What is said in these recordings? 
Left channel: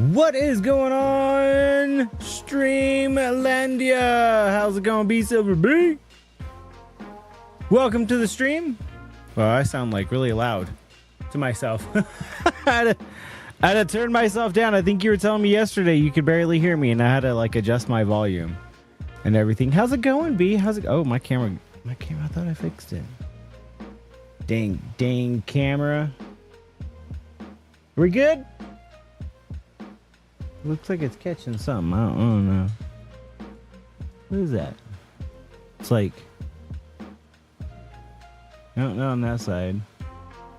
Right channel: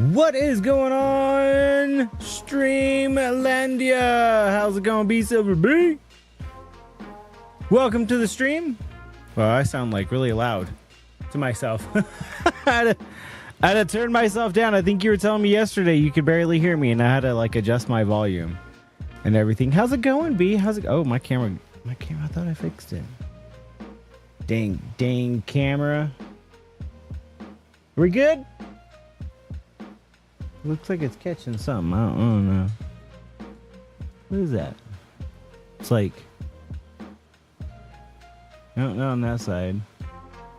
What is going on, Streamlandia? How's it going, B Silver B? Welcome to the stream. Well, I sound like really loud to myself. I had to turn myself down. I think you were telling me yesterday you could barely hear me, and I had to like adjust my volume and everything. How's it going, B? How's it? Oh, my camera. I thought I fixed it. Dang camera. We good? Looks like it's catching something. I don't know. What is that? It's like, no, not on that side.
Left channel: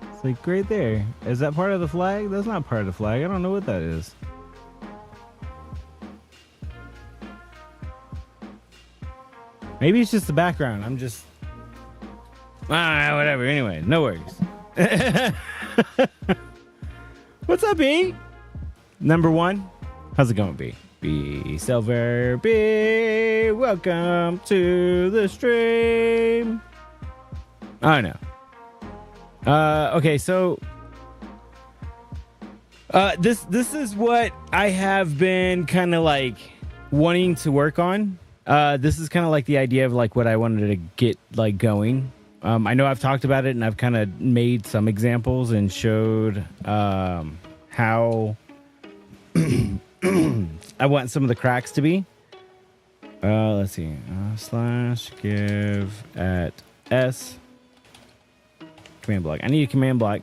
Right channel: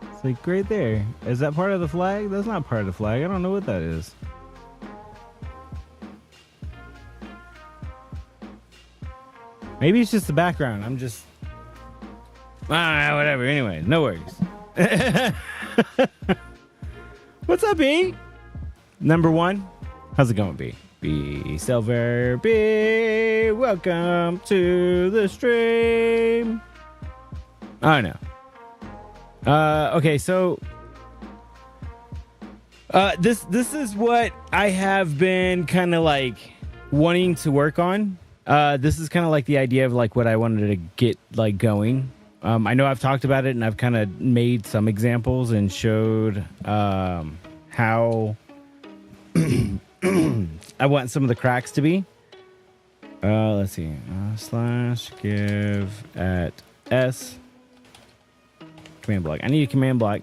It's like right there. Is that part of the flag? That's not part of the flag. I don't know what that is. Maybe it's just the background. I'm just, whatever. Anyway, no worries. What's up, B? Number one. How's it going, B? B Silver B. Welcome to the stream. Oh no. Okay, so this is what I have been kind of like wanting to work on. This is kind of like the idea of like what I wanted to get like going. I know I've talked about it and I've kind of made some examples and showed how I want some of the cracks to be. Let's see. / give at S command block. I need a command block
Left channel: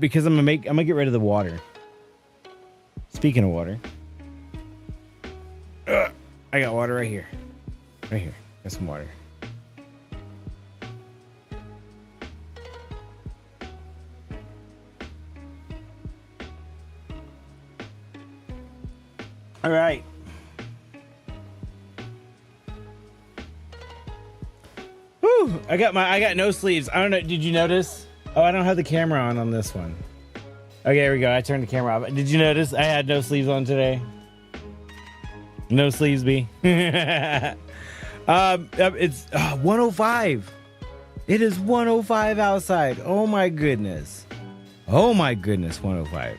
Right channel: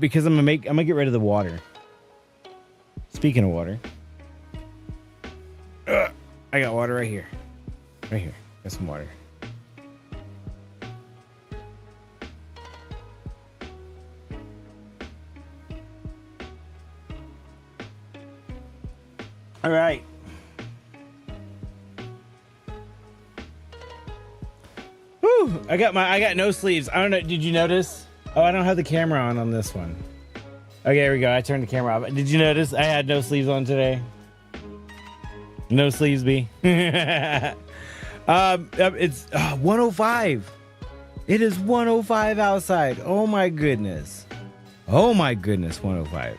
because I'm gonna get rid of the water. Speaking of water, I got water right here. Right here. Got some water. All right. Whew, I got no sleeves. I don't know. Did you notice? Oh, I don't have the camera on this one. Okay, here we go. I turned the camera off. Did you notice I had no sleeves on today? No sleeves, B. It's 105. It is 105 outside. Oh my goodness. 105.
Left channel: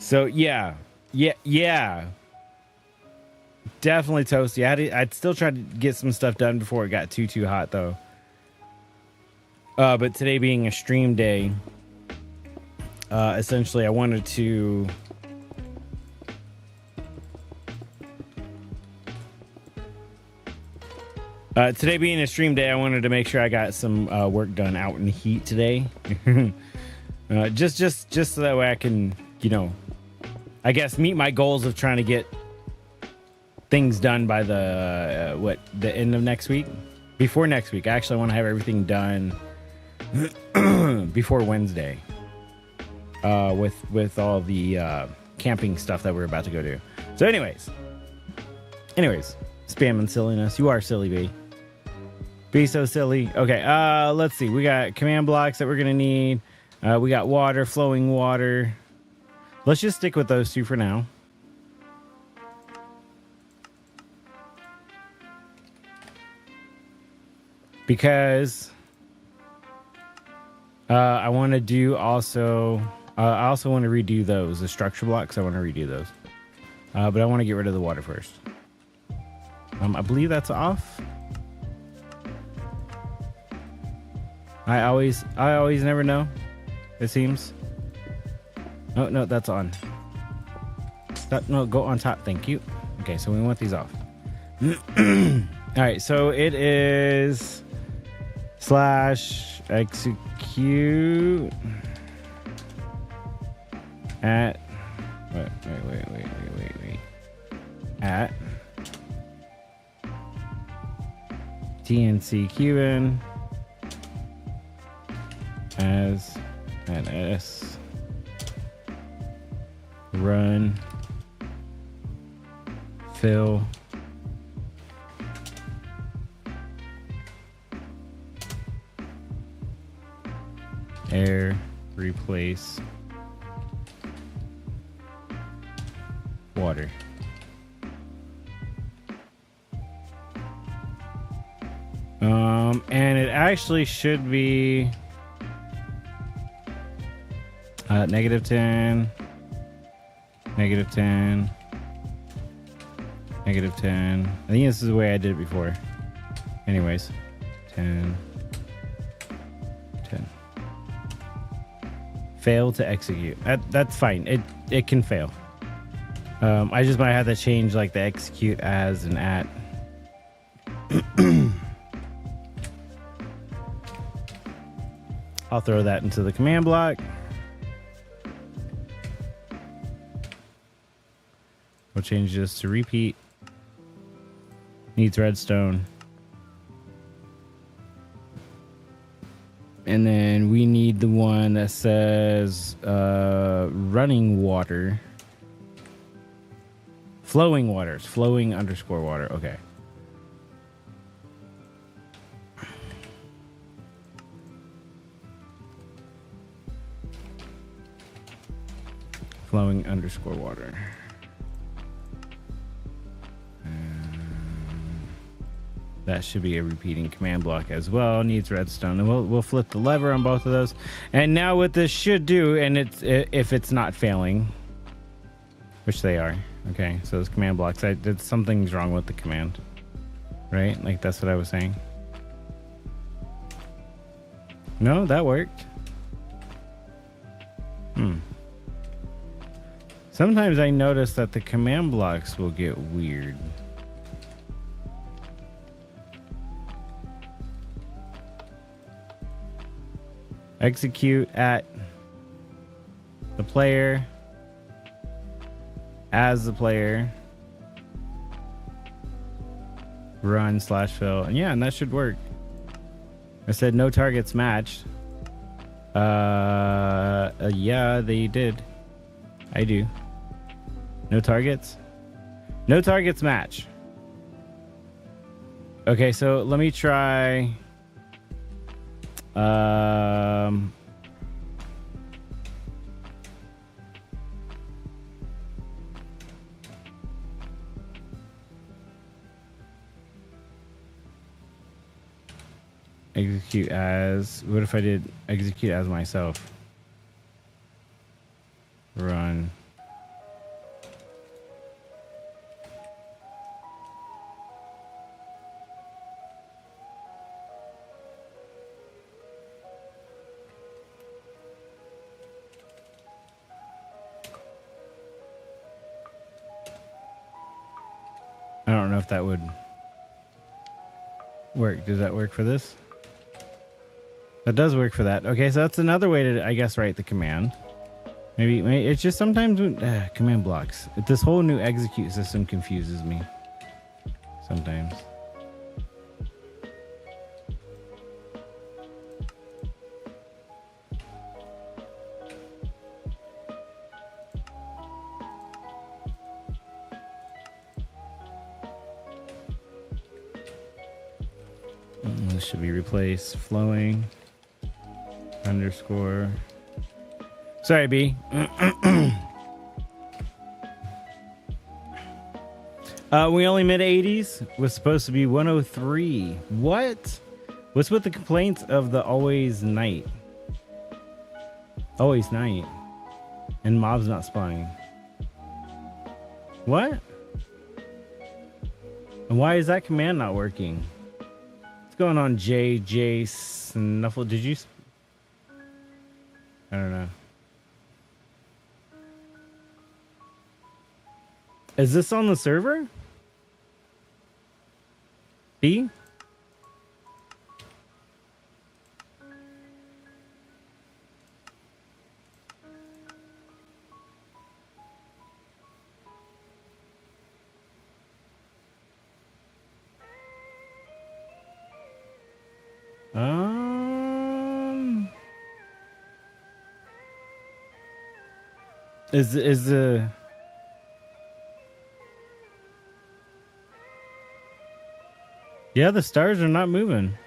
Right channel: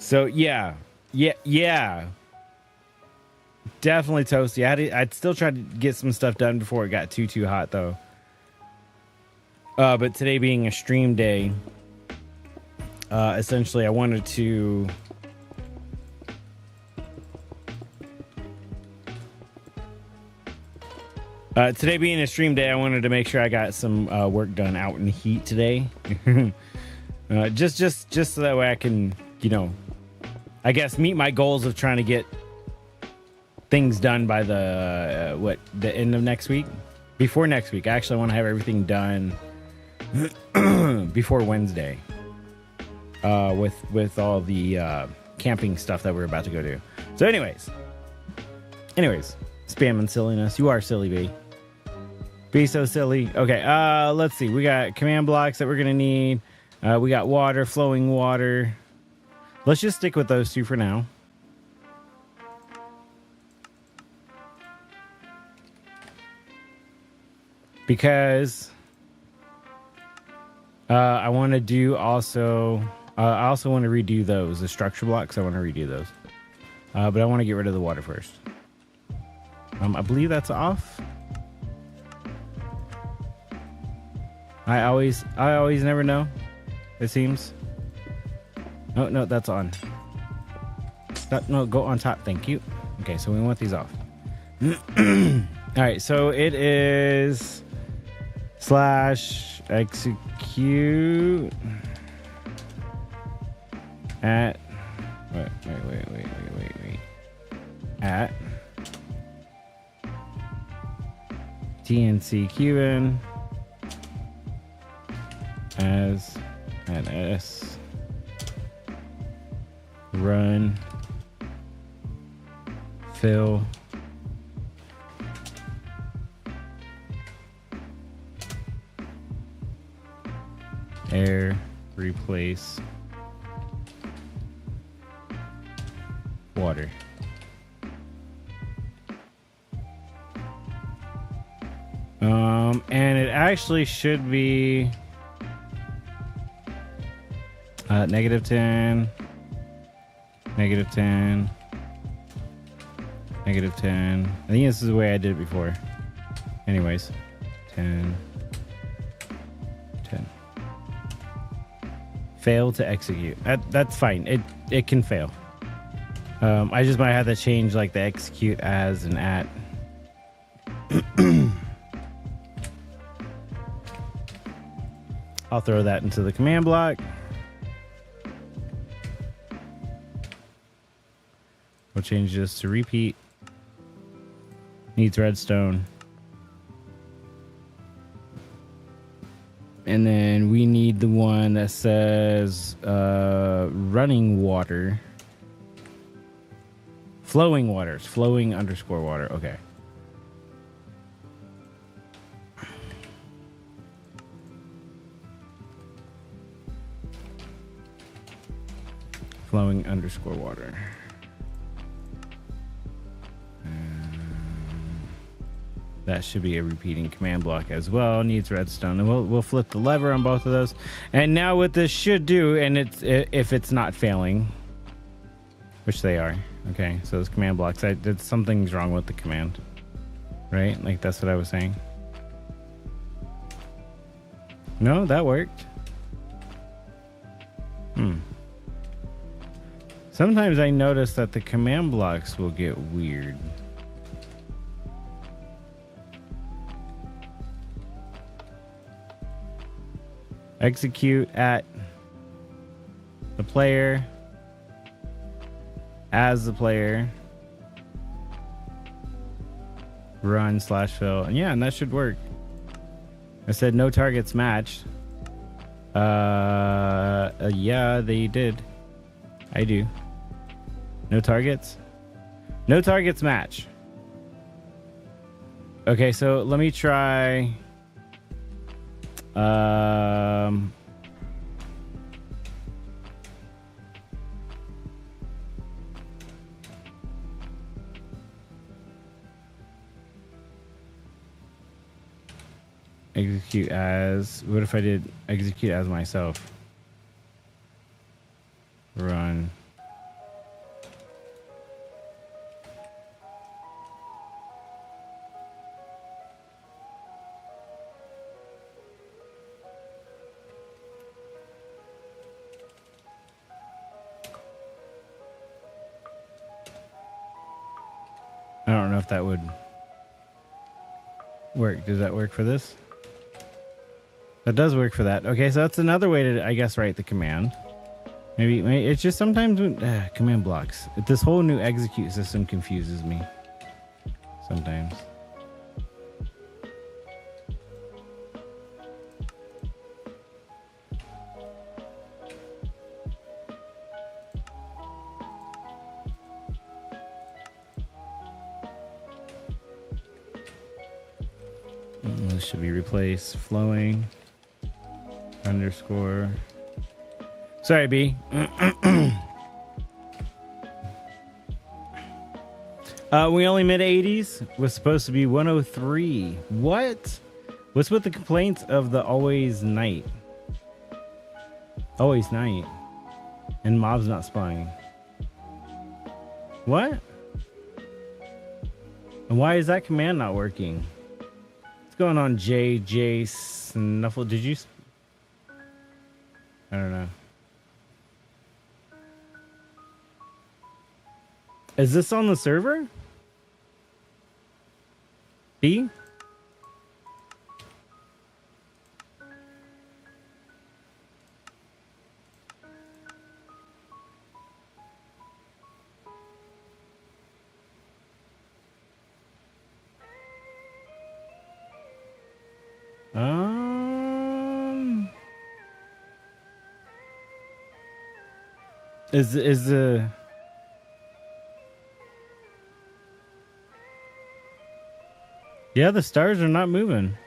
So yeah. Yeah. Definitely toasty. I'd still try to get some stuff done before it got too hot though. But today being a stream day, essentially I wanted to today being a stream day, I wanted to make sure I got some work done out in the heat today. Just so that way I can, I guess meet my goals of trying to get things done by the end of next week. Before next week, I actually want to have everything done before Wednesday. With all the camping stuff that we're about to go do. So, anyways, spam and silliness. You are silly, B. Be so silly. Okay, let's see. We got command blocks that we're gonna need. We got water, flowing water. Let's just stick with those two for now. Because I want to do also... I also want to redo those. The structure blocks, I want to redo those. But I want to get rid of the water first. I believe that's off. I always never know. It seems. Oh, no, that's on. No, go on top. Thank you. Okay, so we want these off. All right, so it is / execute at wait. At TNC Cuban as an S run fill air replace water. And it actually should be -10 -10. -10. I think this is the way I did it before. Anyways, 10. 10. Fail to execute. That's fine. It can fail. I just might have to change like the execute as and at. I'll throw that into the command block. We'll change this to repeat. Needs redstone. And then we need the one that says running water. Flowing waters. Flowing underscore water. Okay. Flowing underscore water. That should be a repeating command block as well. Needs redstone, and we'll flip the lever on both of those. And now what this should do, and if it's not failing, which they are, okay. So those command blocks, something's wrong with the command, right? Like that's what I was saying. No, that worked. Sometimes I notice that the command blocks will get weird. Execute at the player, as the player, run /fill, and yeah, and that should work. I said no targets matched. Yeah, they did. I do. No targets? No targets match. Okay, so let me try. Execute as. What if I did execute as myself? Run. I don't know if that would work. Does that work for this? That does work for that. Okay, so that's another way to, I guess, write the command. Maybe it's just sometimes command blocks. This whole new execute system confuses me sometimes. This should be replaced. Flowing underscore. Sorry, B. We only mid 80s. Was supposed to be 103. What? What's with the complaints of the always night? Always night. And mobs not spawning. What? And why is that command not working? What's going on, JJ Snuffle? Did you? I don't know. Is this on the server? B? Is the yeah, the stars are not moving.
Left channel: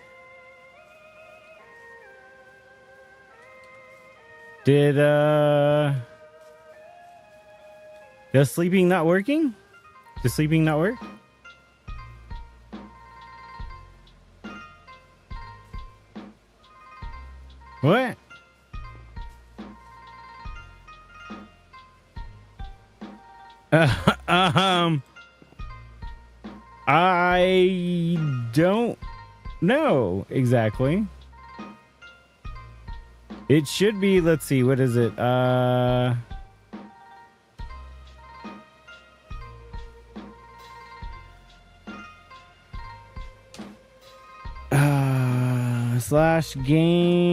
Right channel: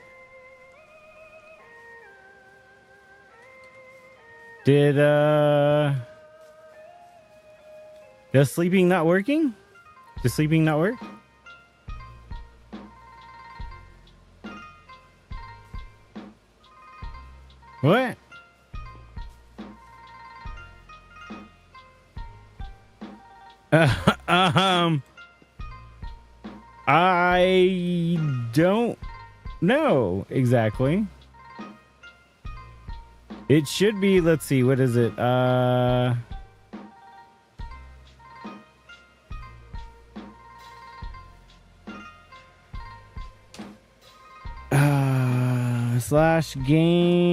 Does sleeping not working? Does sleeping not work? What? I don't know exactly. It should be, let's see, what is it? Slash game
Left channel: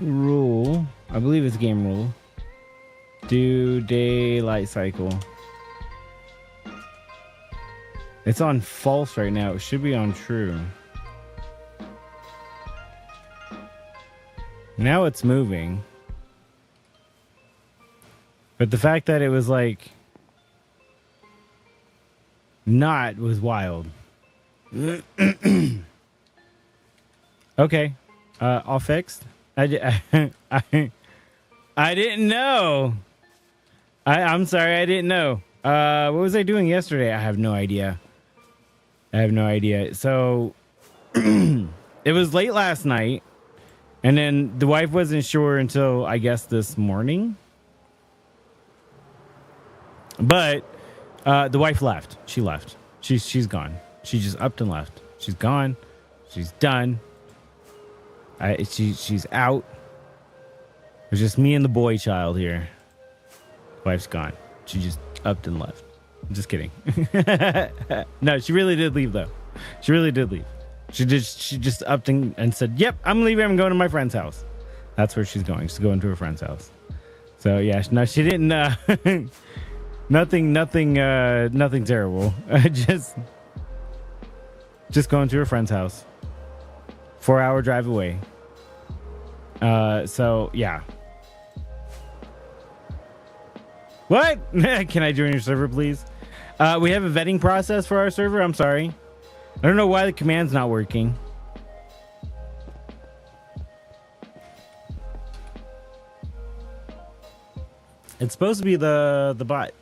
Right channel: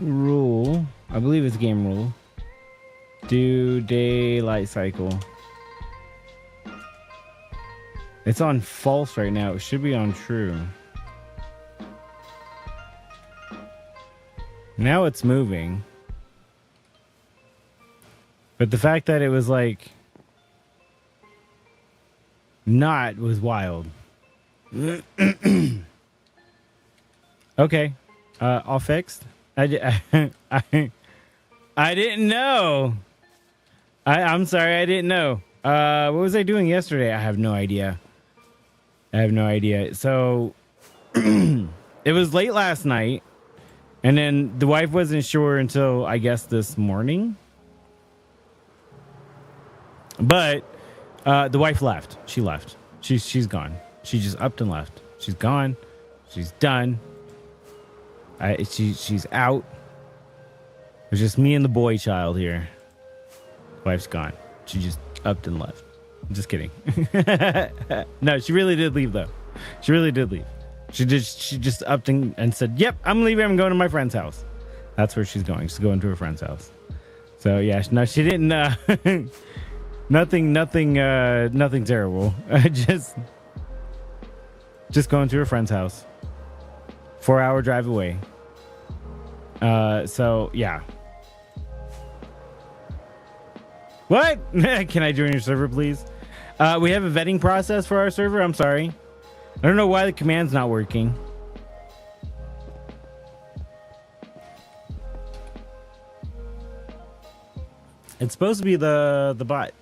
rule. I believe it's game rule. Do daylight cycle. It's on false right now. It should be on true. Now it's moving. But the fact that it was like not was wild. Okay. All fixed. I didn't know. I'm sorry, I didn't know. What was I doing yesterday? I have no idea. So it was late last night, and then the wife wasn't sure until I guess this morning. But the wife left. She left. She's gone. She just upped and left. She's gone. She's done. She's out. It's just me and the boy child here. Wife's gone. She just upped and left. I'm just kidding. No, she really did leave though. She really did leave. She just upped and said, "Yep, I'm leaving. I'm going to my friend's house." That's where she's going. She's going to her friend's house. So yeah, no, she didn't. Nothing terrible. Just going to her friend's house. 4-hour drive away. So yeah. What? Can I join your server, please? We have a vetting process for our server. I'm sorry. I don't know why the command's not working. It's supposed to be the bot.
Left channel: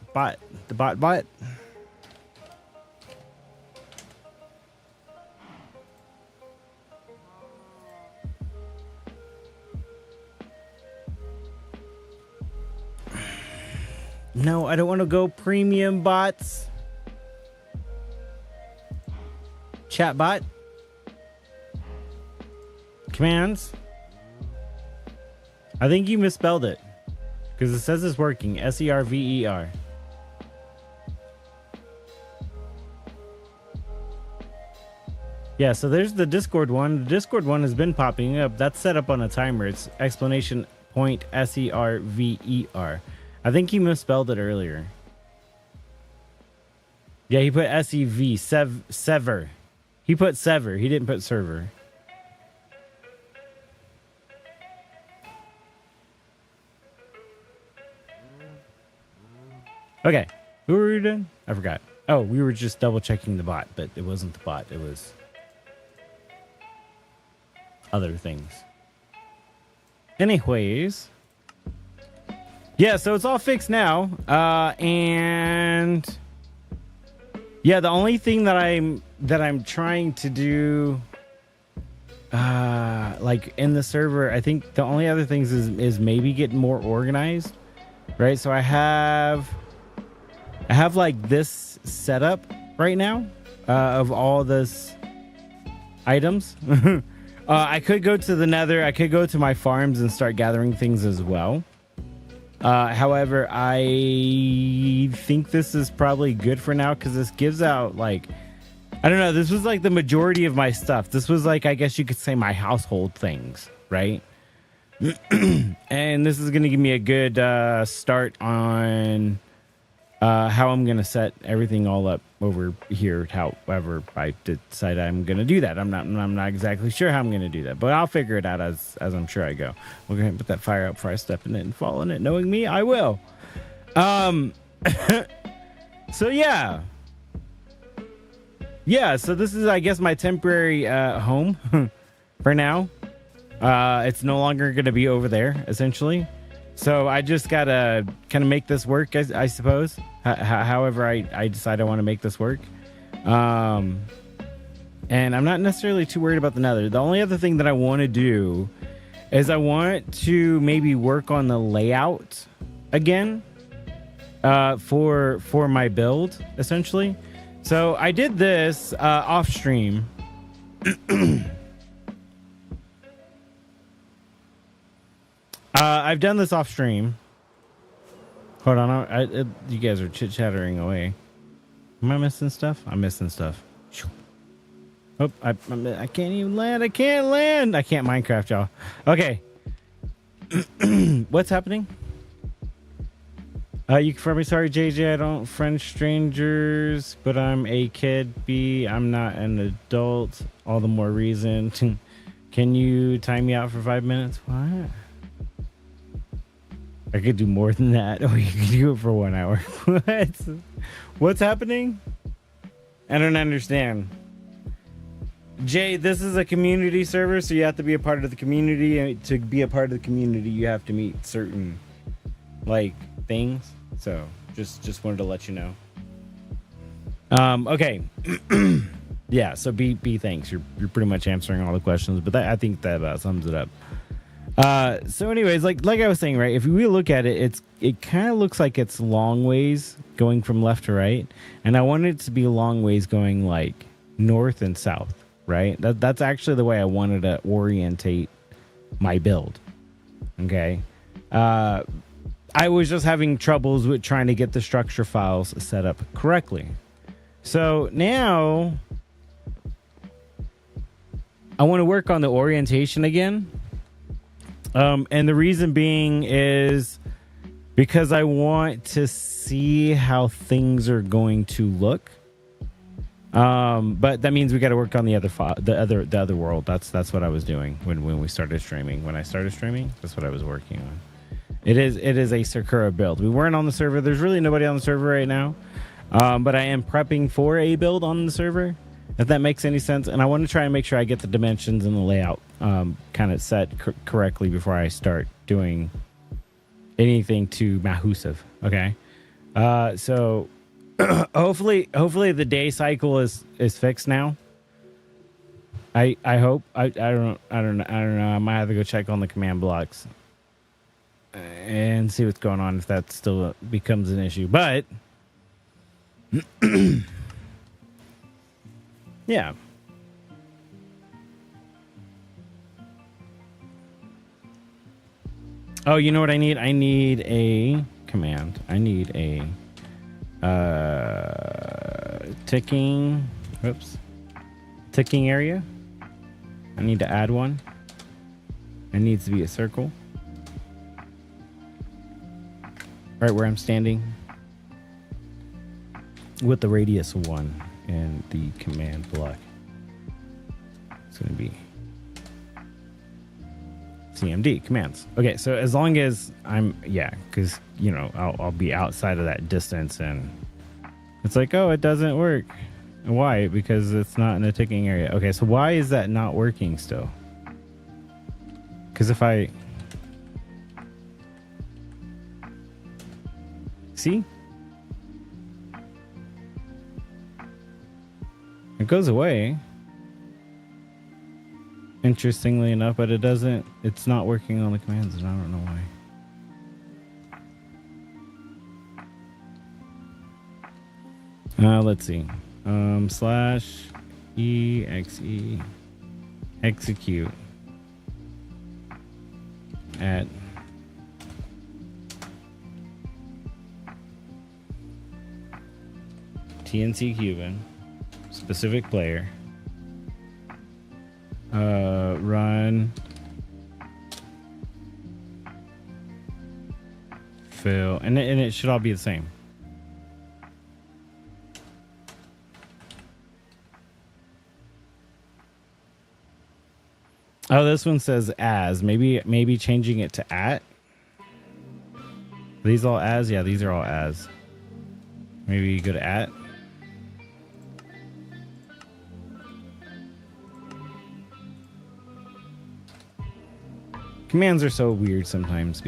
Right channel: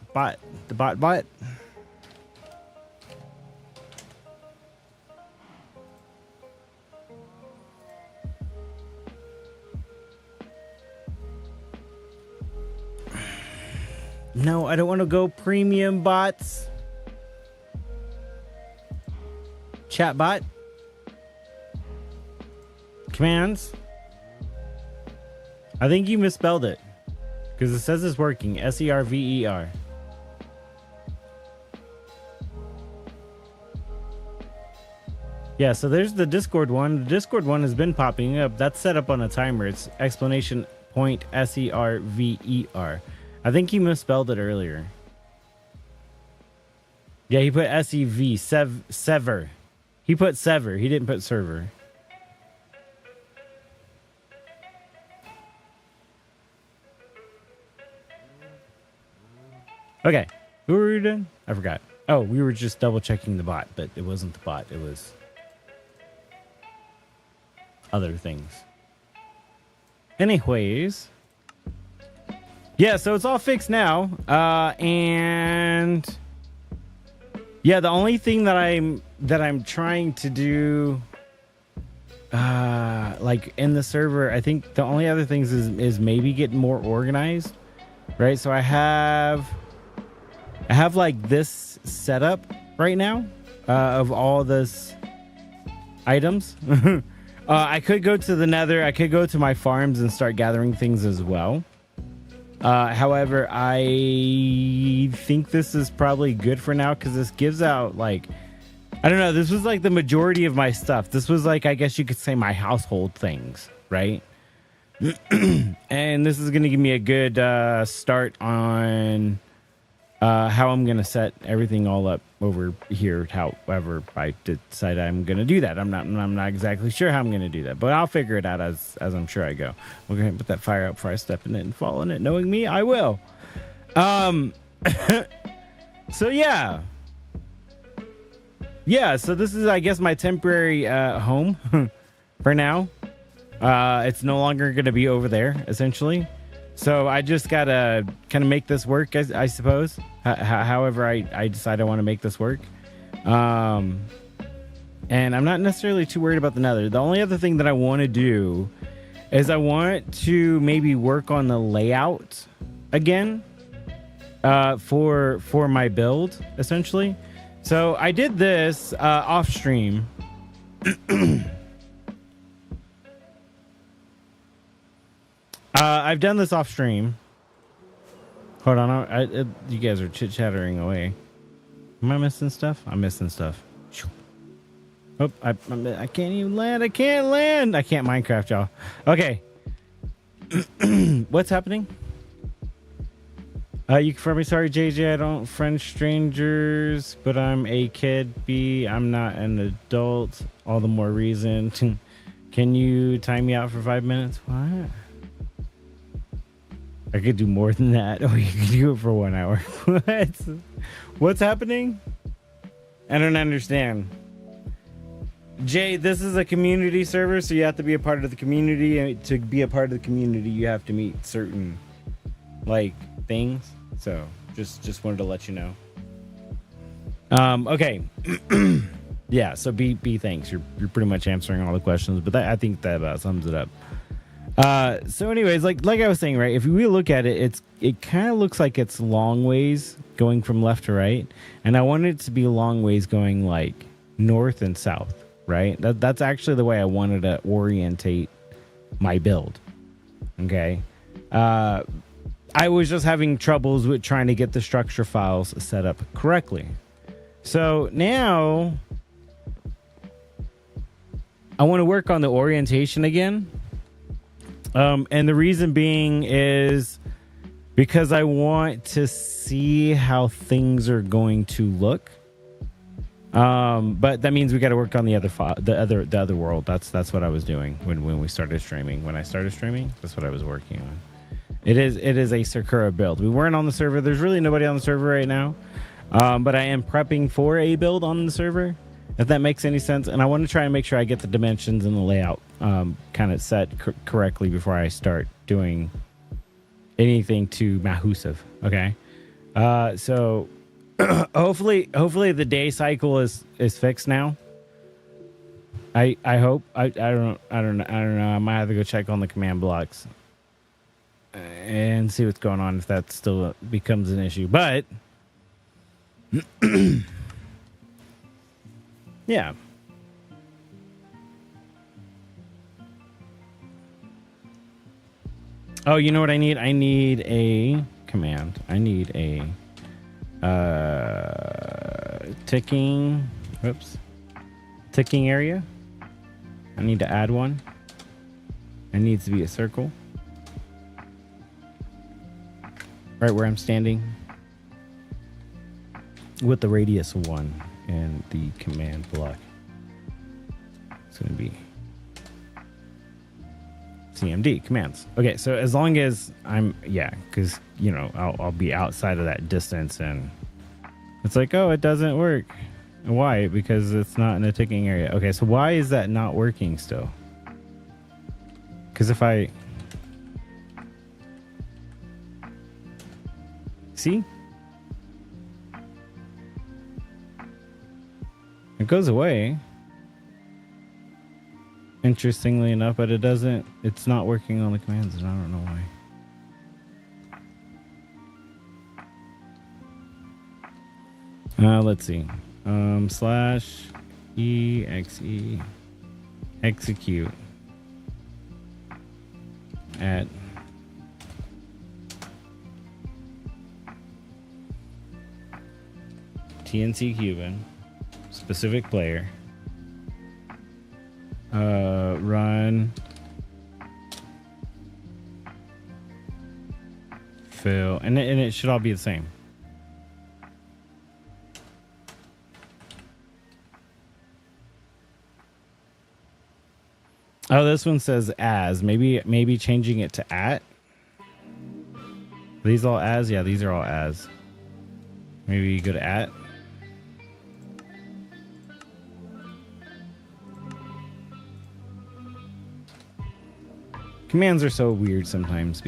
No, I don't want to go premium bots. Chat bot. Commands. I think you misspelled it. Because it says it's working. SERVER. Yeah, so there's the Discord one. The Discord one has been popping up. That's set up on a timer. It's explanation point SERVER. I think he misspelled it earlier. Yeah, he put SEV, sever. He put sever. He didn't put server. Okay, who were we doing? I forgot. Oh, we were just double checking the bot, but it wasn't the bot. It was other things. Anyways. Yeah, so it's all fixed now, and yeah, the only thing that I'm trying to do, like in the server, I think the only other things is maybe get more organized, right? So I have like this setup right now of all this items. I could go to the Nether. I could go to my farms and start gathering things as well. However, I think this is probably good for now because this gives out, like, I don't know, this was like the majority of my stuff. This was like, I guess you could say my household things, right? And this is going to give me a good start on how I'm going to set everything all up over here, however I decide I'm going to do that. I'm not exactly sure how I'm going to do that, but I'll figure it out as I'm sure I go. We're going to put that fire out before I step in it and fall in it. Knowing me, I will. So yeah. Yeah, so this is, I guess, my temporary home for now. It's no longer going to be over there, essentially. So I just got to kind of make this work, I suppose. However, I decide I want to make this work. And I'm not necessarily too worried about the Nether. The only other thing that I want to do is I want to maybe work on the layout again. for my build, essentially. So I did this off stream. I've done this off stream. Hold on, you guys are chit chattering away. Am I missing stuff? I'm missing stuff. Oh, I can't even land. I can't land. I can't Minecraft, y'all. Okay. What's happening? You can me. Sorry, JJ. I don't friend strangers, but I'm a kid. B, I'm not an adult. All the more reason. Can you time me out for 5 minutes? What? I could do more than that. Or you could do it for 1 hour. What? What's happening? I don't understand. Jay, this is a community server, so you have to be a part of the community. And to be a part of the community, you have to meet certain, like, things. So, just wanted to let you know. Okay. Yeah, so B, thanks. You're pretty much answering all the questions, but I think that sums it up. So anyways, like I was saying, right, if we look at it, it kind of looks like it's long ways going from left to right, and I want it to be long ways going like north and south, right? That's actually the way I wanted to orientate my build. Okay. I was just having troubles with trying to get the structure files set up correctly. So now I want to work on the orientation again. And the reason being is because I want to see how things are going to look. But that means we got to work on the other world. That's what I was doing when we started streaming. When I started streaming, that's what I was working on. It is a Sakura build. We weren't on the server. There's really nobody on the server right now. But I am prepping for a build on the server, if that makes any sense. And I want to try and make sure I get the dimensions and the layout kind of set correctly before I start doing anything too mahusive. Okay. So hopefully the day cycle is fixed now. I hope. I don't know. I might have to go check on the command blocks and see what's going on, if that still becomes an issue. But yeah. Oh, you know what I need? I need a command. I need a ticking area. I need to add one. It needs to be a circle right where I'm standing, with the radius 1 and the command block. It's going to be CMD commands. Okay, so as long as because I'll be outside of that distance, and it's like, oh, it doesn't work. Why? Because it's not in a ticking area. Okay, so why is that not working still? Because if I see, it goes away, interestingly enough, but it's not working on the commands, and I don't know why. Let's see. /exe execute at TNC Cuban specific player run fill, and it should all be the same. Oh, this one says as. Maybe changing it to at. Are these all as? Yeah, these are all as. Maybe you go to at. Commands are so weird sometimes,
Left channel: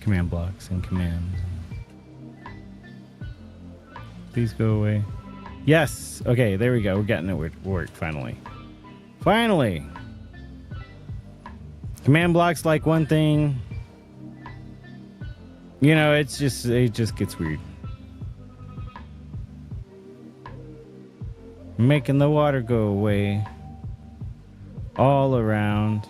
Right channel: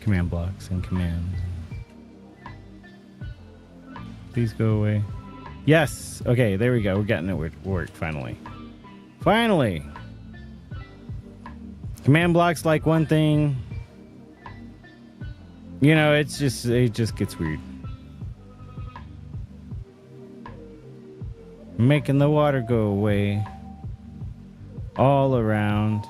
command blocks and commands. Please go away. Yes. Okay, there we go. We're getting it work finally. Finally. Command blocks like one thing. You know, it just gets weird. Making the water go away all around.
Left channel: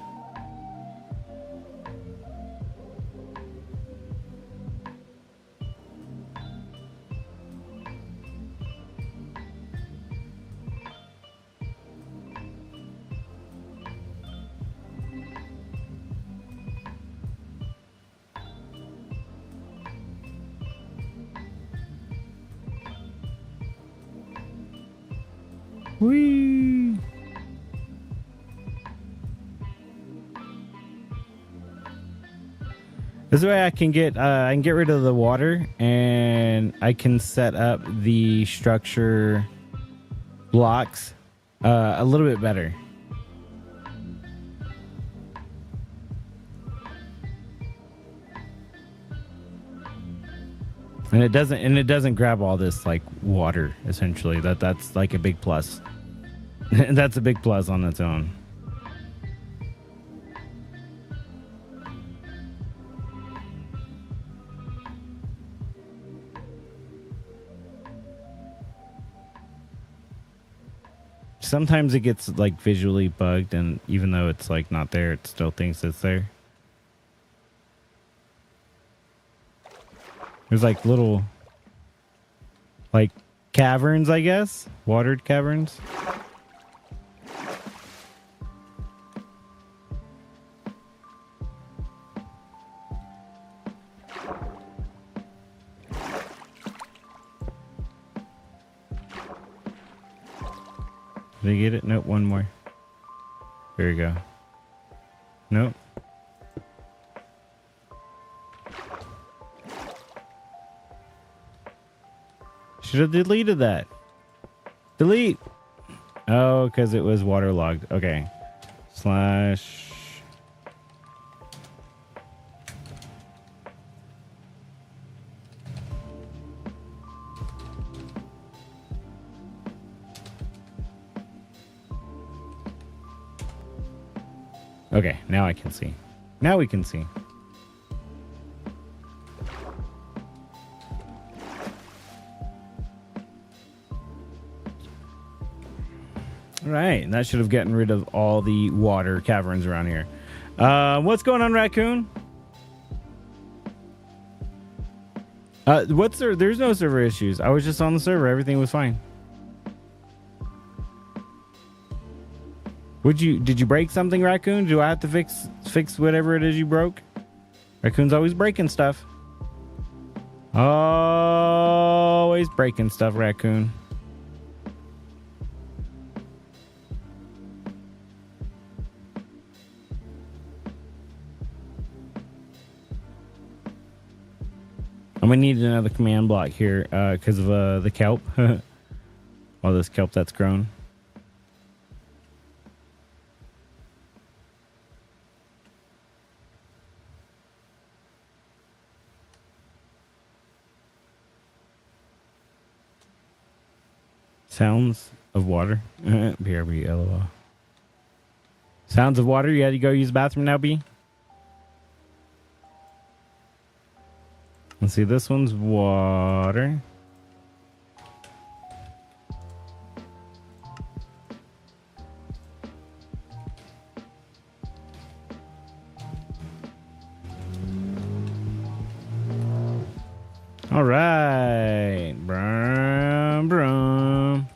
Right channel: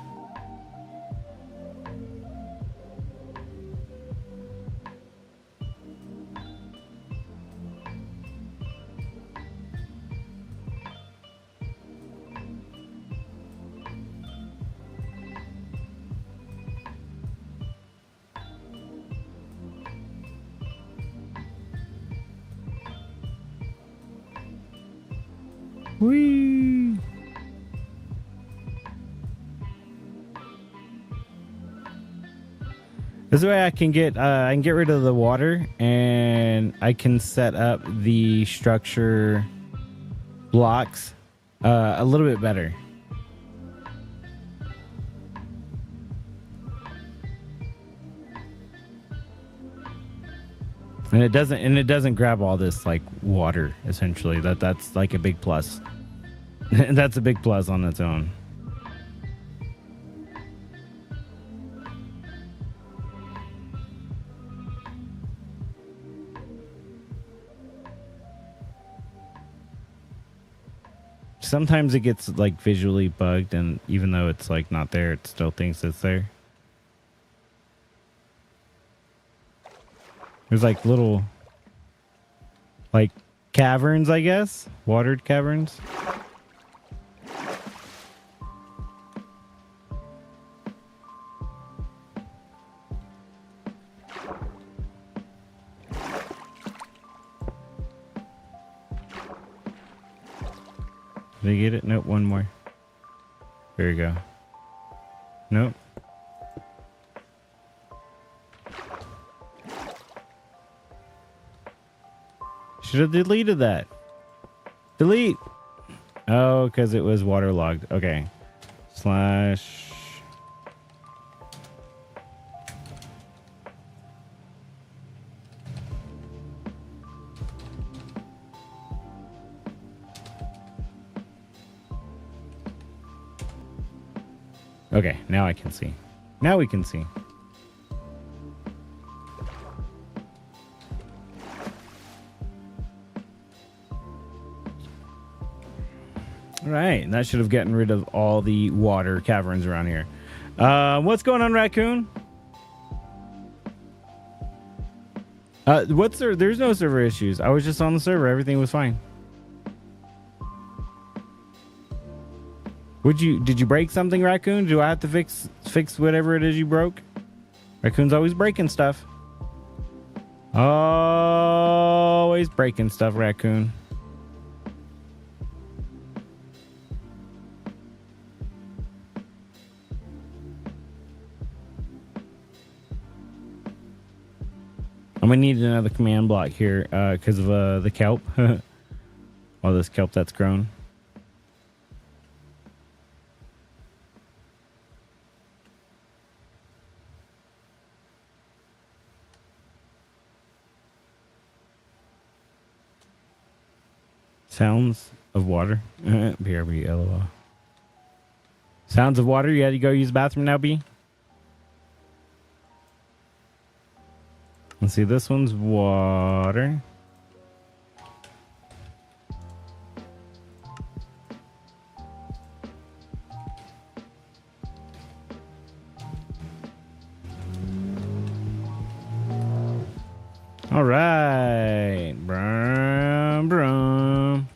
Whee! This way I can get rid of the water, and I can set up the structure blocks a little bit better. And it doesn't grab all this like water, essentially. That's like a big plus. That's a big plus on its own. Sometimes it gets like visually bugged, and even though it's like not there, it still thinks it's there. There's like little like caverns, I guess, watered caverns. Did you get it? Nope, one more. There you go. Nope. Should have deleted that. Delete. Oh, because it was waterlogged. Okay. Slash. Okay, now I can see. Now we can see. All right, that should have gotten rid of all the water caverns around here. What's going on, Raccoon? There's no server issues. I was just on the server. Everything was fine. Did you break something, Raccoon? Do I have to fix whatever it is you broke? Raccoon's always breaking stuff. Always breaking stuff, Raccoon. I'm gonna need another command block here because of the kelp. All this kelp that's grown. Sounds of water. BRB, LOL. Sounds of water. You had to go use the bathroom now, B? Let's see, this one's water. All right. Brum, brum.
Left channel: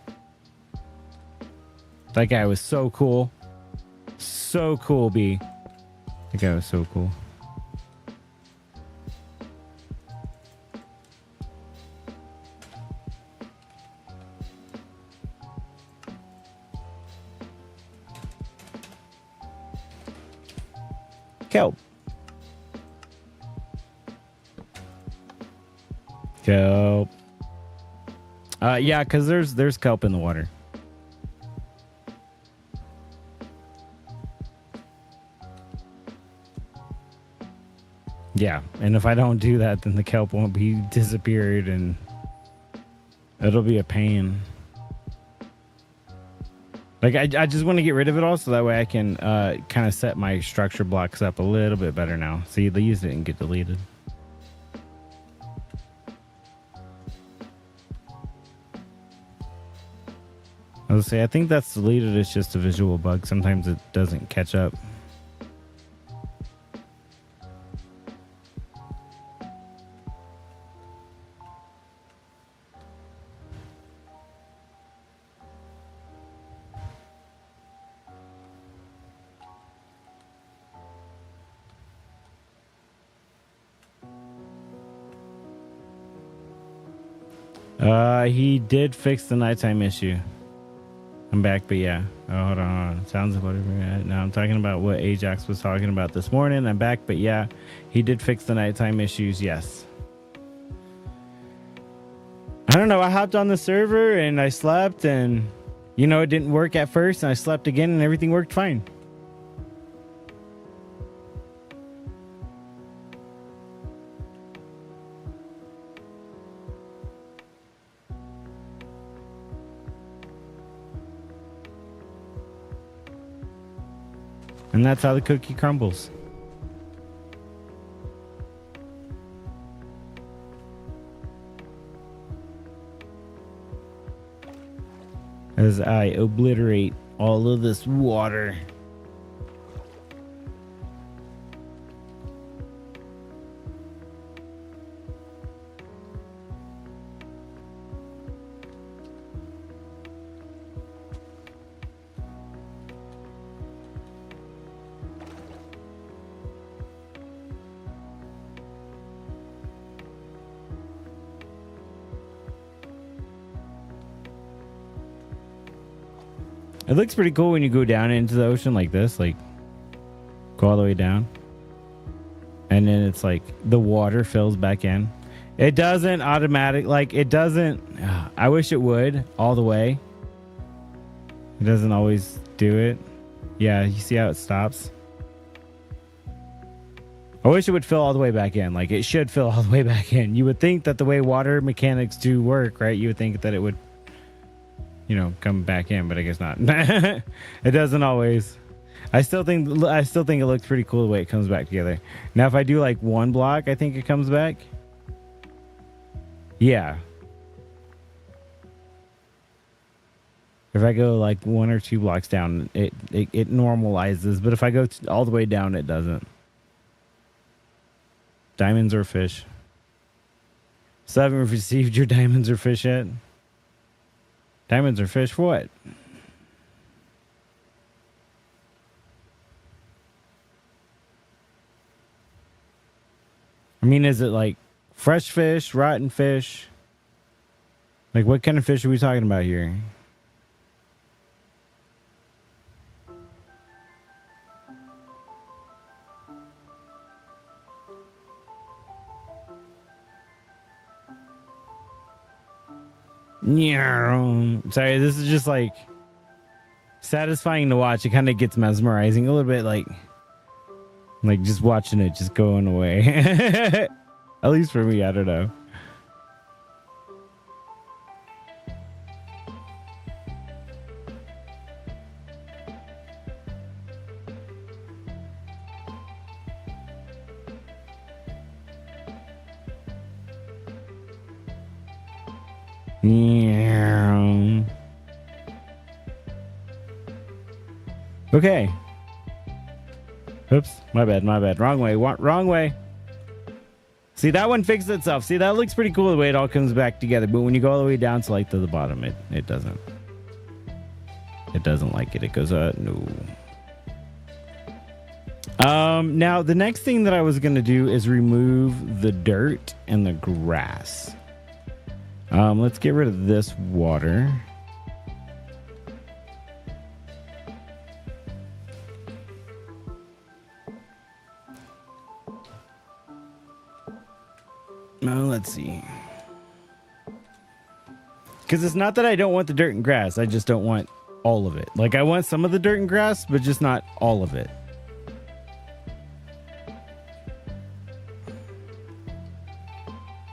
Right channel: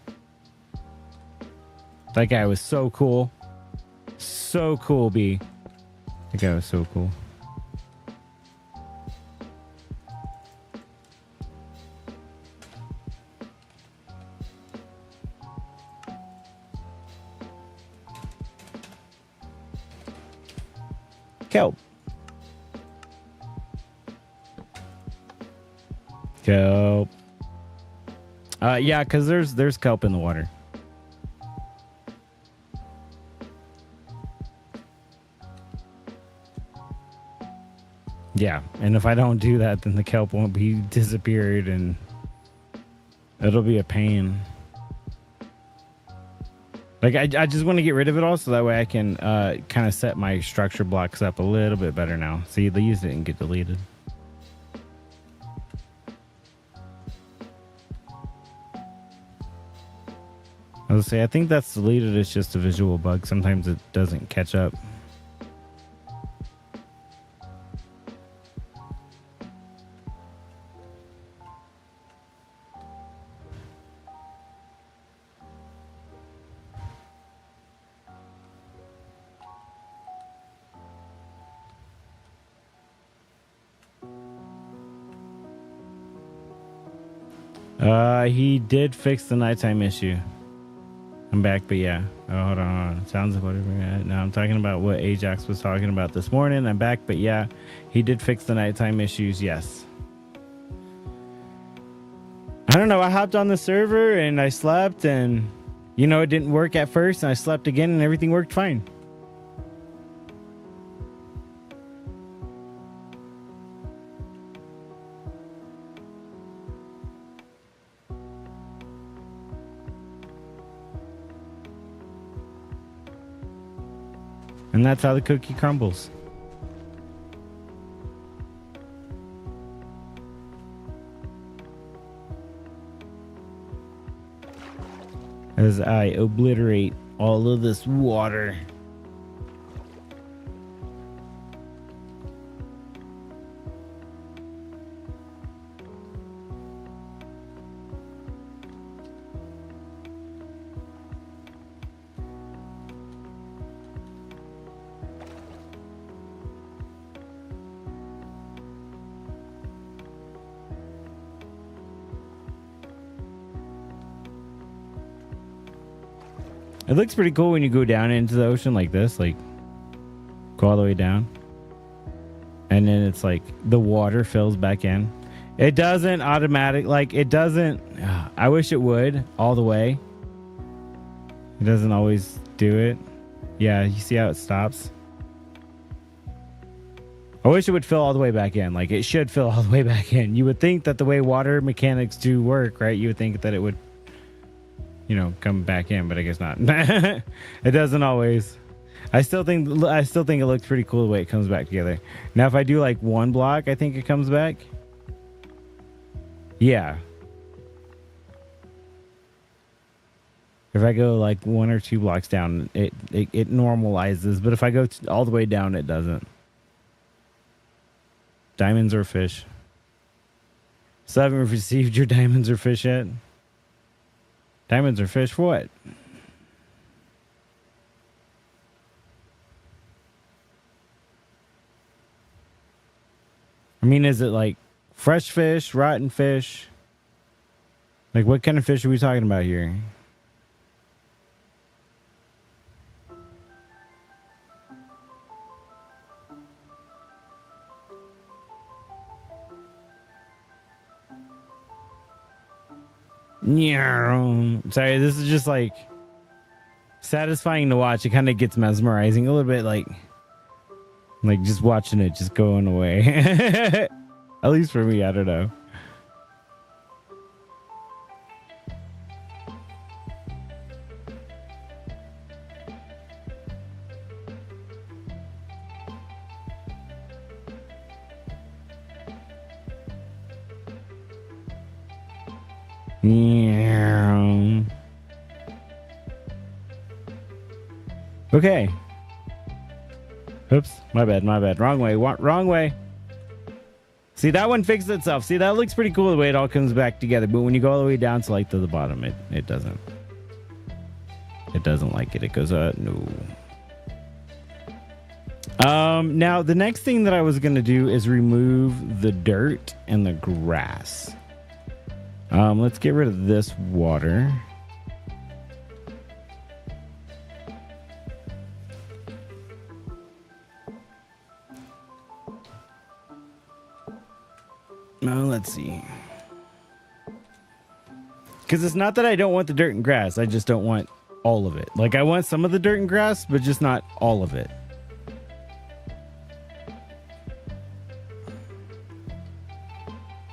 That guy was so cool. So cool, B. That guy was so cool. Kelp. Kelp. Yeah, because there's kelp in the water. Yeah, and if I don't do that, then the kelp won't be disappeared, and it'll be a pain. Like, I just want to get rid of it all so that way I can kind of set my structure blocks up a little bit better now. See, these didn't get deleted. Let's say I think that's deleted. It's just a visual bug. Sometimes it doesn't catch up. He did fix the nighttime issue. I'm back, but yeah. Oh, hold on. Sounds like now I'm talking about what Ajax was talking about this morning. I'm back, but yeah, he did fix the nighttime issues. Yes. I don't know. I hopped on the server and I slept, and it didn't work at first, and I slept again, and everything worked fine. And that's how the cookie crumbles. As I obliterate all of this water. It looks pretty cool when you go down into the ocean like this, like go all the way down. And then it's like the water fills back in. It doesn't I wish it would all the way. It doesn't always do it. Yeah, you see how it stops? I wish it would fill all the way back in. Like it should fill all the way back in. You would think that the way water mechanics do work, right? You would think that it would come back in, but I guess not. It doesn't always. I still think it looks pretty cool the way it comes back together. Now, if I do like one block, I think it comes back. Yeah. If I go like one or two blocks down, it normalizes. But if I go all the way down, it doesn't. Diamonds or fish? So I haven't received your diamonds or fish yet. Diamonds or fish? What? I mean, is it like fresh fish, rotten fish? Like, what kind of fish are we talking about here? Sorry, this is just like satisfying to watch. It kind of gets mesmerizing a little bit, like just watching it just going away. At least for me, I don't know. Okay. Oops, my bad. Wrong way. See, that one fixed itself. See, that looks pretty cool the way it all comes back together. But when you go all the way down to like to the bottom, it doesn't. It doesn't like it. It goes, no. Now the next thing that I was gonna do is remove the dirt and the grass. Let's get rid of this water. Now let's see. Because it's not that I don't want the dirt and grass. I just don't want all of it. Like, I want some of the dirt and grass, but just not all of it.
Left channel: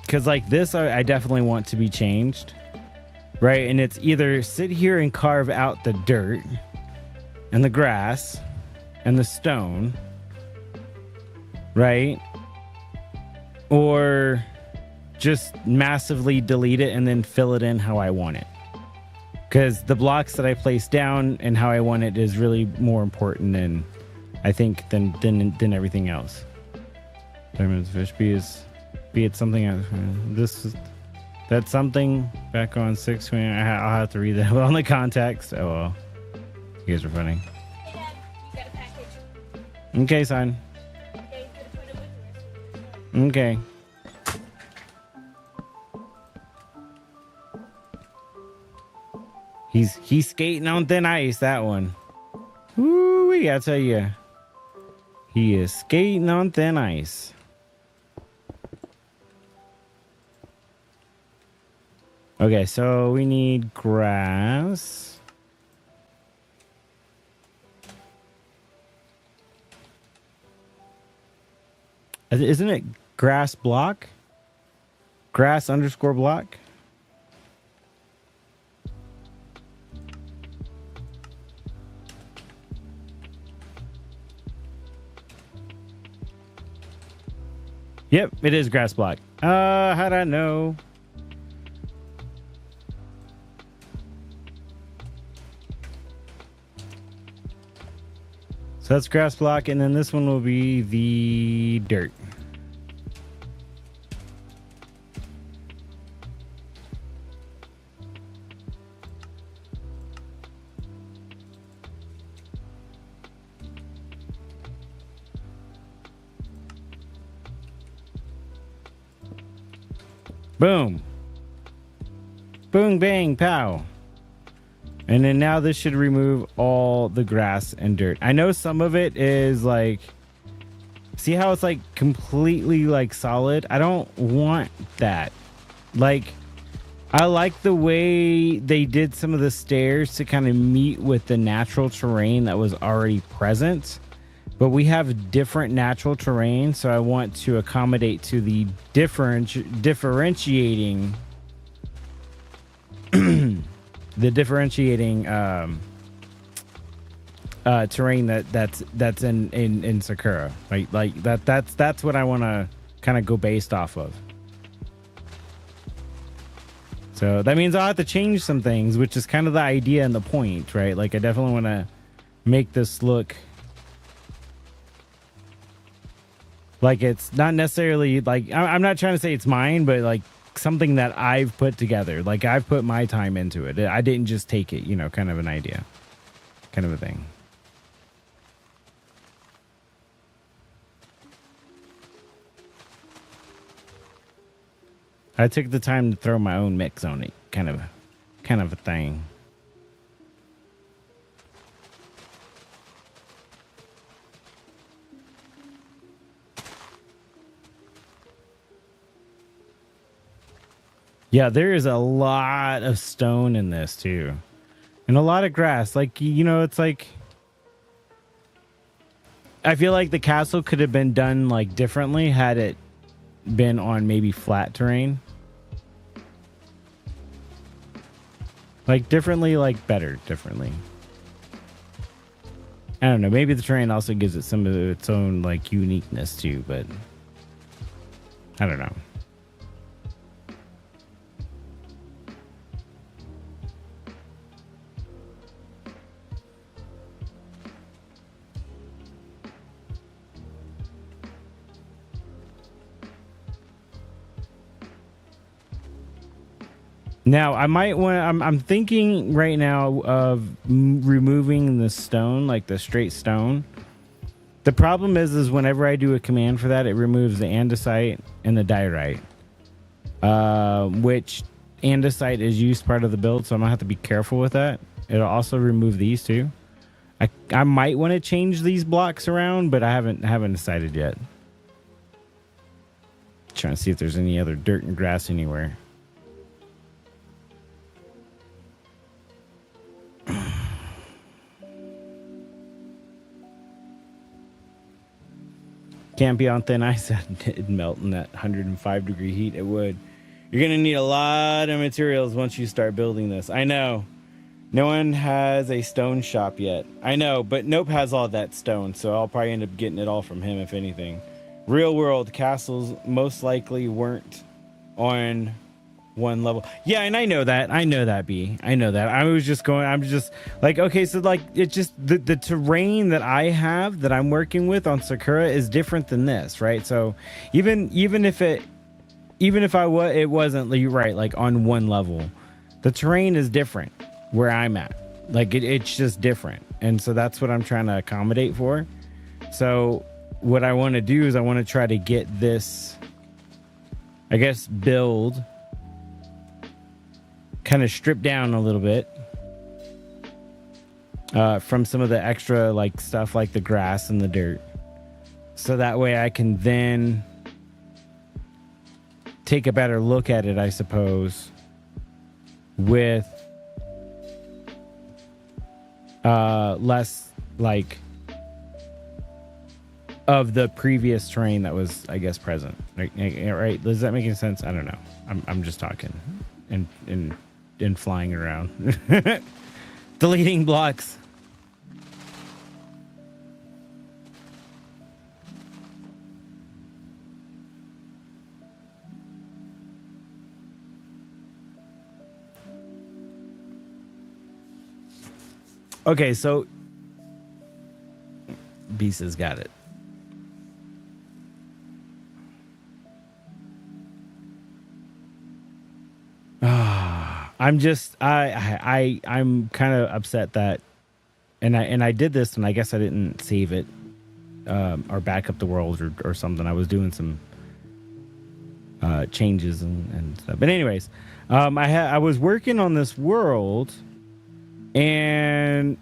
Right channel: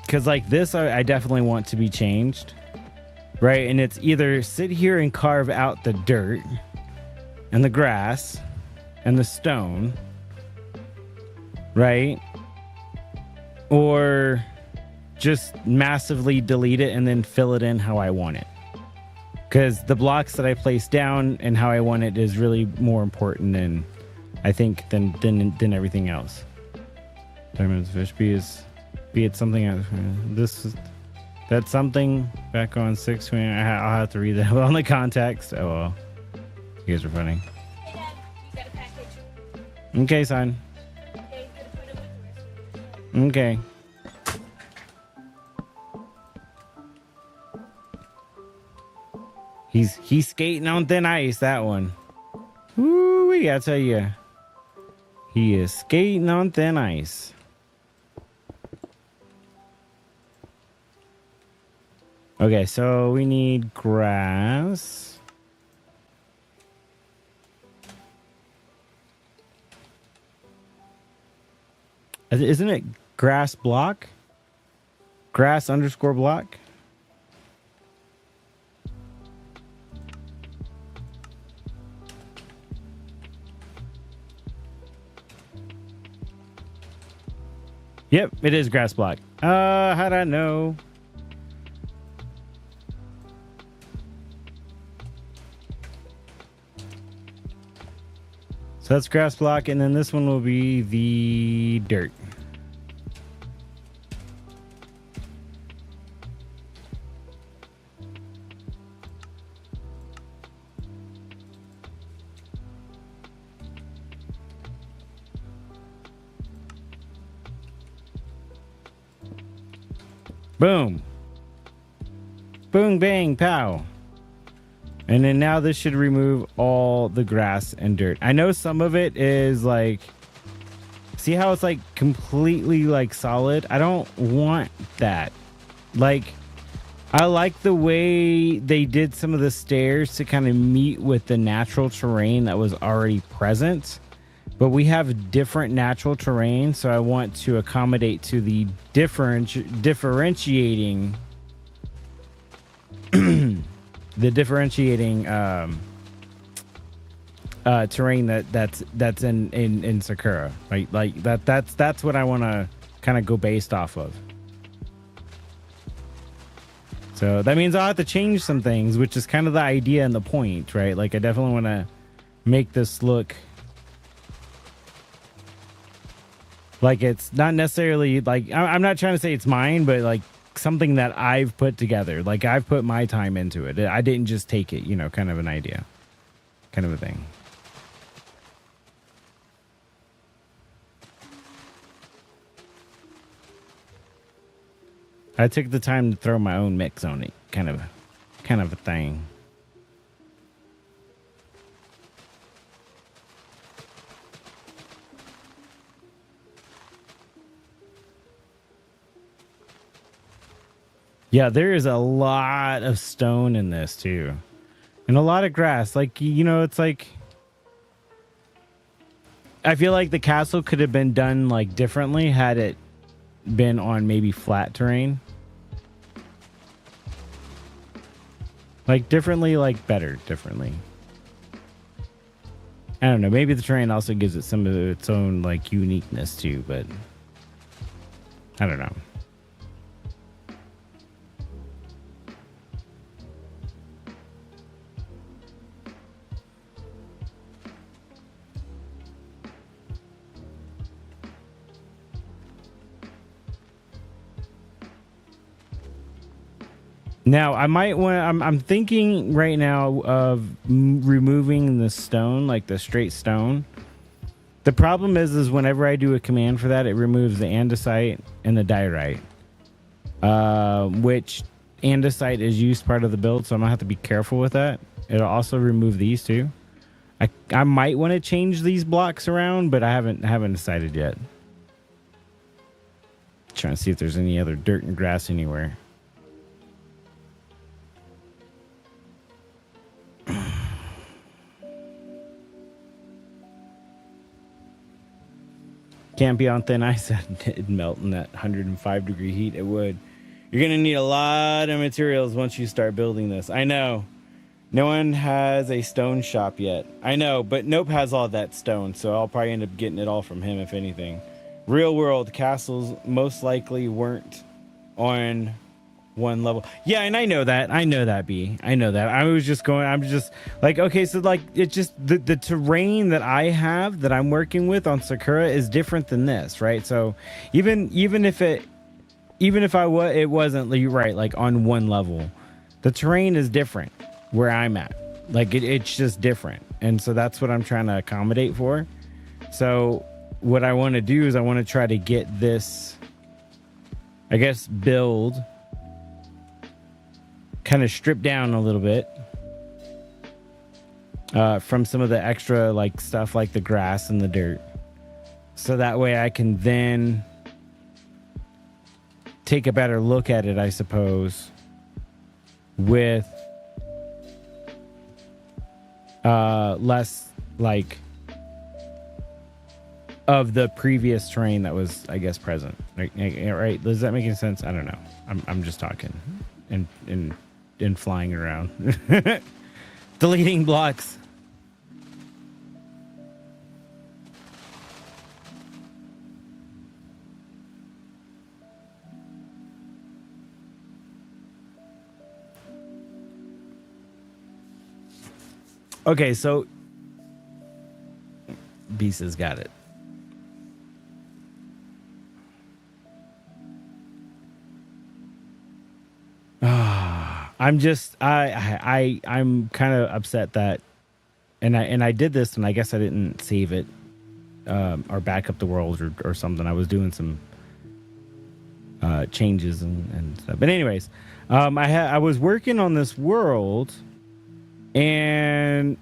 Because like this, I definitely want to be changed. Right? And it's either sit here and carve out the dirt and the grass and the stone. Right? Or just massively delete it and then fill it in how I want it. because the blocks that I place down and how I want it is really more important than I think than everything else. Diamonds fish be it something else. That's something back on 6. I'll have to read that on the context. Oh well, you guys are funny. Hey Dad, you got a package. Okay, son. Okay. He's skating on thin ice, that one. Woo, I tell you. He is skating on thin ice. Okay, so we need grass. Isn't it grass block? Grass _ block? Yep, it is grass block. How'd I know? So that's grass block, and then this one will be the dirt. Boom. Boom, bang, pow. And then now this should remove all the grass and dirt. I know some of it is like, see how it's like completely like solid? I don't want that. Like, I like the way they did some of the stairs to kind of meet with the natural terrain that was already present. But we have different natural terrain, so I want to accommodate to the differentiating the differentiating terrain that's in Sakura, right? Like that's what I want to kind of go based off of. So that means I'll have to change some things, which is kind of the idea and the point, right? Like I definitely want to make this look like it's not necessarily like, I'm not trying to say it's mine, but like something that I've put together. Like I've put my time into it. I didn't just take it, you know, kind of an idea, kind of a thing. I took the time to throw my own mix on it, kind of a thing. Yeah, there is a lot of stone in this too. And a lot of grass. Like, you know, it's like, I feel like the castle could have been done like differently had it been on maybe flat terrain. Like differently, like better, differently. I don't know, maybe the terrain also gives it some of its own like uniqueness too, but I don't know. Now, I might want, I'm thinking right now of removing the stone, like the straight stone. The problem is whenever I do a command for that, it removes the andesite and the diorite. Which andesite is used part of the build, so I'm going to have to be careful with that. It'll also remove these too. I might want to change these blocks around, but I haven't decided yet. Trying to see if there's any other dirt and grass anywhere. Can't be on thin ice. It'd melt in that 105-degree heat. It would. You're going to need a lot of materials once you start building this. I know. No one has a stone shop yet. I know, but Nope has all that stone, so I'll probably end up getting it all from him, if anything. Real world castles most likely weren't on one level. Yeah, and I know that. B. I know that. I'm just like, okay, so like it's just the terrain that I have that I'm working with on Sakura is different than this, right? So even if it wasn't, you're right, like on one level, the terrain is different where I'm at. Like it's just different. And so that's what I'm trying to accommodate for. So what I want to do is I want to try to get this, I guess, build kind of stripped down a little bit from some of the extra like stuff like the grass and the dirt. So that way I can then take a better look at it, I suppose, with less like of the previous terrain that was, I guess, present. Right? Does that make any sense? I don't know. I'm just talking and flying around, deleting blocks. Okay, so Beast has got it. I'm just I'm kind of upset that, and I did this, and I guess I didn't save it or back up the world or something. I was doing some changes and stuff. But anyways, I was working on this world, and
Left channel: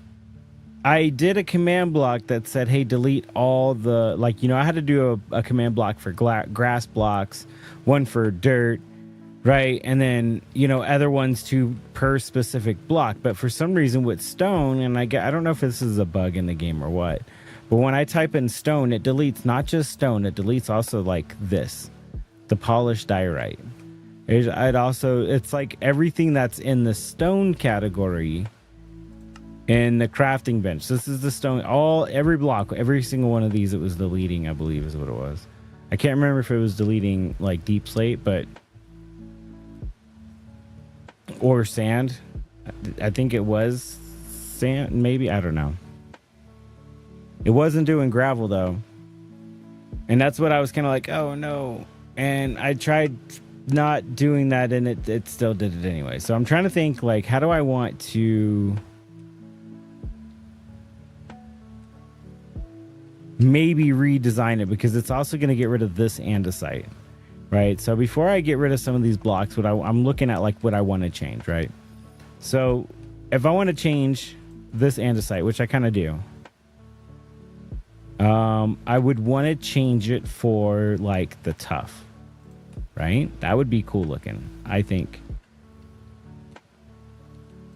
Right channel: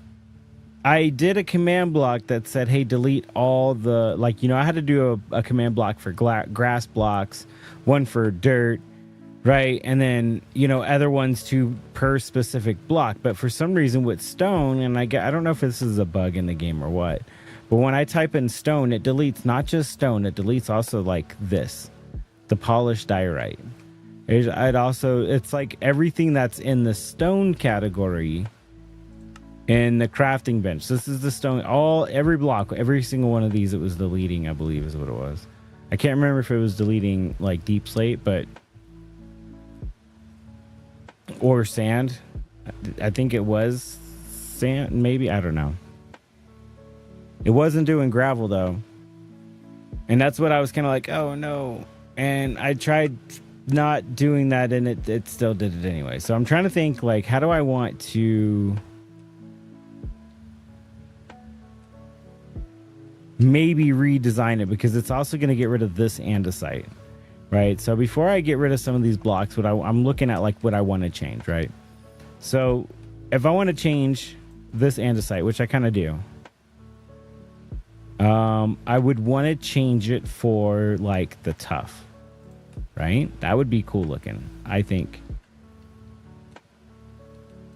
I did a command block that said, hey, delete all the, like, I had to do a command block for grass blocks, one for dirt, right? And then, other ones too per specific block. But for some reason with stone, and I don't know if this is a bug in the game or what, but when I type in stone, it deletes not just stone, it deletes also like this, the polished diorite. It's like everything that's in the stone category in the crafting bench. This is the stone, every block, every single one of these, it was deleting, I believe is what it was. I can't remember if it was deleting like deep slate, or sand. I think it was sand, maybe. I don't know. It wasn't doing gravel though. And that's what I was kind of like, oh no. And I tried not doing that, and it still did it anyway. So I'm trying to think, like, how do I want to maybe redesign it, because it's also going to get rid of this andesite. Right, so before I get rid of some of these blocks, I'm looking at like what I want to change, right? So if I want to change this andesite, which I kind of do, I would want to change it for like the tough, right? That would be cool looking, I think.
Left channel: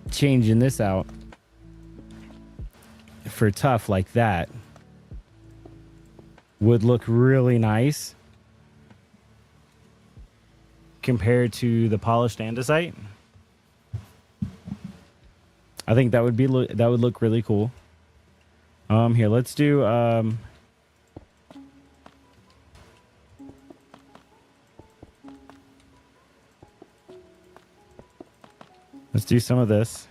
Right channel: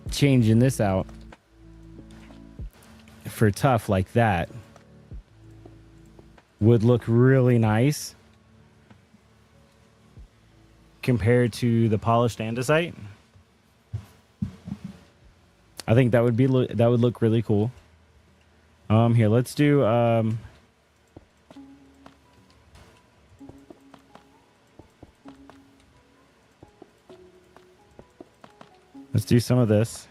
Changing this out for tough like that would look really nice compared to the polished andesite. I think that would look really cool. Here, let's do some of this.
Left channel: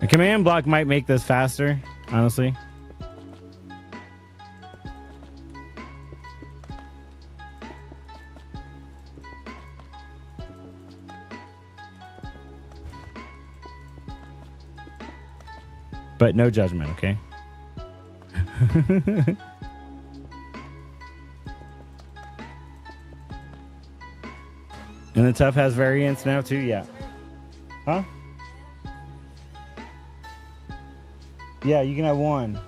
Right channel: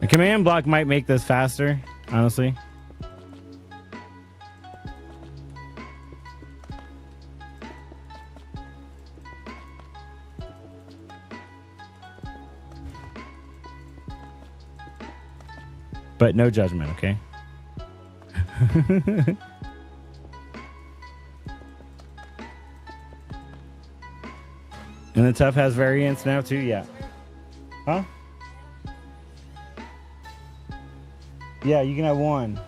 A command block might make this faster, honestly. But no judgment, okay? And the tough has variants now too, yeah. Huh? Yeah, you can have one.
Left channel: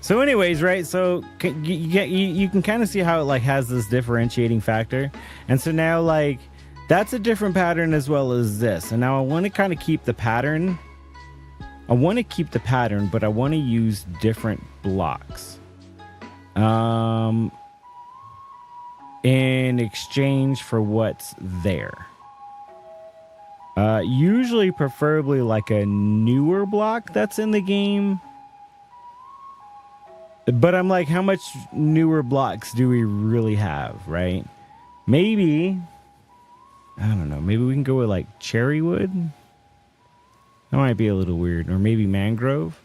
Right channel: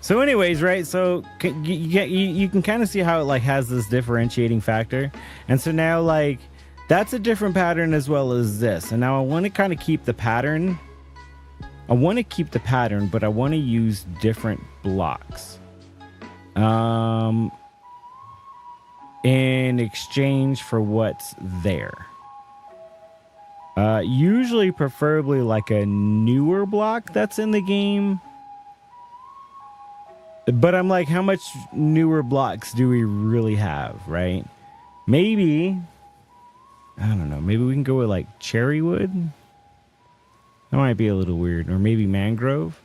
So anyways, right, so you can kind of see how it like has this differentiating factor. And so now like That's a different pattern as well as this. And now I want to kind of keep the pattern. I want to keep the pattern, but I want to use different blocks. In exchange for what's there. Usually, preferably like a newer block that's in the game. But I'm like, how much newer blocks do we really have, right? Maybe, I don't know, maybe we can go with like cherry wood. That might be a little weird. Or maybe mangrove.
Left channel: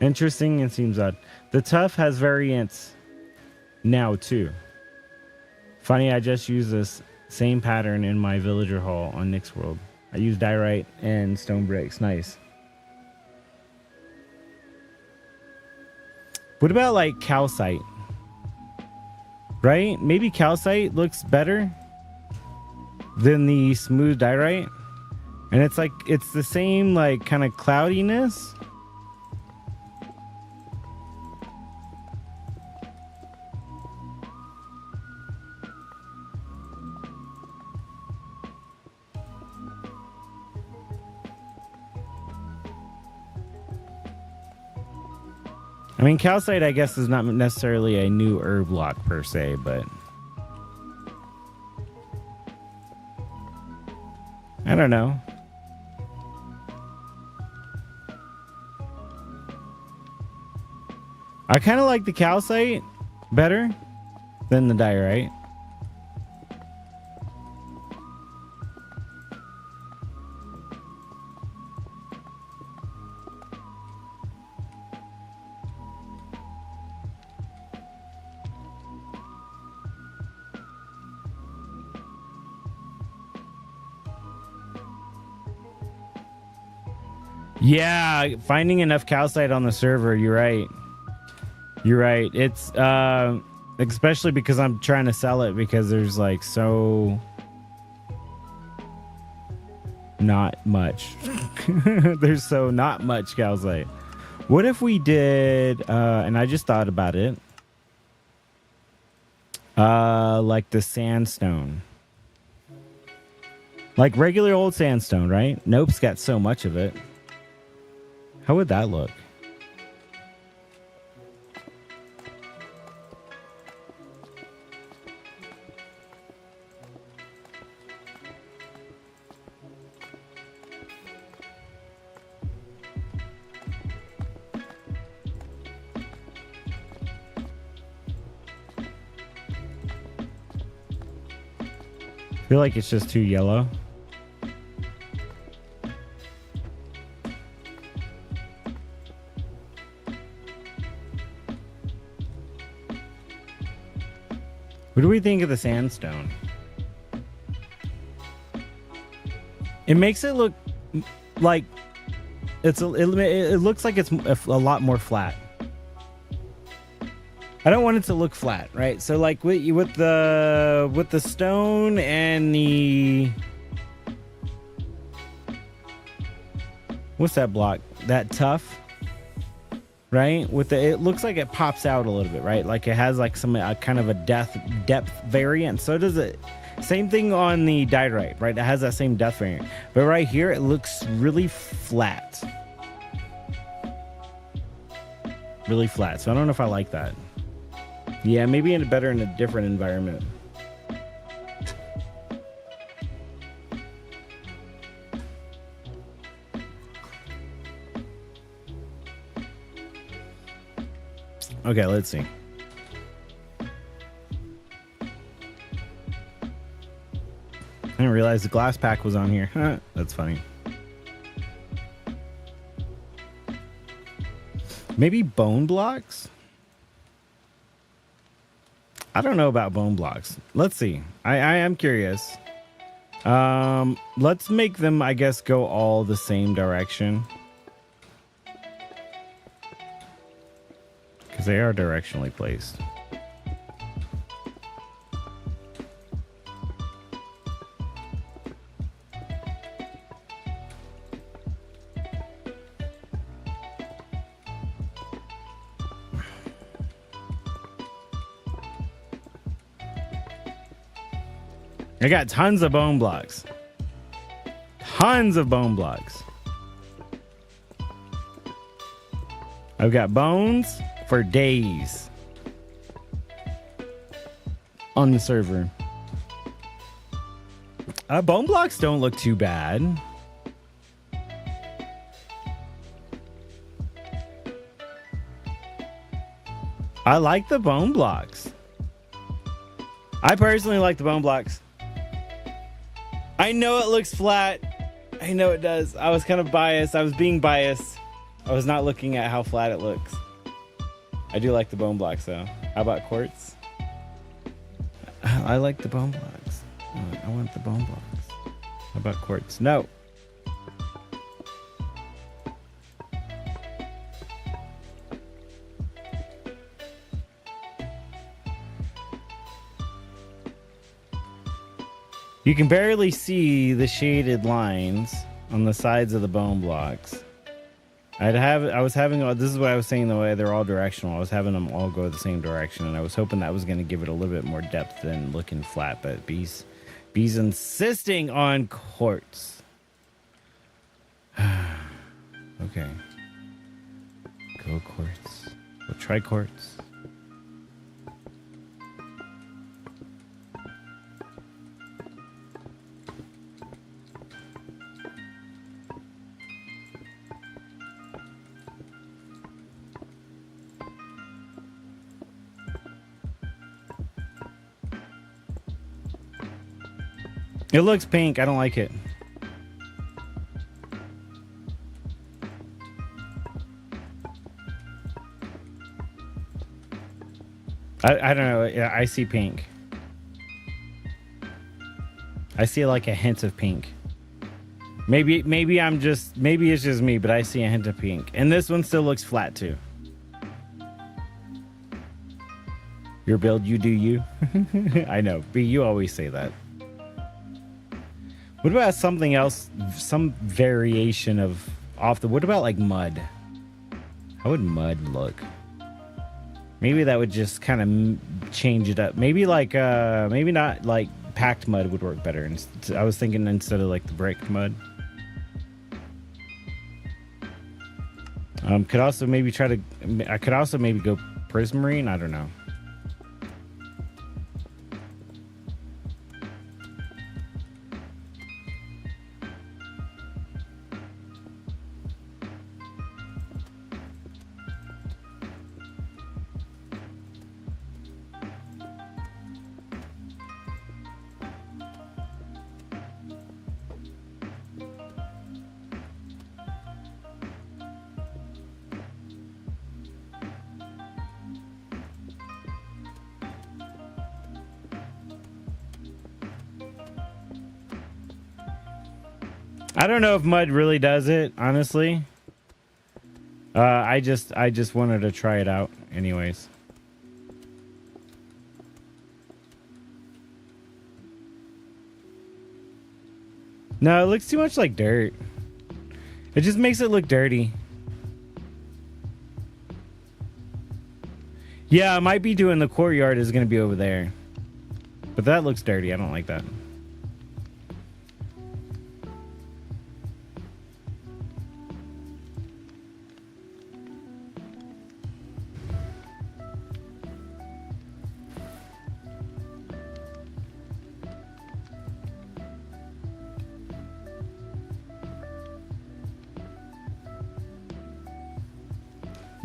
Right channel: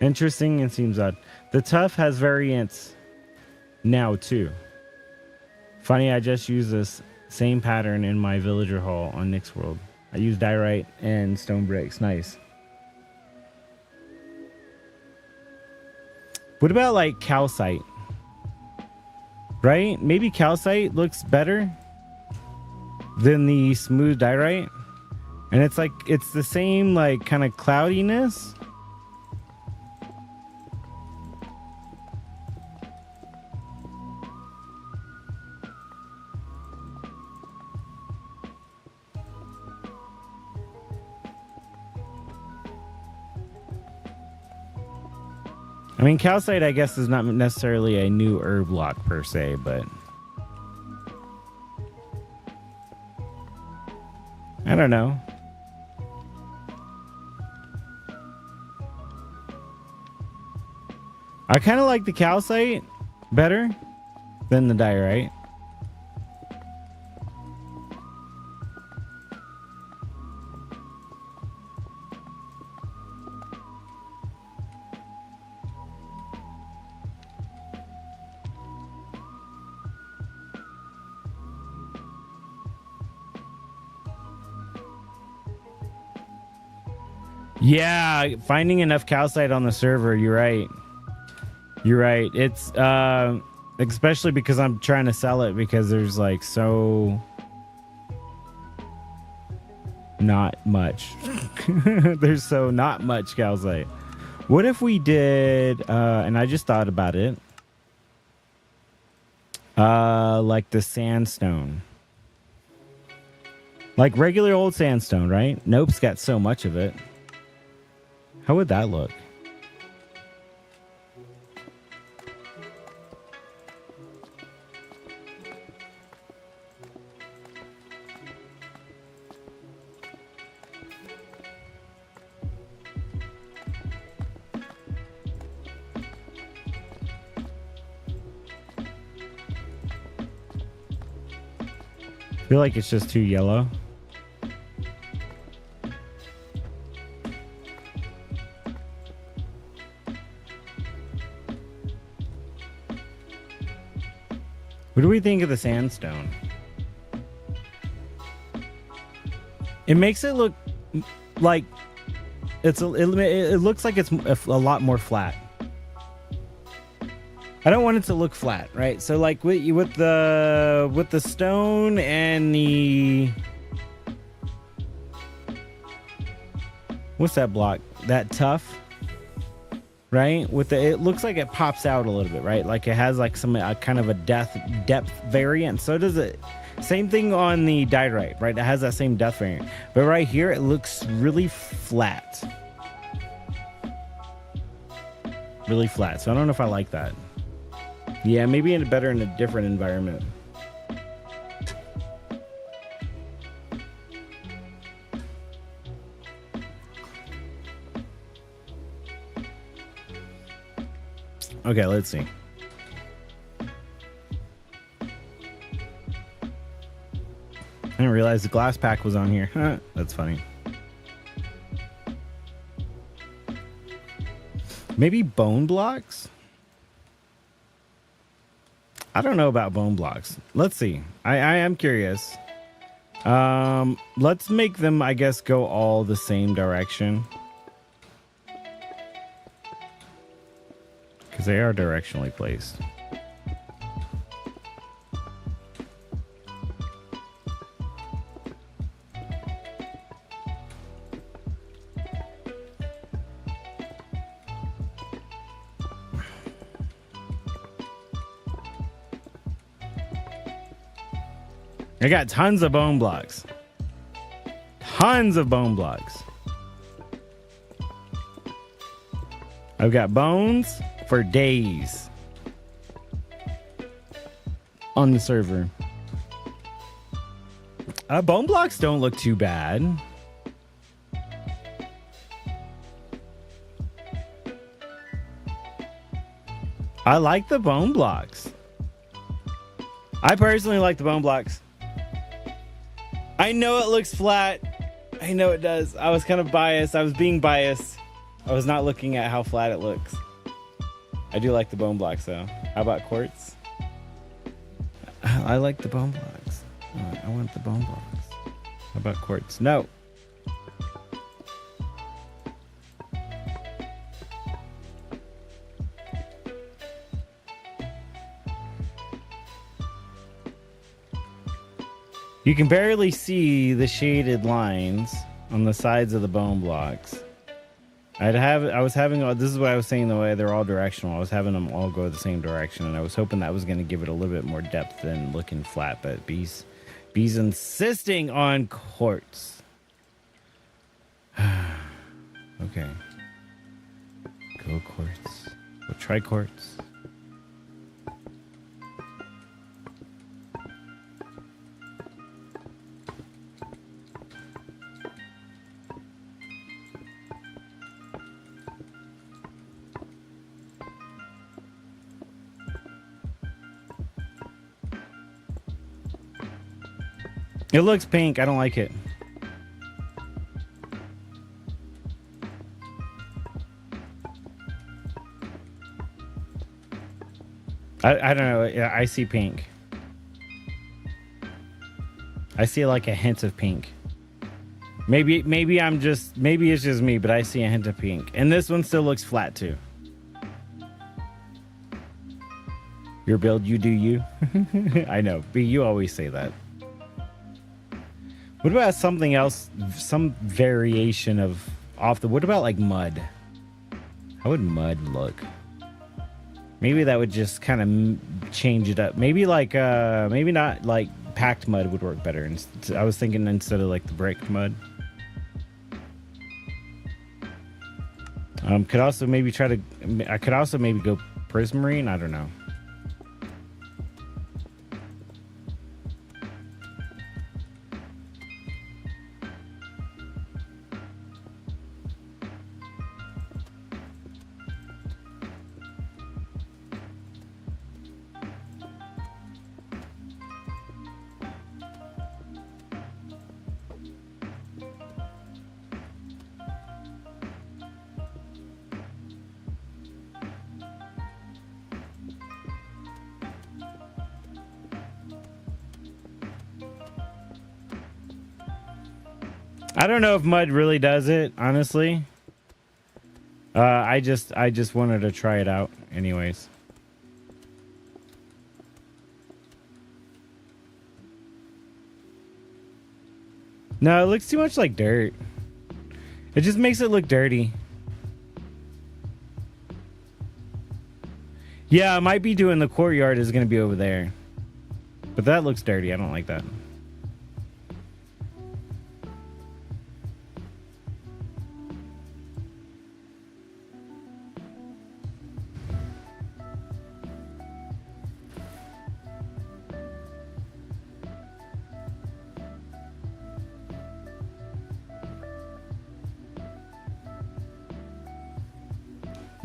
Interesting and seems odd. The tough has variants now too. Funny, I just used this same pattern in my villager hall on Nick's World. I used diorite and stone bricks. Nice. What about like calcite? Right? Maybe calcite looks better than the smooth diorite. And it's like, it's the same like kind of cloudiness. I mean, calcite, I guess, is not necessarily a new herb block per se, but I don't know. I kind of like the calcite better than the diorite. Yeah, finding enough calcite on the server, you're right. You're right. It's especially because I'm trying to sell it because there's like so not much. There's so not much calcite. What if we did and I just thought about it. Like the sandstone. Like regular old sandstone, right? Nope's got so much of it. How would that look? I feel like it's just too yellow. What do we think of the sandstone? It makes it look like it looks like it's a lot more flat. I don't want it to look flat, right? So like with the stone and the, what's that block? That tough, right? With the, it looks like it pops out a little bit, right? Like it has like some kind of a depth variant. So does it. Same thing on the diorite, right? It has that same depth variant. But right here, it looks really flat. Really flat. So I don't know if I like that. Yeah, maybe better in a different environment. Okay, let's see. I didn't realize the glass pack was on here. Huh, that's funny. Maybe bone blocks? I don't know about bone blocks. Let's see. I am curious. Let's make them, I guess, go all the same direction. Because they are directionally placed. I got tons of bone blocks. Tons of bone blocks. I've got bones for days on the server. Bone blocks don't look too bad. I like the bone blocks. I personally like the bone blocks. I know it looks flat. I know it does. I was kind of biased. I was being biased. I was not looking at how flat it looks. I do like the bone blocks though. How about quartz? I like the bone blocks. I want the bone blocks. How about quartz? No. You can barely see the shaded lines on the sides of the bone blocks. This is what I was saying, the way they're all directional. I was having them all go the same direction, and I was hoping that was going to give it a little bit more depth than looking flat, but B's insisting on quartz. Okay. Go quartz. We'll try quartz. It looks pink. I don't like it. I don't know. Yeah, I see pink. I see like a hint of pink. Maybe it's just me, but I see a hint of pink. And this one still looks flat too. Your build, you do you. I know. B, you always say that. What about something else? Some variation of what about like mud? How would mud look? Maybe that would just kind of change it up. Maybe maybe not like packed mud would work better. I was thinking instead of like the bricked mud. Could also maybe go prismarine. I don't know. I don't know if mud really does it, honestly. I just wanted to try it out anyways. No, it looks too much like dirt. It just makes it look dirty. Yeah, I might be doing the courtyard is going to be over there. But that looks dirty. I don't like that.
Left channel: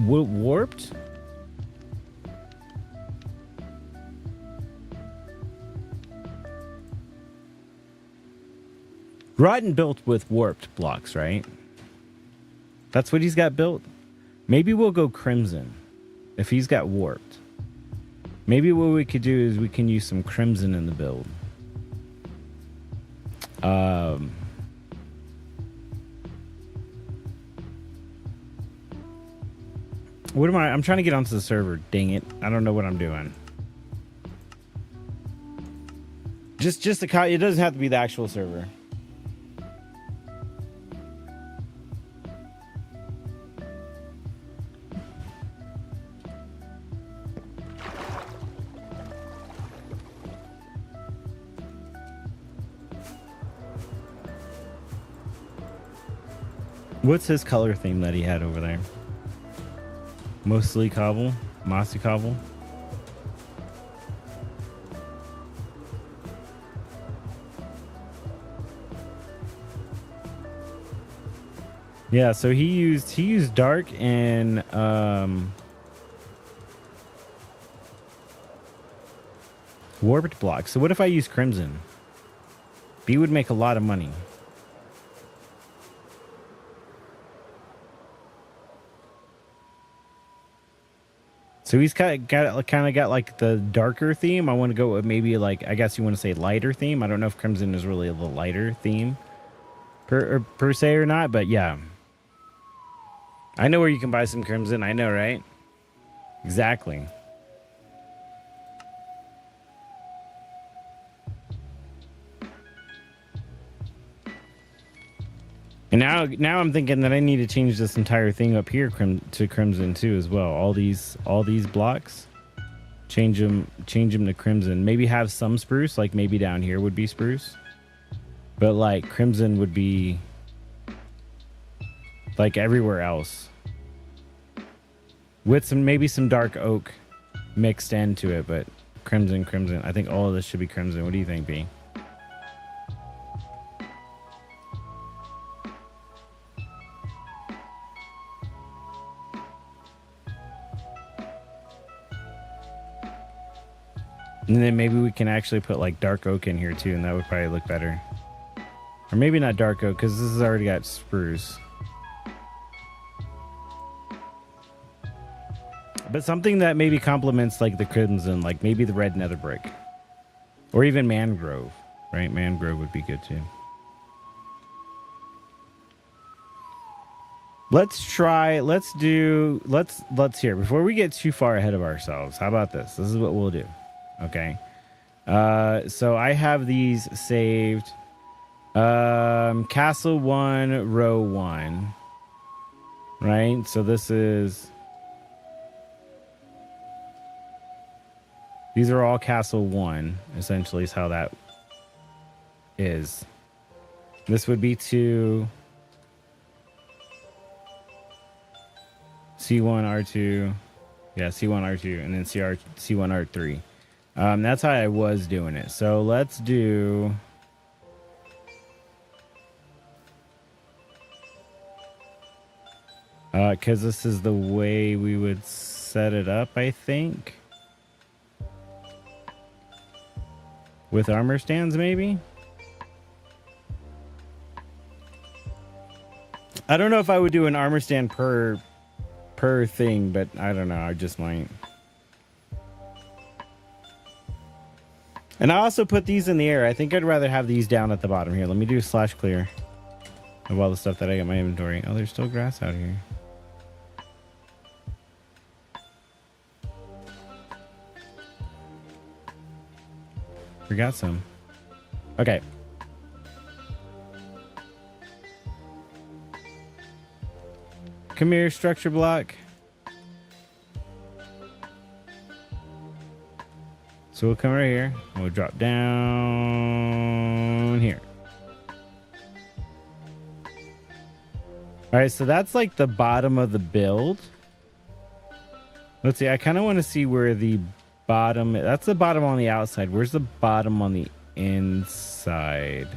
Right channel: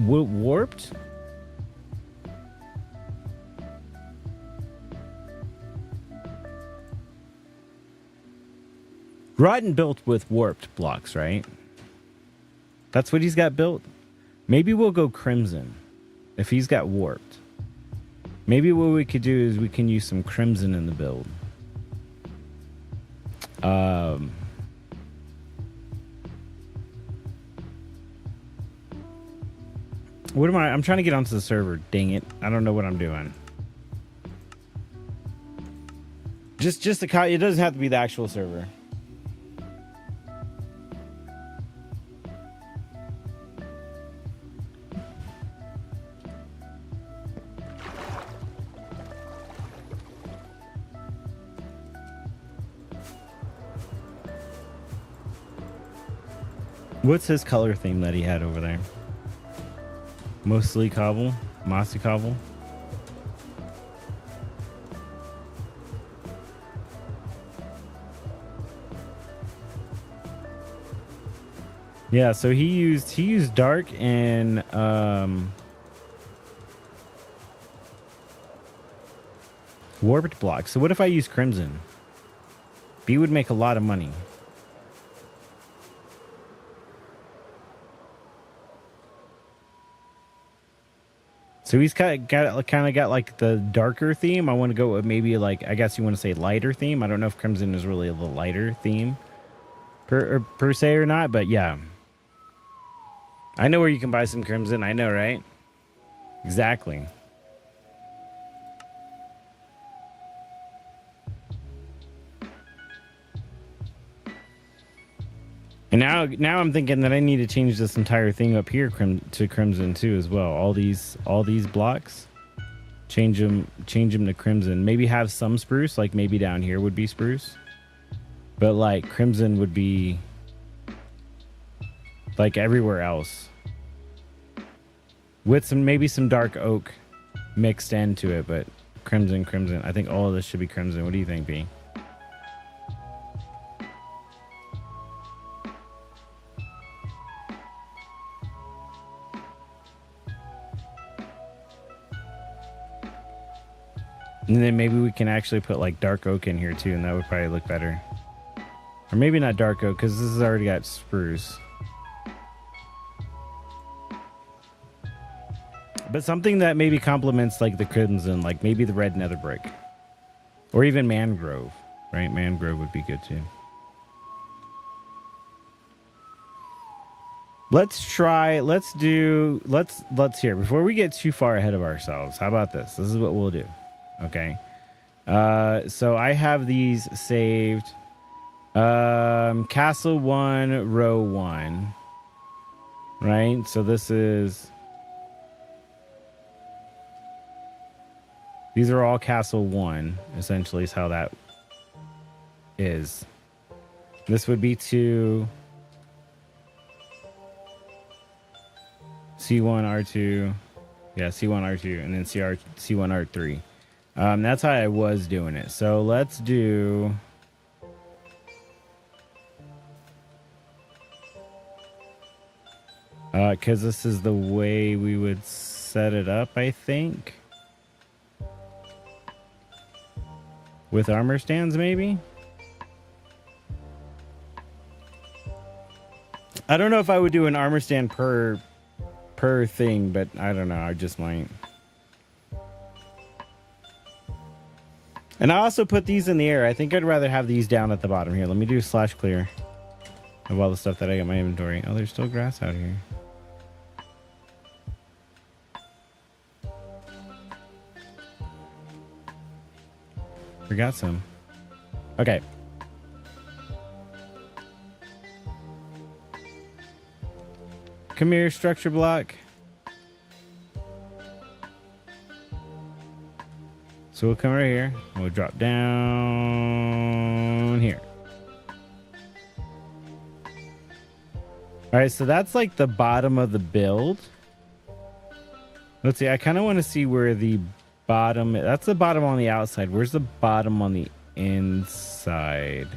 Warped? Rotten built with warped blocks, right? That's what he's got built. Maybe we'll go crimson if he's got warped. Maybe what we could do is we can use some crimson in the build. What am I? I'm trying to get onto the server. Dang it. I don't know what I'm doing. Just it doesn't have to be the actual server. What's his color theme that he had over there? Mostly cobble? Mossy cobble? Yeah, so he used dark and warped block. So what if I use crimson? B would make a lot of money. So he's kind of got like the darker theme. I want to go with maybe like, I guess you want to say lighter theme. I don't know if crimson is really the lighter theme per se or not, but yeah. I know where you can buy some crimson. I know, right? Exactly. And now I'm thinking that I need to change this entire thing up here to crimson too as well. All these blocks, change them to crimson. Maybe have some spruce, like maybe down here would be spruce, but like crimson would be like everywhere else, with maybe some dark oak mixed into it. But crimson. I think all of this should be crimson. What do you think, B? And then maybe we can actually put like dark oak in here too, and that would probably look better. Or maybe not dark oak, because this has already got spruce. But something that maybe complements like the crimson, like maybe the red nether brick. Or even mangrove, right? Mangrove would be good too. Let's here, before we get too far ahead of ourselves, how about this? This is what we'll do. Okay. So I have these saved. Castle 1, row 1. Right? So these are all Castle 1, essentially, is how that is. This would be to C1, R2. Yeah, C1, R2, and then C1, R3. That's how I was doing it. So let's do... because this is the way we would set it up, I think. With armor stands, maybe? I don't know if I would do an armor stand per thing, but I don't know. I just might. And I also put these in the air. I think I'd rather have these down at the bottom here. Let me do slash clear of all the stuff that I got in my inventory. Oh, there's still grass out here. Forgot some. Okay. Come here, structure block. So we'll come right here. And we'll drop down here. All right, so that's like the bottom of the build. Let's see. I kind of want to see where the bottom. That's the bottom on the outside. Where's the bottom on the inside?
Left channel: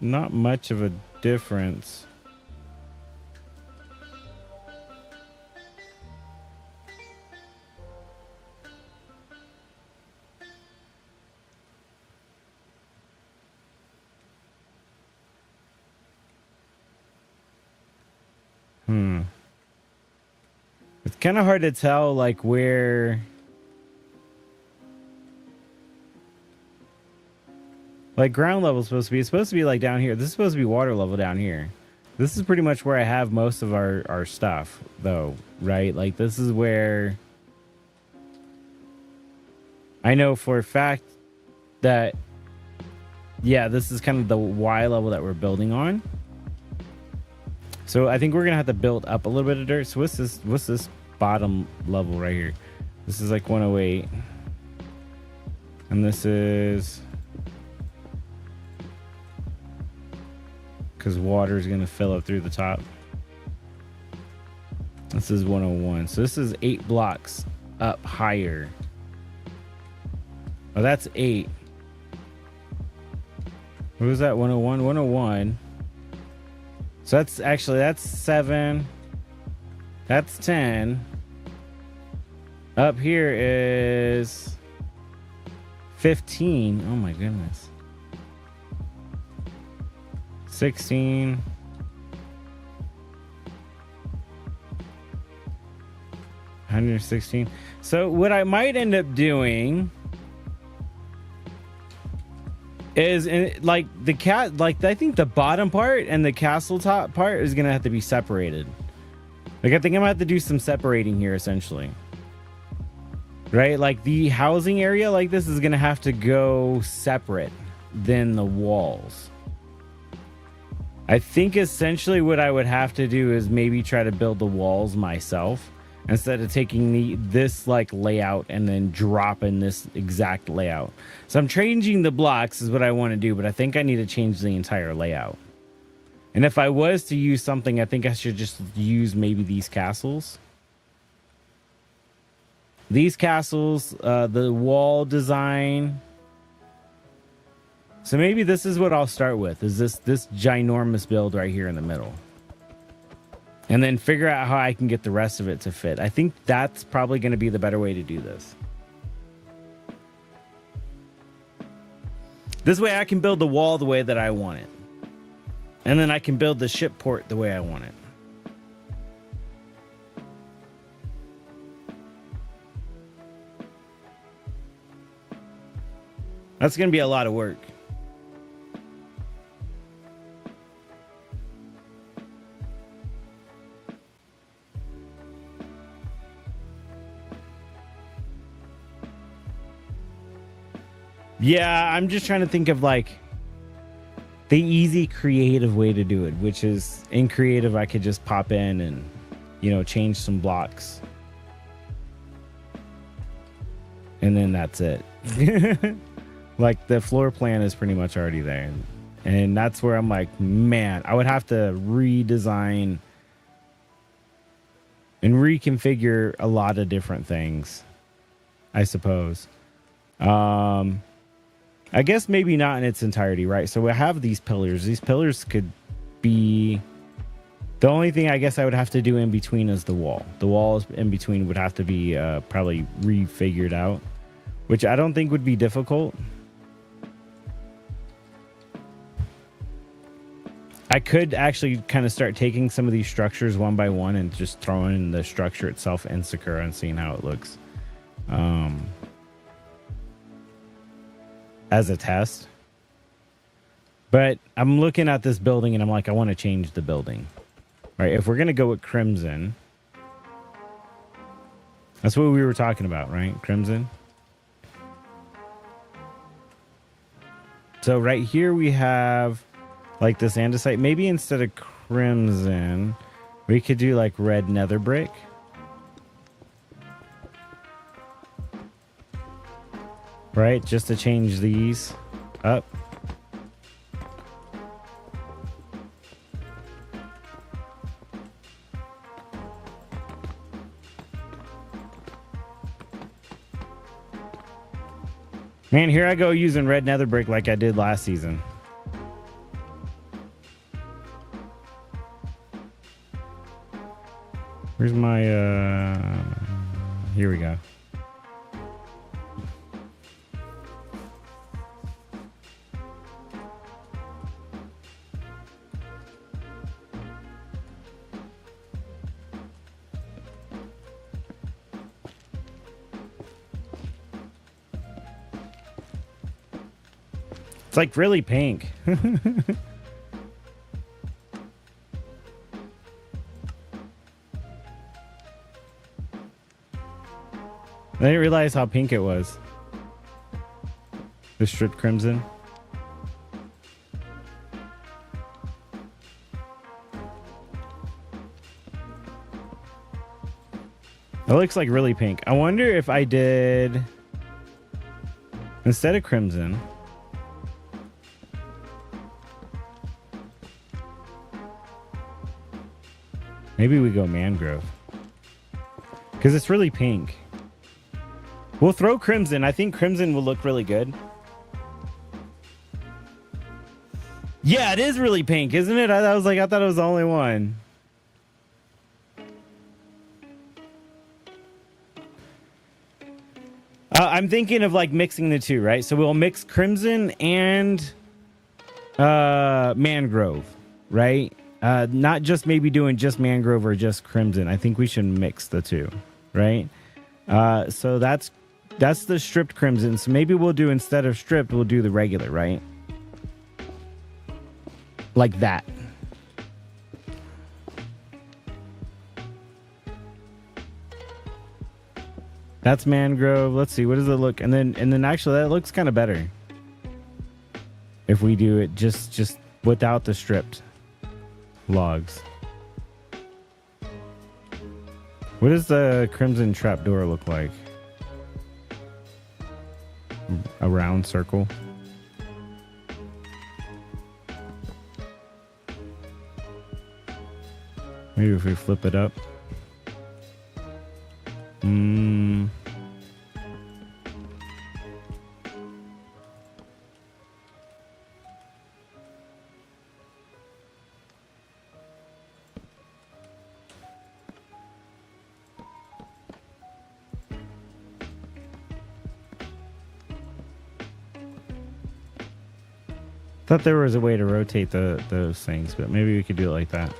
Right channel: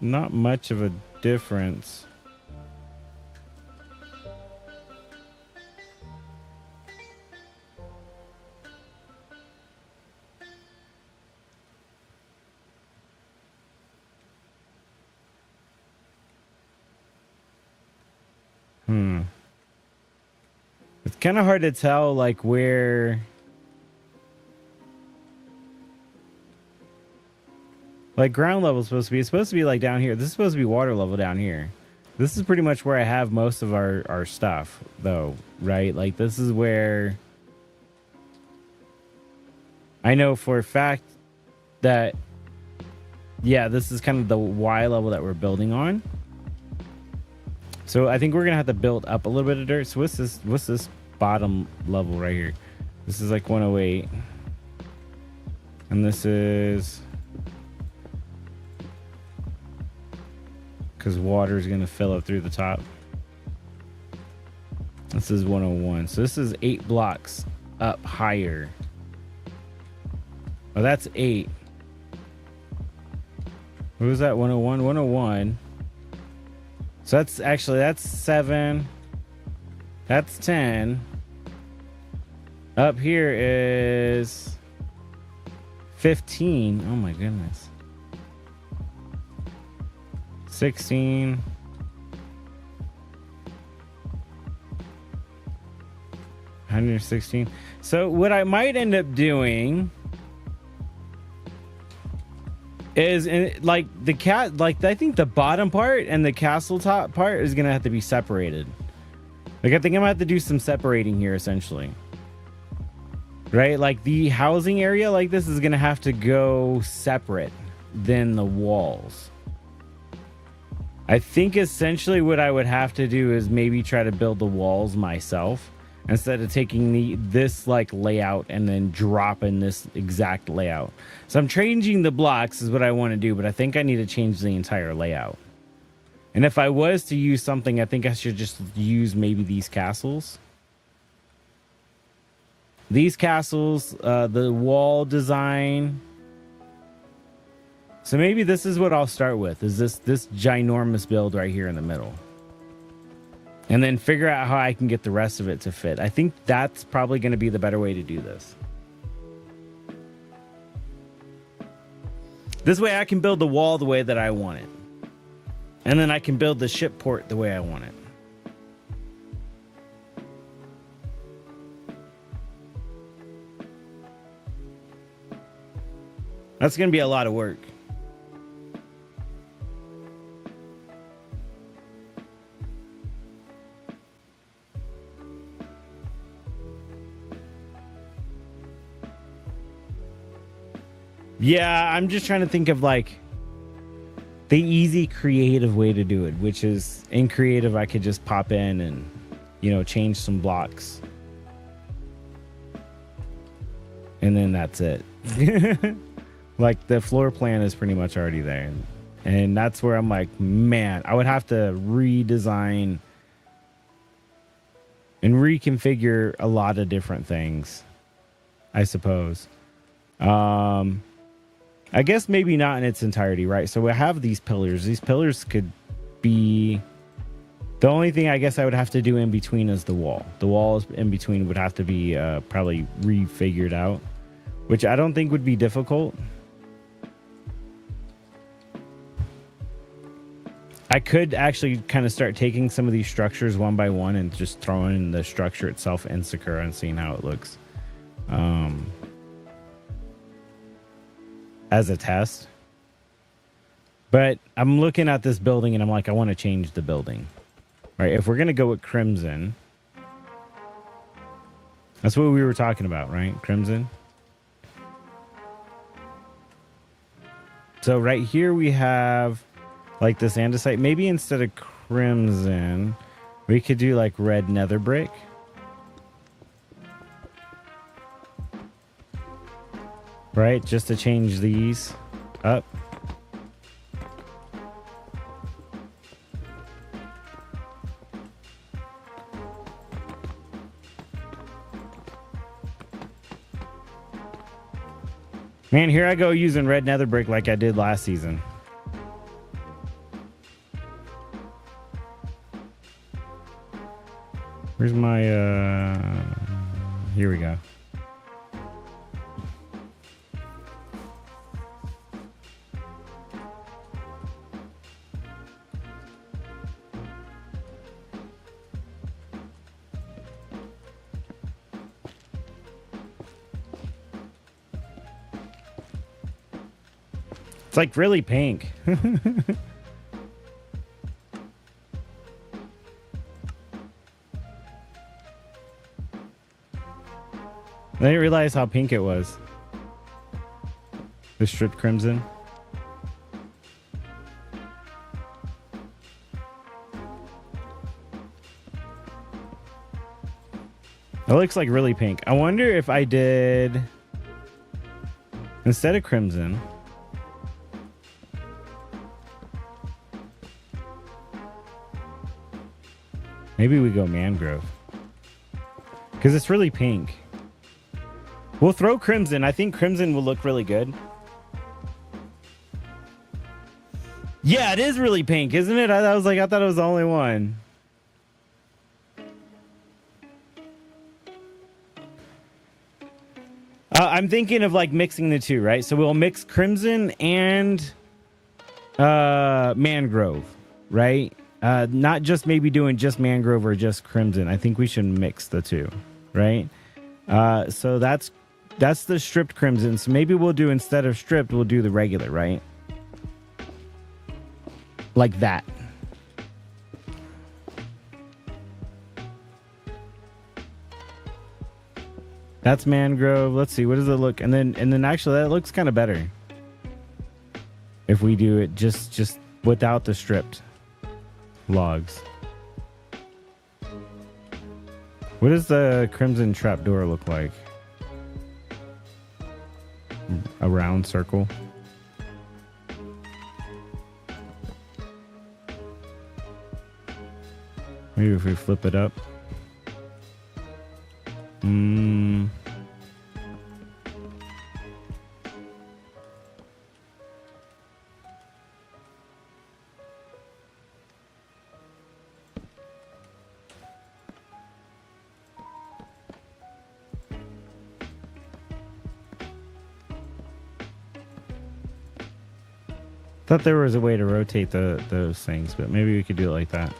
Not much of a difference. It's kind of hard to tell, like, where... Like, ground level is supposed to be... It's supposed to be, like, down here. This is supposed to be water level down here. This is pretty much where I have most of our stuff, though, right? Like, this is where... I know for a fact that... Yeah, this is kind of the Y level that we're building on. So I think we're gonna have to build up a little bit of dirt. So what's this bottom level right here? This is like 108. And this is because water is going to fill up through the top. This is 101. So this is 8 blocks up higher. Oh, that's 8. What was that? 101? 101. So that's 7. That's 10. Up here is 15. Oh my goodness. 16. 116. So what I might end up doing is like the cat, like I think the bottom part and the castle top part is gonna have to be separated. Like I think I'm gonna have to do some separating here essentially. Right? Like the housing area like this is gonna have to go separate than the walls. I think essentially what I would have to do is maybe try to build the walls myself instead of taking this like layout and then dropping this exact layout. So I'm changing the blocks is what I want to do, but I think I need to change the entire layout. And if I was to use something, I think I should just use maybe these castles. These castles, the wall design. So maybe this is what I'll start with, is this ginormous build right here in the middle. And then figure out how I can get the rest of it to fit. I think that's probably going to be the better way to do this. This way I can build the wall the way that I want it. And then I can build the ship port the way I want it. That's going to be a lot of work. Yeah, I'm just trying to think of like the easy creative way to do it, which is in creative I could just pop in and, you know, change some blocks. And then that's it. Like the floor plan is pretty much already there. And that's where I'm like, man, I would have to redesign and reconfigure a lot of different things, I suppose. I guess maybe not in its entirety, right? So we have these pillars. These pillars could be... The only thing I guess I would have to do in between is the wall. The walls in between would have to be probably refigured out, which I don't think would be difficult. I could actually kind of start taking some of these structures one by one and just throwing the structure itself in Sakura and seeing how it looks. As a test. But I'm looking at this building and I'm like, I want to change the building. All right, if we're going to go with Crimson. That's what we were talking about, right? Crimson. So right here we have like this andesite. Maybe instead of Crimson, we could do like red nether brick. Right, just to change these up. Man, here I go using red nether brick like I did last season. Where's my, here we go. It's like really pink. I didn't realize how pink it was. The stripped crimson. It looks like really pink. I wonder if I did... Instead of crimson, maybe we go mangrove. Because it's really pink. We'll throw crimson. I think crimson will look really good. Yeah, it is really pink, isn't it? I thought it was the only one. I'm thinking of like mixing the two, right? So we'll mix crimson and mangrove, right? Not just maybe doing just mangrove or just crimson. I think we should mix the two, right? So that's the stripped crimson. So maybe we'll do, instead of stripped, we'll do the regular, right? Like that. That's mangrove. Let's see, what does it look? And then actually that looks kind of better if we do it just without the stripped logs. What does the crimson trapdoor look like? A round circle. Maybe if we flip it up. Thought there was a way to rotate those things, but maybe we could do it like that.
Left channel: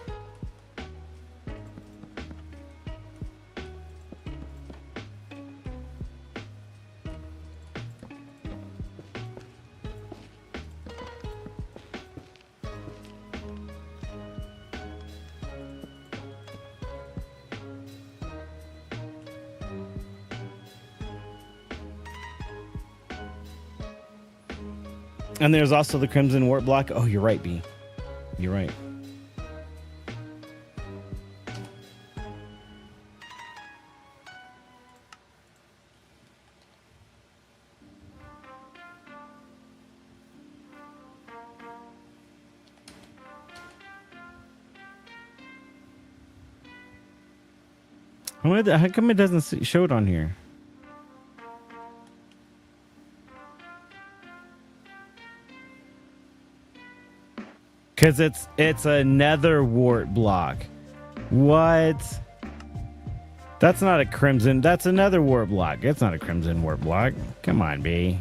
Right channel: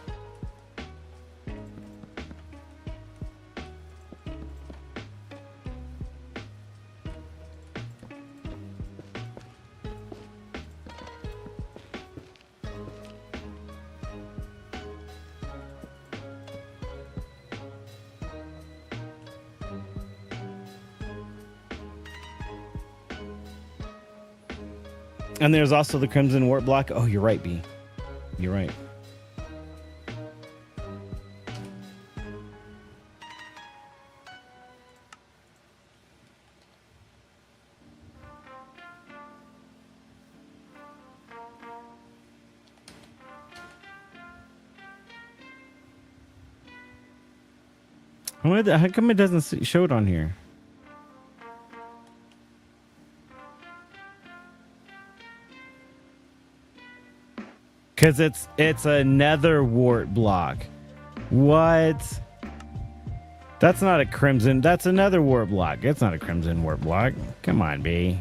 And there's also the crimson wart block. Oh, you're right, B. You're right. How come it doesn't show it on here? Because it's a nether wart block. What? That's not a crimson. That's another wart block. It's not a crimson wart block. Come on, B.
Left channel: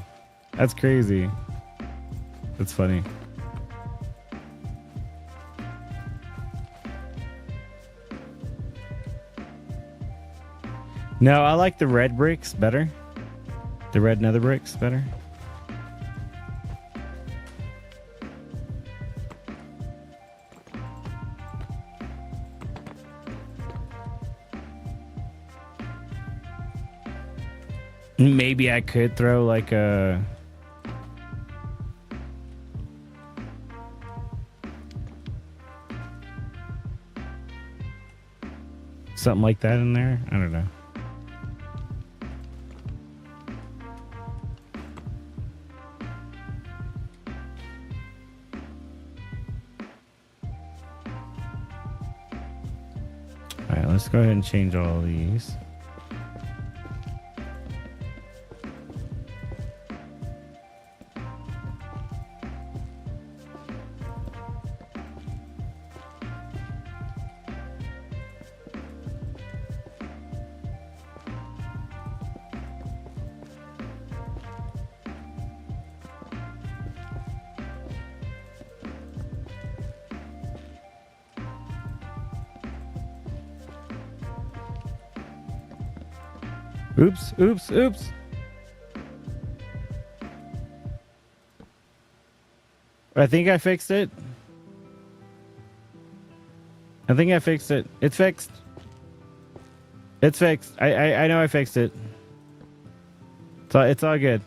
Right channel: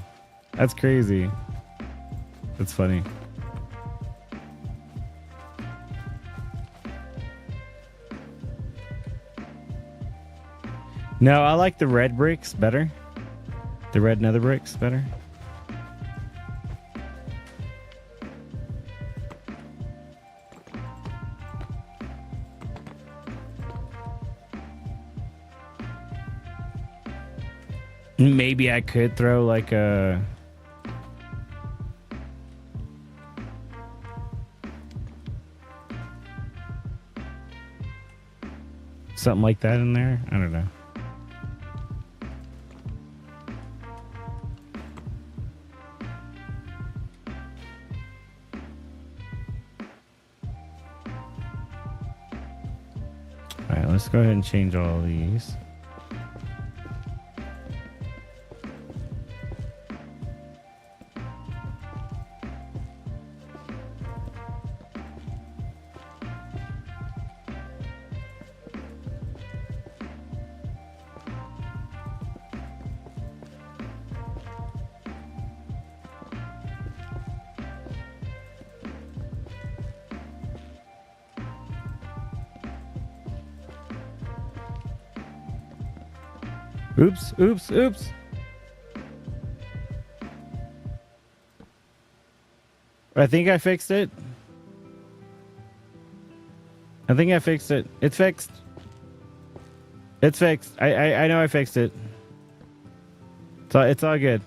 That's crazy. That's funny. No, I like the red bricks better. The red nether bricks better. Maybe I could throw like a... something like that in there. I don't know. All right, let's go ahead and change all these. Oops, oops, oops. I think I fixed it. I think I fixed it. It's fixed. It's fixed. I know I fixed it. It's all good.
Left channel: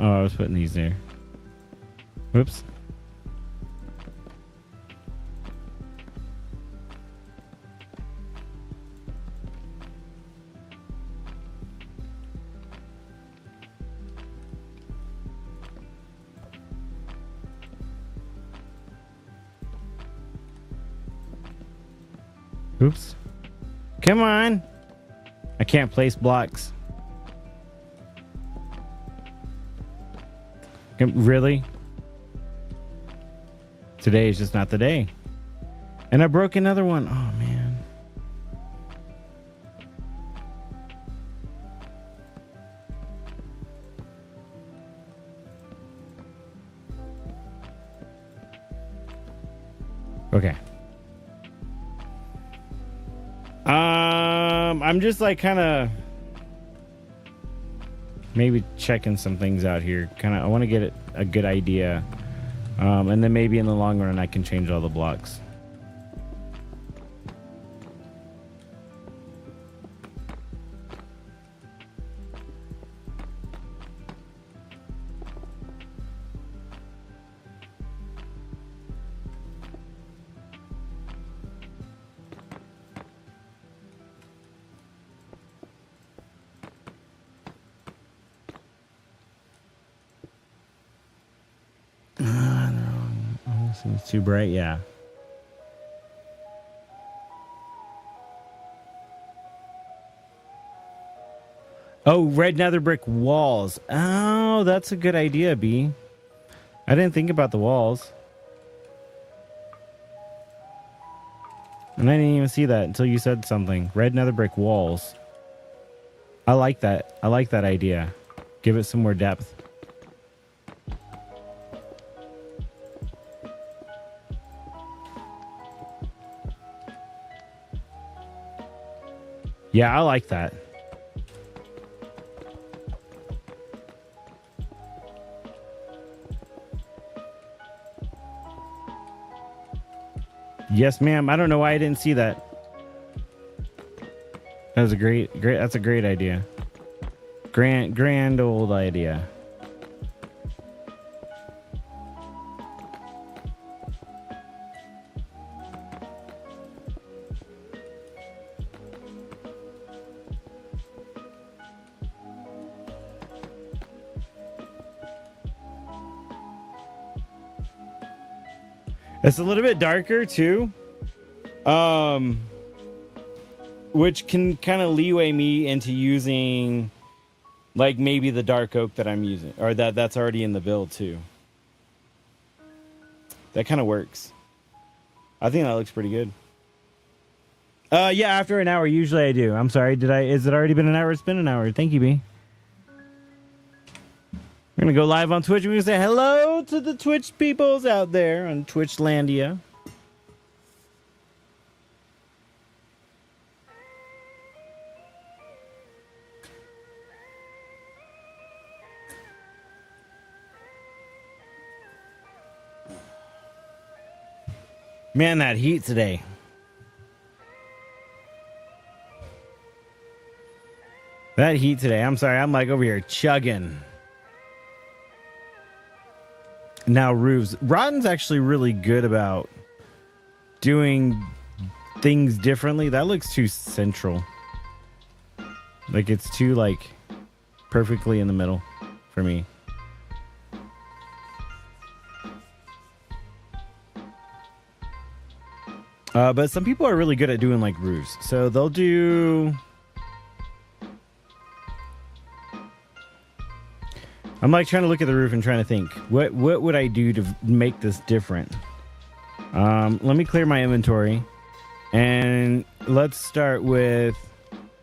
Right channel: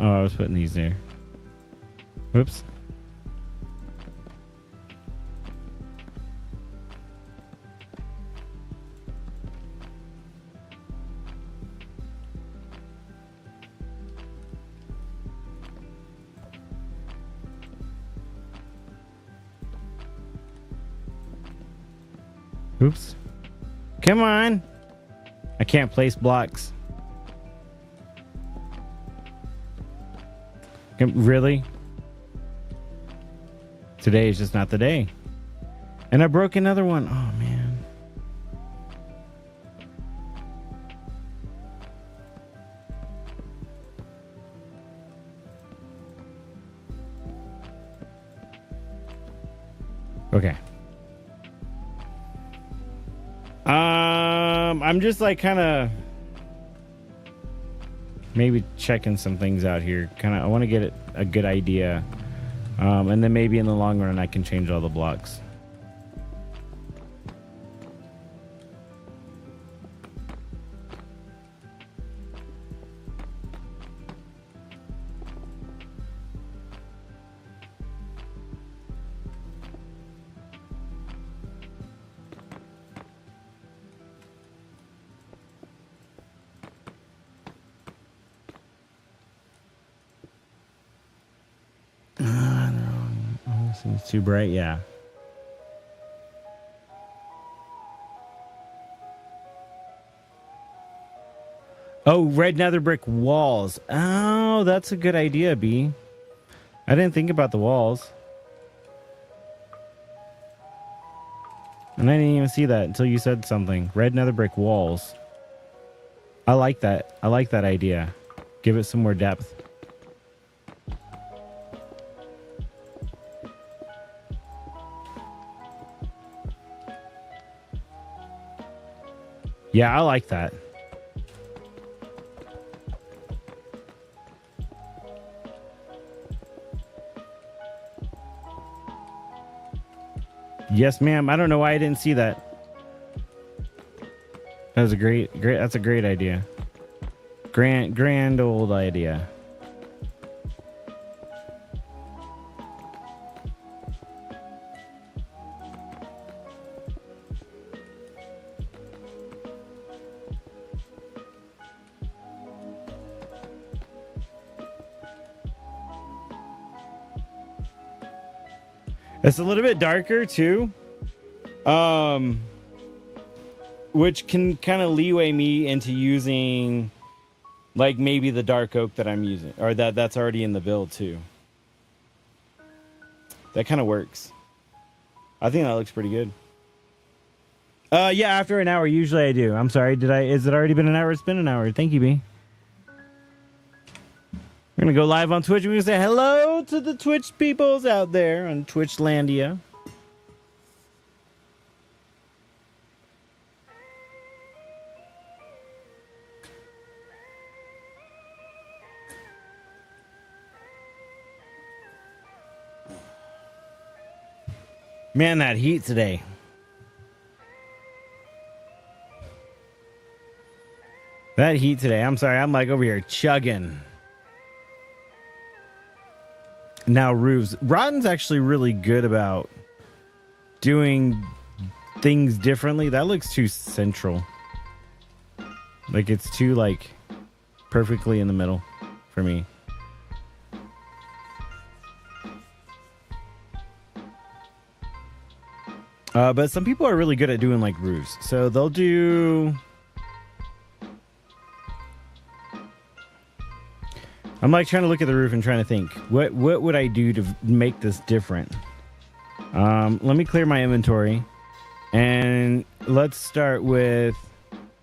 Oh, I was putting these there. Whoops. Oops. Come on. I can't place blocks. Really? Today is just not the day. And I broke another one. Oh, man. Okay. I'm just like kind of maybe checking some things out here. I want to get a good idea. And then maybe in the long run I can change all the blocks. Seems too bright, yeah. Oh, red nether brick walls. Oh, that's a good idea, B. I didn't think about the walls. And I didn't even see that until you said something. Red nether brick walls. I like that. I like that idea. Give it some more depth. Yeah, I like that. Yes, ma'am. I don't know why I didn't see that. That was a great, that's a great idea. Grand old idea. It's a little bit darker too, which can kind of leeway me into using like maybe the dark oak that I'm using, or that's already in the build too. That kind of works. I think that looks pretty good. Yeah, after an hour, usually I do. I'm sorry, is it already been an hour? It's been an hour. Thank you, B. We're going to go live on Twitch. We're going to say hello to the Twitch peoples out there on Twitchlandia. Man, that heat today. That heat today. I'm sorry. I'm like over here chugging. Now roofs. Rotten's actually really good about doing things differently. That looks too central. Like it's too like perfectly in the middle for me. But some people are really good at doing like roofs. So they'll do... I'm like trying to look at the roof and trying to think, what would I do to make this different? Let me clear my inventory, and let's start with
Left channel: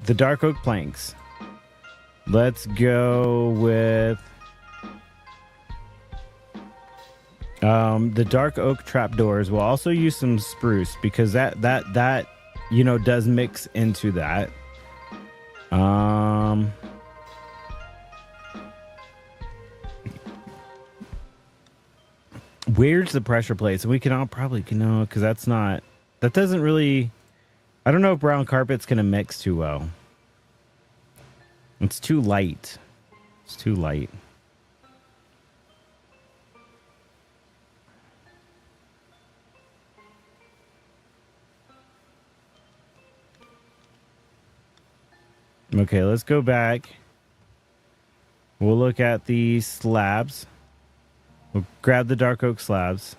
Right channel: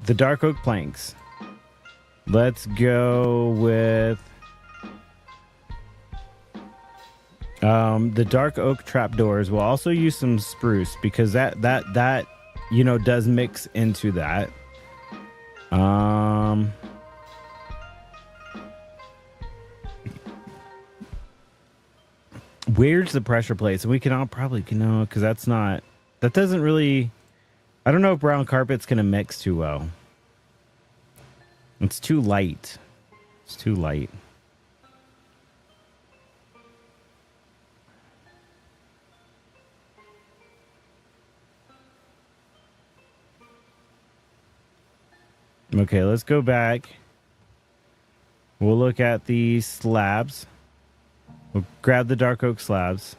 the dark oak planks. Let's go with the dark oak trapdoors. We'll also use some spruce because that you know does mix into that. Where's the pressure plate? So we can all probably know, because that doesn't really, I don't know if brown carpet's gonna mix too well. It's too light. It's too light. Okay, let's go back. We'll look at the slabs. We'll grab the dark oak slabs.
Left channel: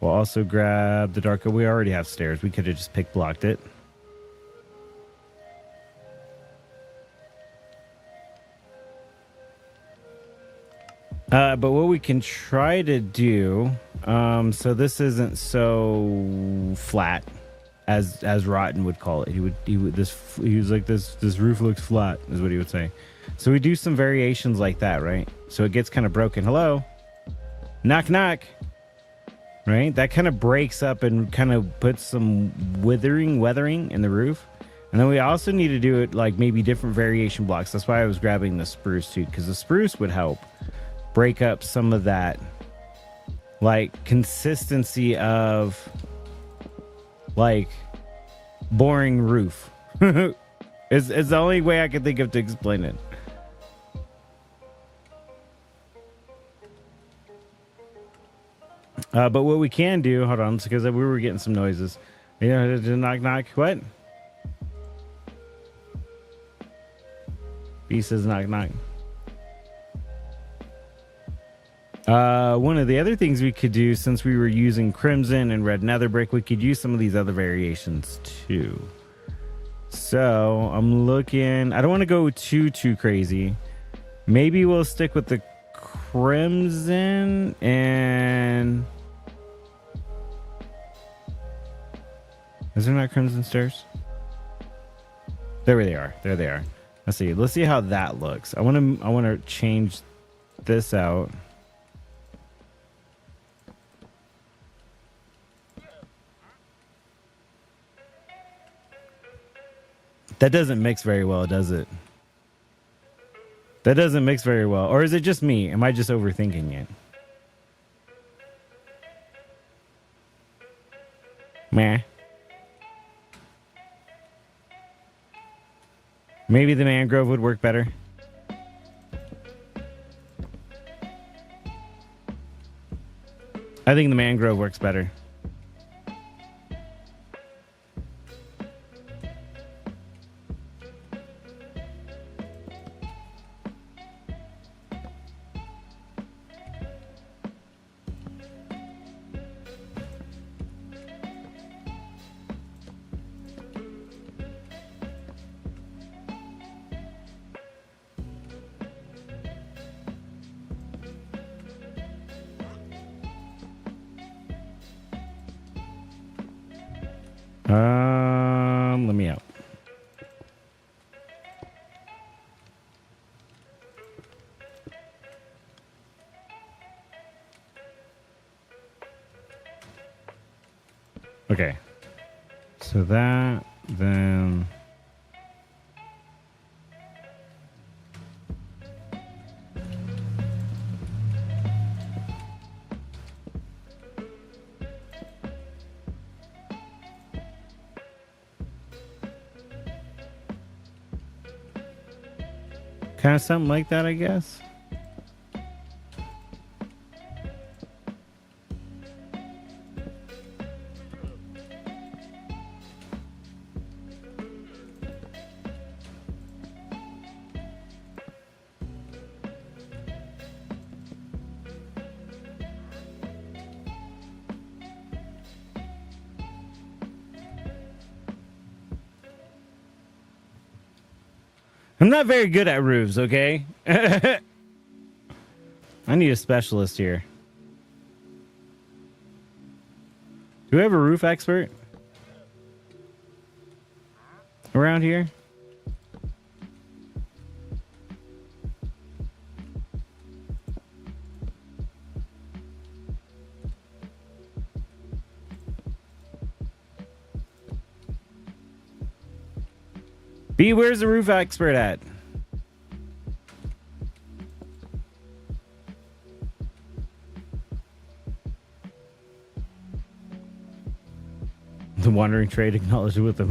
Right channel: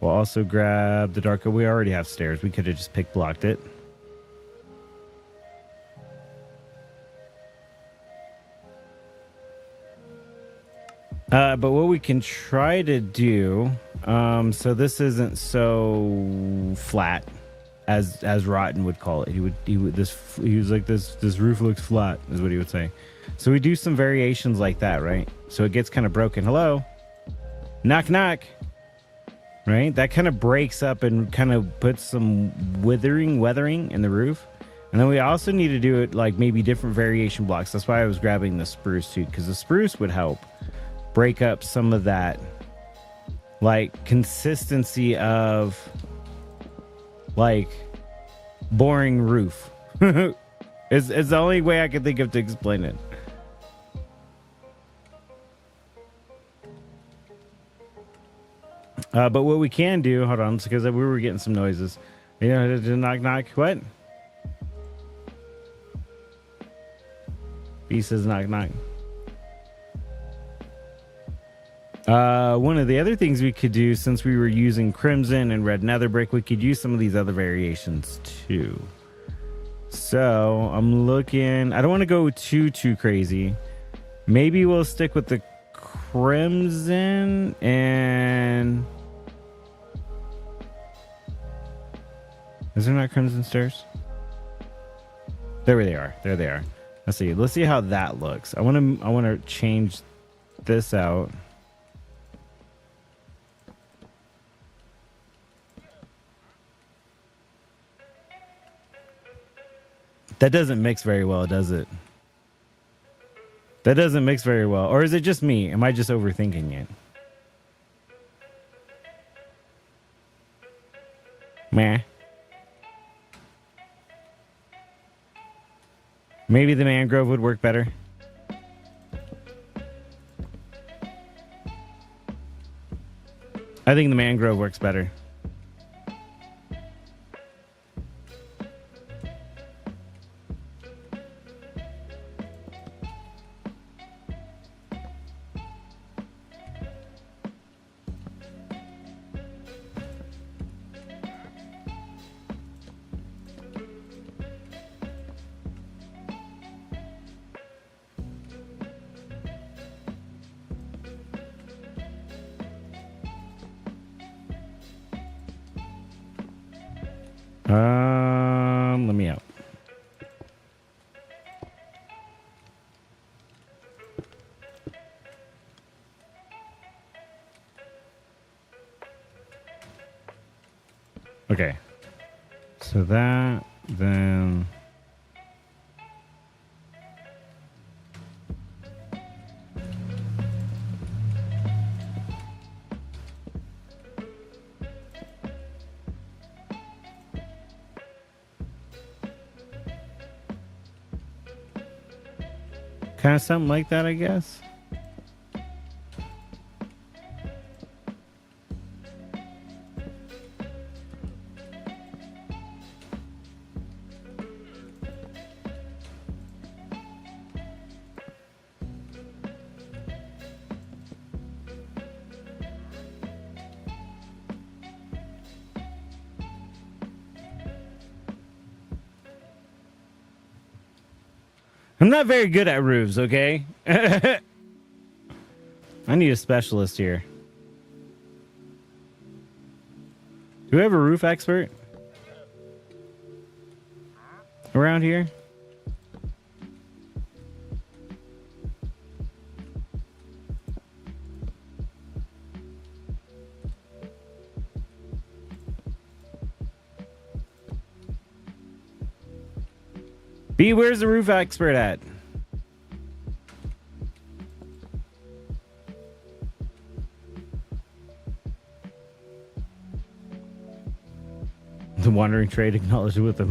We'll also grab the dark oak. We already have stairs. We could have just pick blocked it. But what we can try to do, so this isn't so flat as Rotten would call it. He was like, this roof looks flat, is what he would say. So we do some variations like that, right? So it gets kind of broken. Hello, knock knock. Right, that kind of breaks up and kind of puts some weathering in the roof. And then we also need to do it like maybe different variation blocks. That's why I was grabbing the spruce too, because the spruce would help break up some of that like consistency of like boring roof. It's the only way I could think of to explain it. But what we can do, hold on, because we were getting some noises. Knock knock. What? B says knock knock. One of the other things we could do, since we were using crimson and red nether brick, we could use some of these other variations too. So I'm looking. I don't want to go too crazy. Maybe we'll stick with the crimson and. Is there not crimson stairs? There they are. There they are. Let's see. Let's see how that looks. I want to change this out. That doesn't mix very well, does it? That doesn't mix very well. Or is it just me? Am I just overthinking it? Meh. Maybe the mangrove would work better. I think the mangrove works better. Let me out. Okay. So that, then... kind of something like that, I guess. I'm not very good at roofs, okay? I need a specialist here. Do we have a roof expert around here? B, where's the roof expert at? The wandering trade acknowledged with a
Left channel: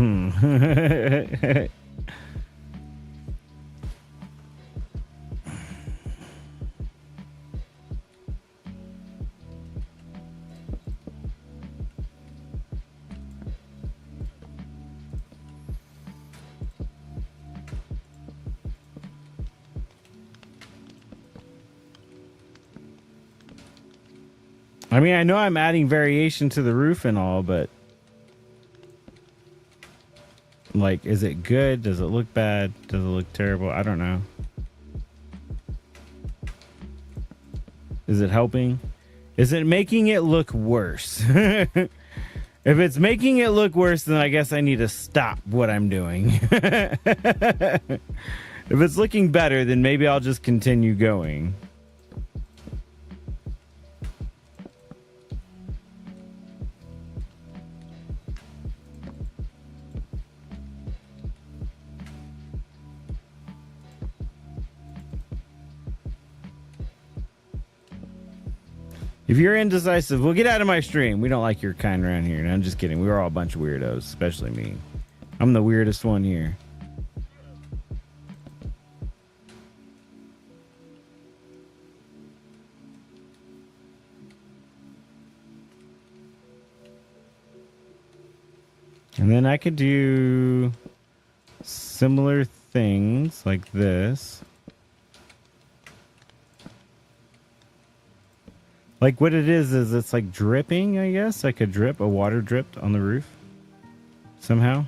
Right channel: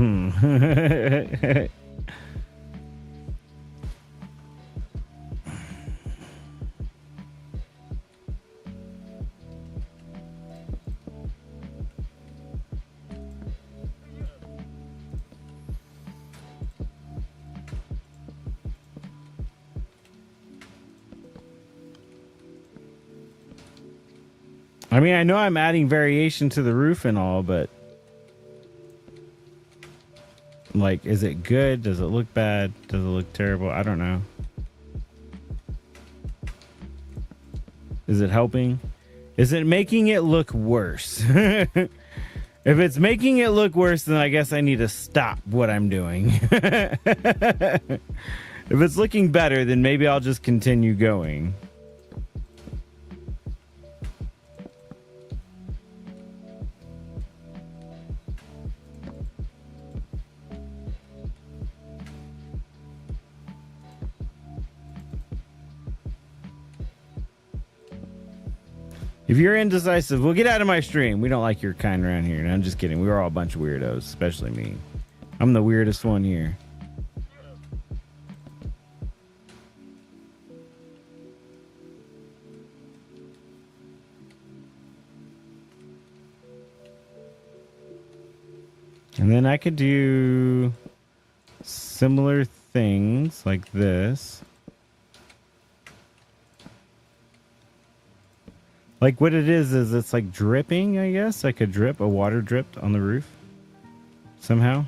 I mean, I know I'm adding variation to the roof and all, but like, is it good? Does it look bad? Does it look terrible? I don't know. Is it helping? Is it making it look worse? If it's making it look worse, then I guess I need to stop what I'm doing. If it's looking better, then maybe I'll just continue going. If you're indecisive, well, get out of my stream. We don't like your kind around here. No, I'm just kidding. We're all a bunch of weirdos, especially me. I'm the weirdest one here. And then I could do similar things like this. Like what it is it's like dripping, I guess. Like a water dripped on the roof somehow.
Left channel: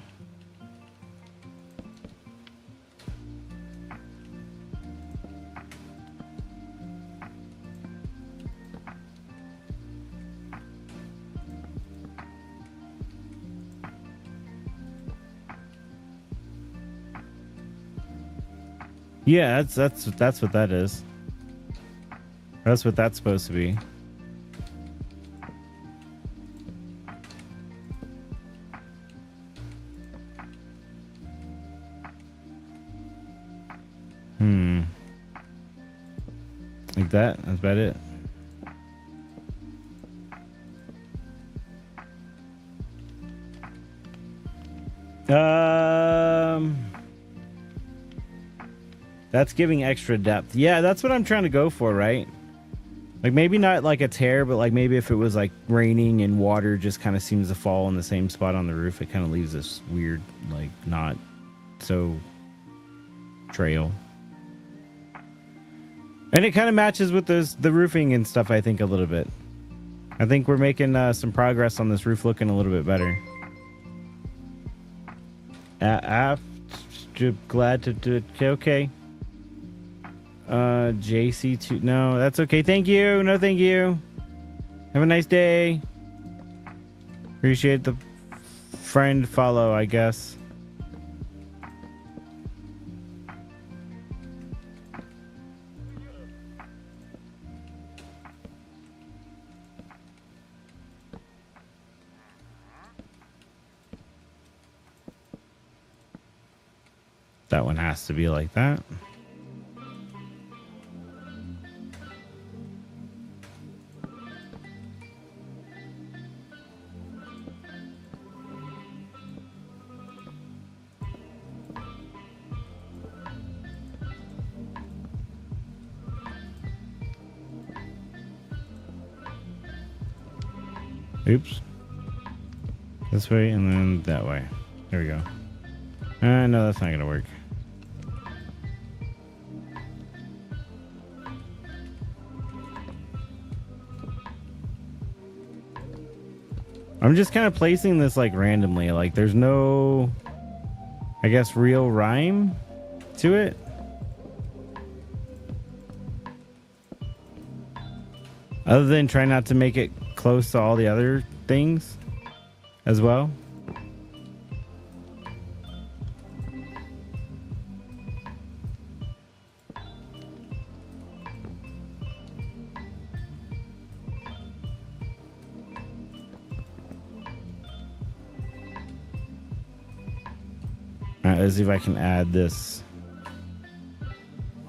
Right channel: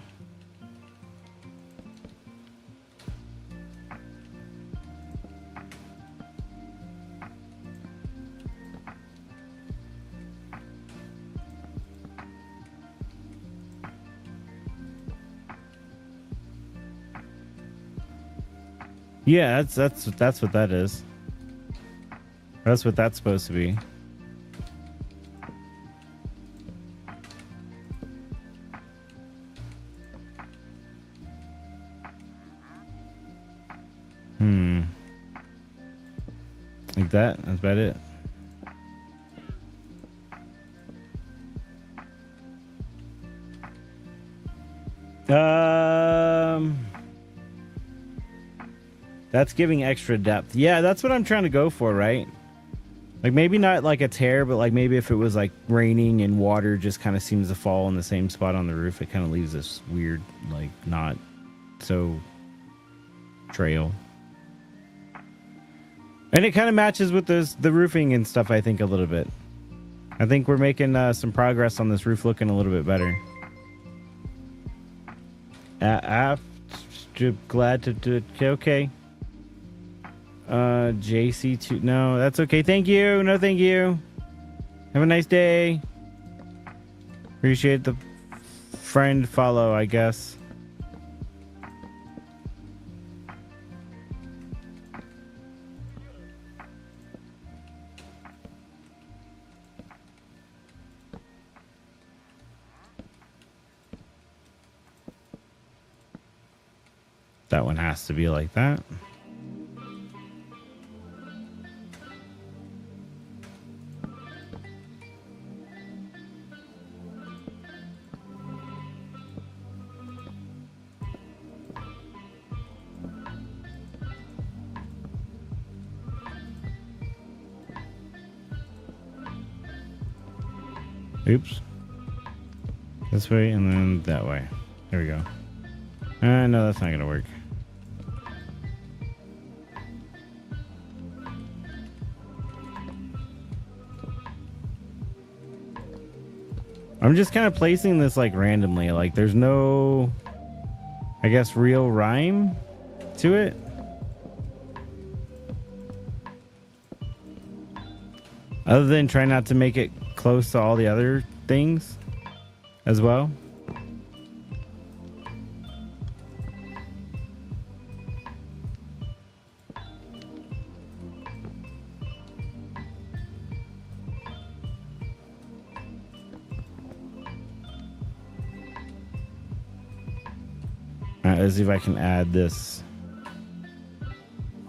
Yeah, that's what that is. That's what that's supposed to be. Like that? That's about it. That's giving extra depth. Yeah, that's what I'm trying to go for, right? Like maybe not like a tear, but like maybe if it was like raining and water just kind of seems to fall in the same spot on the roof, it kind of leaves this weird, like not so trail. And it kind of matches with the roofing and stuff, I think, a little bit. I think we're making some progress on this roof looking a little bit better. Glad to do it. Okay. JC2. No, that's okay. Thank you. No, thank you. Have a nice day. Appreciate the friend follow, I guess. That one has to be like that. Oops. This way and then that way. There we go. No, that's not gonna work. I'm just kind of placing this like randomly. Like there's no, I guess, real rhyme to it. Other than trying not to make it close to all the other things as well. Let's see if I can add this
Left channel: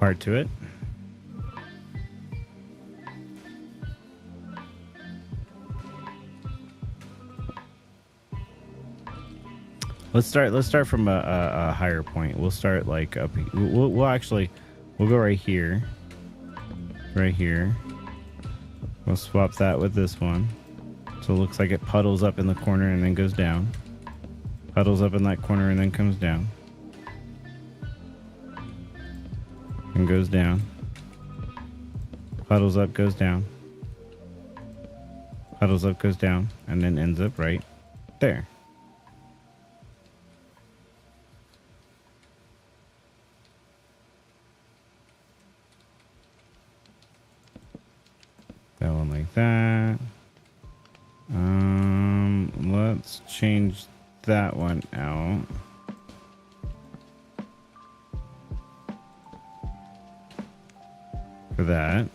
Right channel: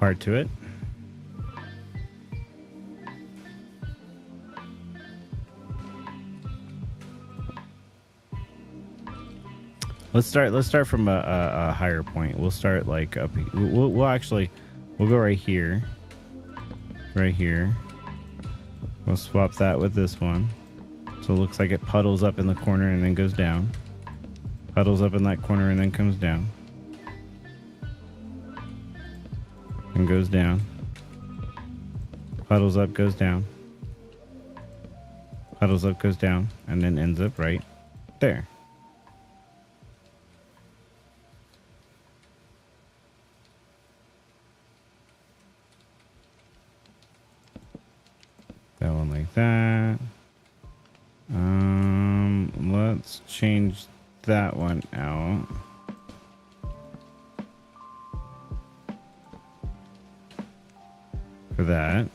part to it. Let's start from a higher point. We'll start like up. We'll go right here. Right here. We'll swap that with this one. So it looks like it puddles up in the corner and then goes down. Puddles up in that corner and then comes down. And goes down. Puddles up, goes down. Puddles up, goes down, and then ends up right there. That one like that. Let's change that one out. For that.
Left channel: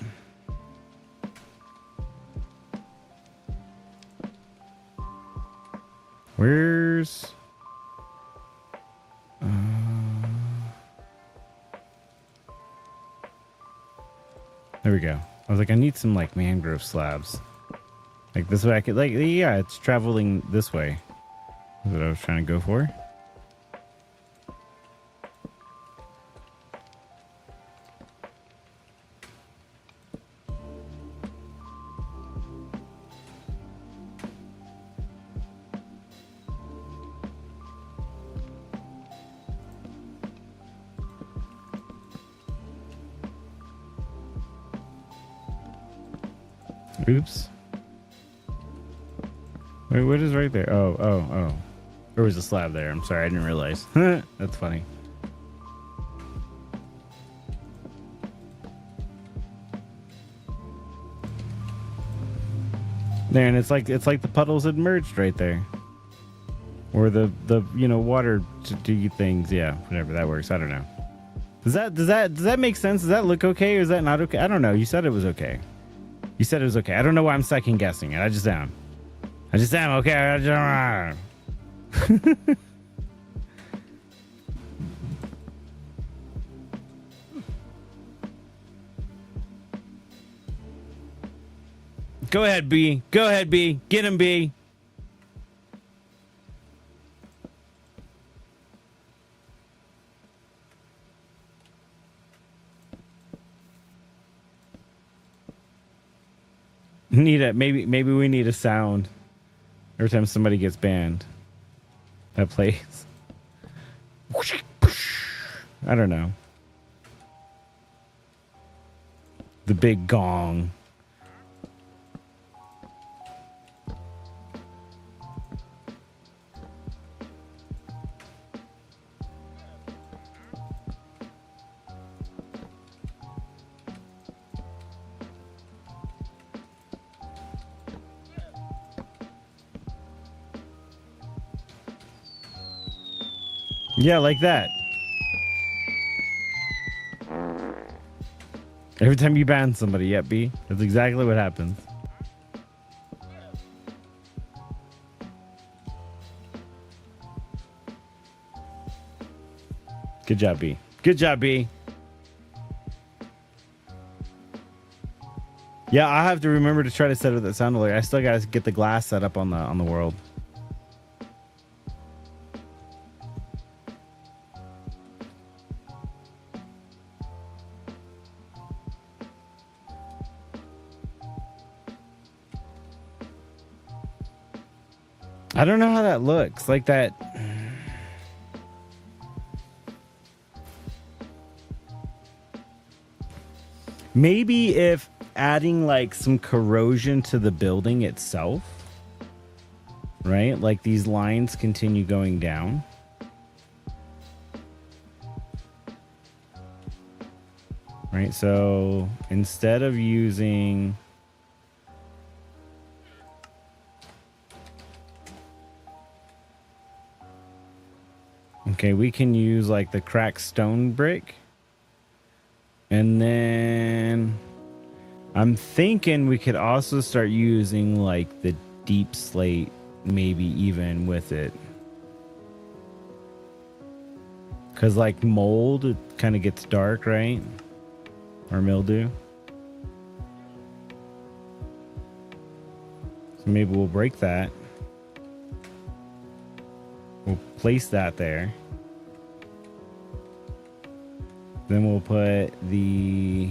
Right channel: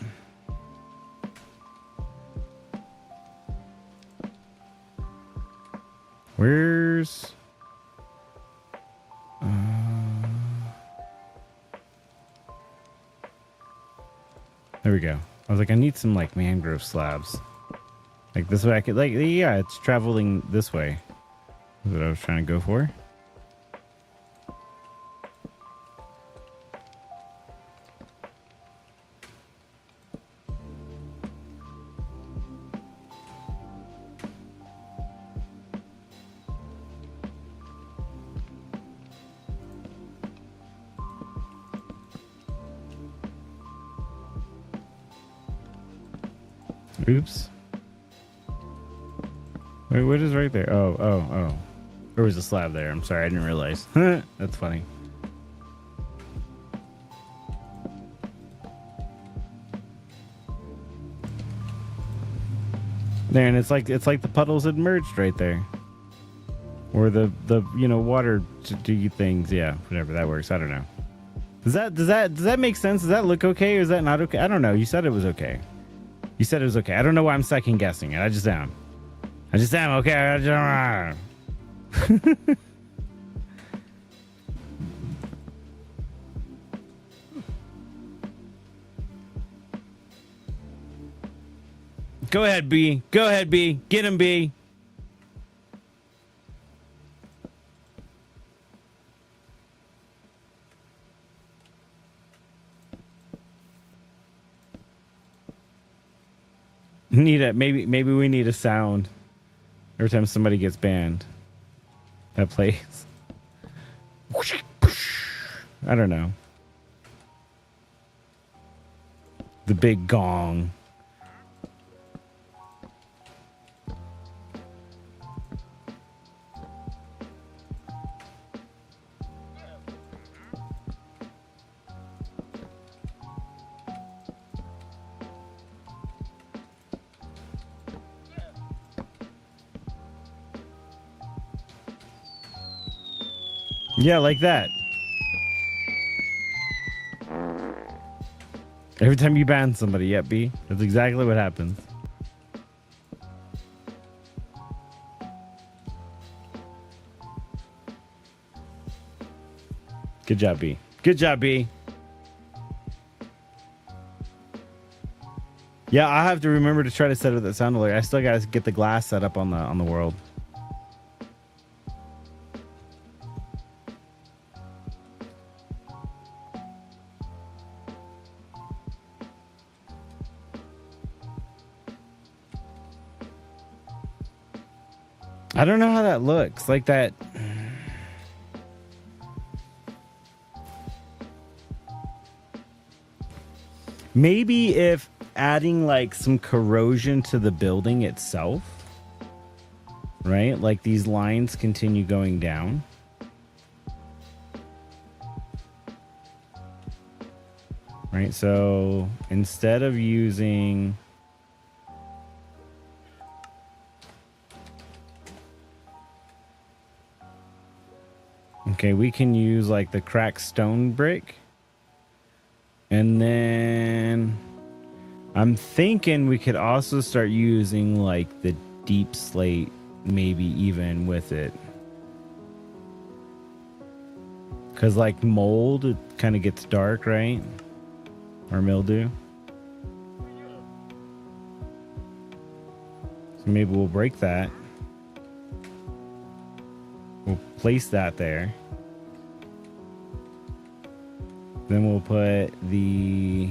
Where's... there we go. I was like, I need some like mangrove slabs. Like this way I could, like, yeah, it's traveling this way. That's what I was trying to go for. Oops. Wait, what is right there? Oh. There was a slab there. I'm sorry, I didn't realize. That's funny. Man, it's like the puddles had merged right there. Or the water things, yeah, whatever, that works. I don't know. Does that make sense? Does that look okay or is that not okay? I don't know. You said it was okay. You said it was okay. I don't know why I'm second guessing it. I just am. Okay. Go ahead, B. Go ahead, B. Get him, B. Maybe we need a sound every time somebody gets banned that plays. I don't know. The big gong. Yeah, like that. Every time you ban somebody, yep, B. That's exactly what happens. Good job, B. Good job, B. Yeah, I have to remember to try to set up that sound alert. I still gotta get the glass set up on the world. I don't know how that looks. Like that. Maybe if adding like some corrosion to the building itself, right? Like these lines continue going down. Right, so instead of using... Okay, we can use like the cracked stone brick. And then I'm thinking we could also start using like the deep slate, maybe even with it. Because like mold, it kind of gets dark, right? Or mildew. So maybe we'll break that. We'll place that there. Then we'll put the...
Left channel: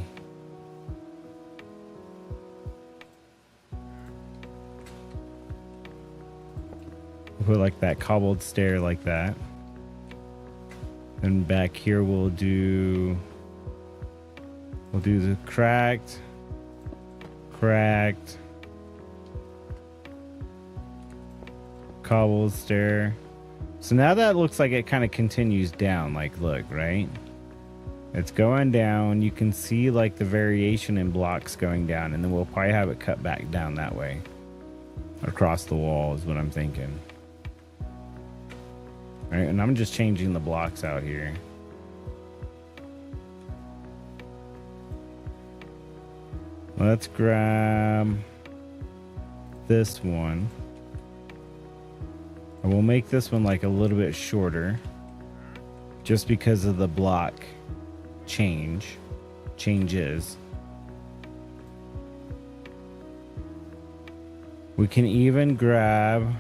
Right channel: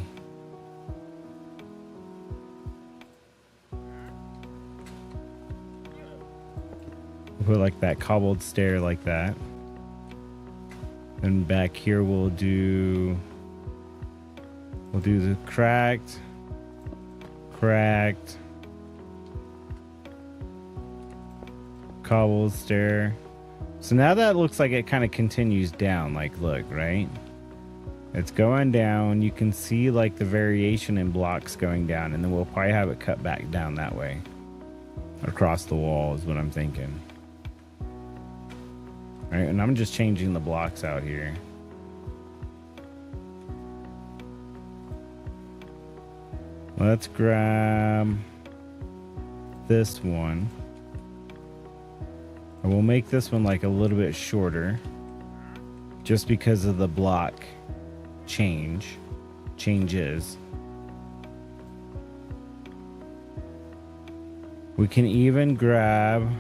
We'll put like that cobbled stair like that. And back here we'll do the cracked, cobble stair. So now that looks like it kind of continues down. Like, look, right? It's going down. You can see like the variation in blocks going down, and then we'll probably have it cut back down that way. Across the wall is what I'm thinking. All right, and I'm just changing the blocks out here. Let's grab this one. And we'll make this one like a little bit shorter just because of the block changes. We can even grab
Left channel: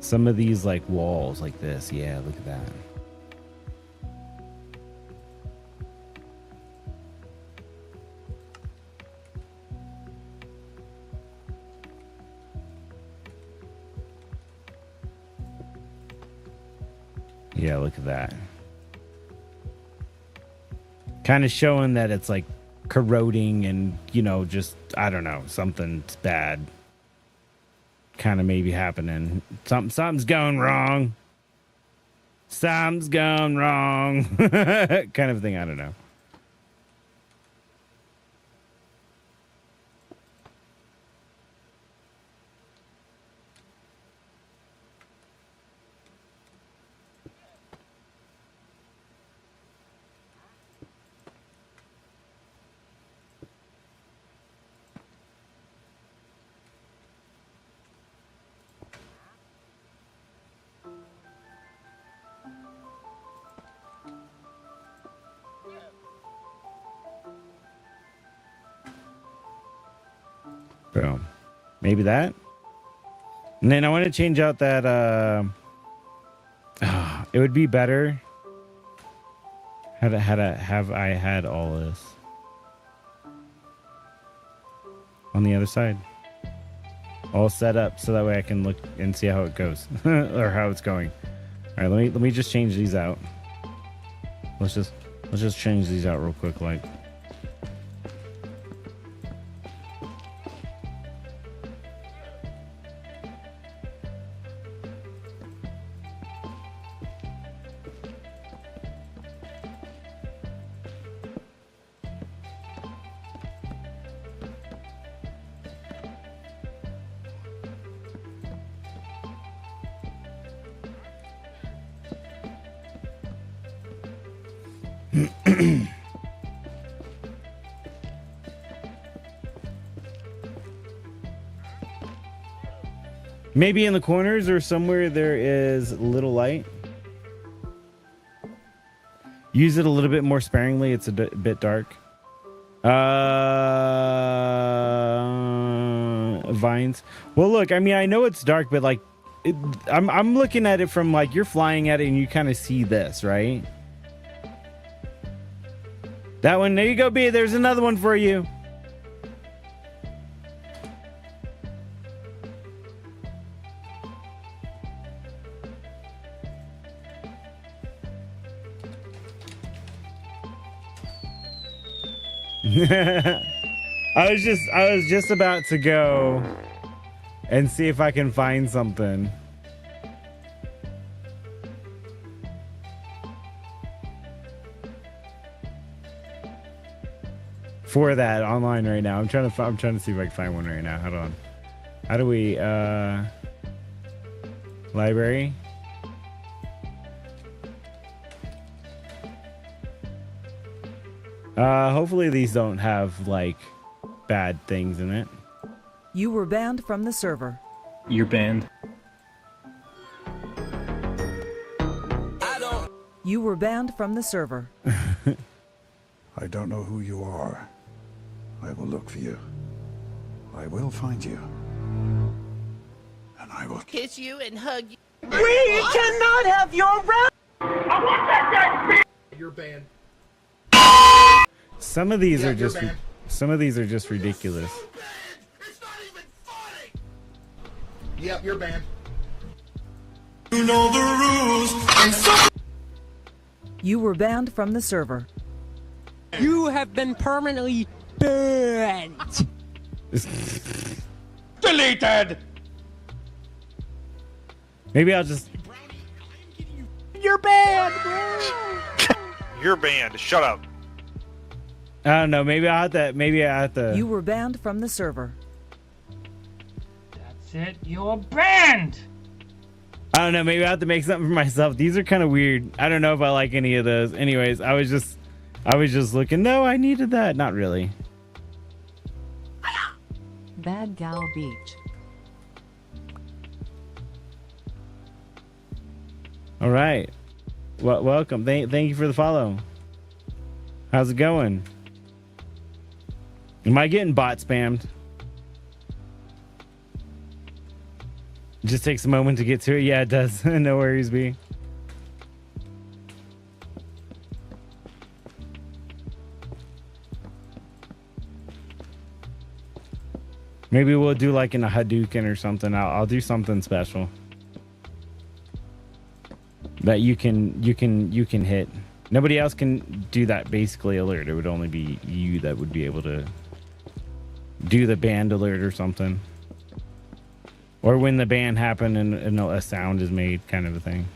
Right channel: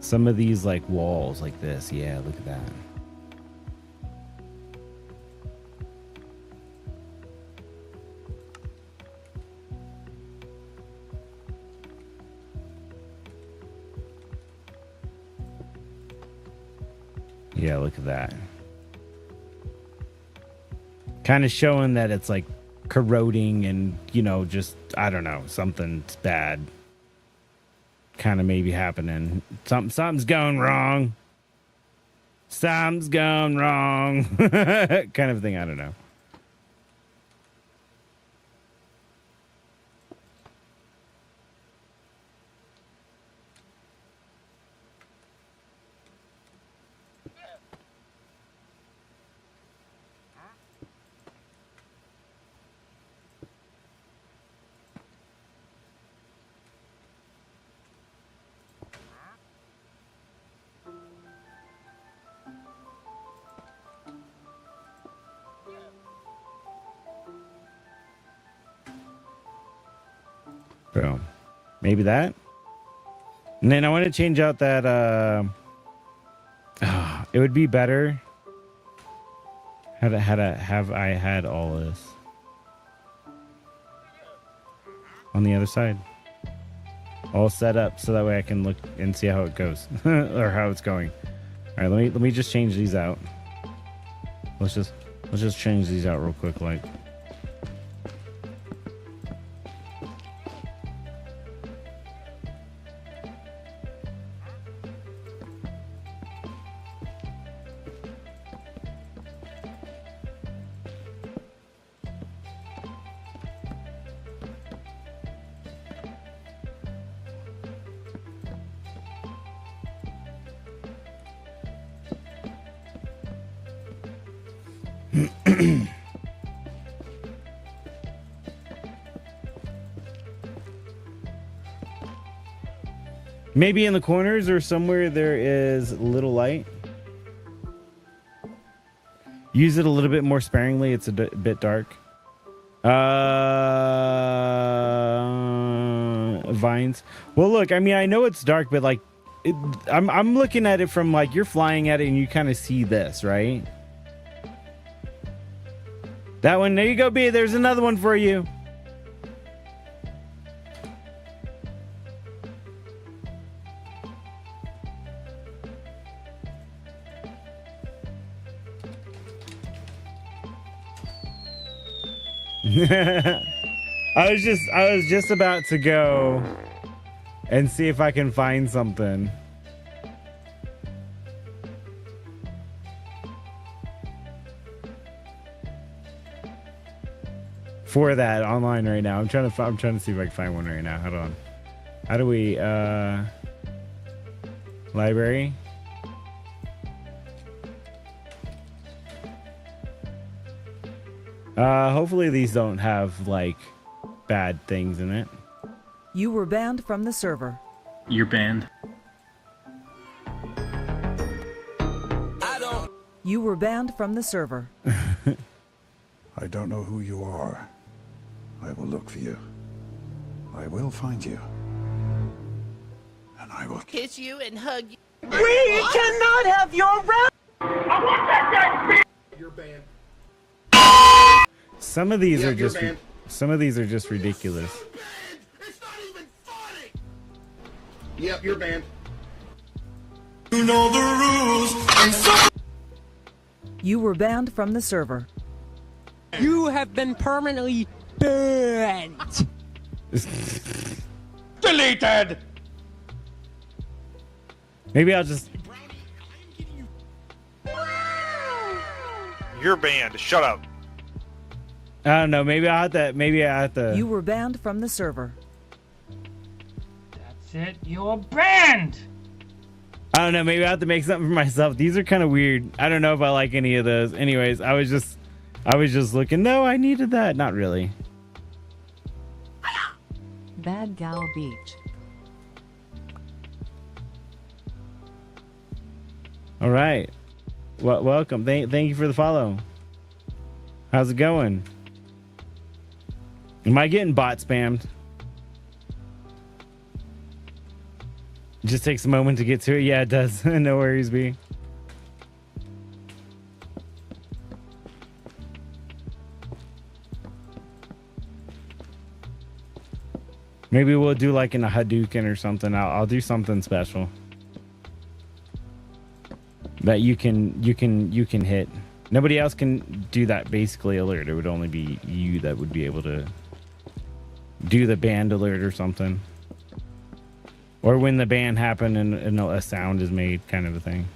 some of these like walls like this. Yeah, look at that. Yeah, look at that. Kind of showing that it's like corroding and, you know, just, I don't know, something's bad. Kind of maybe happening. Something's going wrong. Something's going wrong. Kind of thing, I don't know. Boom. Maybe that. And then I want to change out that it would be better have I had all this on the other side all set up so that way I can look and see how it goes or how it's going. All right, let me just change these out. Let's just change these out real quick, like. Maybe in the corners or somewhere there is little light. Use it a little bit more sparingly. It's a bit dark. Vines. Well, look, I mean, I know it's dark, but like, I'm looking at it from like you're flying at it and you kind of see this, right? That one. There you go, B. There's another one for you. I was just about to go and see if I can find something. For that online right now. I'm trying to see if I can find one right now. Hold on. How do we library? Hopefully these don't have like bad things in it. You were banned from the server. You're banned. You were banned from the server. I don't know who you are. I will look for you. I will find you. And I will kiss you and hug you. We cannot have your right. You're banned. Some of these are just ridiculous. It's not even funny. Yep, you're banned. You know the rules. You were banned from the server. You have been permanently banned. Deleted. Maybe I'll just. You're banned, bro. You're banned. Shut up. I don't know. Maybe I have to. You were banned from the server. That's it. You're banned. I don't know. Maybe I have to make something for myself. These are kind of weird. I don't know if I like any of those. Anyways, I was just looking. No, I needed that. Not really. Bad Gal Beach. All right. Well, welcome. Thank you for the follow. How's it going? Am I getting bot spammed? It just takes a moment to get to it. Yeah, it does. No worries, B. Maybe we'll do like in a Hadouken or something. I'll do something special that you can hit. Nobody else can do that basically alert. It would only be you that would be able to do the band alert or something. Or when the band happened and a sound is made, kind of a thing.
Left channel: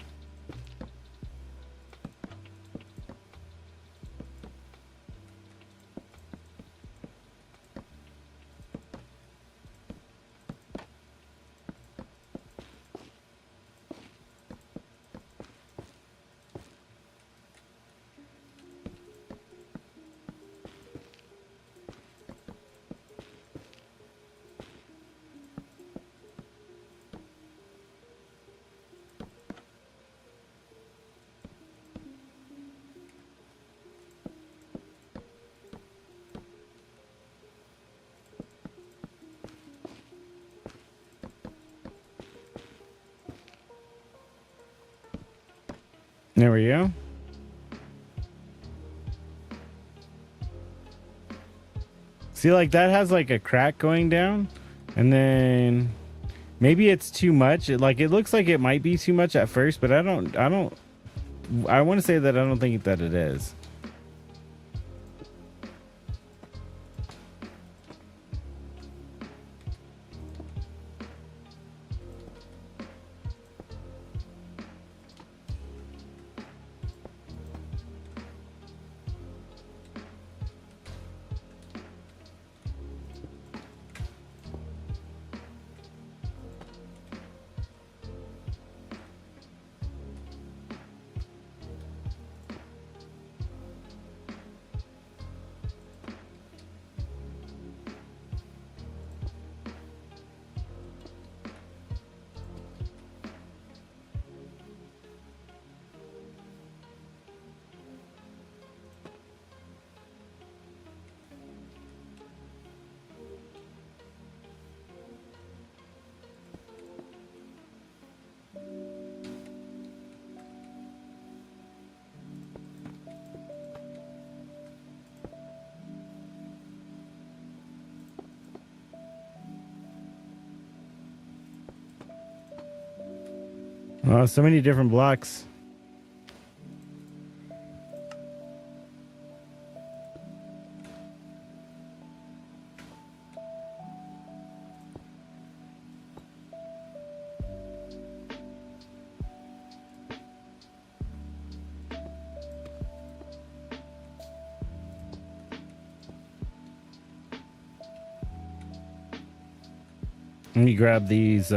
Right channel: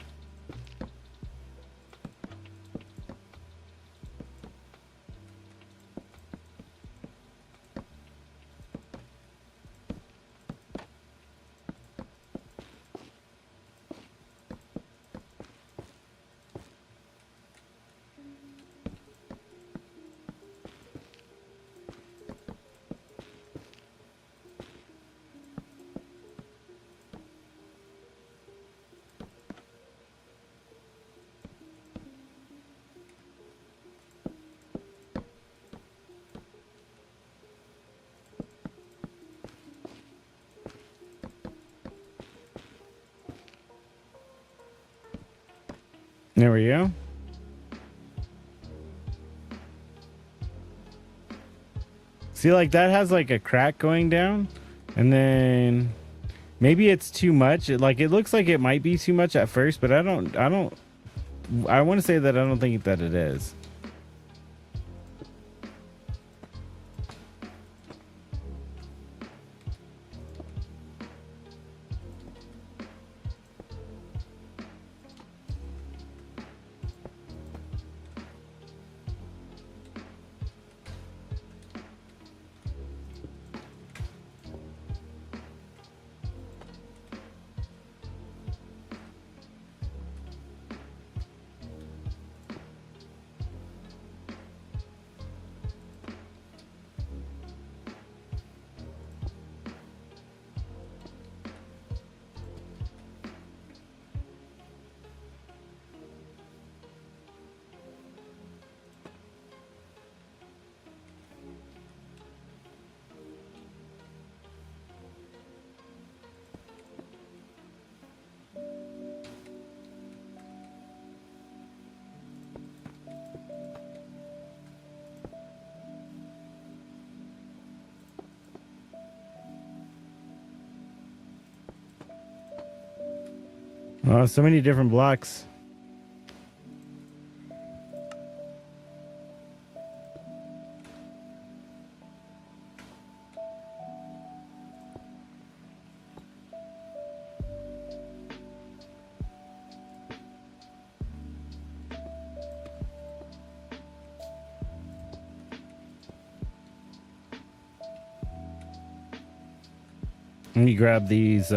There we go. See, like that has like a crack going down, and then maybe it's too much. It looks like it might be too much at first, but I want to say that I don't think that it is. Oh, so many different blocks. Let me grab these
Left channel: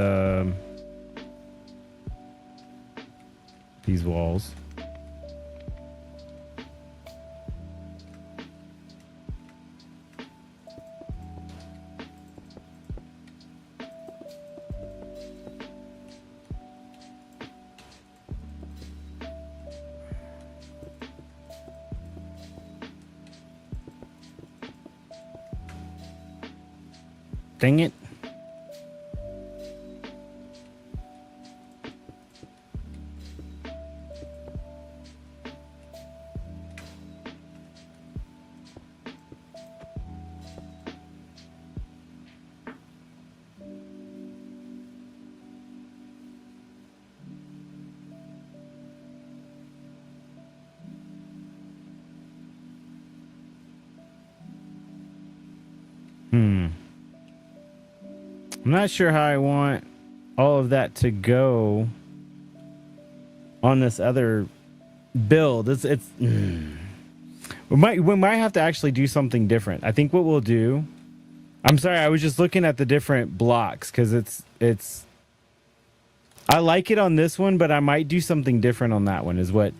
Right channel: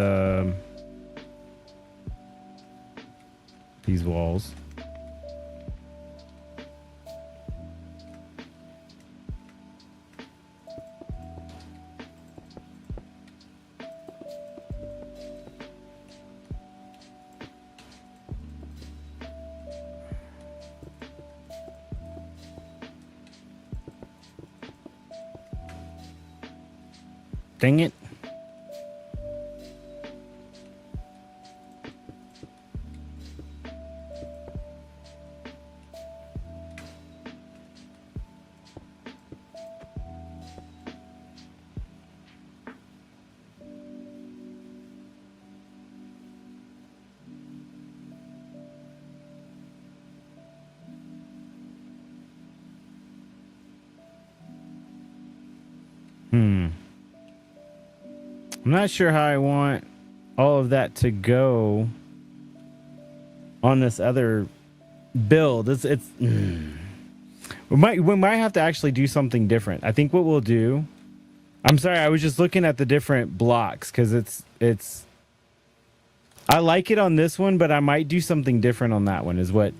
walls. Dang it. I'm not sure how I want all of that to go. on this other build. We might have to actually do something different. I think what we'll do. I'm sorry, I was just looking at the different blocks because it's. I like it on this one, but I might do something different on that one. Is what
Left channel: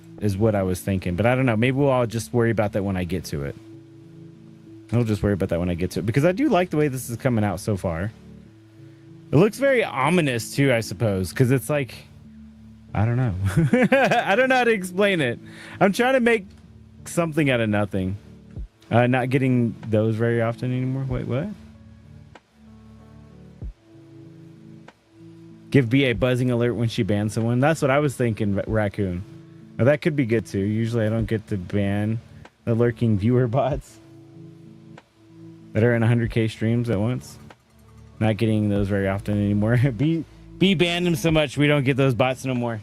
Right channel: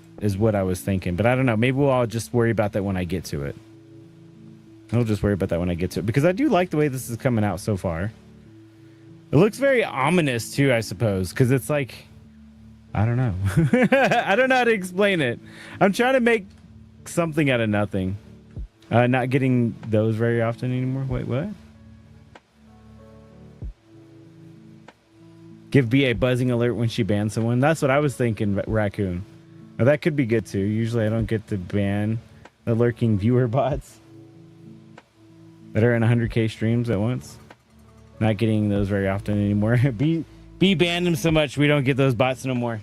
I was thinking. But I don't know. Maybe I'll just worry about that when I get to it. I'll just worry about that when I get to it because I do like the way this is coming out so far. It looks very ominous too, I suppose, because it's like, I don't know. I don't know how to explain it. I'm trying to make something out of nothing. Not getting those very often anymore. Wait, what? Give B a buzzing alert when she bans someone. That's what I was thinking, Raccoon. Now, that could be good too. Usually I don't get to ban the lurking viewer bots that are in 100k streams at once. Not getting those very often anymore. B banned them so much we don't get those bots no more.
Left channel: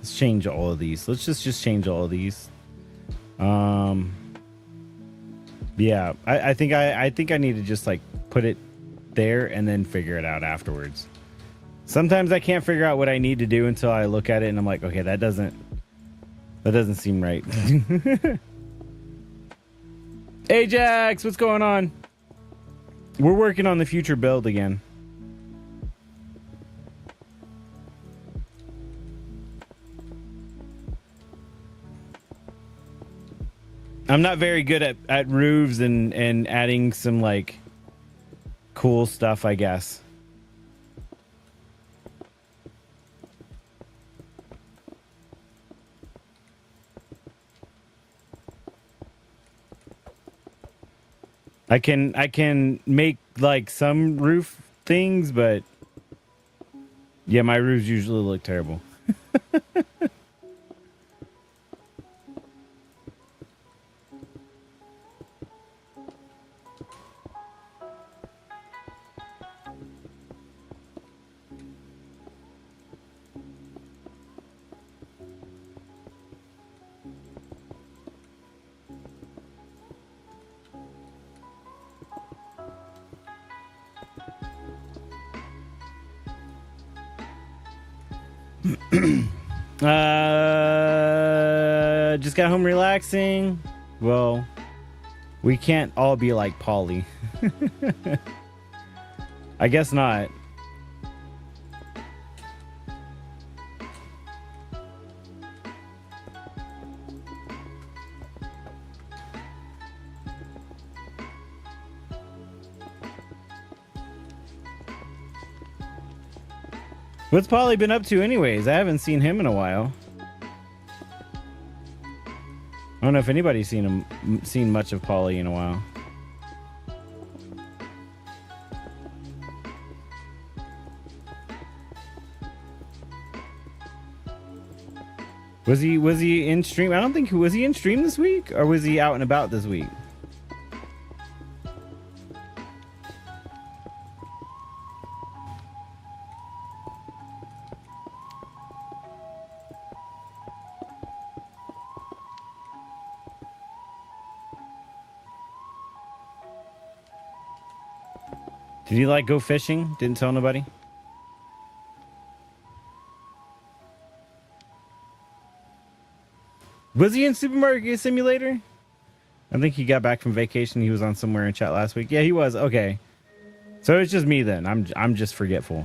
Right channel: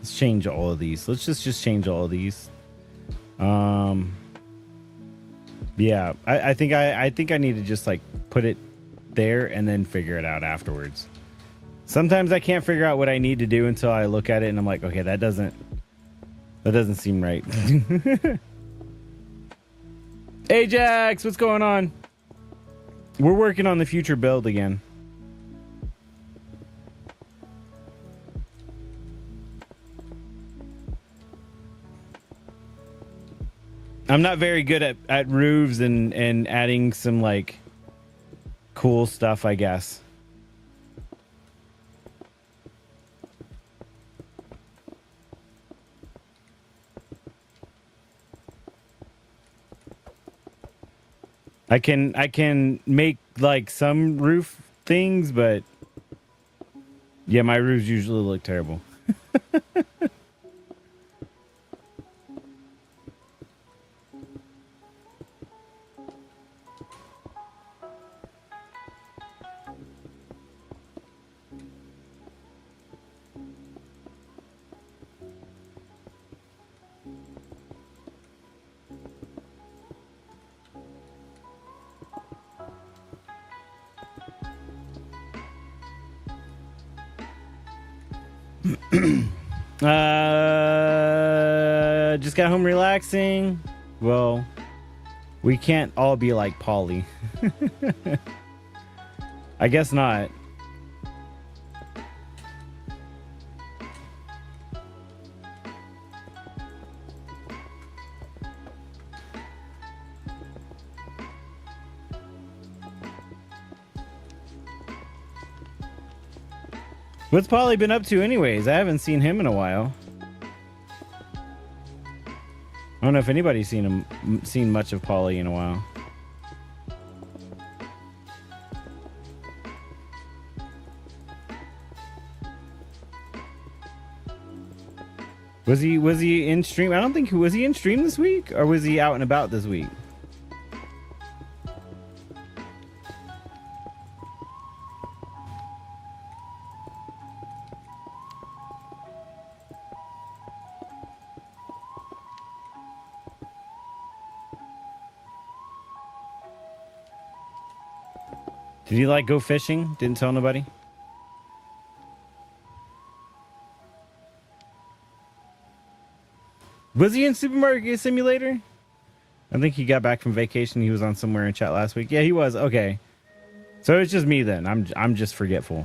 Let's change all of these. Let's just change all of these. Yeah, I think I need to just like put it there and then figure it out afterwards. Sometimes I can't figure out what I need to do until I look at it and I'm like, okay, that doesn't seem right. Ajax, what's going on? We're working on the future build again. I'm not very good at roofs and adding some like cool stuff, I guess. I can make like some roof things, but yeah, my roofs usually look terrible. Just got home relaxing. Well, we can't all be like Polly. I guess not. What's Polly been up to anyways? I haven't seen him in a while. I don't know if anybody's seen much of Polly in a while. Was he in stream? I don't think, was he in stream this week or was he out and about this week? Did you like go fishing? Didn't tell nobody? Was he in Supermarket Simulator? I think he got back from vacation. He was on somewhere in chat last week. Yeah, he was. Okay. So it's just me then. I'm just forgetful.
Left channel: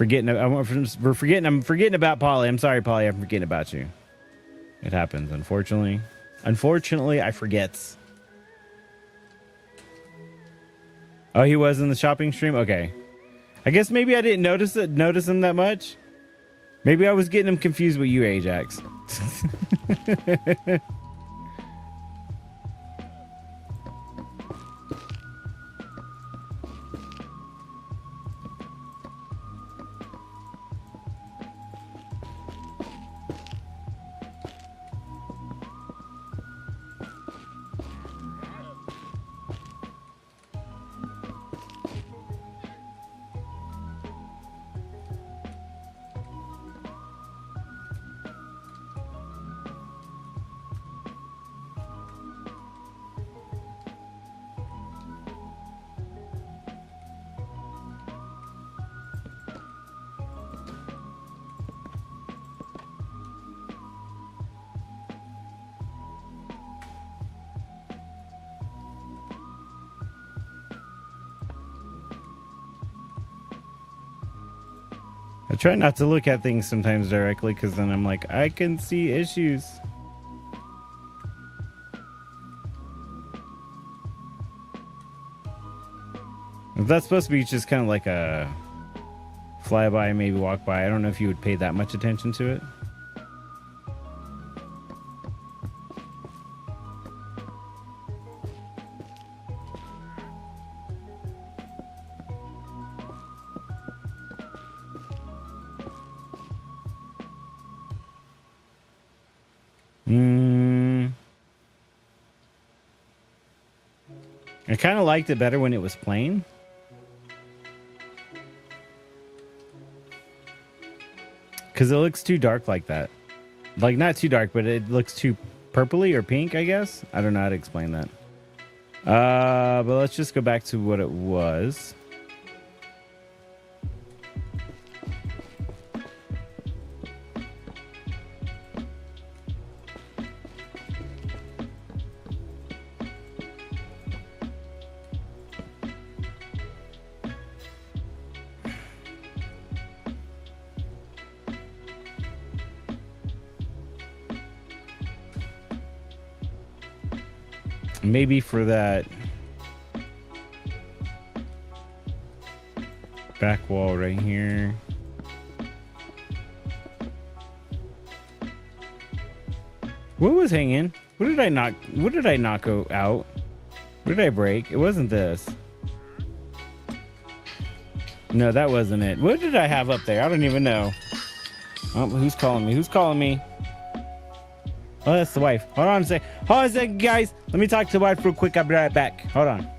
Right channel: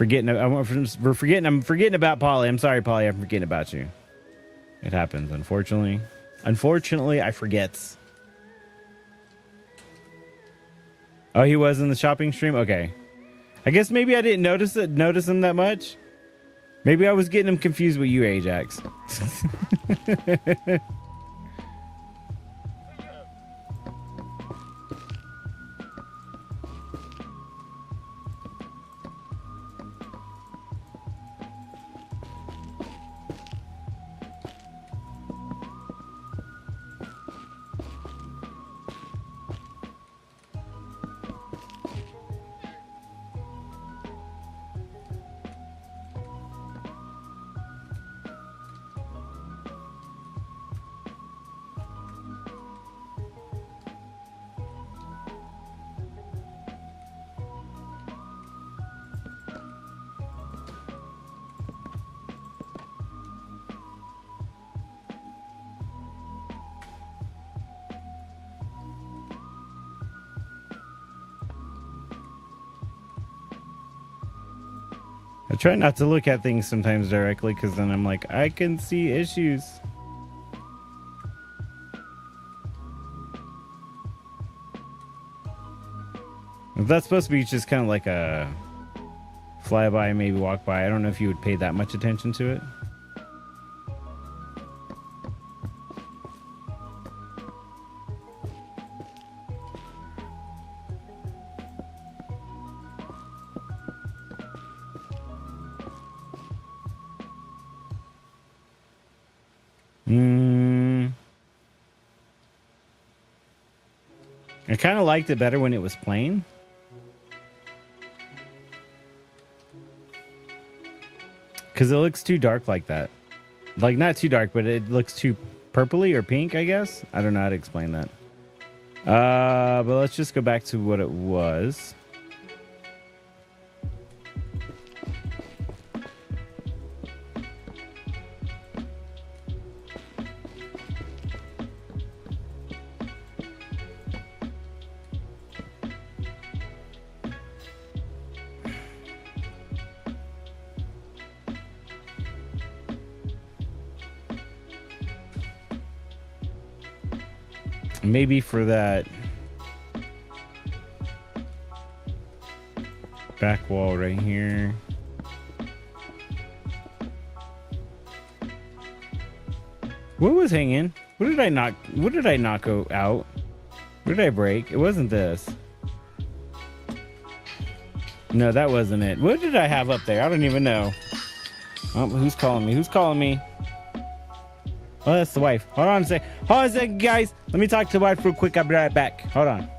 I'm forgetting about Polly. I'm sorry, Polly. I'm forgetting about you. It happens, unfortunately. Unfortunately, I forget. Oh, he was in the shopping stream? Okay. I guess maybe I didn't notice him that much. Maybe I was getting him confused with you, Ajax. I try not to look at things sometimes directly because then I'm like, I can see issues. If that's supposed to be just kind of like a flyby, maybe walk by, I don't know if you would pay that much attention to it. I kind of liked it better when it was plain. Because it looks too dark like that. Like, not too dark, but it looks too purpley or pink, I guess. I don't know how to explain that. But let's just go back to what it was. Maybe for that back wall right here. What was hanging? What did I knock? What did I knock out? What did I break? It wasn't this. No, that wasn't it. What did I have up there? I don't even know. Oh, who's calling me? Who's calling me? Oh, that's the wife. Hold on a sec. Hold on a second, guys. Let me talk to the wife real quick. I'll be right back. Hold on.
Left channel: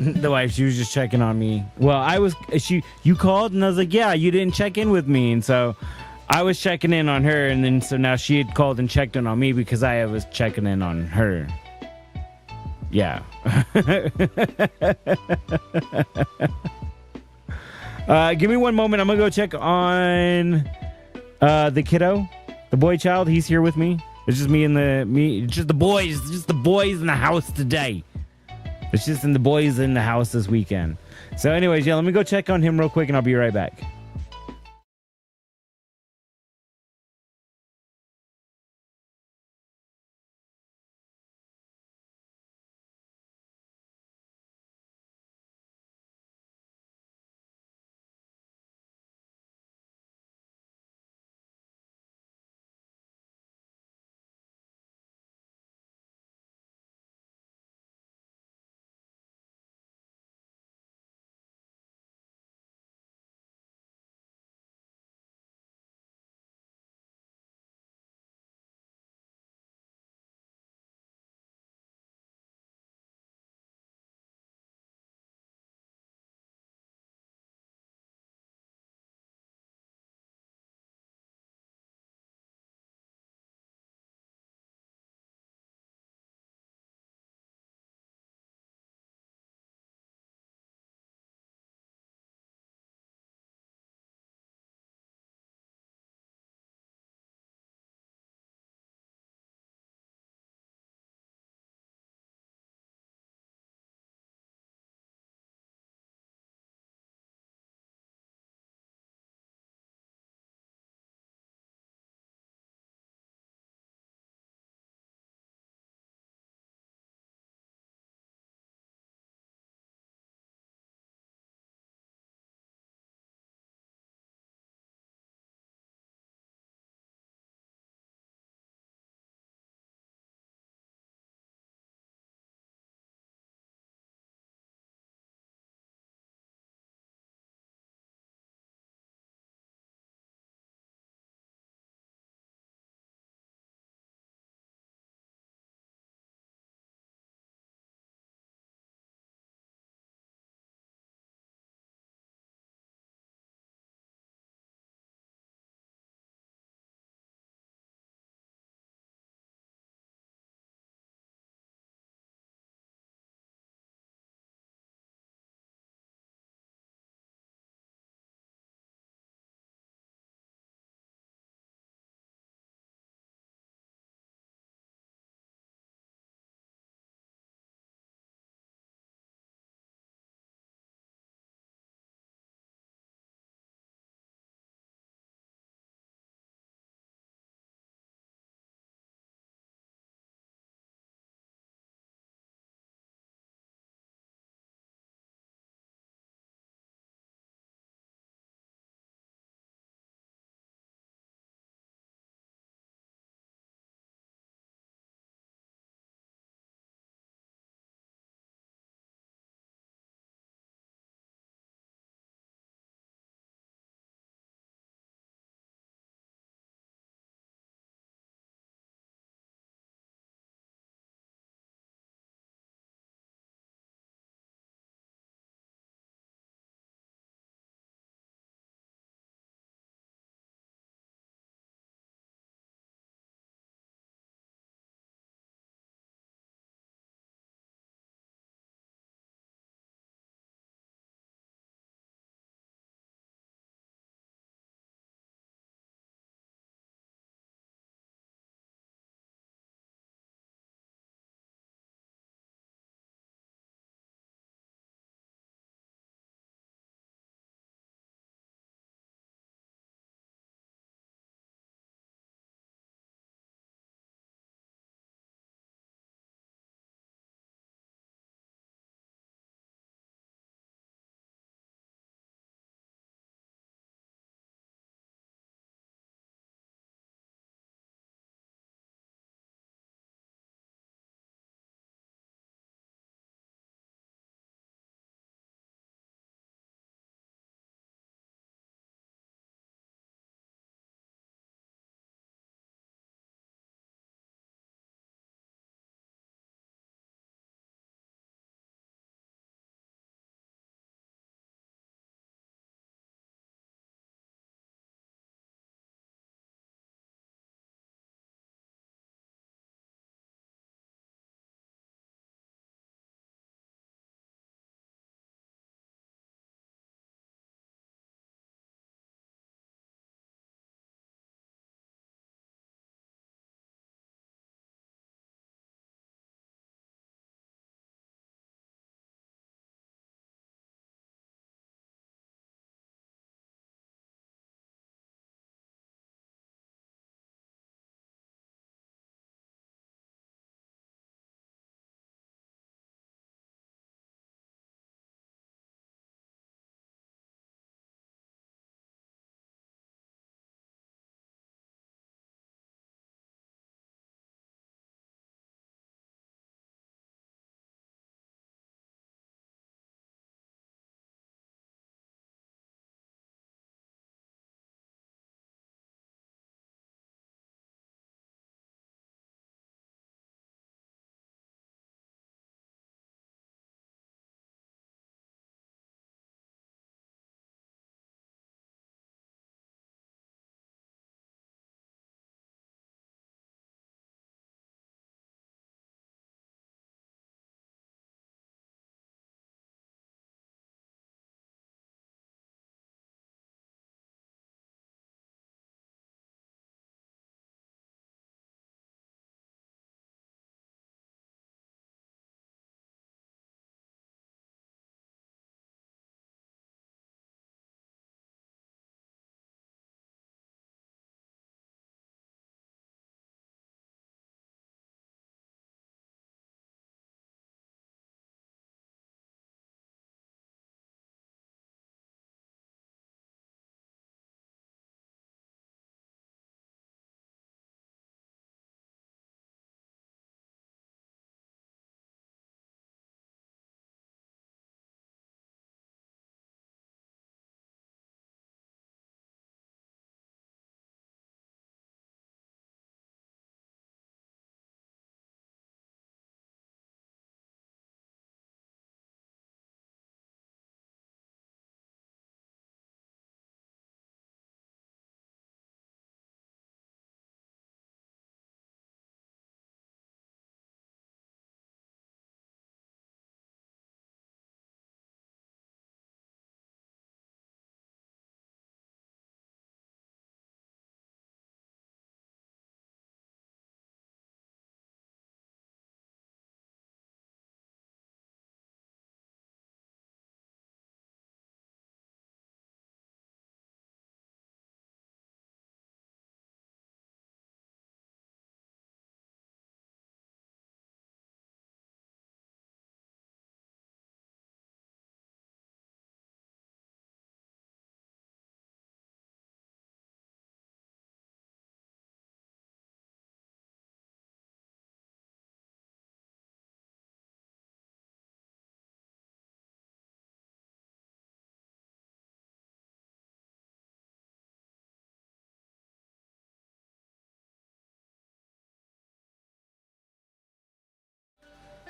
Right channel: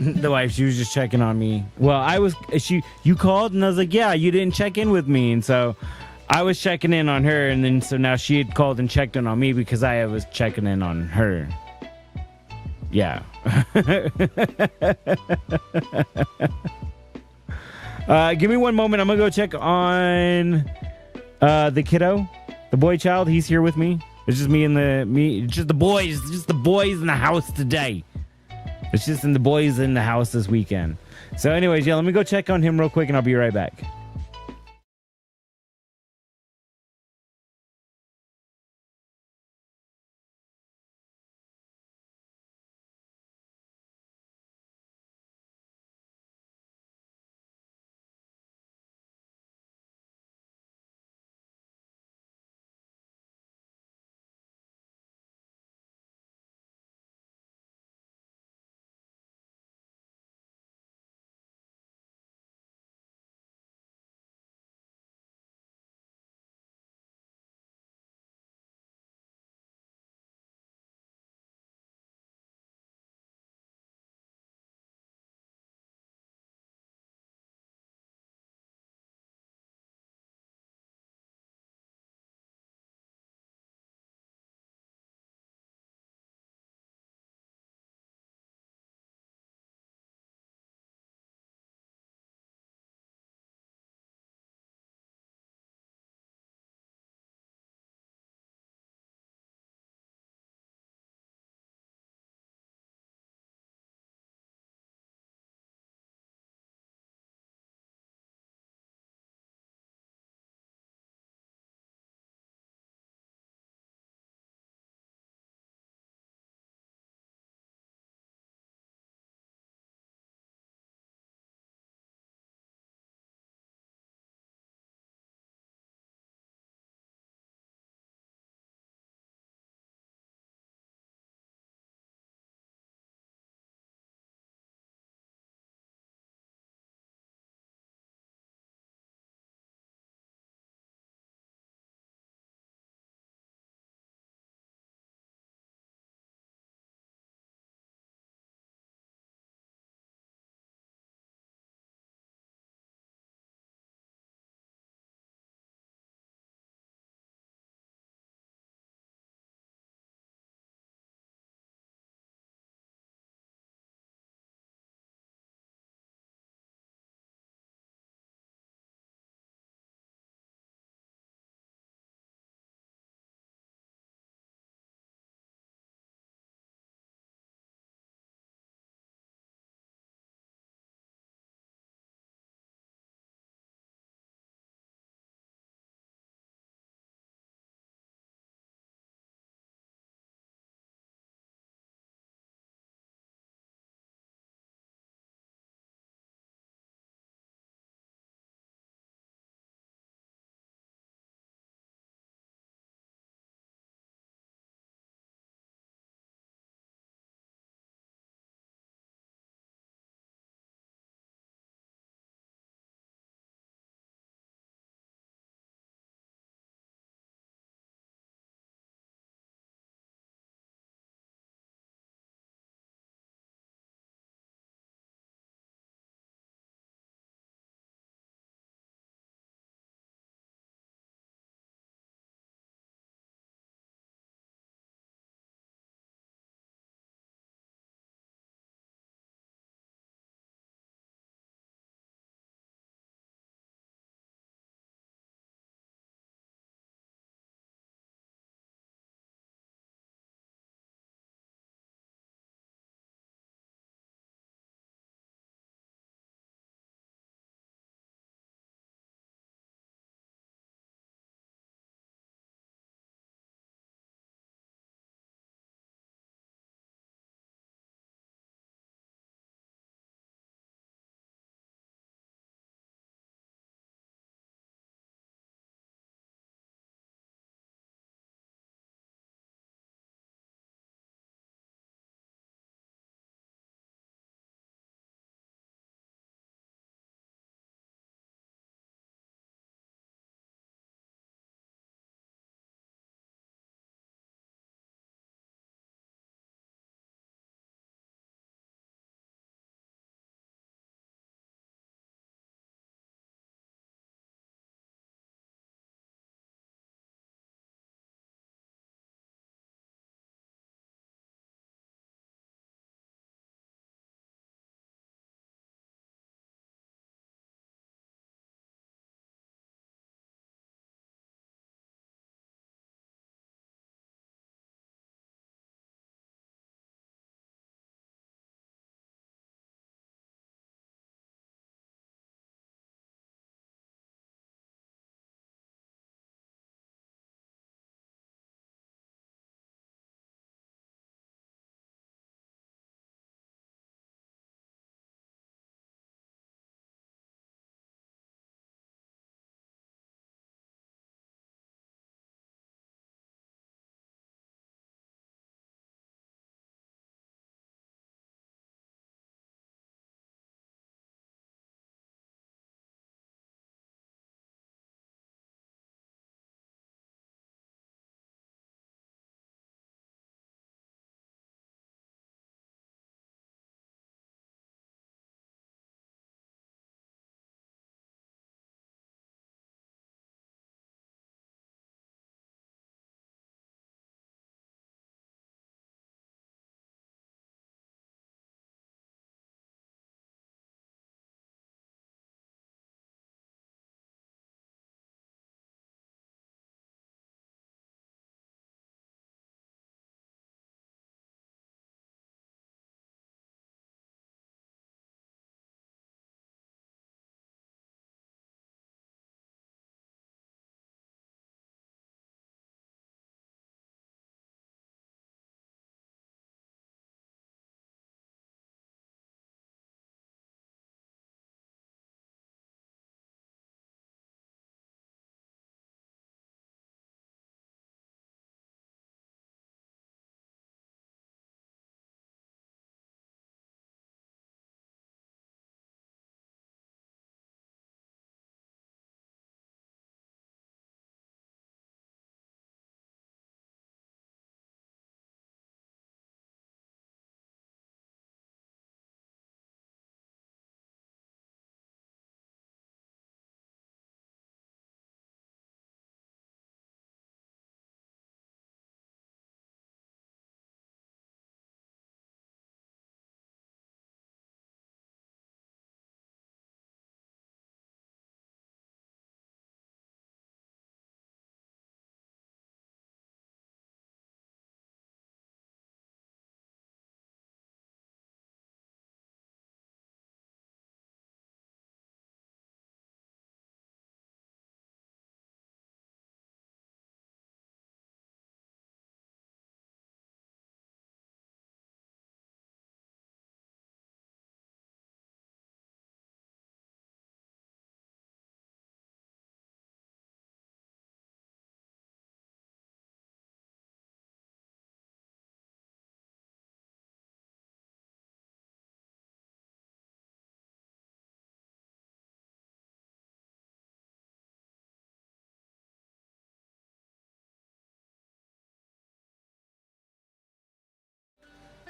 The wife, she was just checking on me. Well, you called and I was like, yeah, you didn't check in with me. And so I was checking in on her. And then so now she had called and checked in on me because I was checking in on her. Yeah. Give me one moment. I'm going to go check on the kiddo, the boy child. He's here with me. It's just just the boys in the house today. It's just the boys in the house this weekend. So anyways, yeah, let me go check on him real quick and I'll be right back.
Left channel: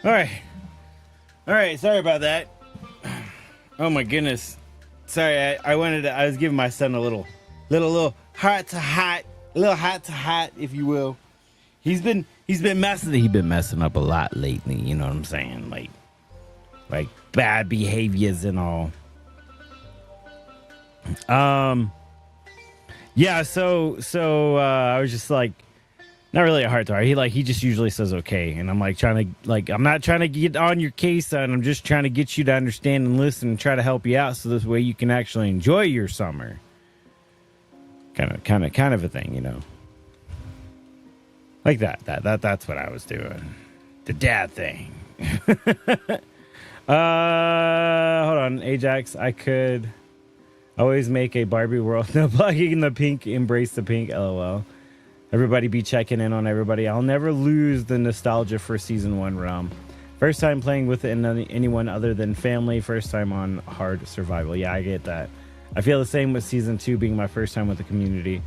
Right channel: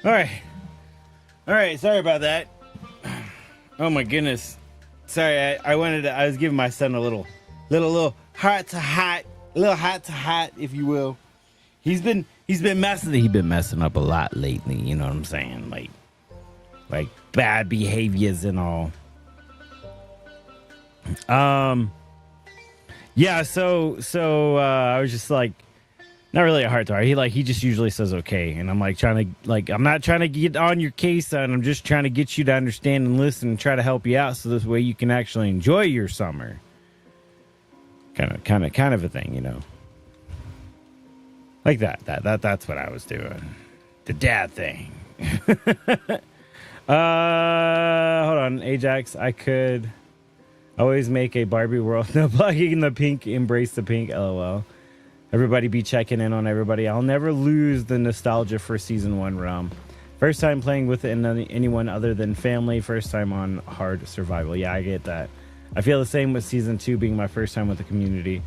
All right. All right. Sorry about that. Oh my goodness. Sorry. I was giving my son a little heart to heart, if you will. He's been messing up a lot lately. You know what I'm saying? Like bad behaviors and all. Yeah. So I was just like, not really a heart to heart. He just usually says okay, and I'm like I'm not trying to get on your case, son. I'm just trying to get you to understand and listen and try to help you out, so this way you can actually enjoy your summer. Kind of a thing, you know. Like that's what I was doing. The dad thing. Hold on, Ajax. I could always make a Barbie world. No plugging the pink, embrace the pink. LOL. Everybody be checking in on everybody. I'll never lose the nostalgia for season 1 realm. First time playing with anyone other than family. First time on hard survival. Yeah, I get that. I feel the same with season 2 being my first time with the community.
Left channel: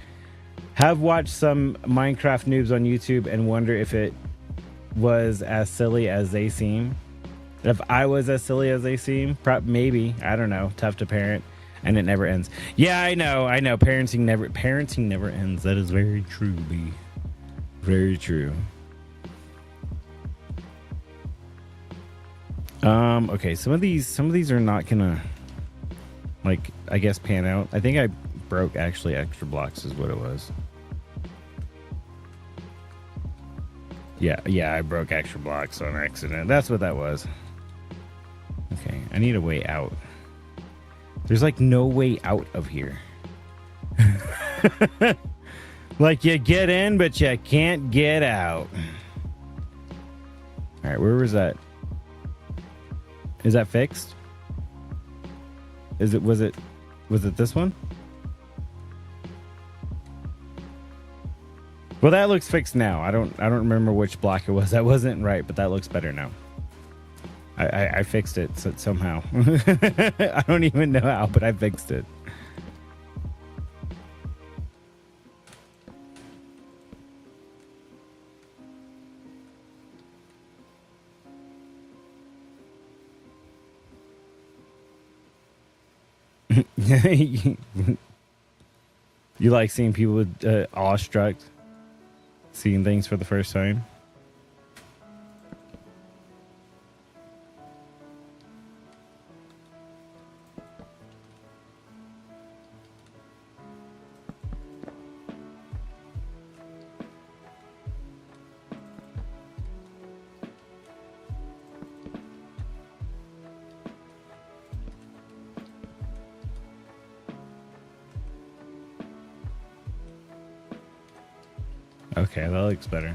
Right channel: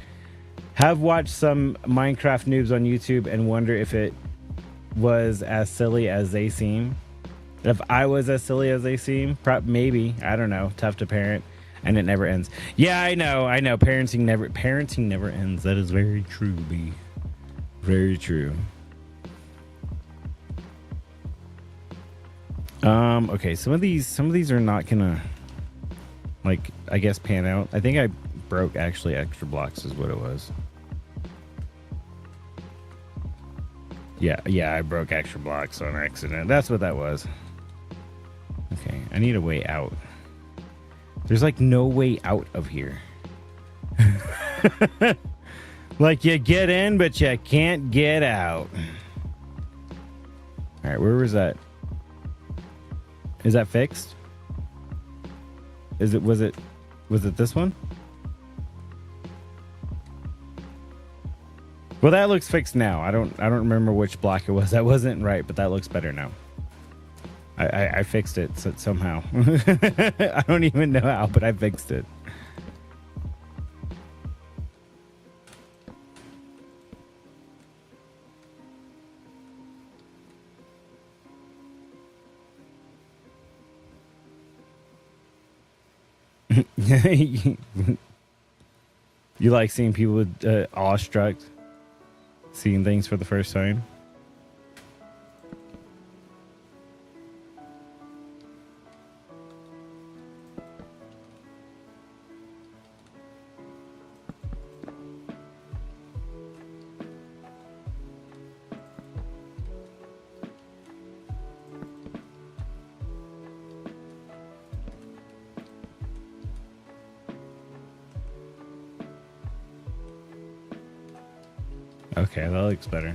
Have watched some Minecraft noobs on YouTube and wonder if it was as silly as they seem. If I was as silly as they seem, maybe. I don't know. Tough to parent. And it never ends. Yeah, I know. Parenting never ends. That is very true, B. Very true. Okay, some of these are not gonna, like, I guess, pan out. I think I broke actually extra blocks is what it was. Yeah, I broke extra blocks on accident. That's what that was. Okay, I need a way out. There's like no way out of here. Like you get in, but you can't get out. All right, where was that? Is that fixed? Was it this one? Well, that looks fixed now. I don't remember which block it was. That wasn't right, but that looks better now. I fixed it somehow. I don't even know how, but I fixed it. You like seeing people awestruck, seeing things for the first time? Okay, that looks better.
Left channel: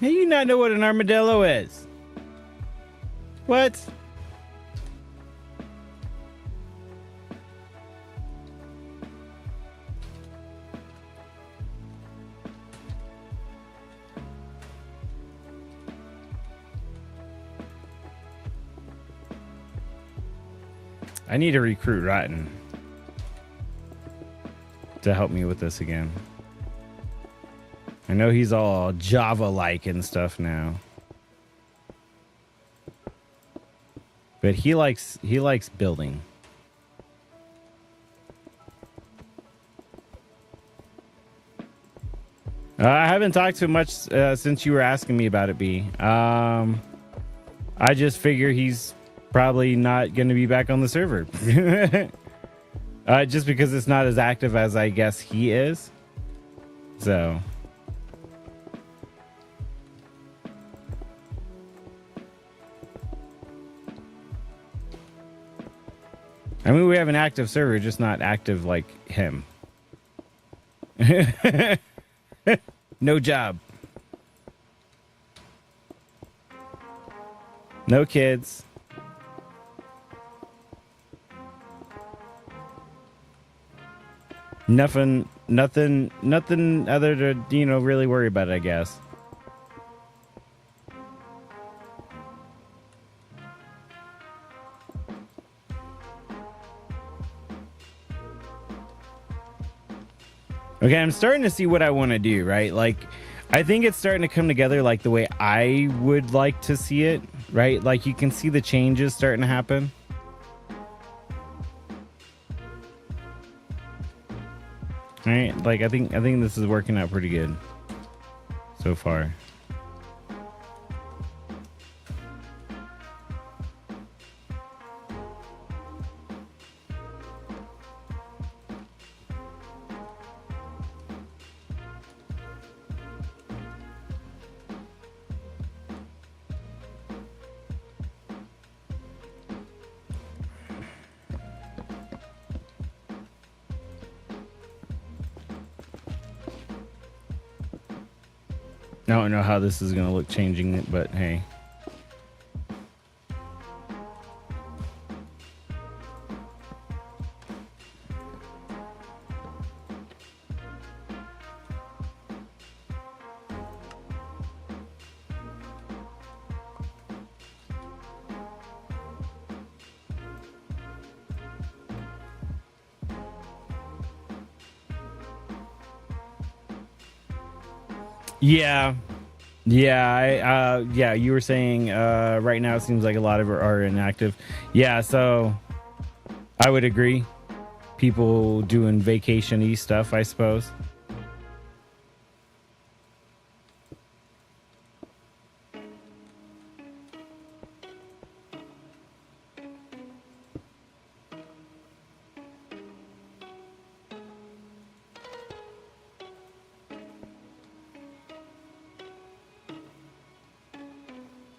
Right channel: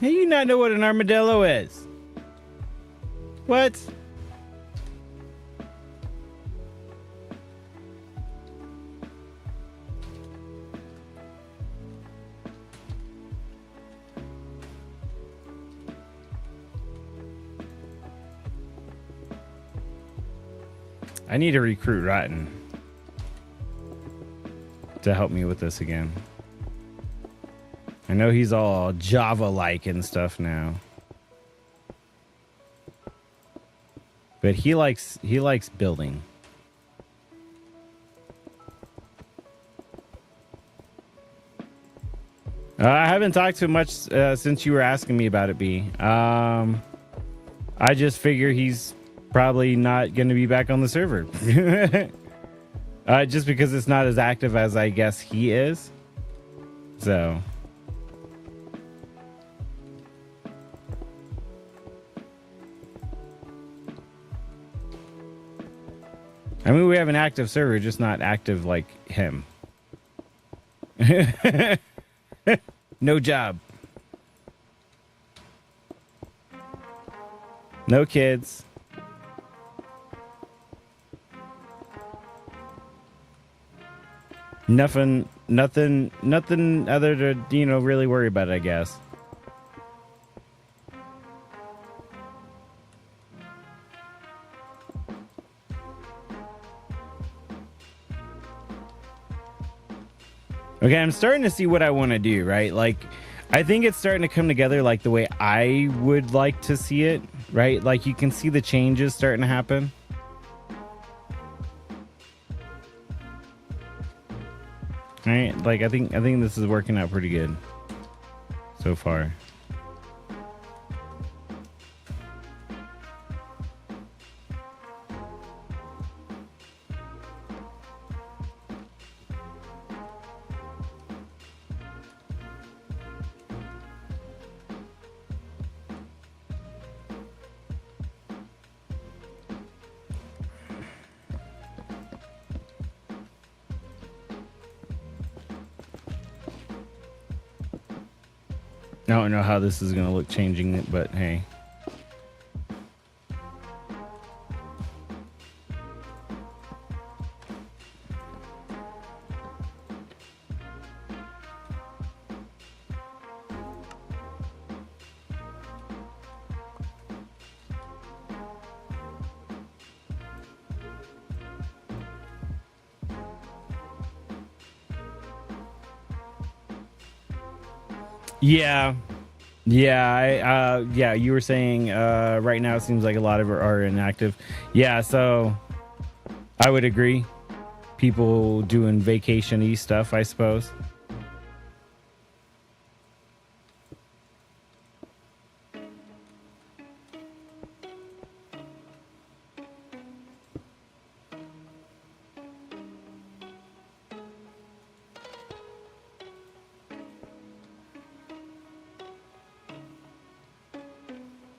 How do you not know what an armadillo is? What? I need to recruit Rotten to help me with this again. I know he's all Java-like and stuff now, but he likes building. I haven't talked too much since you were asking me about it, B. I just figure he's probably not going to be back on the server. Just because it's not as active as I guess he is. So. I mean, we have an active server, just not active like him. No job. No kids. Nothing other to, really worry about, I guess. Okay, I'm starting to see what I want to do, right? Like, I think it's starting to come together like the way I would like to see it, right? Like, you can see the changes starting to happen. Right? Like, I think this is working out pretty good so far. I don't know how this is going to look changing it, but hey. Yeah. Yeah, you were saying right now it seems like a lot of it are inactive. Yeah, so I would agree. People doing vacation-y stuff, I suppose.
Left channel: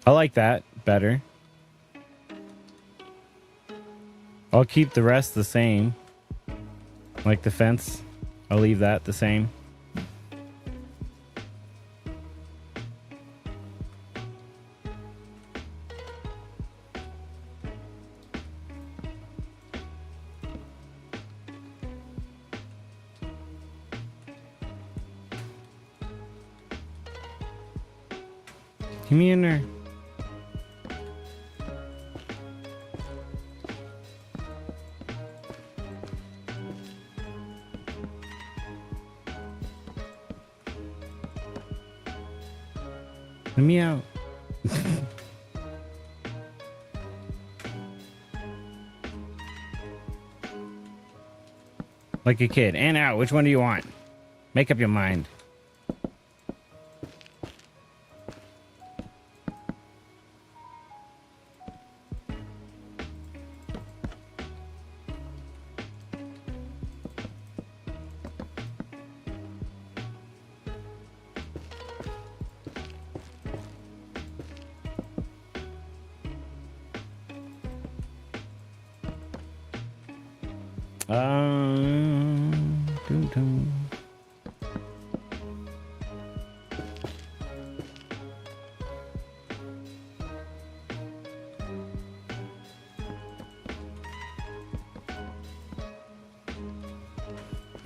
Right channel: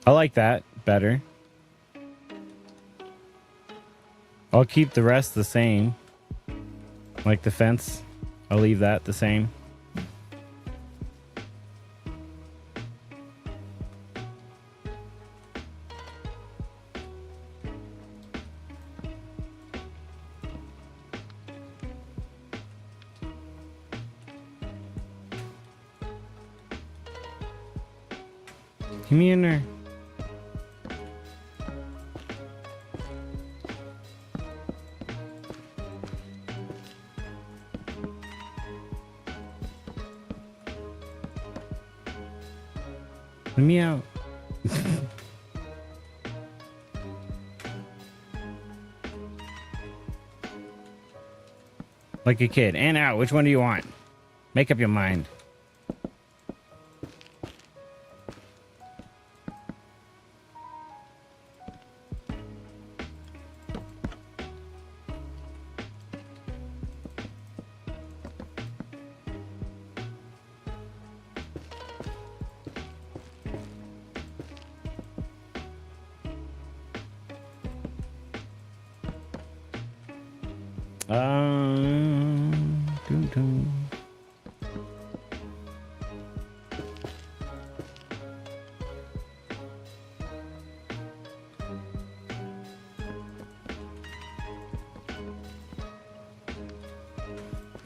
I like that better. I'll keep the rest the same. Like the fence, I'll leave that the same. Come in there. Let me out. Like a kid. And out. Which one do you want? Make up your mind. Doo-doo.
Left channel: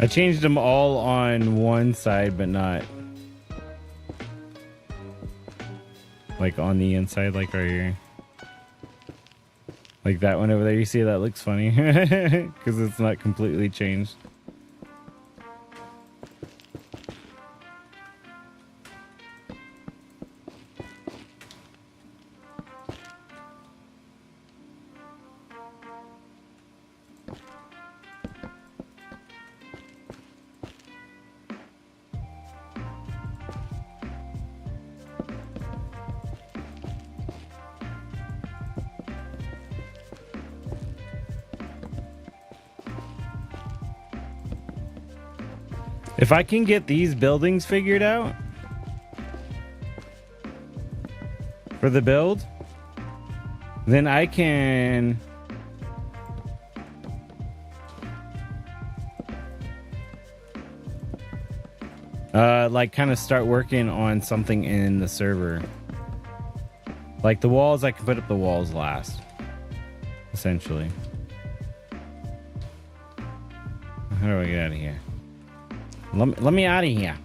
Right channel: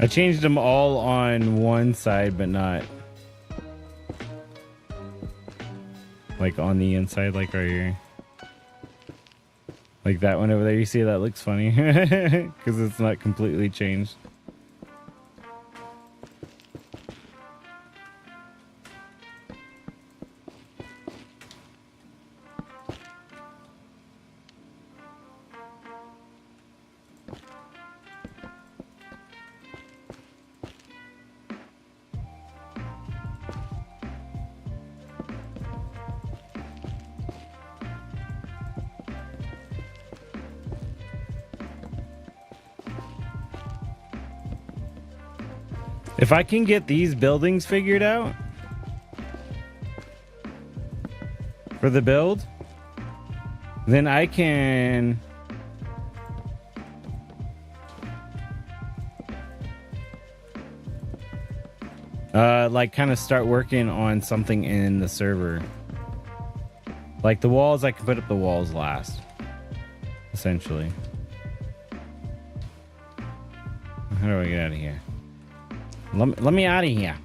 I changed them all on one side, but not like on the inside, like right here. Like that one over there, you see that looks funny because it's not completely changed. If I can get these buildings figured out for the build, then I can like kind of start working on something in the server. Like the walls, I can put up the walls last, essentially. How do I get out of here? Let me out of here.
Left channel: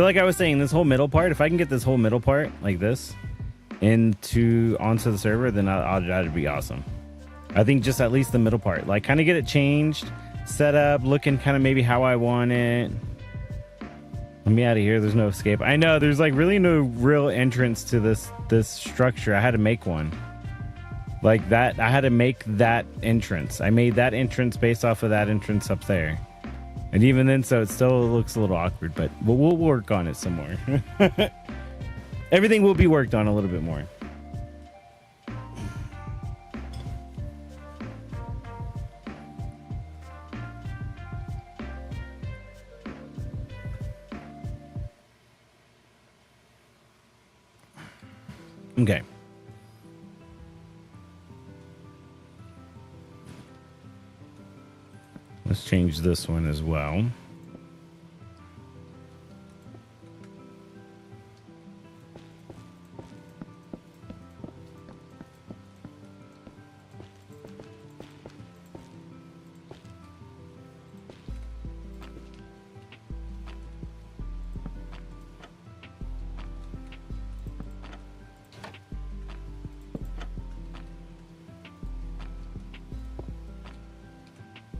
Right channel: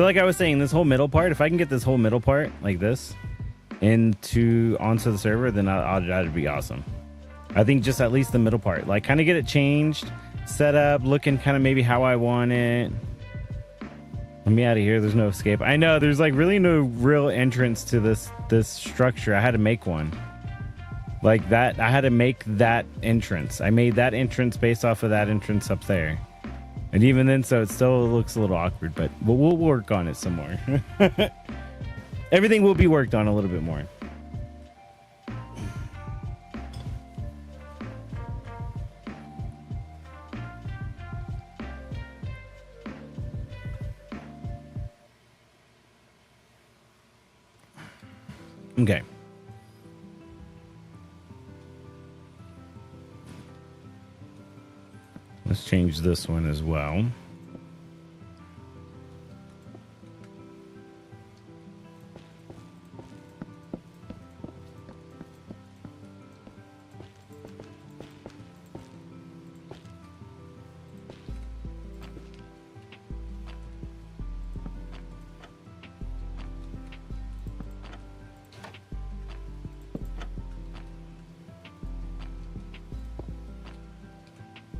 So like I was saying, this whole middle part, if I can get this whole middle part like this onto the server, then that'd be awesome. I think just at least the middle part, like kind of get it changed, set up, looking kind of maybe how I want it. Let me out of here. There's no escape. I know there's like really no real entrance to this structure. I had to make one like that. I had to make that entrance. I made that entrance based off of that entrance up there. And even then, so it still looks a little awkward, but we'll work on it some more. Everything will be worked on a little bit more. Okay. Let's change this one as well.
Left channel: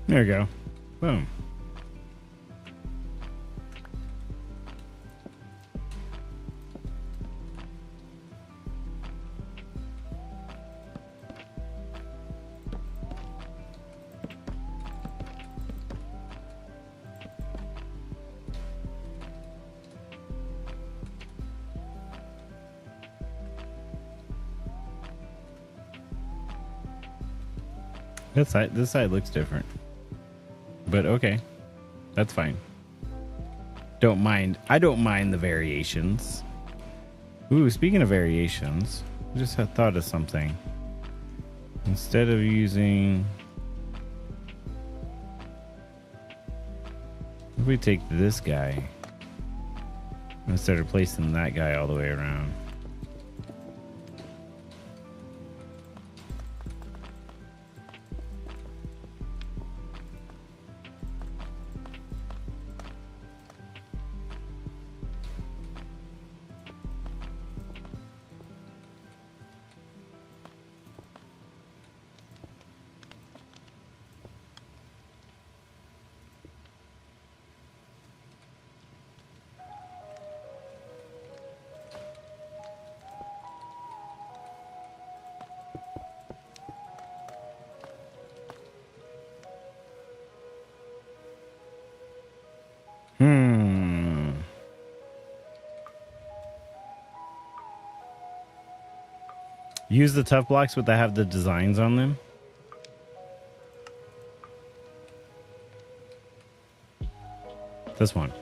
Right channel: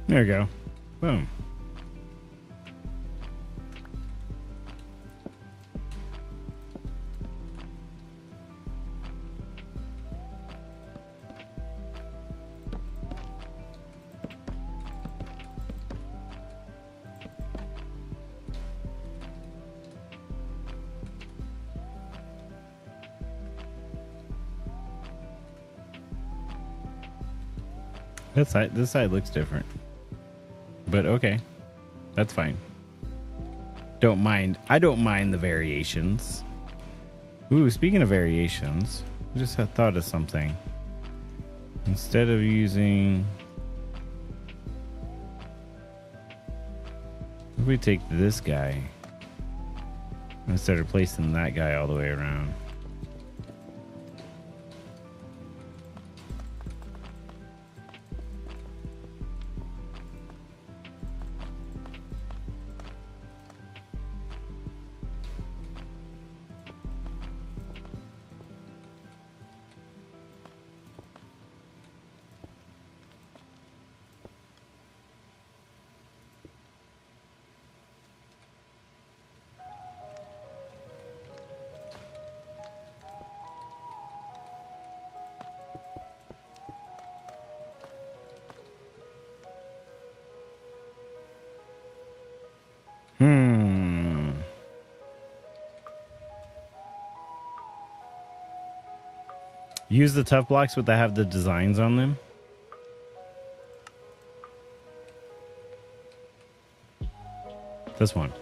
There we go. Boom. This side looks different. But okay, that's fine. Don't mind. I don't mind the variations. Ooh, speaking of variations, I just had thought of something. Instead of using, if we take this guy instead of placing that guy all the way around. Use the tough blocks, but they have the designs on them. This one.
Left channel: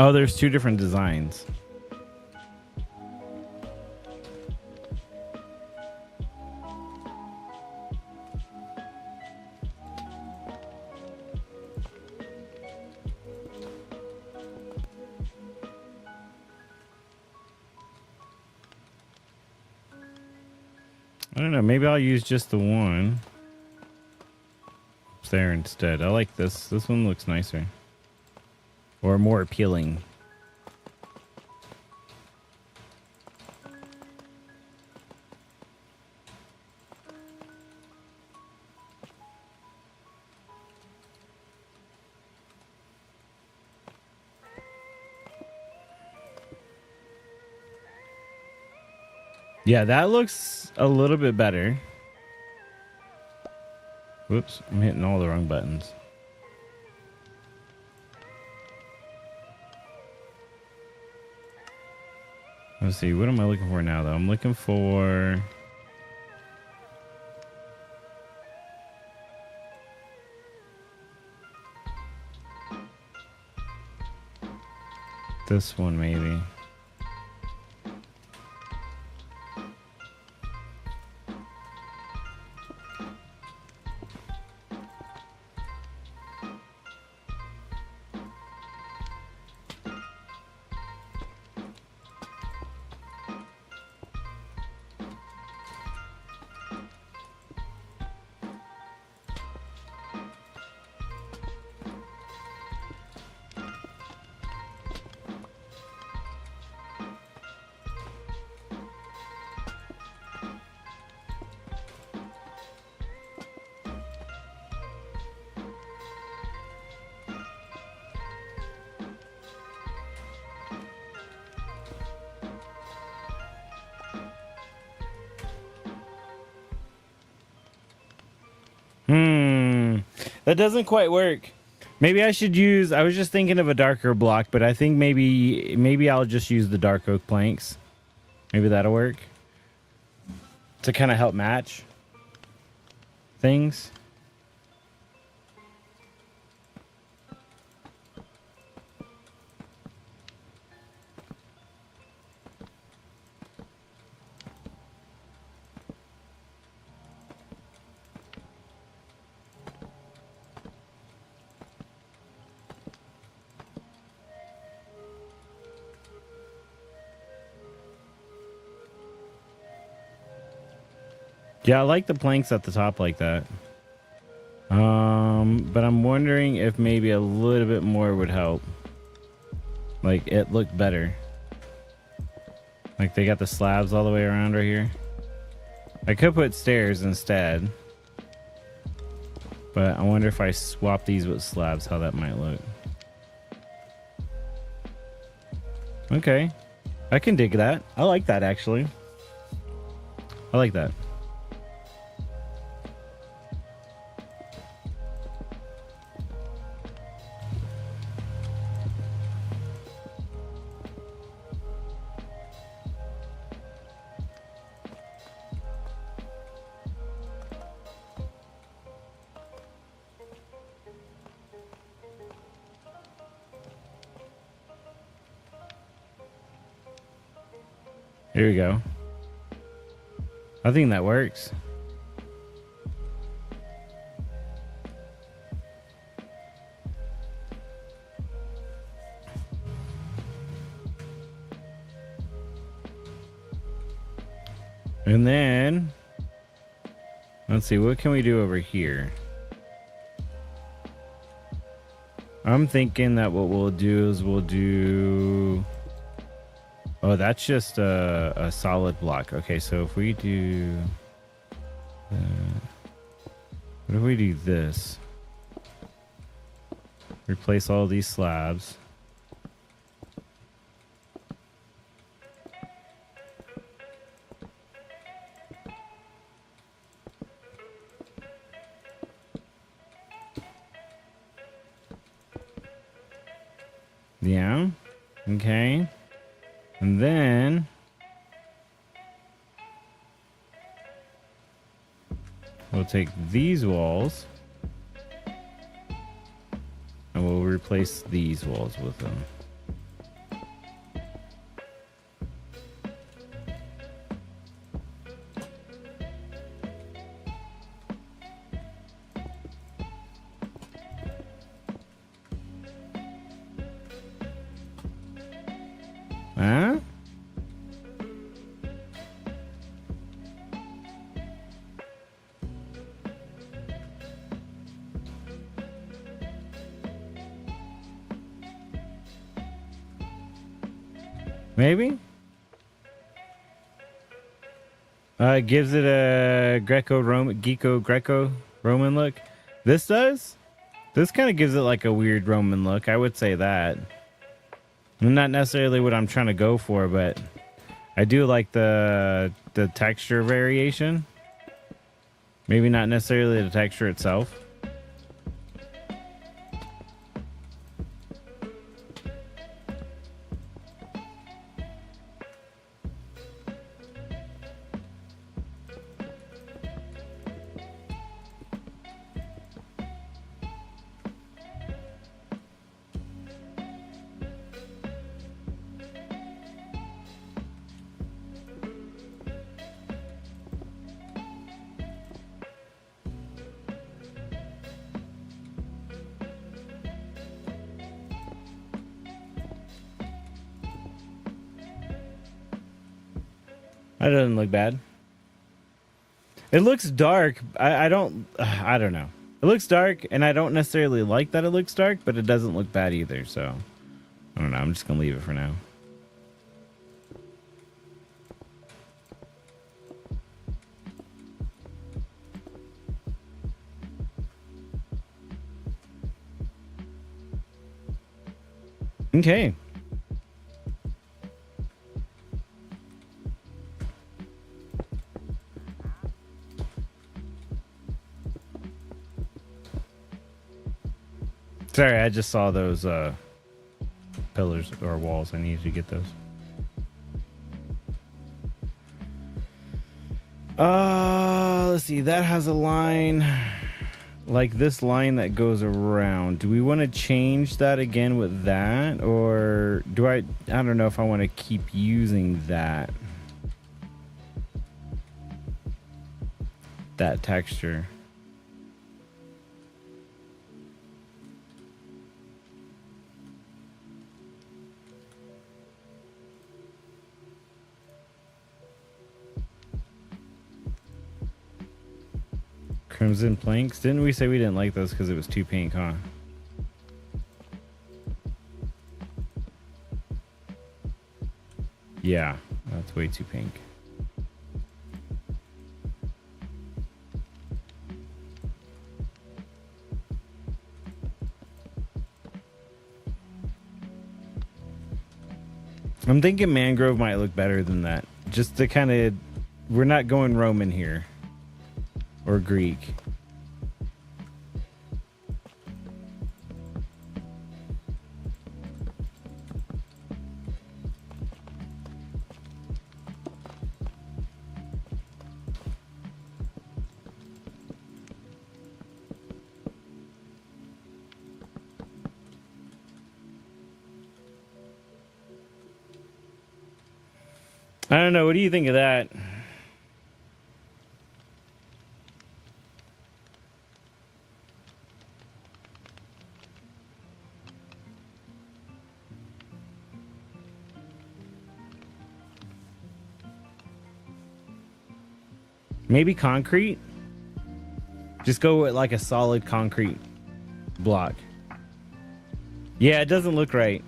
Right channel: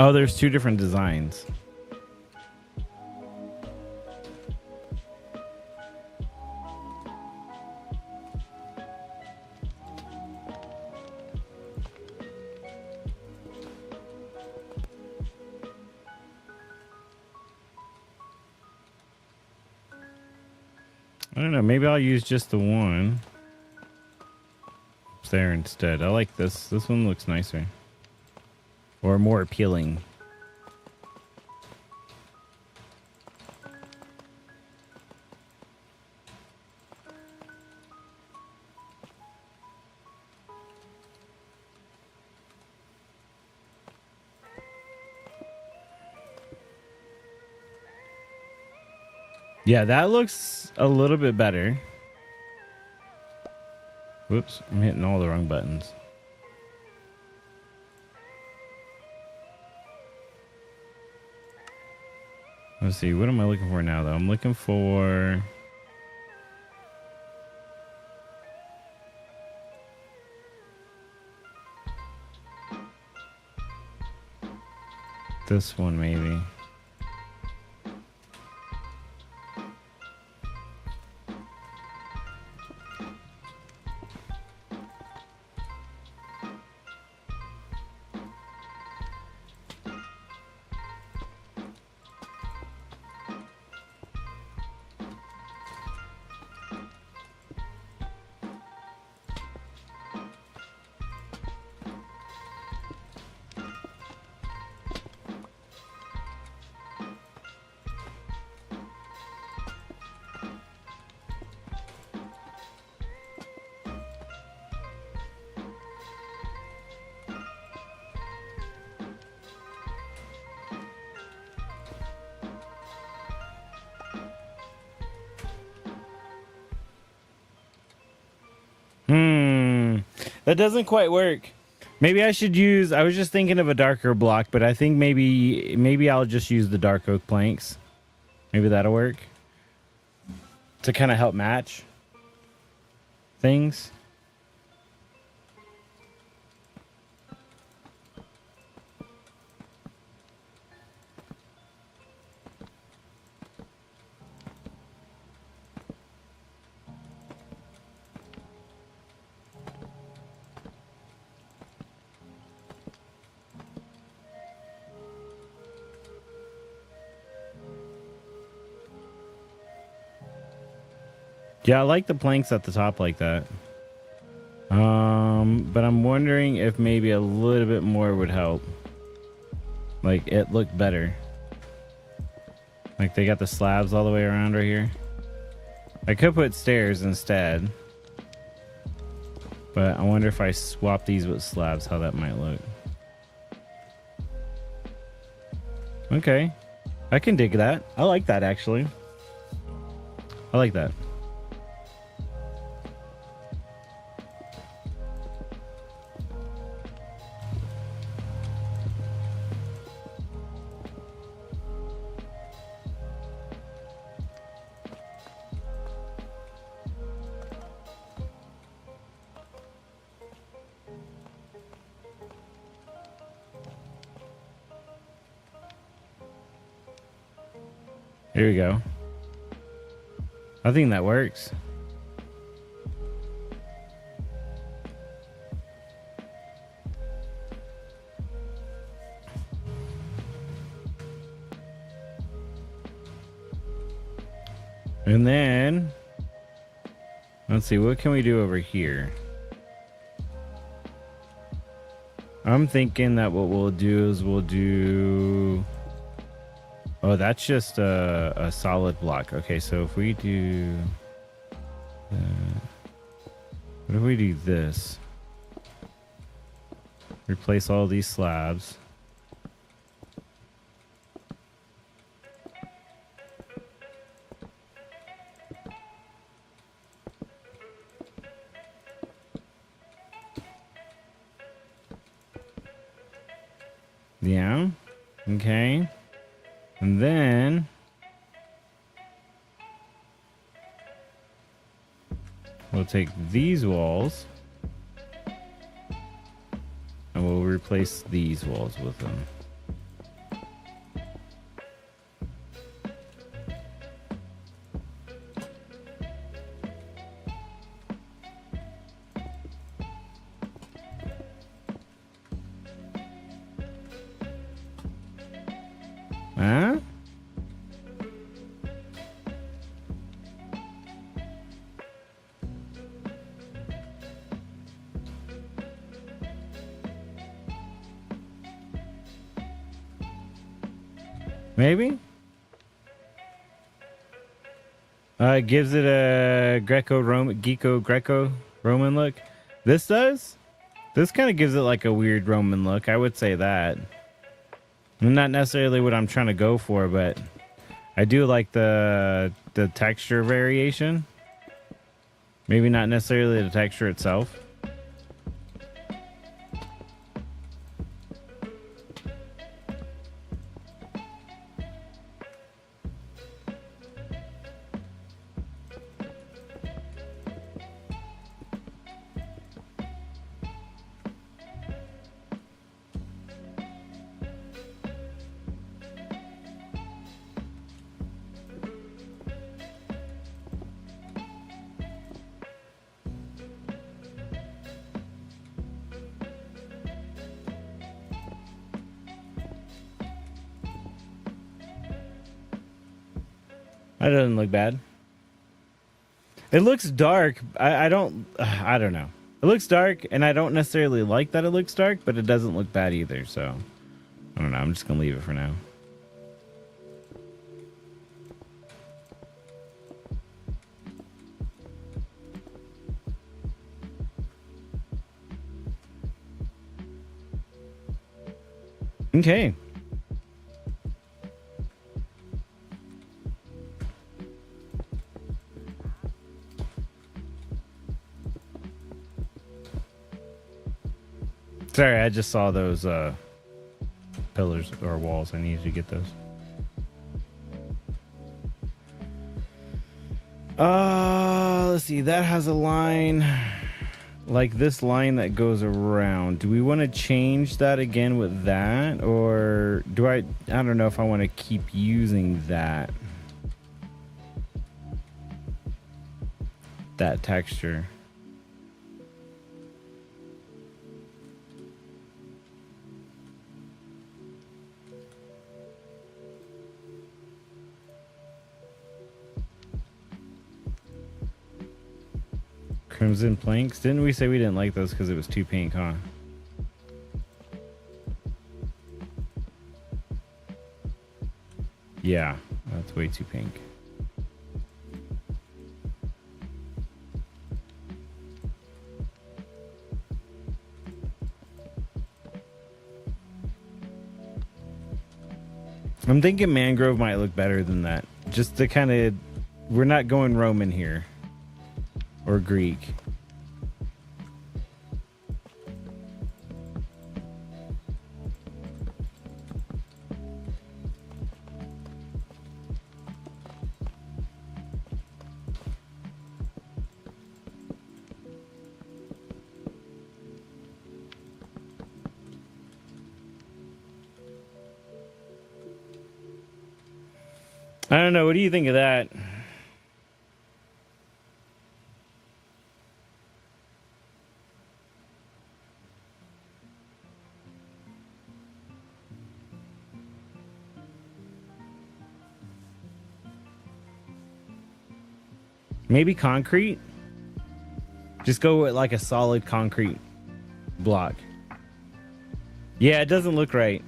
Oh, there's two different designs. I don't know, maybe I'll use just the one there instead. I like this. This one looks nicer. Or more appealing. Yeah, that looks a little bit better. Whoops, I'm hitting all the wrong buttons. Let's see, what am I looking for now, though? I'm looking for... This one, maybe. That doesn't quite work. Maybe I should use, I was just thinking of a darker block, but I think maybe I'll just use the dark oak planks. Maybe that'll work. To kind of help match things. Yeah, I like the planks at the top like that. But I'm wondering if maybe a little bit more would help. Like, it looked better. Like, they got the slabs all the way around right here. I could put stairs instead. But I wonder if I swap these with slabs, how that might look. Okay. I can dig that. I like that, actually. I like that. Here we go. I think that works. And then, let's see, what can we do over here? I'm thinking that what we'll do is we'll do... Oh, that's just a solid block. Okay, so if we do... what if we do this? Replace all these slabs. Yeah, okay. And then we'll take these walls and we'll replace these walls with them. Huh? Maybe? It gives it a Greco-Roman look. This does? This kind of gives it like a weird Roman look. I would say that. Not necessarily what I'm trying to go for, but I do like the texture variation. Maybe not necessarily the texture itself. That doesn't look bad. It looks dark. I don't know. It looks dark, and I don't necessarily like that it looks dark, but it doesn't look bad either, so I don't know. I'm just gonna leave it for now. Okay. Sorry, I just saw those pillars or walls. I needed to get those. Let's see. That has a line like this line that goes around. Do we want to change that again with that, or do I don't know if I want to keep using that texture. Crimson planks. Didn't we say we didn't like those because it was too pink, huh? Yeah, that's way too pink. I'm thinking mangrove might look better than that. Just to kind of, we're not going Roman here. Or Greek. I don't know. What do you think of that? Maybe concrete? Just go with like a solid concrete block. Yeah, it doesn't look right.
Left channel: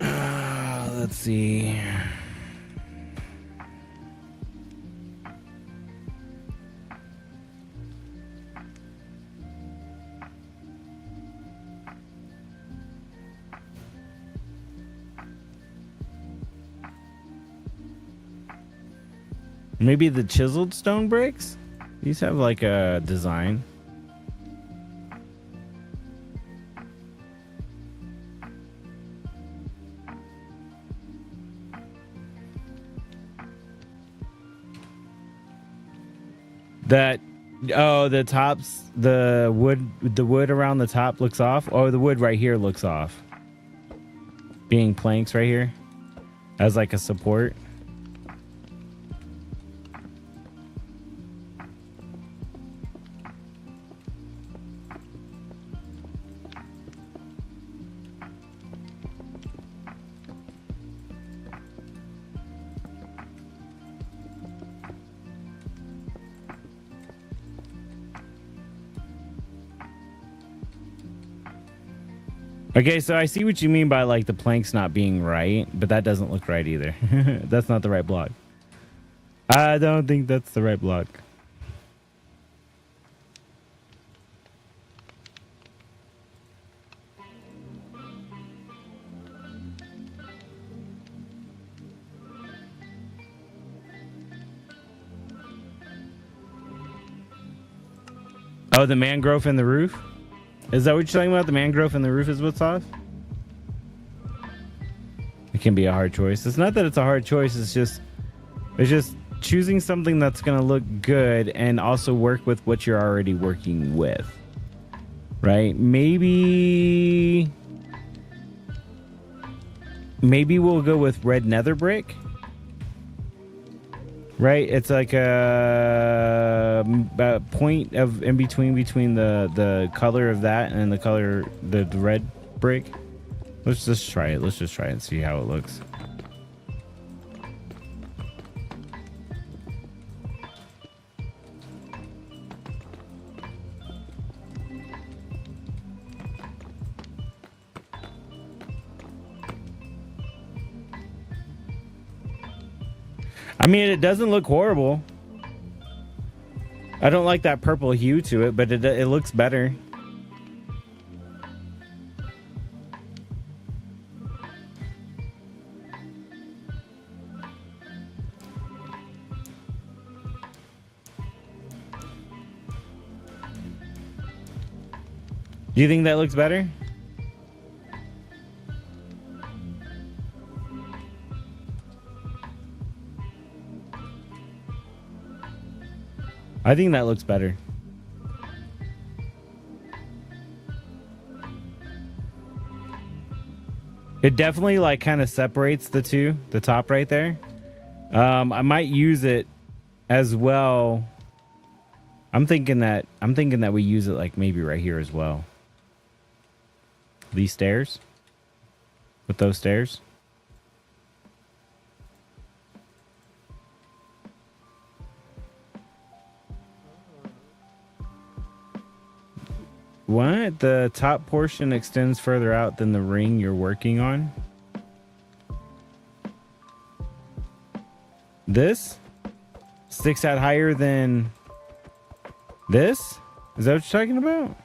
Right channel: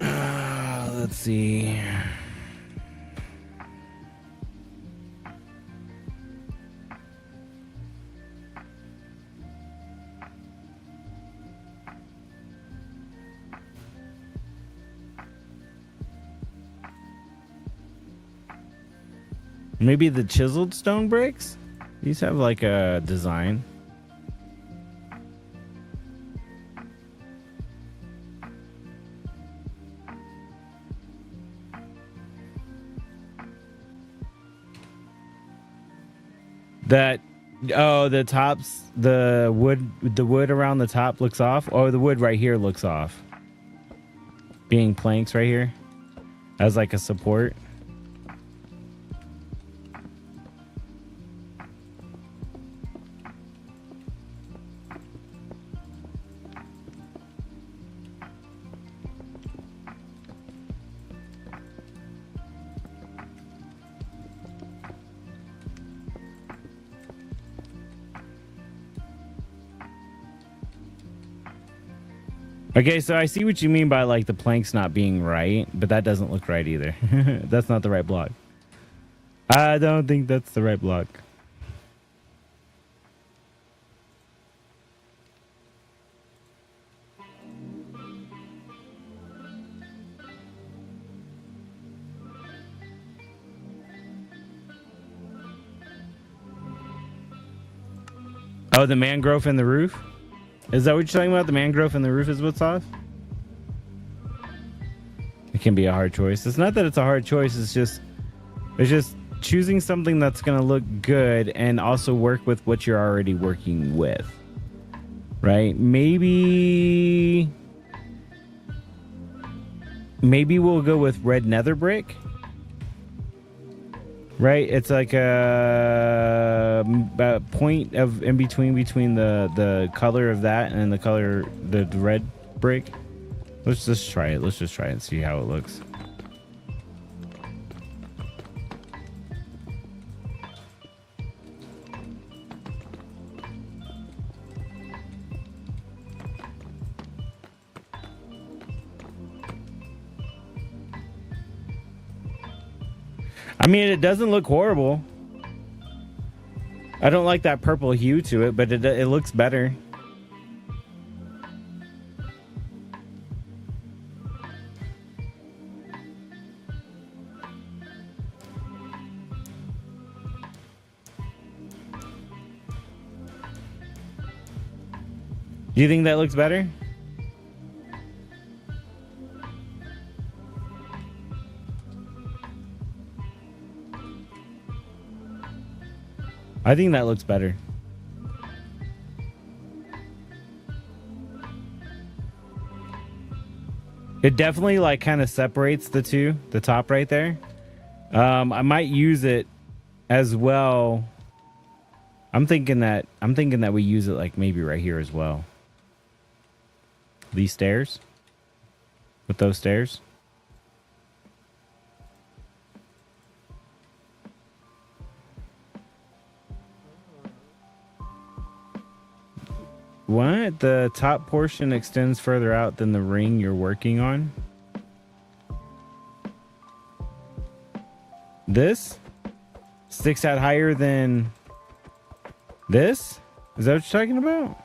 Let's see. Maybe the chiseled stone bricks? These have like a design. That, oh, the tops, the wood around the top looks off. Oh, the wood right here looks off. Being planks right here as like a support. Okay, so I see what you mean by like the planks not being right, but that doesn't look right either. That's not the right block. I don't think that's the right block. Oh, the mangrove in the roof? Is that what you're talking about? The mangrove in the roof is what's off? It can be a hard choice. It's not that it's a hard choice. It's just choosing something that's going to look good and also work with what you're already working with. Right? Maybe we'll go with red nether brick. Right? It's like a point of in between the color of that and the color the red brick. Let's just try it. Let's just try it and see how it looks. I mean, it doesn't look horrible. I don't like that purple hue to it, but it looks better. You think that looks better? I think that looks better. It definitely like kind of separates the two, the top right there. I might use it as well. I'm thinking that we use it like maybe right here as well. These stairs. With those stairs. What? The top portion extends further out than the ring you're working on? This? Sticks out higher than this? Is that what you're talking about?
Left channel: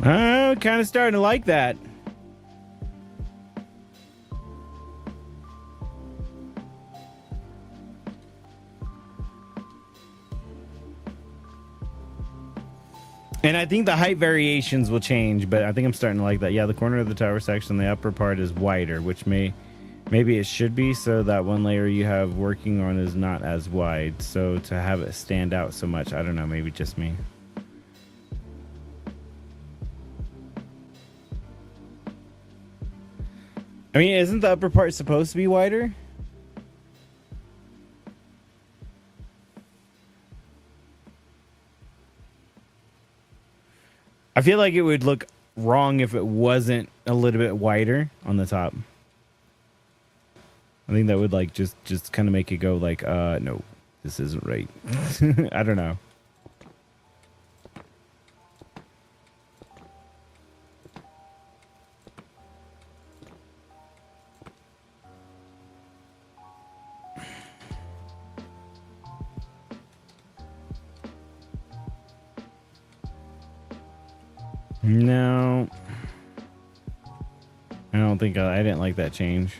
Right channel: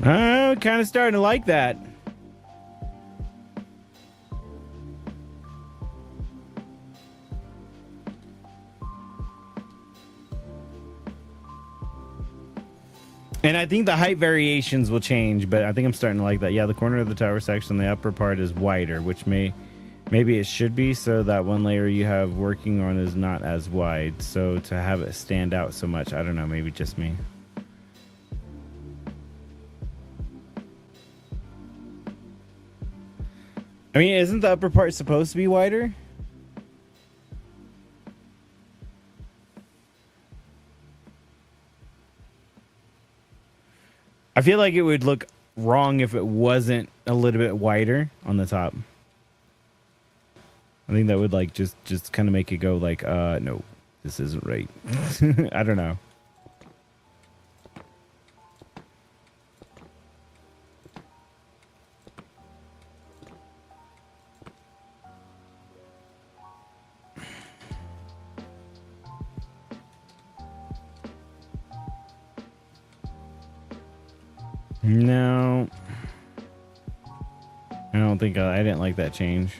I'm kind of starting to like that. And I think the height variations will change, but I think I'm starting to like that. Yeah, the corner of the tower section, the upper part is wider, which maybe it should be, so that one layer you have working on is not as wide. So to have it stand out so much, I don't know, maybe just me. I mean, isn't the upper part supposed to be wider? I feel like it would look wrong if it wasn't a little bit wider on the top. I think that would like just kind of make it go like, no, this isn't right. I don't know. No, I don't think I didn't like that change.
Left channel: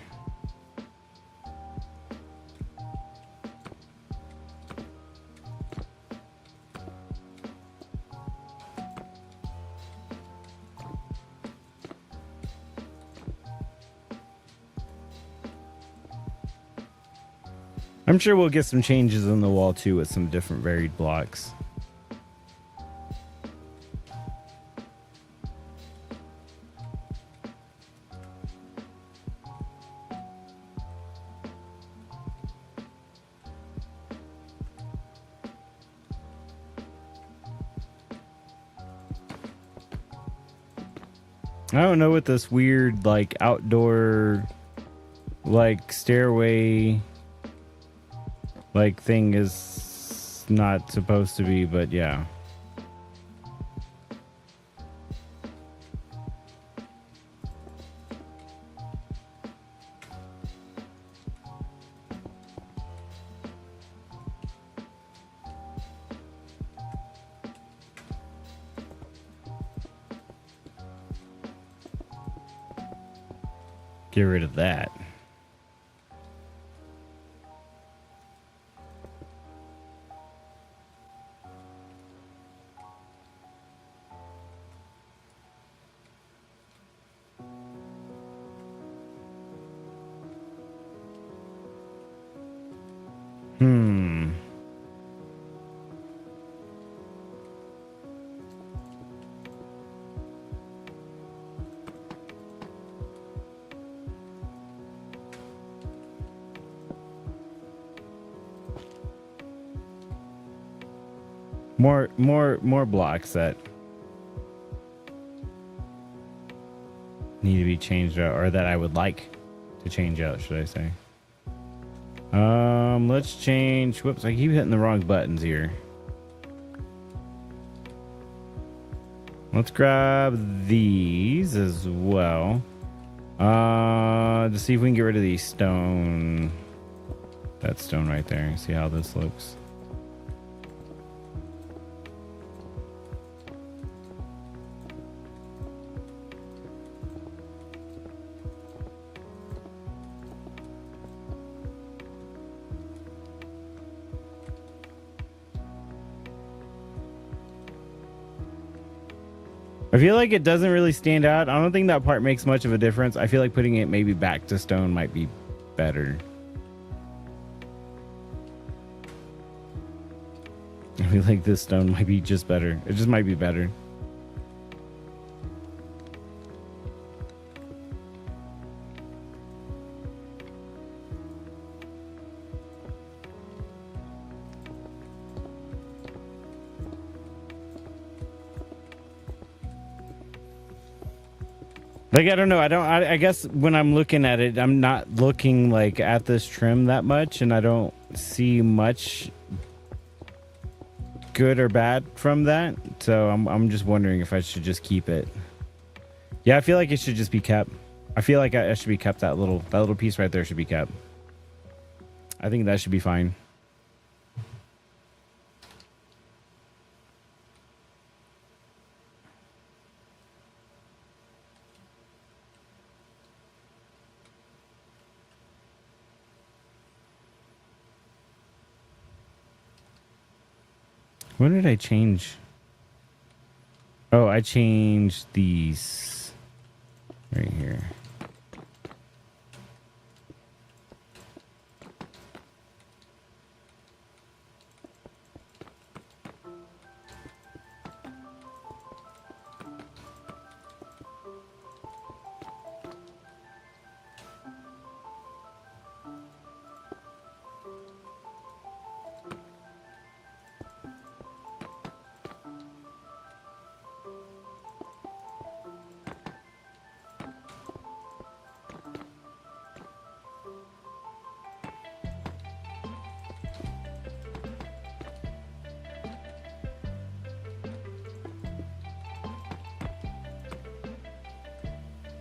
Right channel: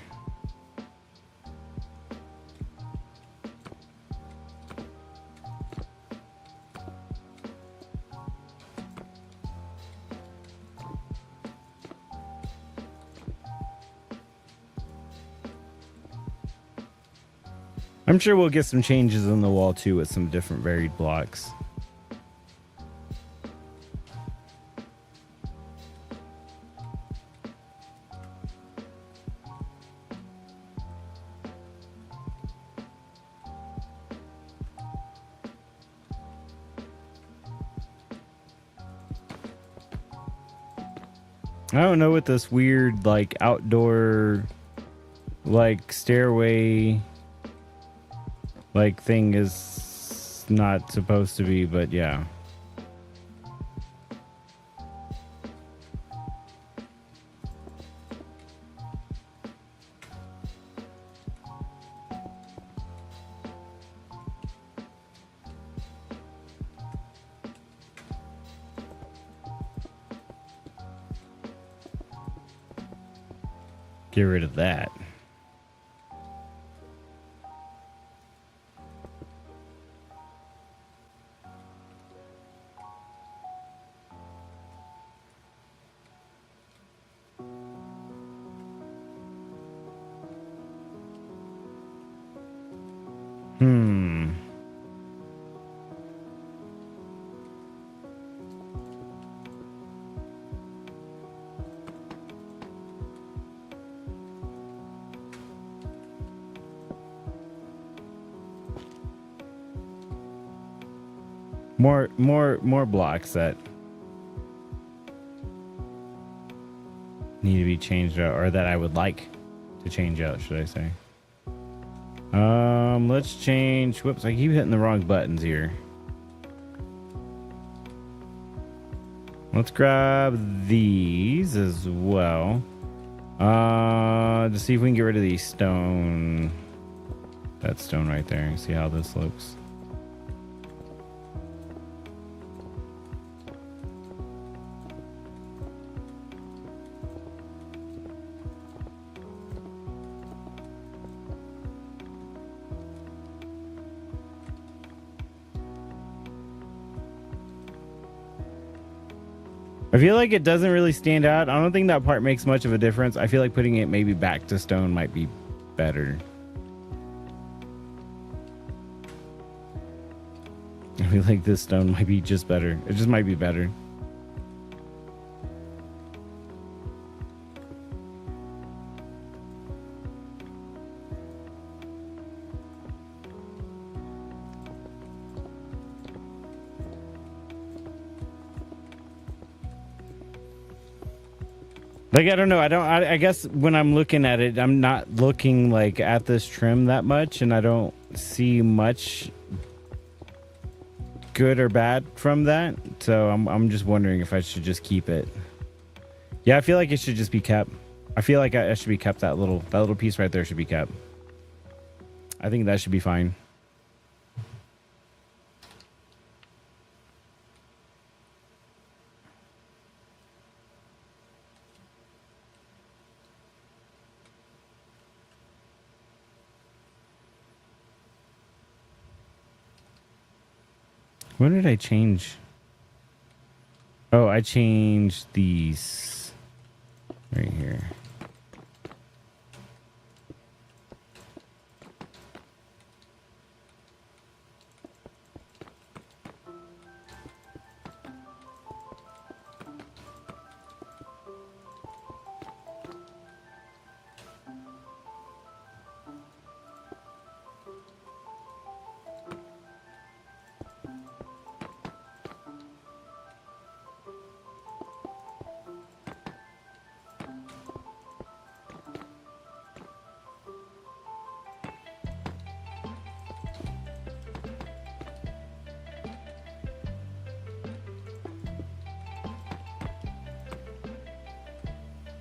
I'm sure we'll get some changes in the wall too with some different varied blocks. I don't know what this weird like outdoor like stairway like thing is not supposed to be, but yeah. Get rid of that. More blocks that need to be changed out, or that I would like to change out, should I say. Let's change. Whoops, I keep hitting the wrong buttons here. Let's grab these as well. To see if we can get rid of these stone. That stone right there. See how this looks. I feel like it doesn't really stand out. I don't think that part makes much of a difference. I feel like putting it maybe back to stone might be better. I feel like this stone might be just better. It just might be better. Like, I don't know. I guess when I'm looking at it, I'm not looking like at this trim that much, and I don't see much good or bad from that. So I'm just wondering if I should just keep it. Yeah, I feel like it should just be kept. I feel like I should be kept. That little piece right there should be kept. I think that should be fine. What did I change? Oh, I changed these right here.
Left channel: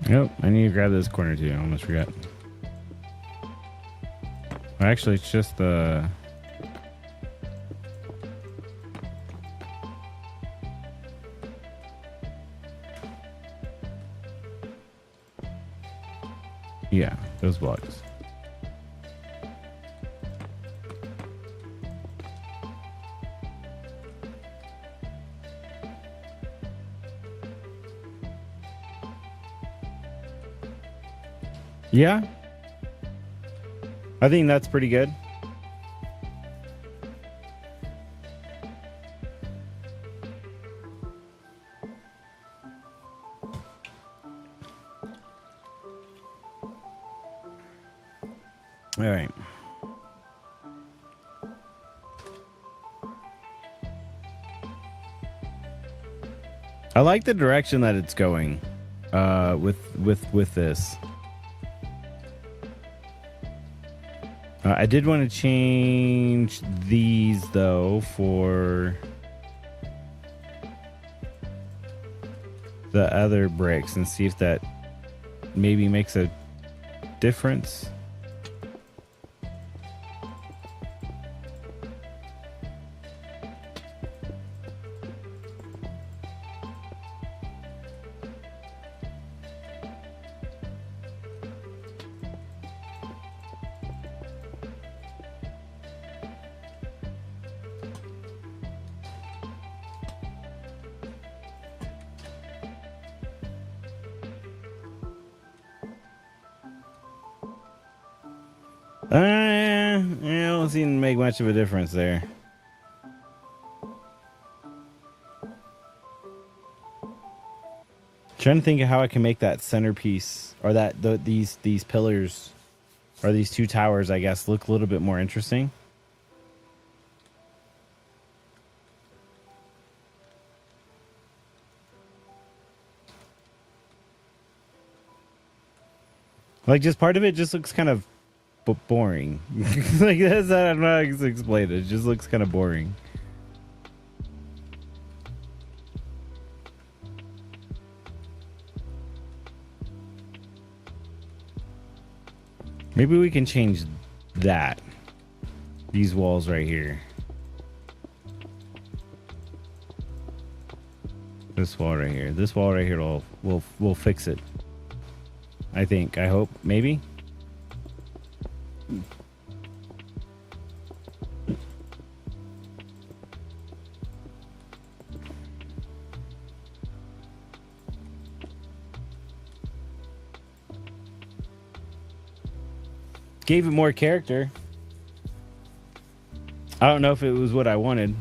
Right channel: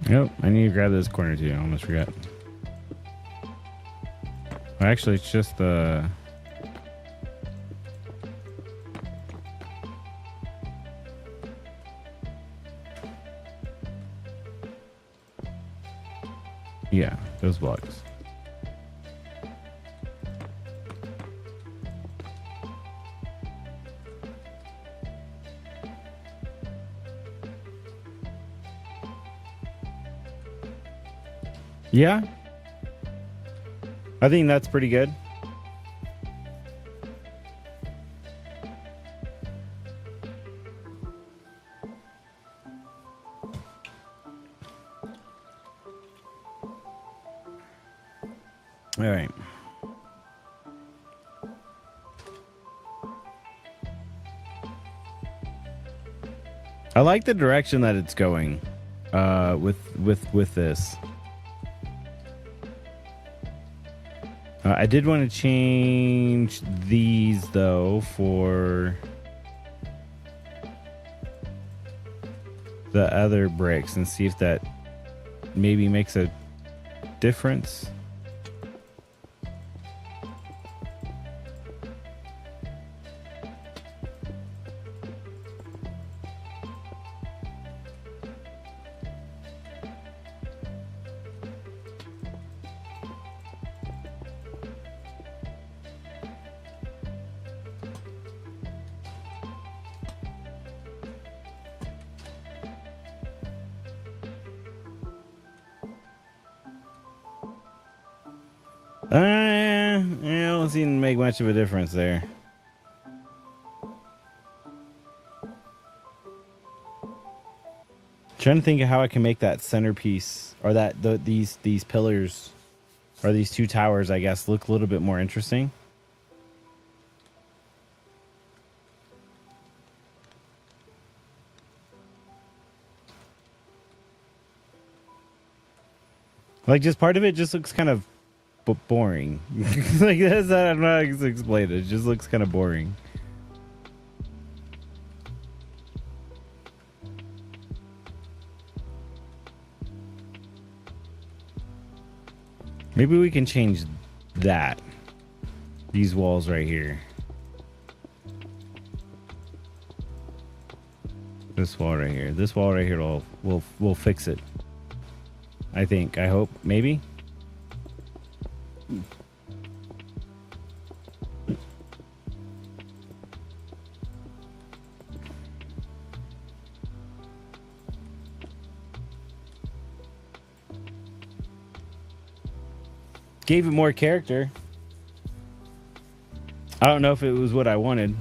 Nope, I need to grab this corner too. I almost forgot. Well, actually, it's just the... Yeah, those blocks. Yeah, I think that's pretty good. All right. I like the direction that it's going with this. I did want to change these though for the other bricks and see if that maybe makes a difference. Yeah, I don't seem to make much of a difference there. Trying to think of how I can make that centerpiece or these pillars or these two towers, I guess, look a little bit more interesting. Like, just part of it just looks kind of boring. Like, that's not, I'm not going to explain it. It just looks kind of boring. Maybe we can change that. These walls right here. This wall right here. This wall right here will fix it. I think. I hope. Maybe. Gave it more character. I don't know if it was what I wanted.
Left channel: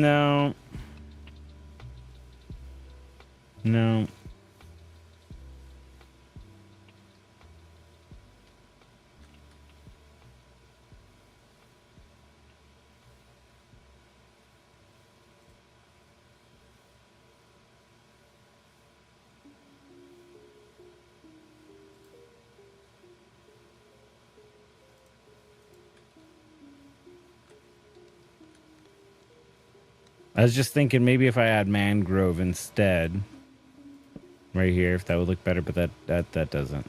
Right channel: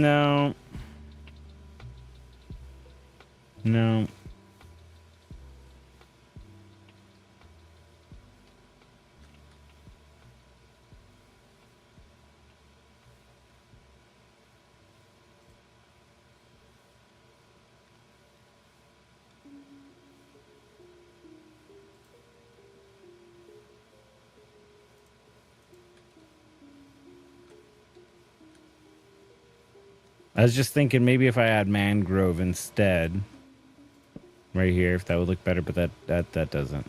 No. No. I was just thinking maybe if I add mangrove instead, right here, if that would look better, but that doesn't.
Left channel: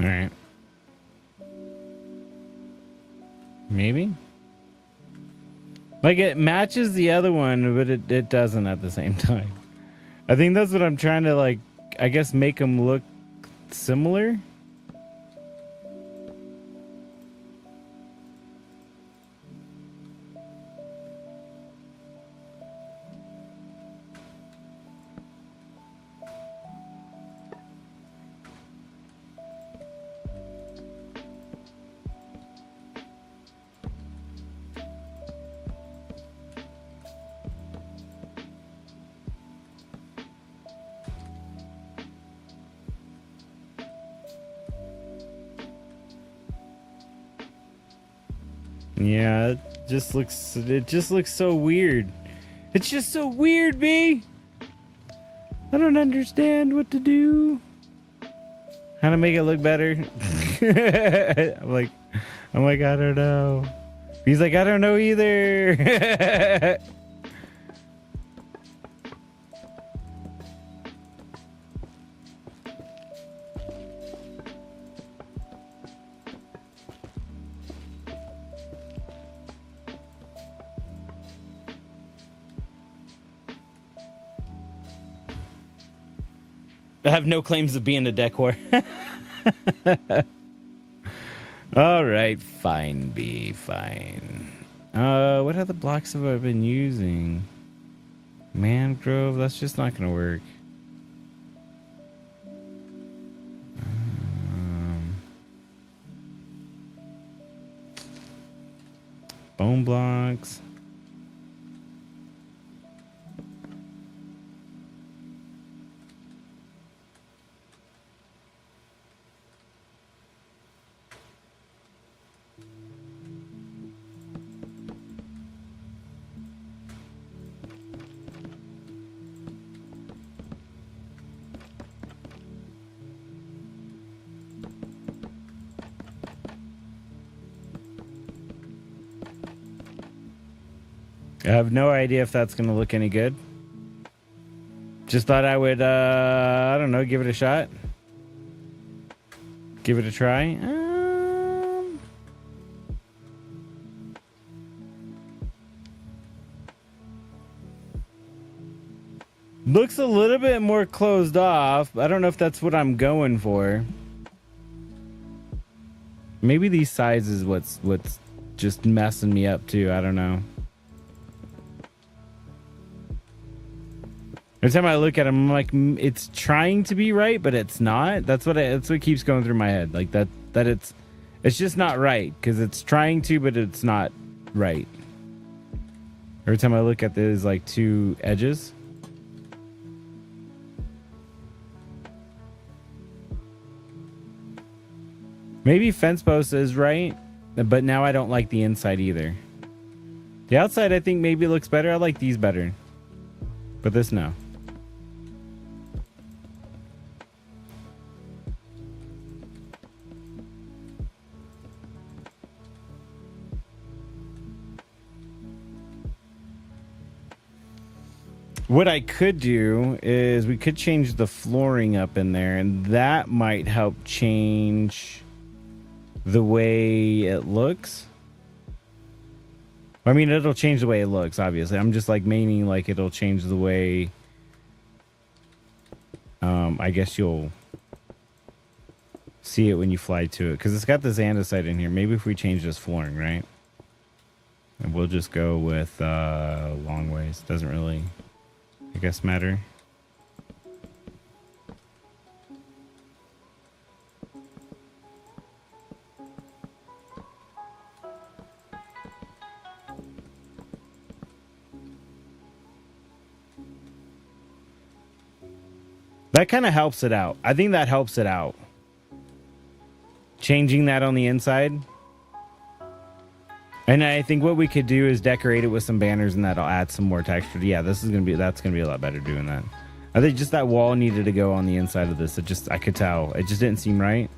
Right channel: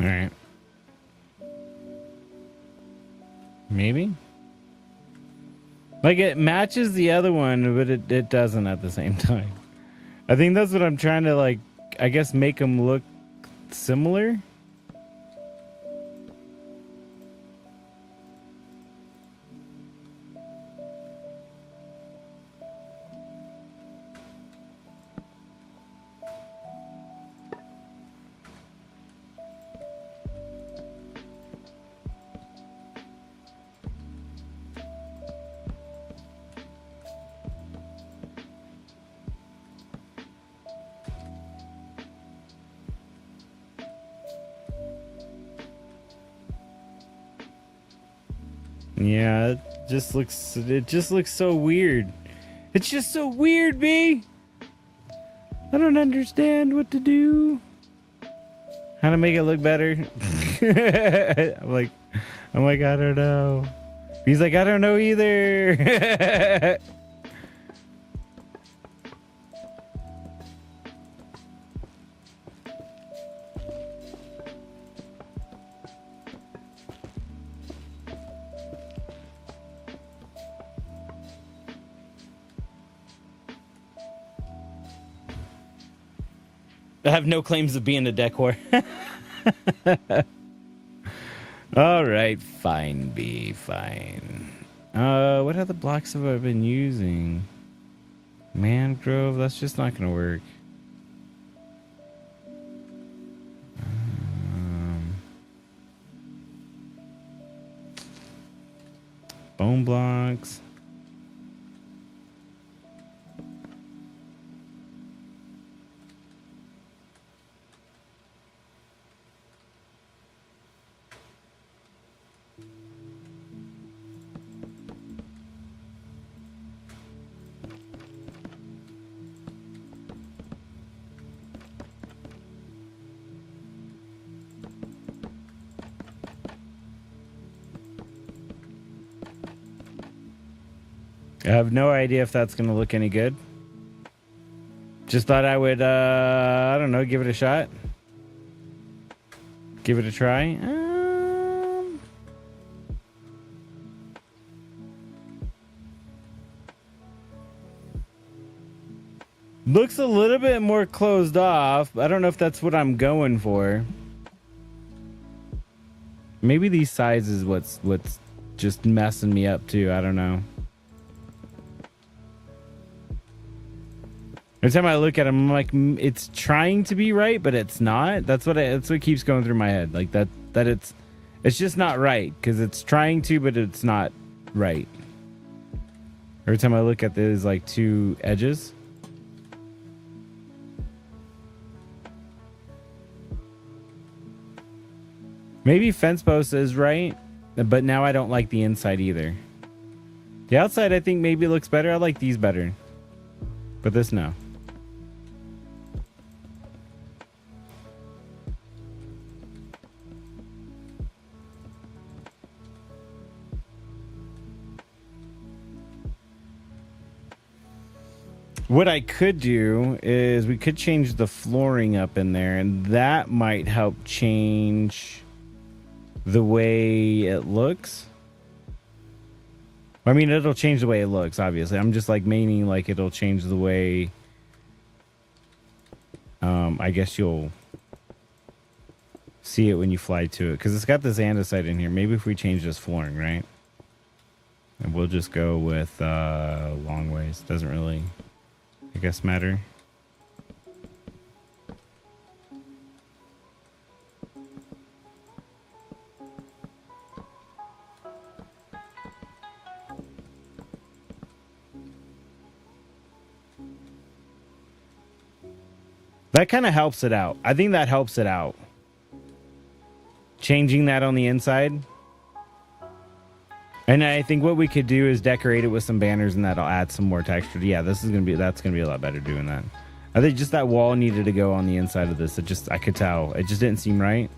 All right. Maybe? Like, it matches the other one, but it doesn't at the same time. I think that's what I'm trying to, like, I guess make them look similar. Yeah, it just looks so weird. It's just so weird, B. I don't understand what to do. How to make it look better. I'm like, I don't know. He's like, I don't know either. I have no claims of being a decor. All right, fine, B, fine. What other blocks have I been using? Mangrove, that's just not gonna work. Bone blocks. I have no idea if that's going to look any good. Just thought I would, I don't know, give it a shot. Give it a try. Looks a little bit more closed off. I don't know if that's what I'm going for. Maybe these sides is what's just messing me up too. I don't know. Every time I look at him, I'm like, it's trying to be right, but it's not. That's what keeps going through my head. Like that it's just not right because it's trying to, but it's not right. Every time I look at these like two edges. Maybe fence post is right, but now I don't like the inside either. The outside I think maybe looks better. I like these better, but this no. What I could do is we could change the flooring up in there, and that might help change the way it looks. I mean, it'll change the way it looks, obviously. I'm just like meaning like it'll change the way, I guess you'll see it when you fly to it. Because it's got this andesite in here. Maybe if we change this flooring, right? And we'll just go with long ways. Doesn't really, I guess, matter. That kind of helps it out. I think that helps it out. Changing that on the inside. And I think what we could do is decorate it with some banners, and that'll add some more texture. Yeah, that's gonna be a lot better doing that. I think just that wall needed to go on the inside of this. I could tell. It just didn't seem right.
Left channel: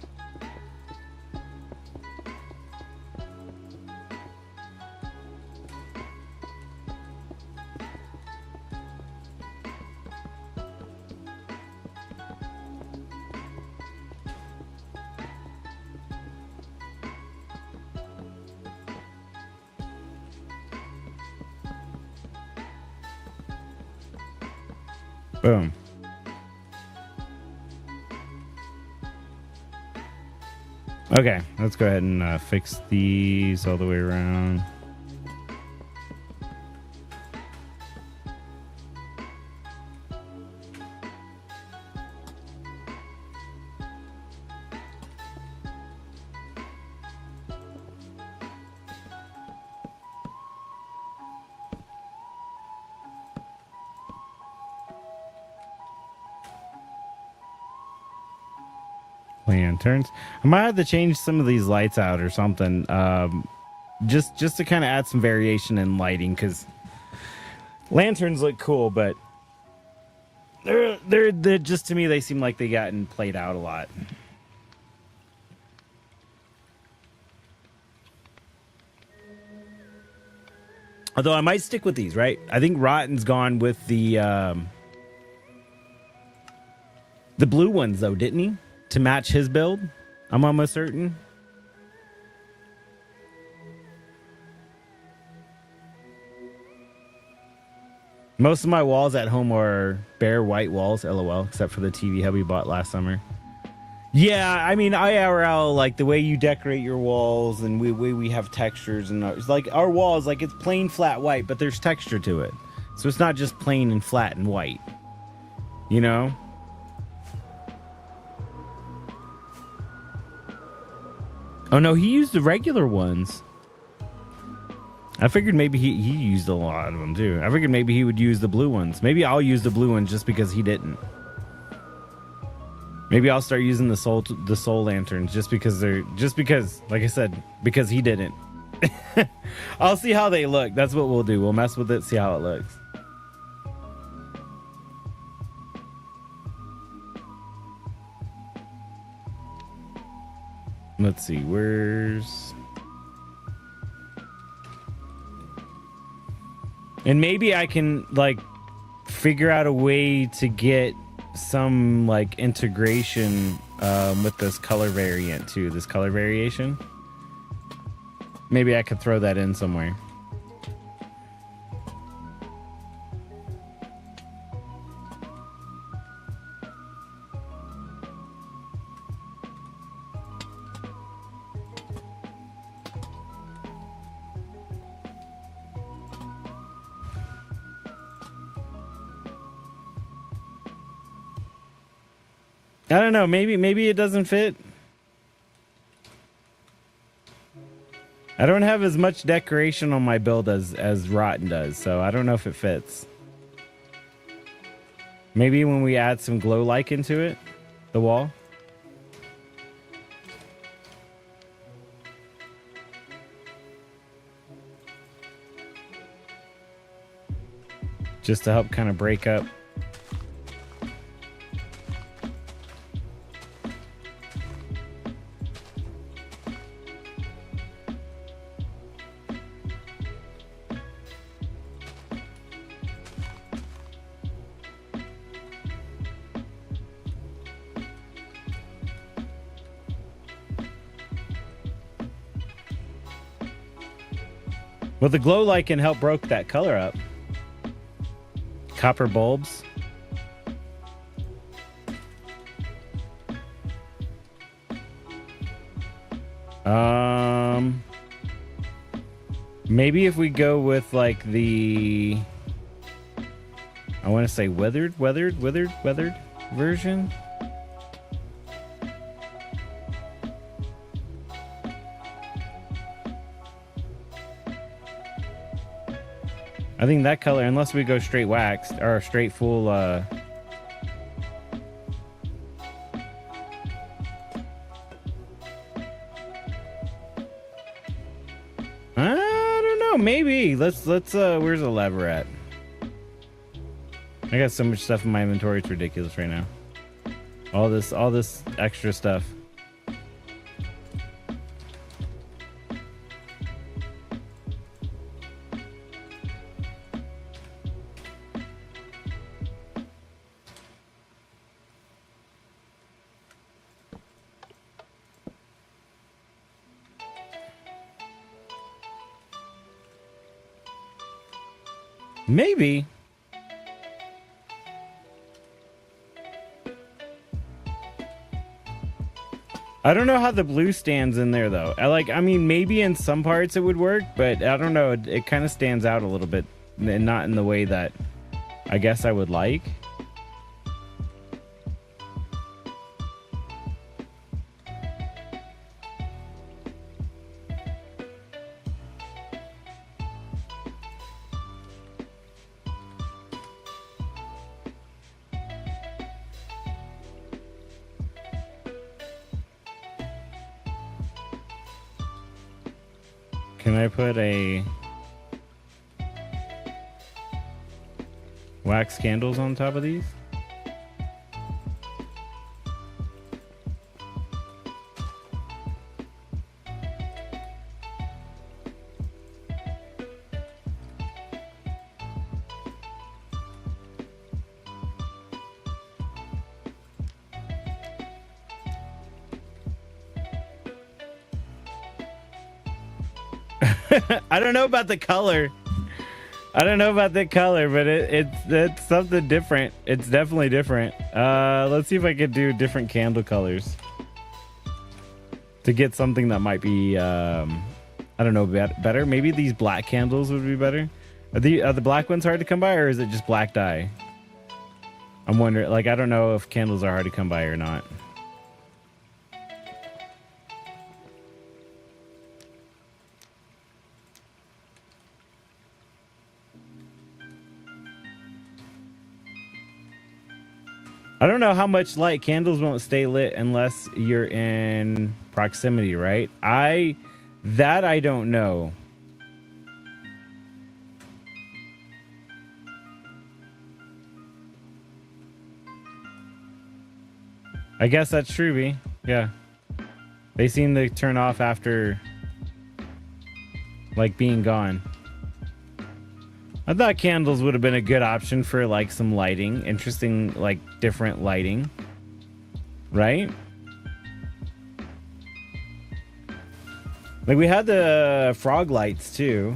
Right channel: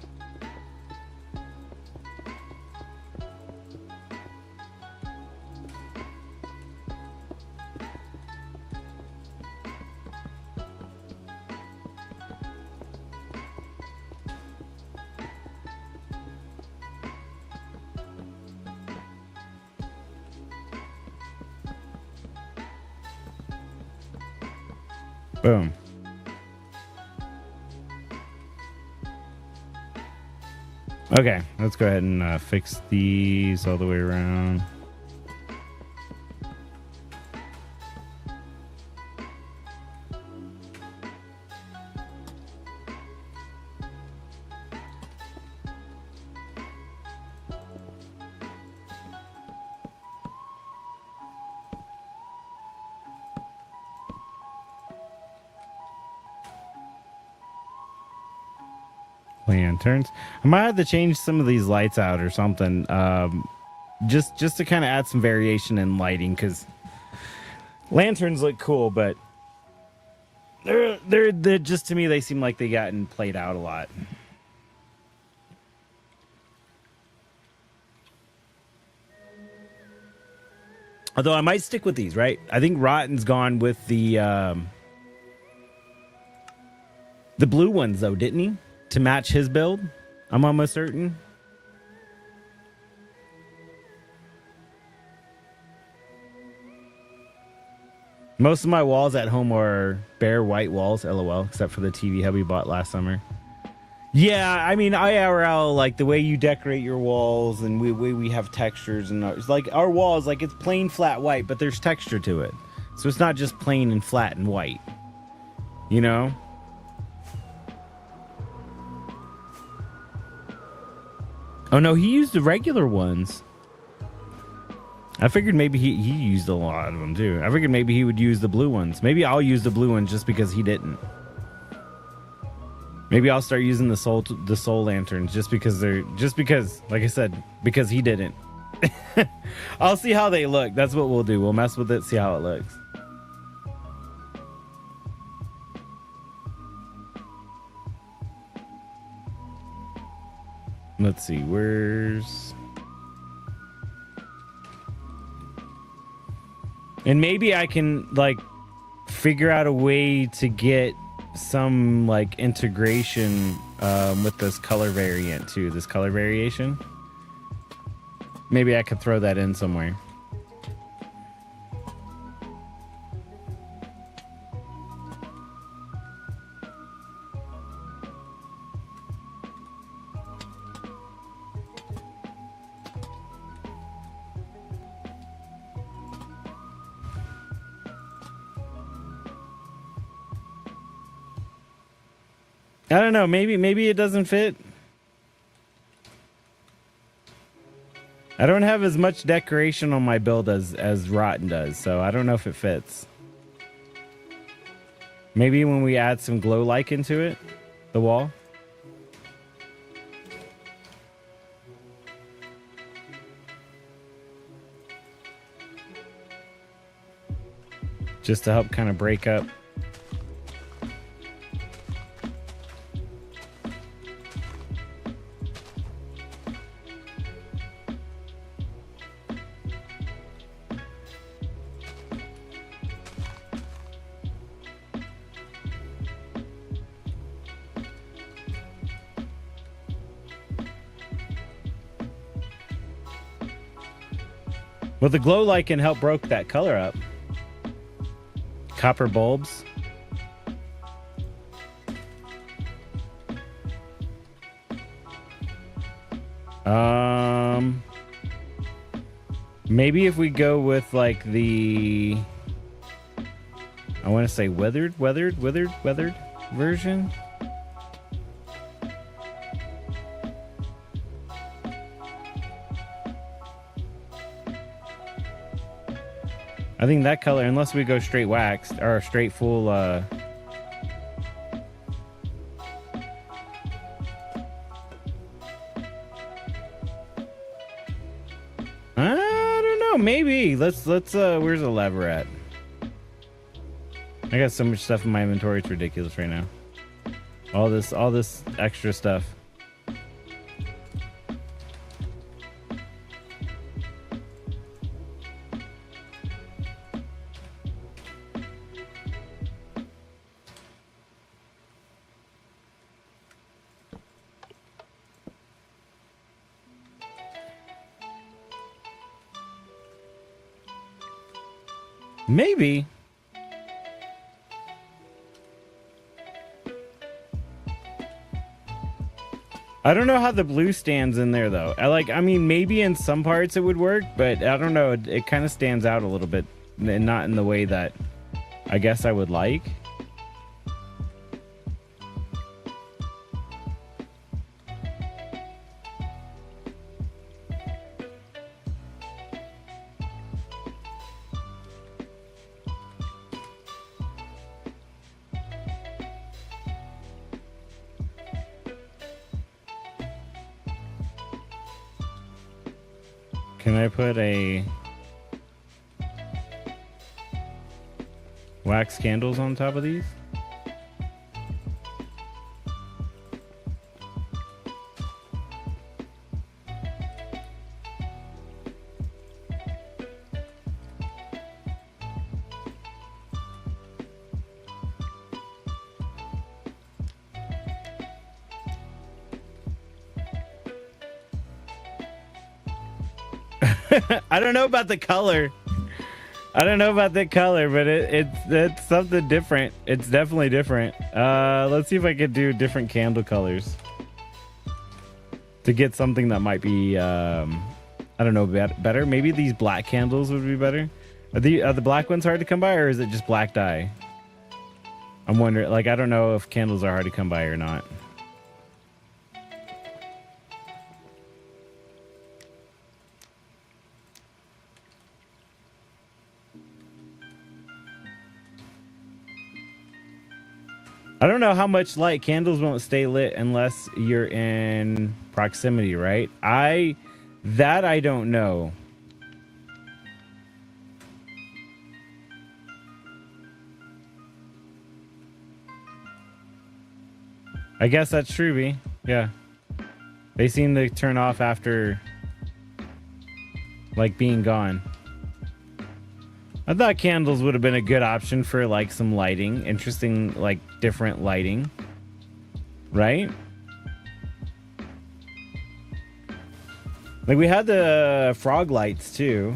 Boom. Okay, let's go ahead and fix these all the way around. Lanterns. I might have to change some of these lights out or something. Just to kind of add some variation in lighting, because lanterns look cool, but they're just, to me, they seem like they gotten played out a lot. Although I might stick with these, right? I think Rotten's gone with the blue ones, though, didn't he? To match his build? I'm almost certain. Most of my walls at home are bare white walls, LOL, except for the TV hub we bought last summer. Yeah, I mean, IRL, like, the way you decorate your walls, and we have textures, and it's like, our walls, like, it's plain flat white, but there's texture to it. So it's not just plain and flat and white. You know? Oh, no, he used the regular ones. I figured maybe he used a lot of them, too. I figured maybe he would use the blue ones. Maybe I'll use the blue ones just because he didn't. Maybe I'll start using the soul lanterns just because, like I said, because he didn't. I'll see how they look. That's what we'll do. We'll mess with it, see how it looks. Let's see, where's... And maybe I can, like, figure out a way to get some, like, integration with this color variant, too. This color variation. Maybe I could throw that in somewhere. I don't know, maybe it doesn't fit. I don't have as much decoration on my build as Rotten does, so I don't know if it fits. Maybe when we add some glow like into it, the wall. Just to help kind of break up. Well, the glow light can help broke that color up. Copper bulbs. Maybe if we go with like the, I want to say weathered version. I think that color, unless we go straight waxed or straight full, I don't know, maybe. Let's where's the lever at? I got so much stuff in my inventory, it's ridiculous right now. All this extra stuff. Maybe. I don't know how the blue stands in there though. I mean, maybe in some parts it would work, but I don't know. It kind of stands out a little bit, and not in the way that I guess I would like. Can I put a wax candles on top of these? I don't know about the color. I don't know about the color, but it's something different. It's definitely different. Let's see if I could do different candle colors to get something that might be, I don't know, better. Maybe these black candles would be better. Are the black ones hard to come by, or is it just black dye? I'm wondering, like, I don't know if candles are hard to come by or not. I don't know how much light. Candles won't stay lit unless you're in proximity, right? I don't know. I guess that's true, B. Yeah. They seem to turn off after, like, being gone. I thought candles would have been a good option for, like, some lighting. Interesting, like, different lighting. Right? Like, we had the frog lights, too.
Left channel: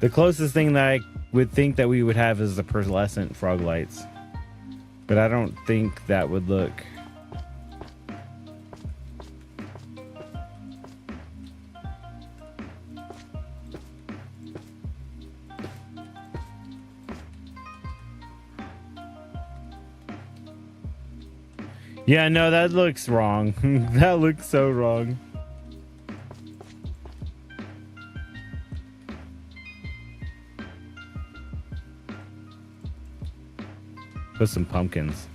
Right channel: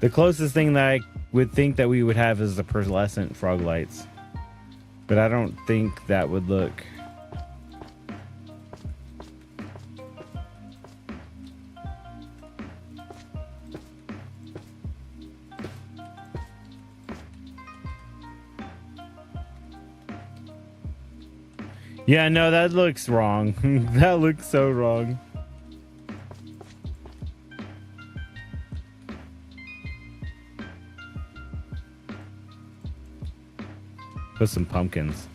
The closest thing that I would think that we would have is the pearlescent frog lights. But I don't think that would look... Yeah, no, that looks wrong. That looks so wrong. Put some pumpkins.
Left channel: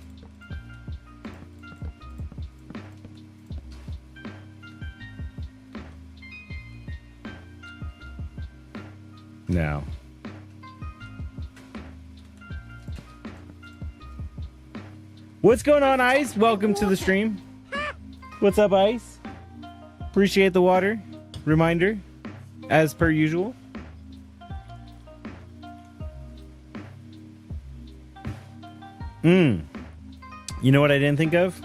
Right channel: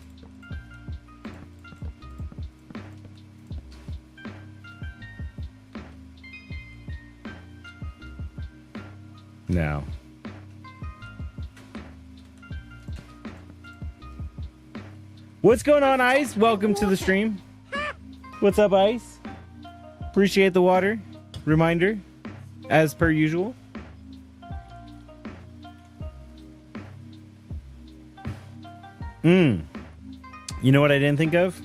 No. What's going on, Ice? Welcome to the stream. What's up, Ice? Appreciate the water. Reminder, as per usual. You know what I didn't think of?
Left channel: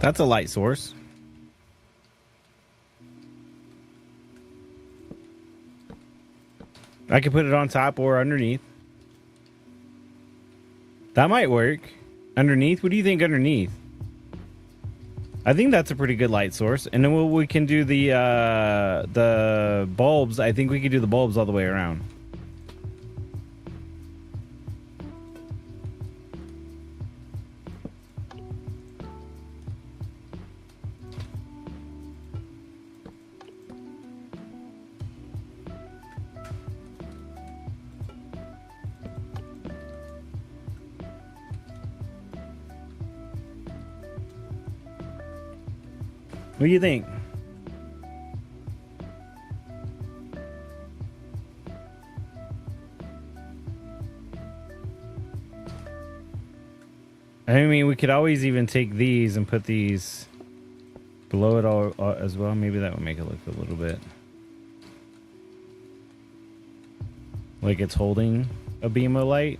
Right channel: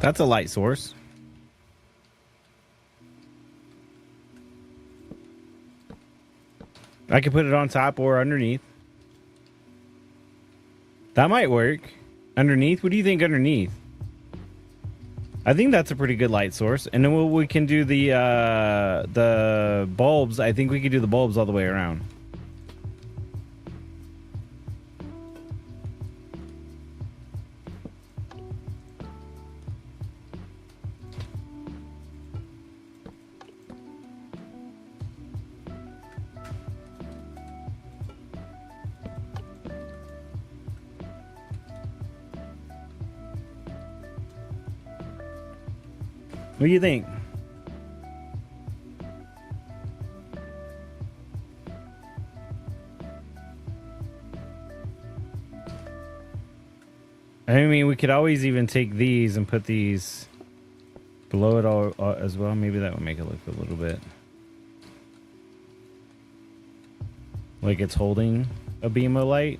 That's a light source. I could put it on top or underneath. That might work. Underneath? What do you think underneath? I think that's a pretty good light source. And then we can do the bulbs. I think we could do the bulbs all the way around. What do you think? I mean, we could always even take these and put these below it all as well. Maybe that would make it look a little bit like it's holding a beam of light.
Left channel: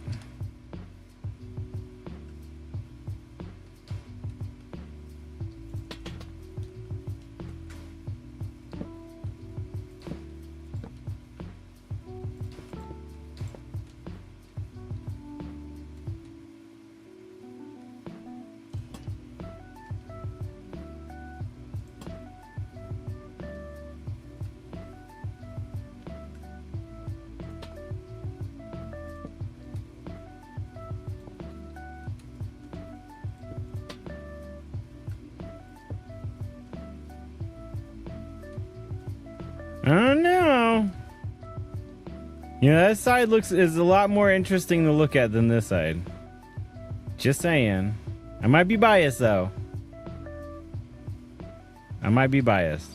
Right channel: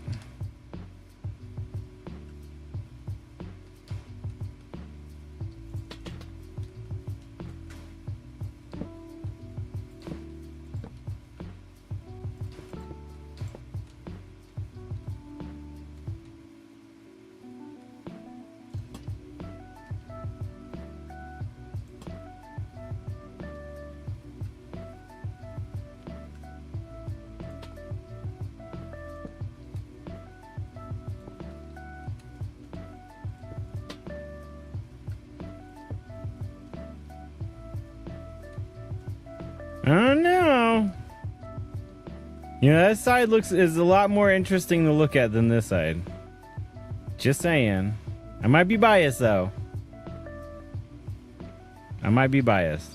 I don't know. You know, that side is a lot more interesting to look at than this side. Just saying. I might be biased, though. I might be biased.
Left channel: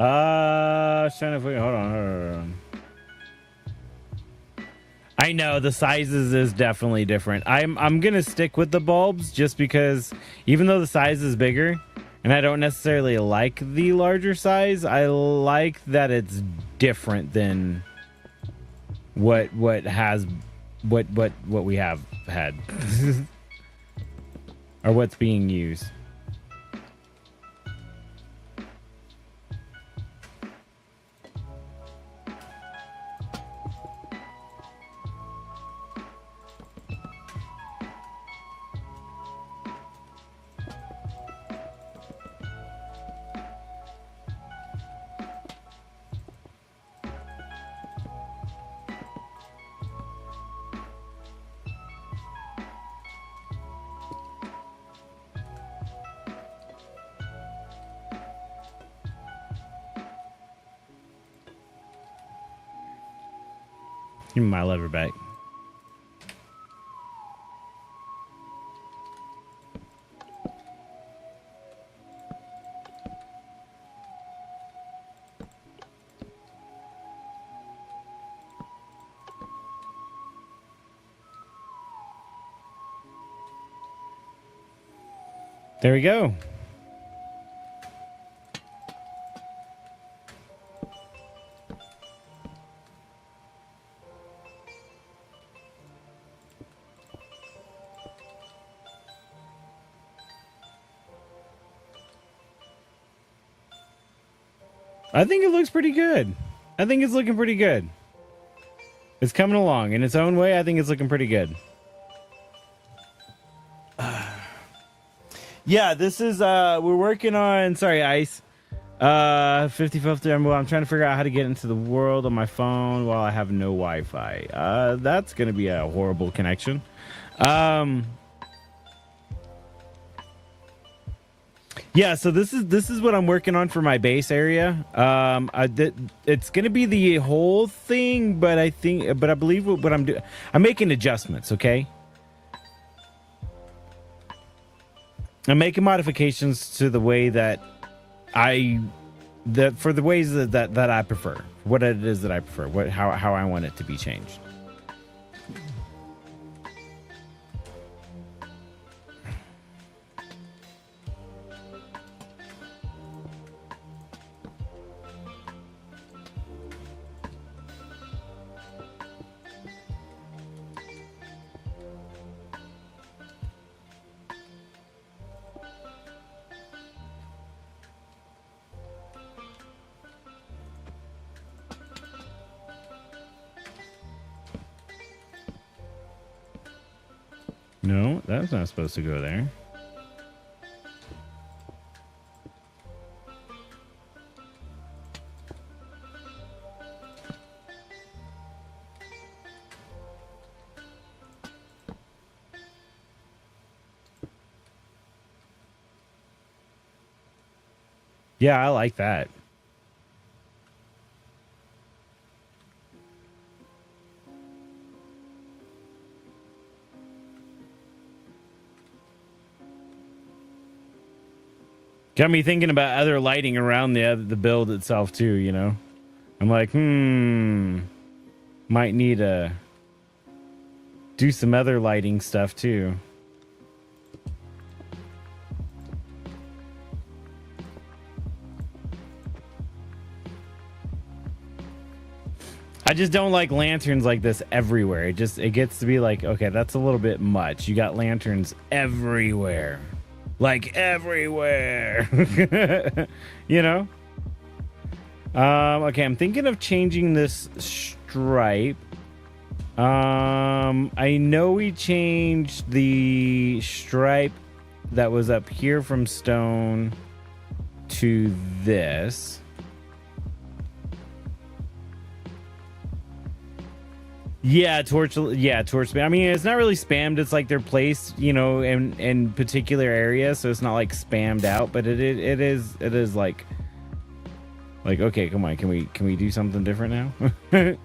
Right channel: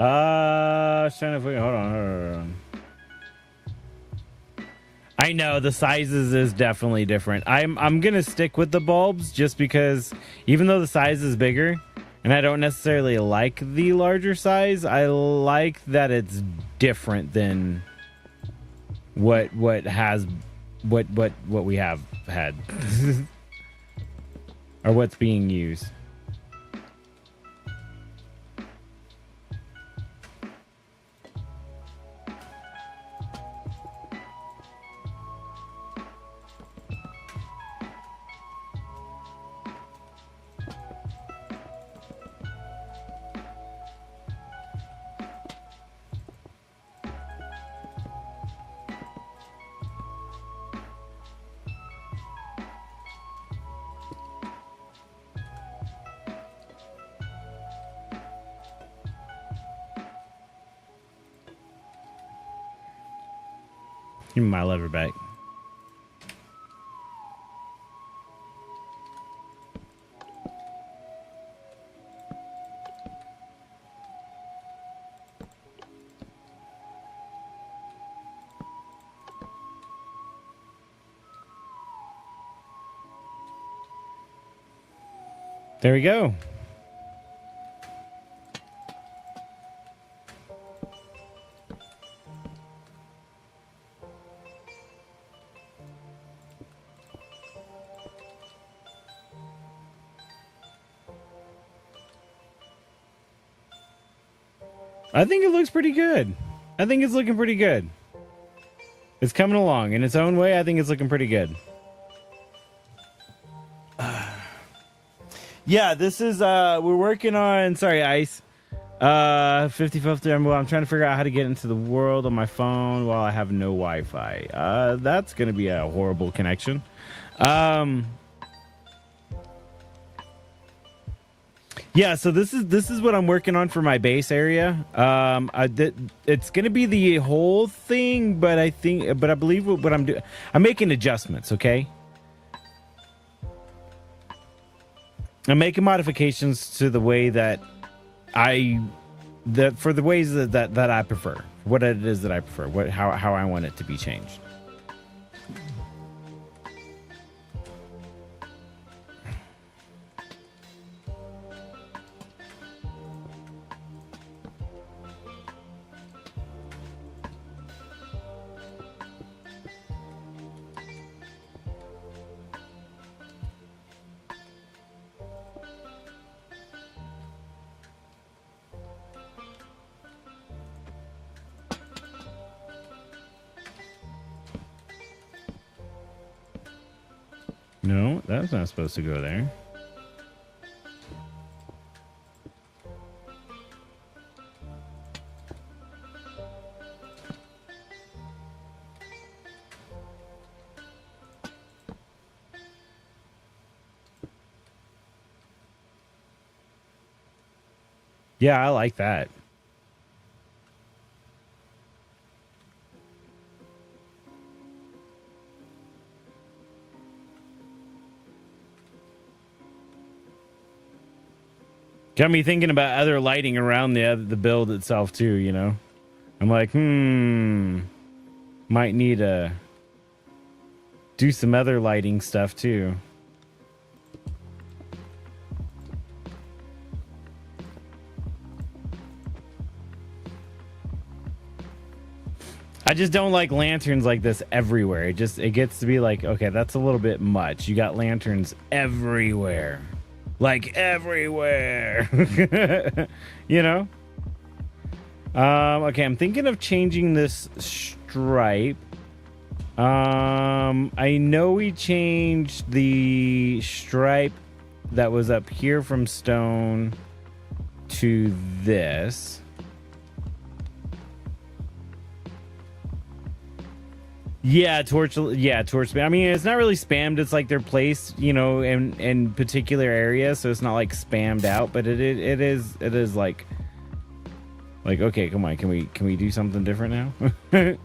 I was trying to figure. Hold on. I know the sizes is definitely different. I'm gonna stick with the bulbs just because even though the size is bigger, and I don't necessarily like the larger size, I like that it's different than what we have had or what's being used. Give me my lever back. There we go. I think it looks pretty good. I think it's looking pretty good. It's coming along in its own way. I think it's looking pretty good. Yeah, this is we're working on, sorry Ice, 55th Emerald. I'm trying to figure out how to get into the world on my phone while I have no Wi-Fi. That's gonna be a horrible connection. Yeah, so this is what I'm working on for my base area. It's gonna be the whole thing, but I believe what I'm doing, I'm making adjustments. Okay, I'm making modifications to the way that for the ways that I prefer, what it is that I prefer, how I want it to be changed. No, that's not supposed to go there. Yeah, I like that. Got me thinking about other lighting around the build itself too, you know? I'm like, might need to do some other lighting stuff too. I just don't like lanterns like this everywhere. It gets to be like, okay, that's a little bit much. You got lanterns everywhere. Like everywhere. You know? Okay, I'm thinking of changing this stripe. I know we changed the stripe that was up here from stone to this. Yeah, torch. I mean, it's not really spammed. It's like they're placed, you know, in particular areas, so it's not like spammed out. But it is like okay, come on, can we do something different now?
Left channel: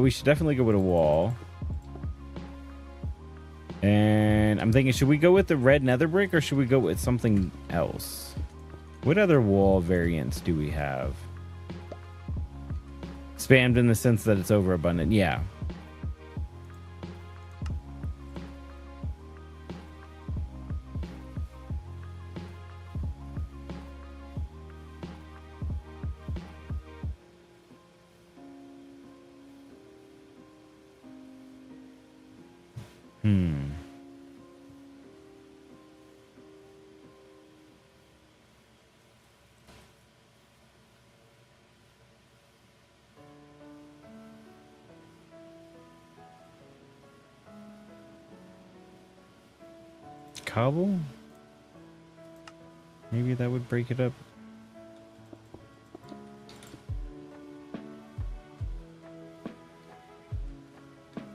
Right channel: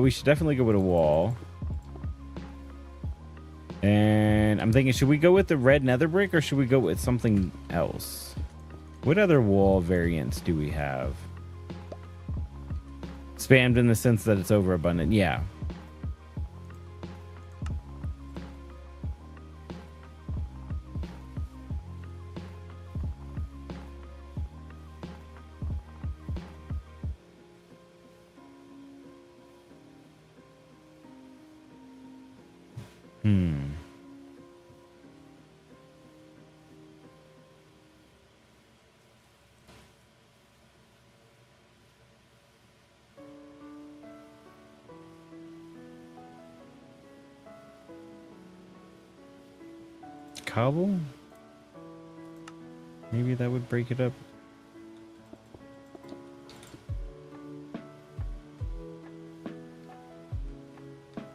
We should definitely go with a wall, And I'm thinking, should we go with the red nether brick or should we go with something else? What other wall variants do we have? Spammed in the sense that it's overabundant. Yeah. Cobble? Maybe that would break it up.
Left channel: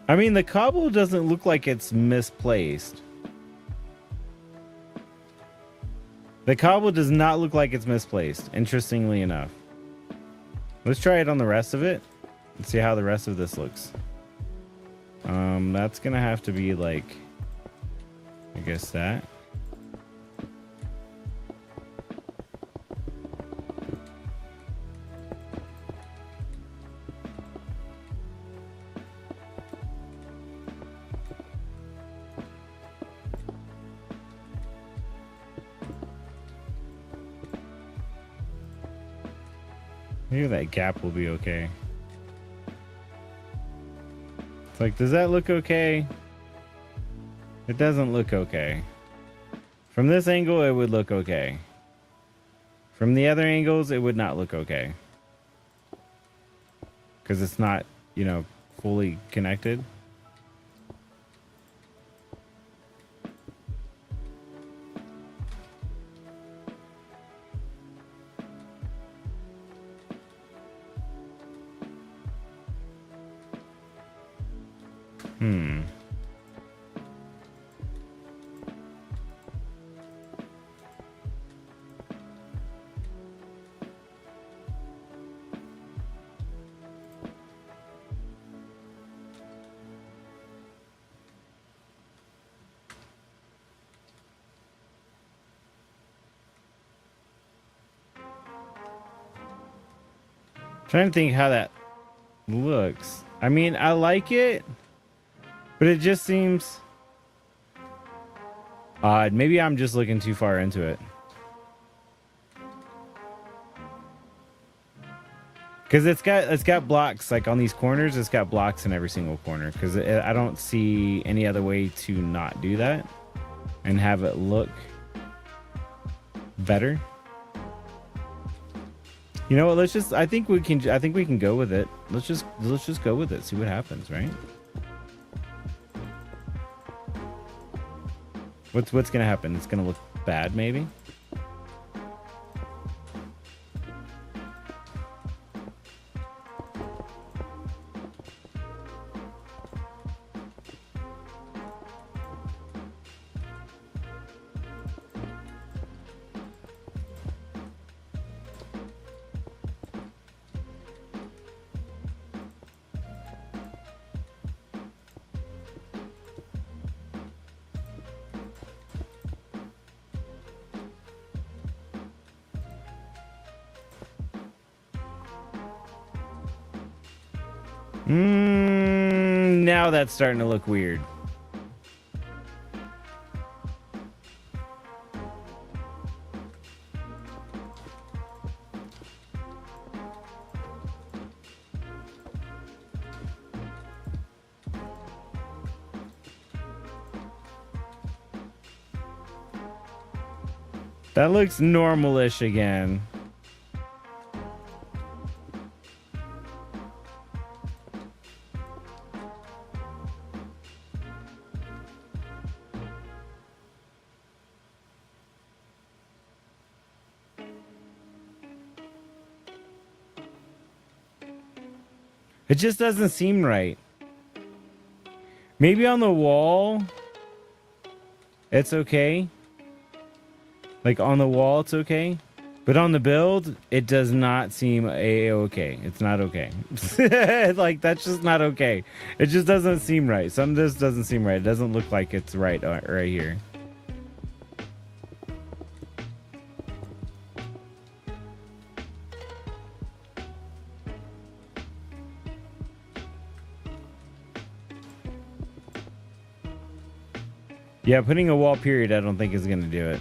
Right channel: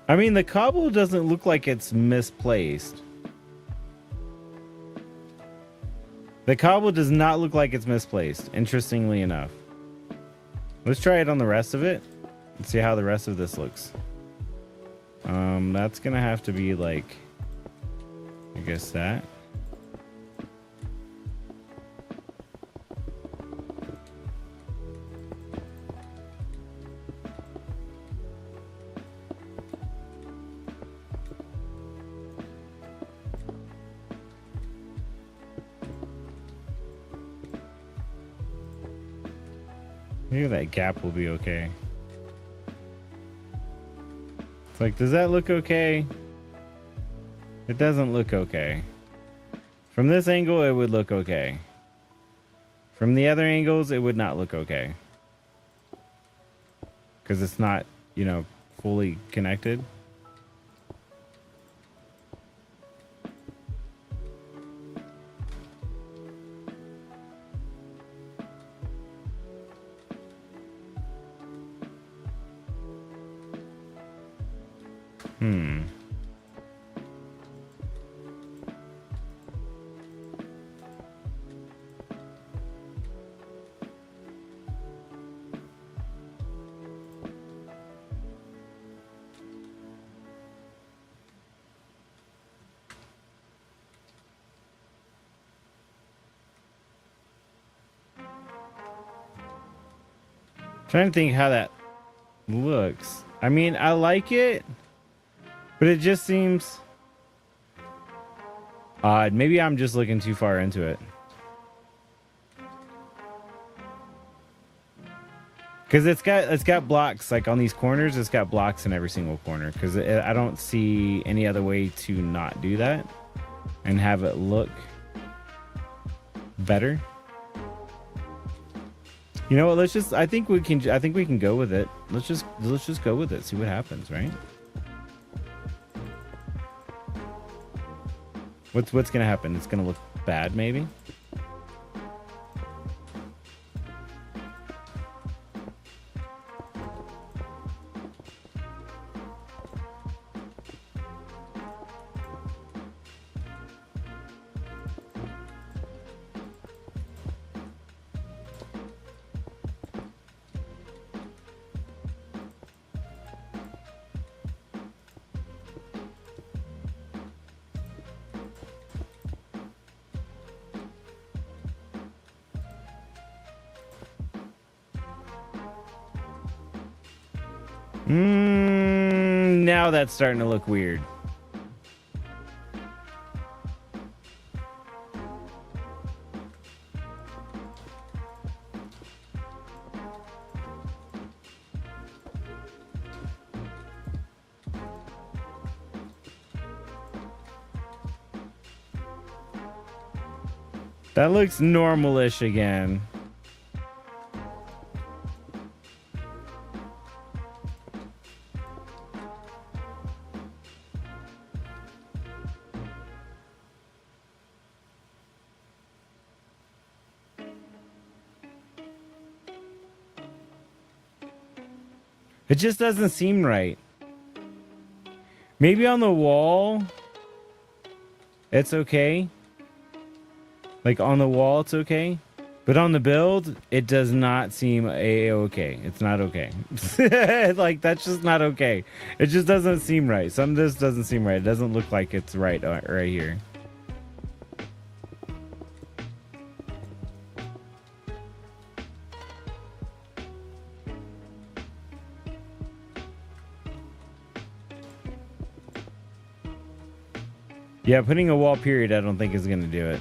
I mean, the cobble doesn't look like it's misplaced. The cobble does not look like it's misplaced, interestingly enough. Let's try it on the rest of it and see how the rest of this looks. That's gonna have to be like, I guess that. Maybe that gap will be okay. It's like, does that look okay? It doesn't look okay. From this angle, it would look okay. From the other angles, it would not look okay. Because it's not, you know, fully connected. Trying to think how that looks. I mean, I like it, but it just seems odd. Maybe I'm just looking too far into it. Because it's got blocks, like on these corners, it's got blocks in every single corner. Because I don't see any other way to not do that and have it look better. You know what? I think we can go with it. Let's just go with it. See what happens, right? What's gonna happen? It's gonna look bad, maybe. Now that's starting to look weird. That looks normal-ish again. It just doesn't seem right. Maybe on the wall, it's okay. Like on the wall, it's okay. But on the build, it does not seem okay. It's not okay. Like, that's just not okay. It just doesn't seem right. Some of this doesn't seem right. It doesn't look like it's right right here. Yeah, putting a wall period I don't think is going to do it.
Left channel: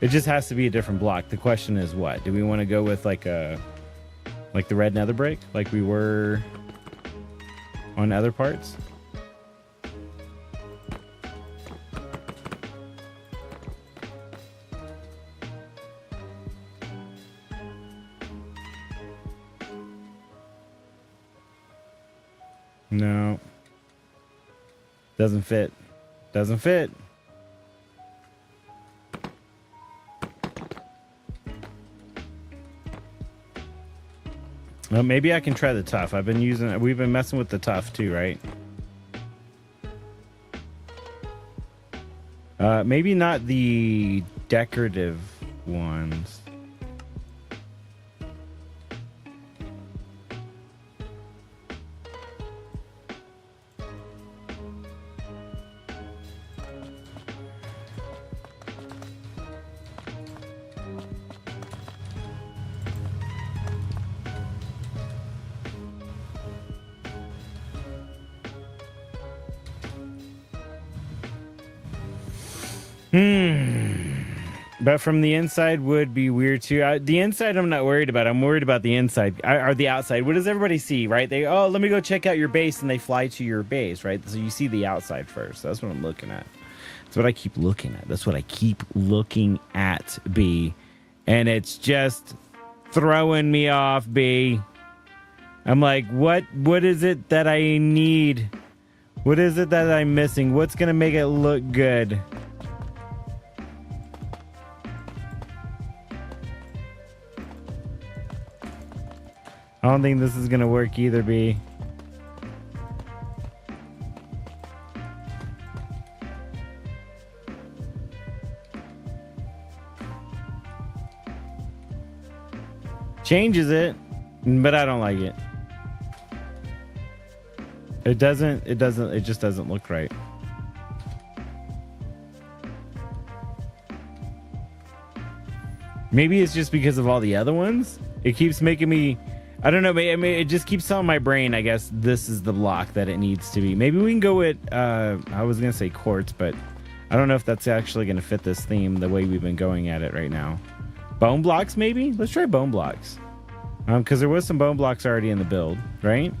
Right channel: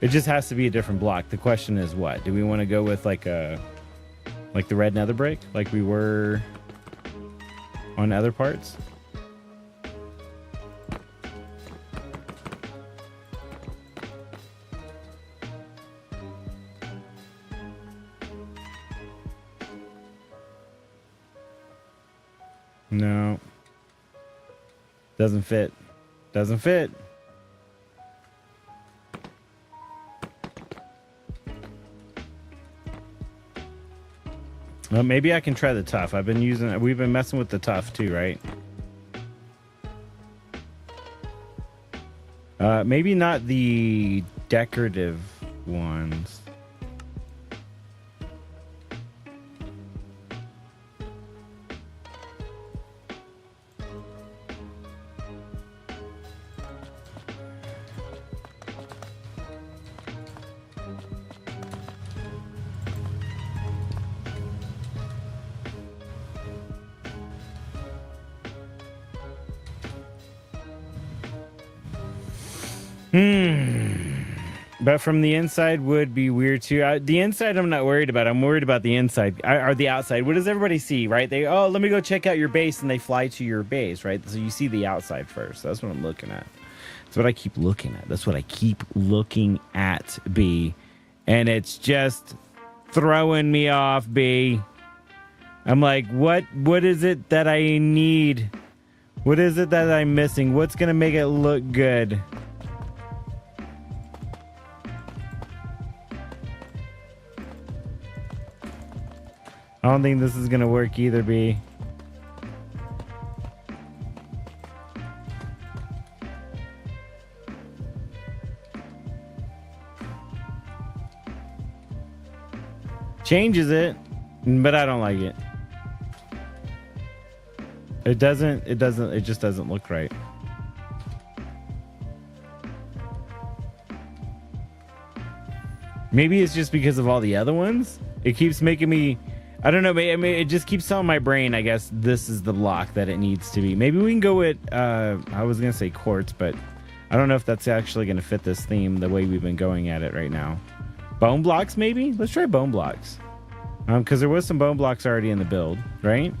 It just has to be a different block. The question is what? Do we want to go with like the red nether brick like we were on other parts? No. Doesn't fit. Doesn't fit. Well, maybe I can try the tough. We've been messing with the tough too, right? Maybe not the decorative ones. But from the inside would be weird too. The inside I'm not worried about. I'm worried about the inside or the outside. What does everybody see, right? Let me go check out your base, and they fly to your base, right? So you see the outside first. That's what I'm looking at. That's what I keep looking at. That's what I keep looking at, B. And it's just throwing me off, B. I'm like, what is it that I need? What is it that I'm missing? What's gonna make it look good? I don't think this is gonna work either, B. Changes it, but I don't like it. It just doesn't look right. Maybe it's just because of all the other ones. It keeps making me, I don't know, I mean, it just keeps telling my brain, I guess, this is the block that it needs to be. Maybe we can go with, I was going to say quartz, but I don't know if that's actually going to fit this theme the way we've been going at it right now. Bone blocks, maybe? Let's try bone blocks. Because there was some bone blocks already in the build, right?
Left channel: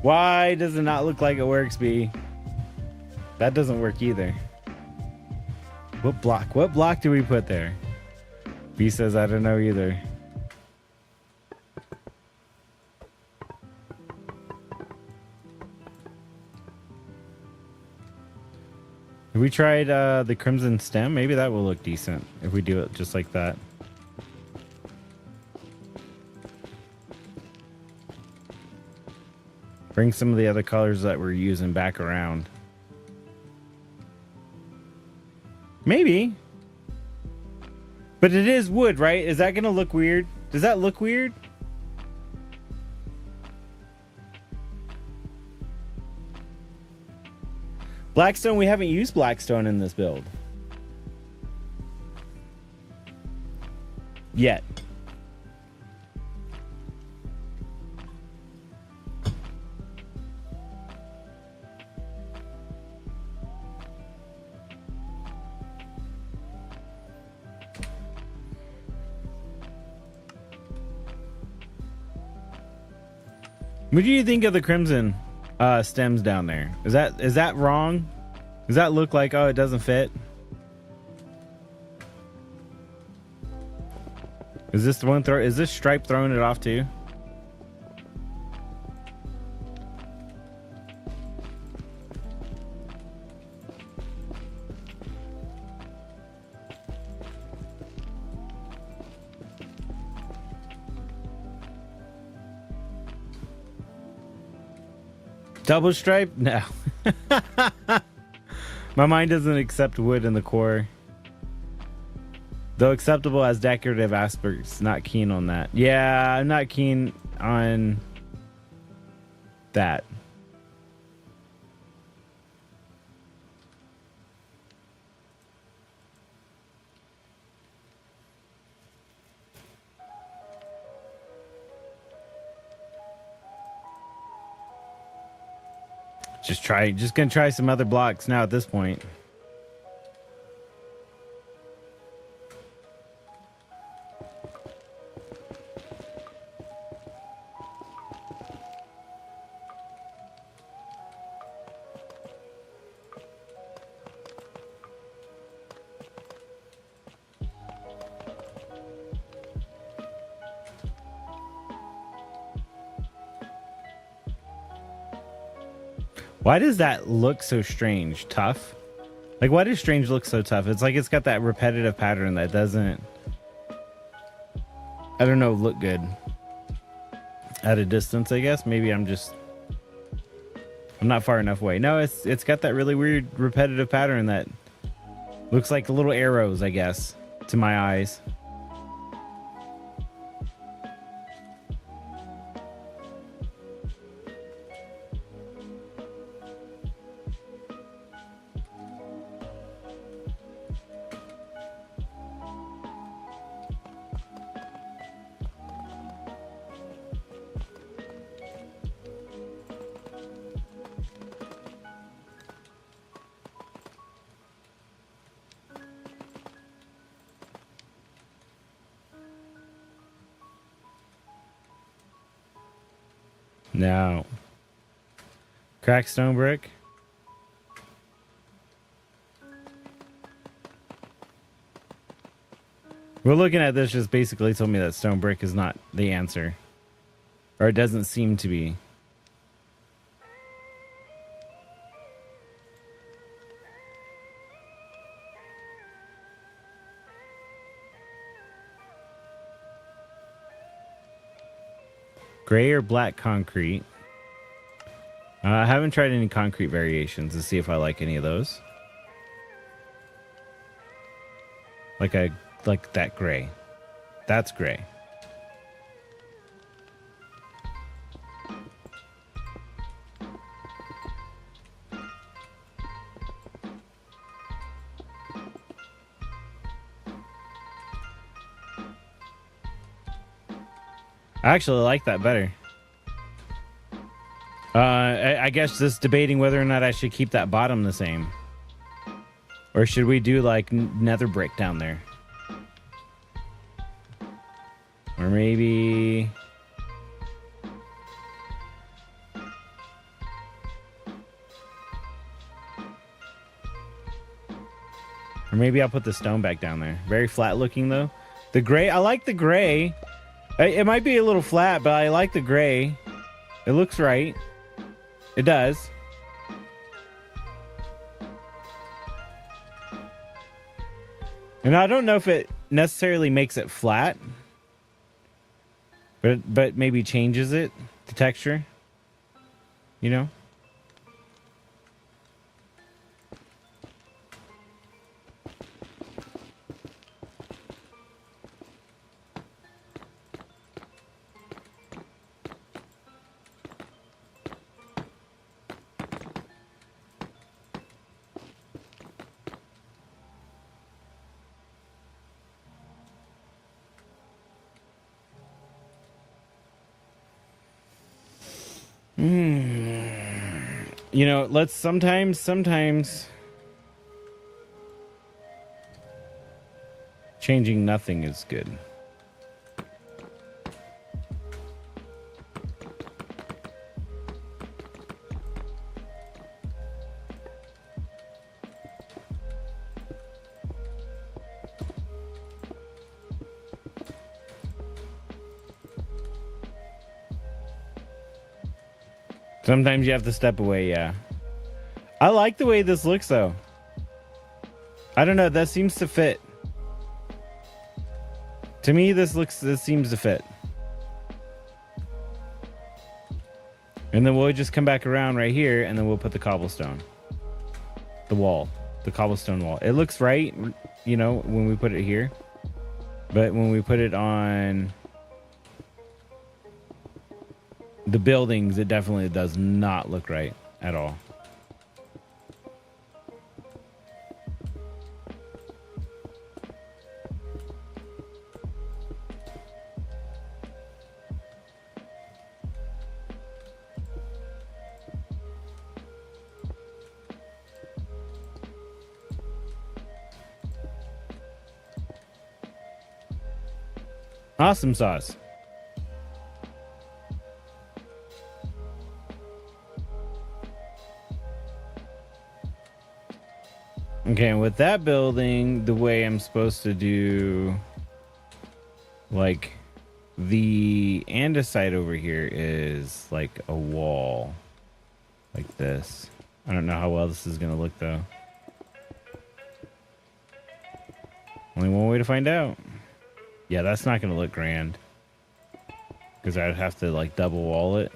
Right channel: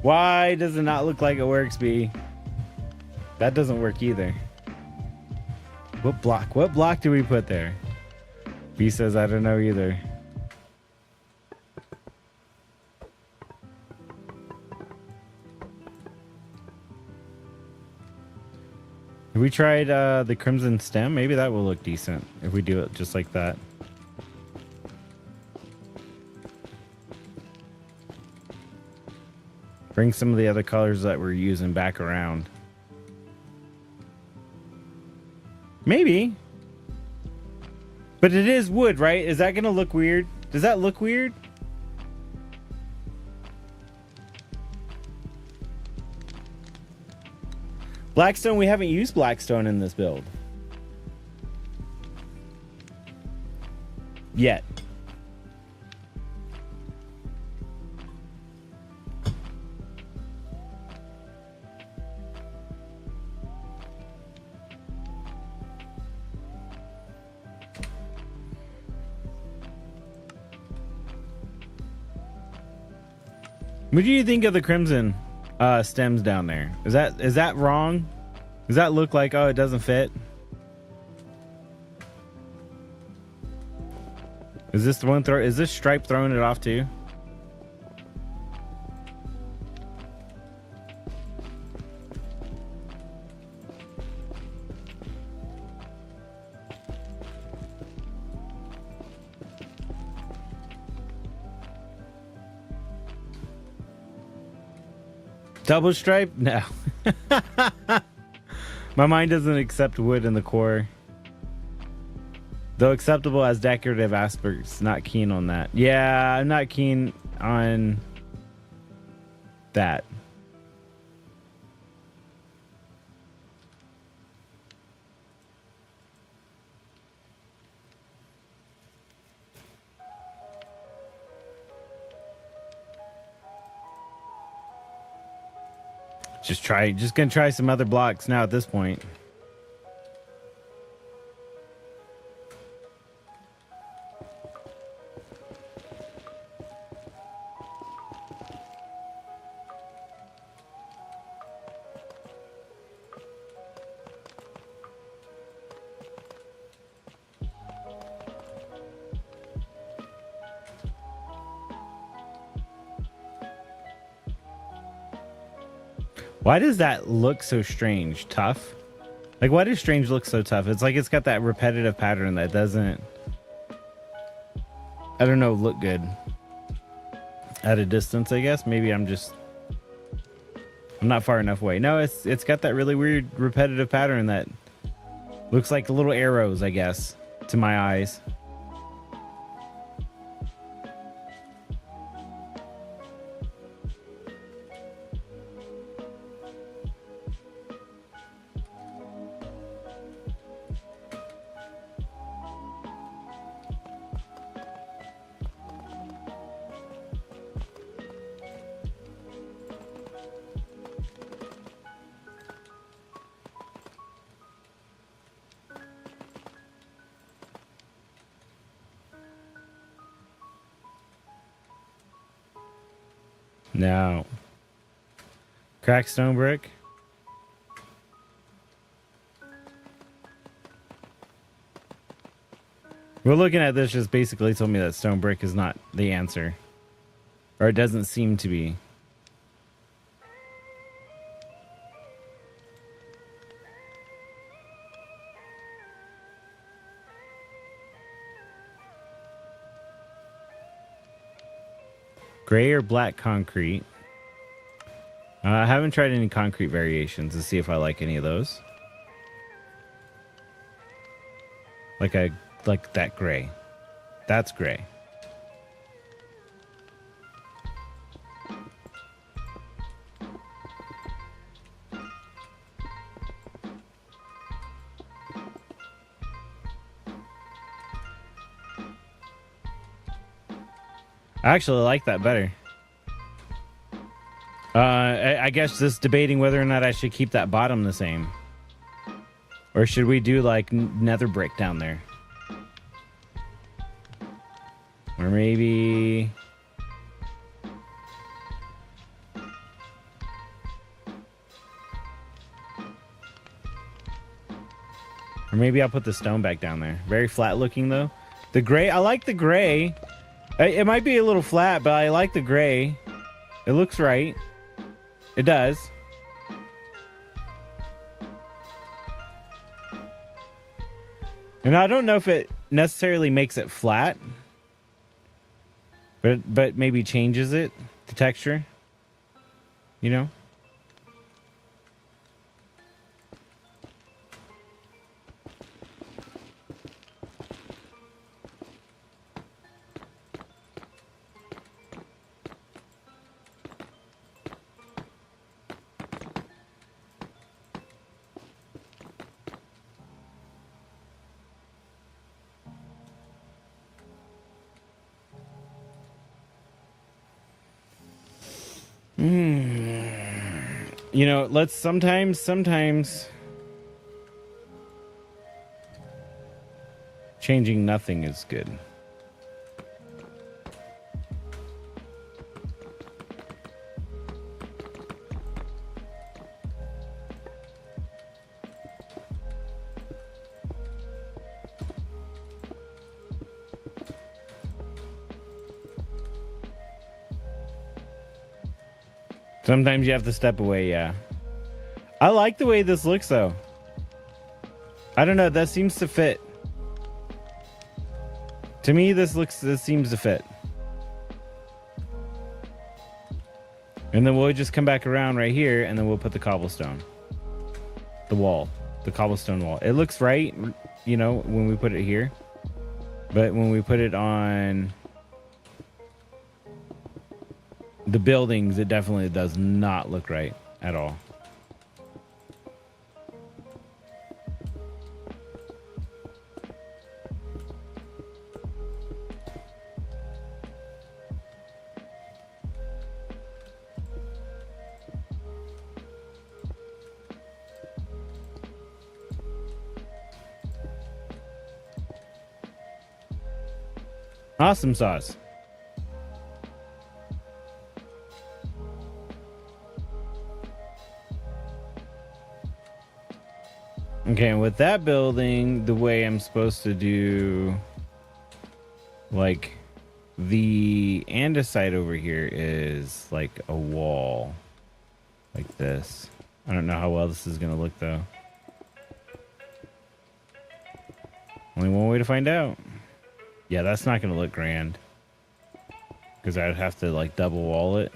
Why does it not look like it works, B? That doesn't work either. What block do we put there? B says, I don't know either. We tried the crimson stem. Maybe that will look decent if we do it just like that. Bring some of the other colors that we're using back around. Maybe. But it is wood, right? Is that going to look weird? Does that look weird? Blackstone, we haven't used Blackstone in this build. Yet. What do you think of the crimson stems down there? Is that wrong? Does that look like, oh, it doesn't fit? Is this the one is this stripe throwing it off too? Double stripe? No. My mind doesn't accept wood in the core. Though acceptable as decorative aspects, not keen on that. Yeah, I'm not keen on that. Just gonna try some other blocks now at this point. Why does that look so strange? Tough? Like, why does strange look so tough? It's like it's got that repetitive pattern that doesn't, I don't know, look good. At a distance, I guess. Maybe I'm not far enough away. No, it's got that really weird repetitive pattern that looks like little arrows, I guess, to my eyes. Now, cracked stone brick. We're looking at this just basically told me that stone brick is not the answer. Or it doesn't seem to be. Gray or black concrete. I haven't tried any concrete variations to see if I like any of those. Like that gray. That's gray. I actually like that better. I guess just debating whether or not I should keep that bottom the same. Or should we do like nether brick down there? Or maybe... Or maybe I'll put the stone back down there. Very flat looking though. The gray, I like the gray. It might be a little flat, but I like the gray. It looks right. It does. And I don't know if it necessarily makes it flat, but maybe changes it, the texture, you know? You know, let's sometimes changing nothing is good. Sometimes you have to step away, yeah. I like the way this looks, though. I don't know, that seems to fit. To me, this seems to fit. And then we'll just come back around right here, and then we'll put the cobblestone. The cobblestone wall. It looks right, you know, when we put it here. But when we put it on the buildings, it definitely does not look right at all. Awesome sauce. Okay, and with that building, the way I'm supposed to do, like, the andesite over here is like a wall, like this. I don't know how well this is going to look, though. Only one way to find out. Yeah, that's not going to look grand. Because I'd have to, like, double wall it.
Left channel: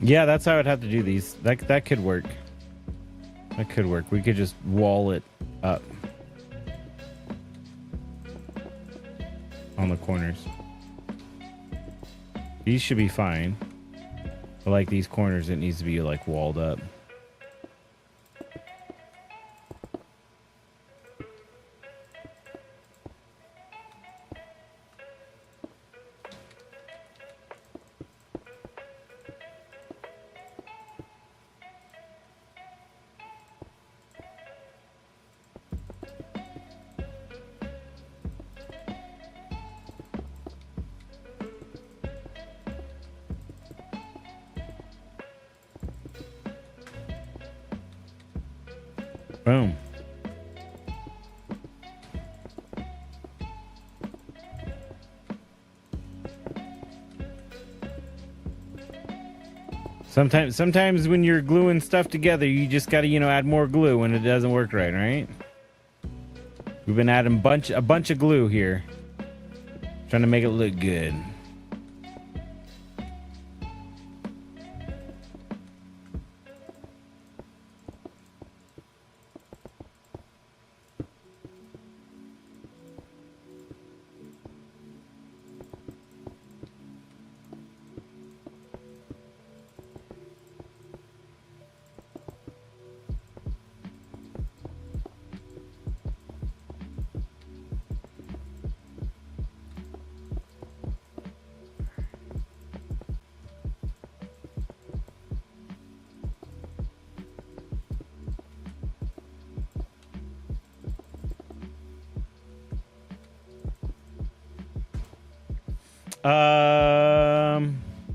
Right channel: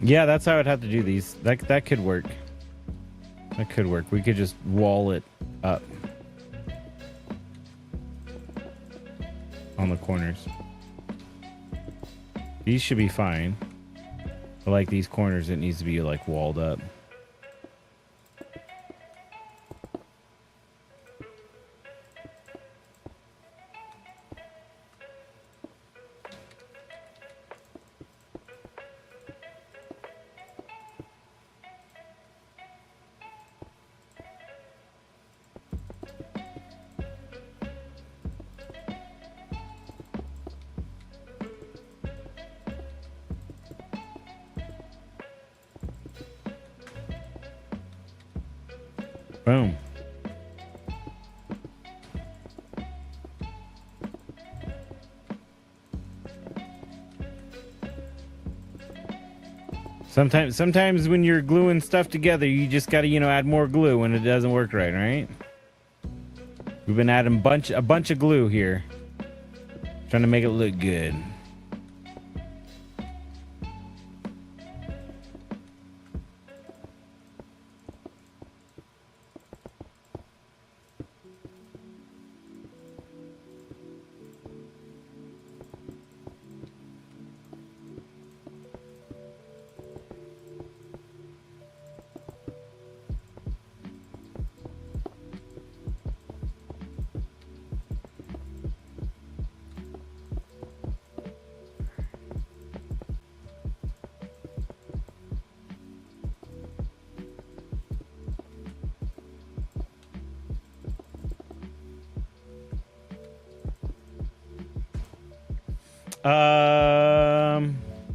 Yeah, that's how I'd have to do these. That could work. That could work. We could just wall it up on the corners. These should be fine. But like these corners, it needs to be like walled up. Boom. Sometimes when you're gluing stuff together, you just gotta, add more glue when it doesn't work right? We've been adding a bunch of glue here. Trying to make it look good.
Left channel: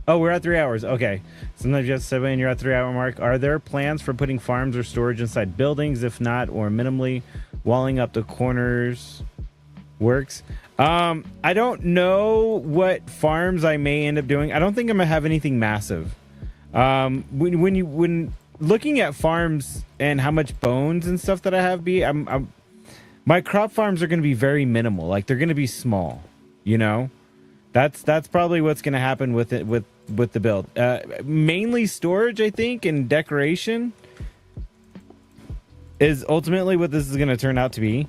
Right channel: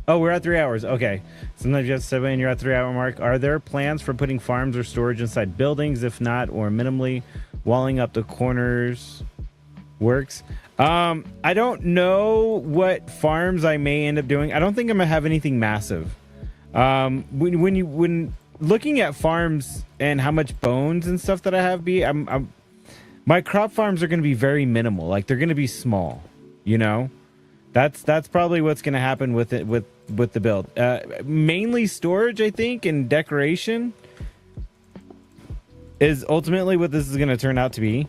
Oh, we're at 3 hours. Okay. Sometimes you have to step in, you're at 3 hour mark. Are there plans for putting farms or storage inside buildings? If not, or minimally walling up the corners works? I don't know what farms I may end up doing. I don't think I'm gonna have anything massive. When looking at farms and how much bones and stuff that I have my crop farms are gonna be very minimal. Like they're gonna be small, That's probably what's going to happen with it with the build. Mainly storage, I think, and decoration is ultimately what this is going to turn out to be.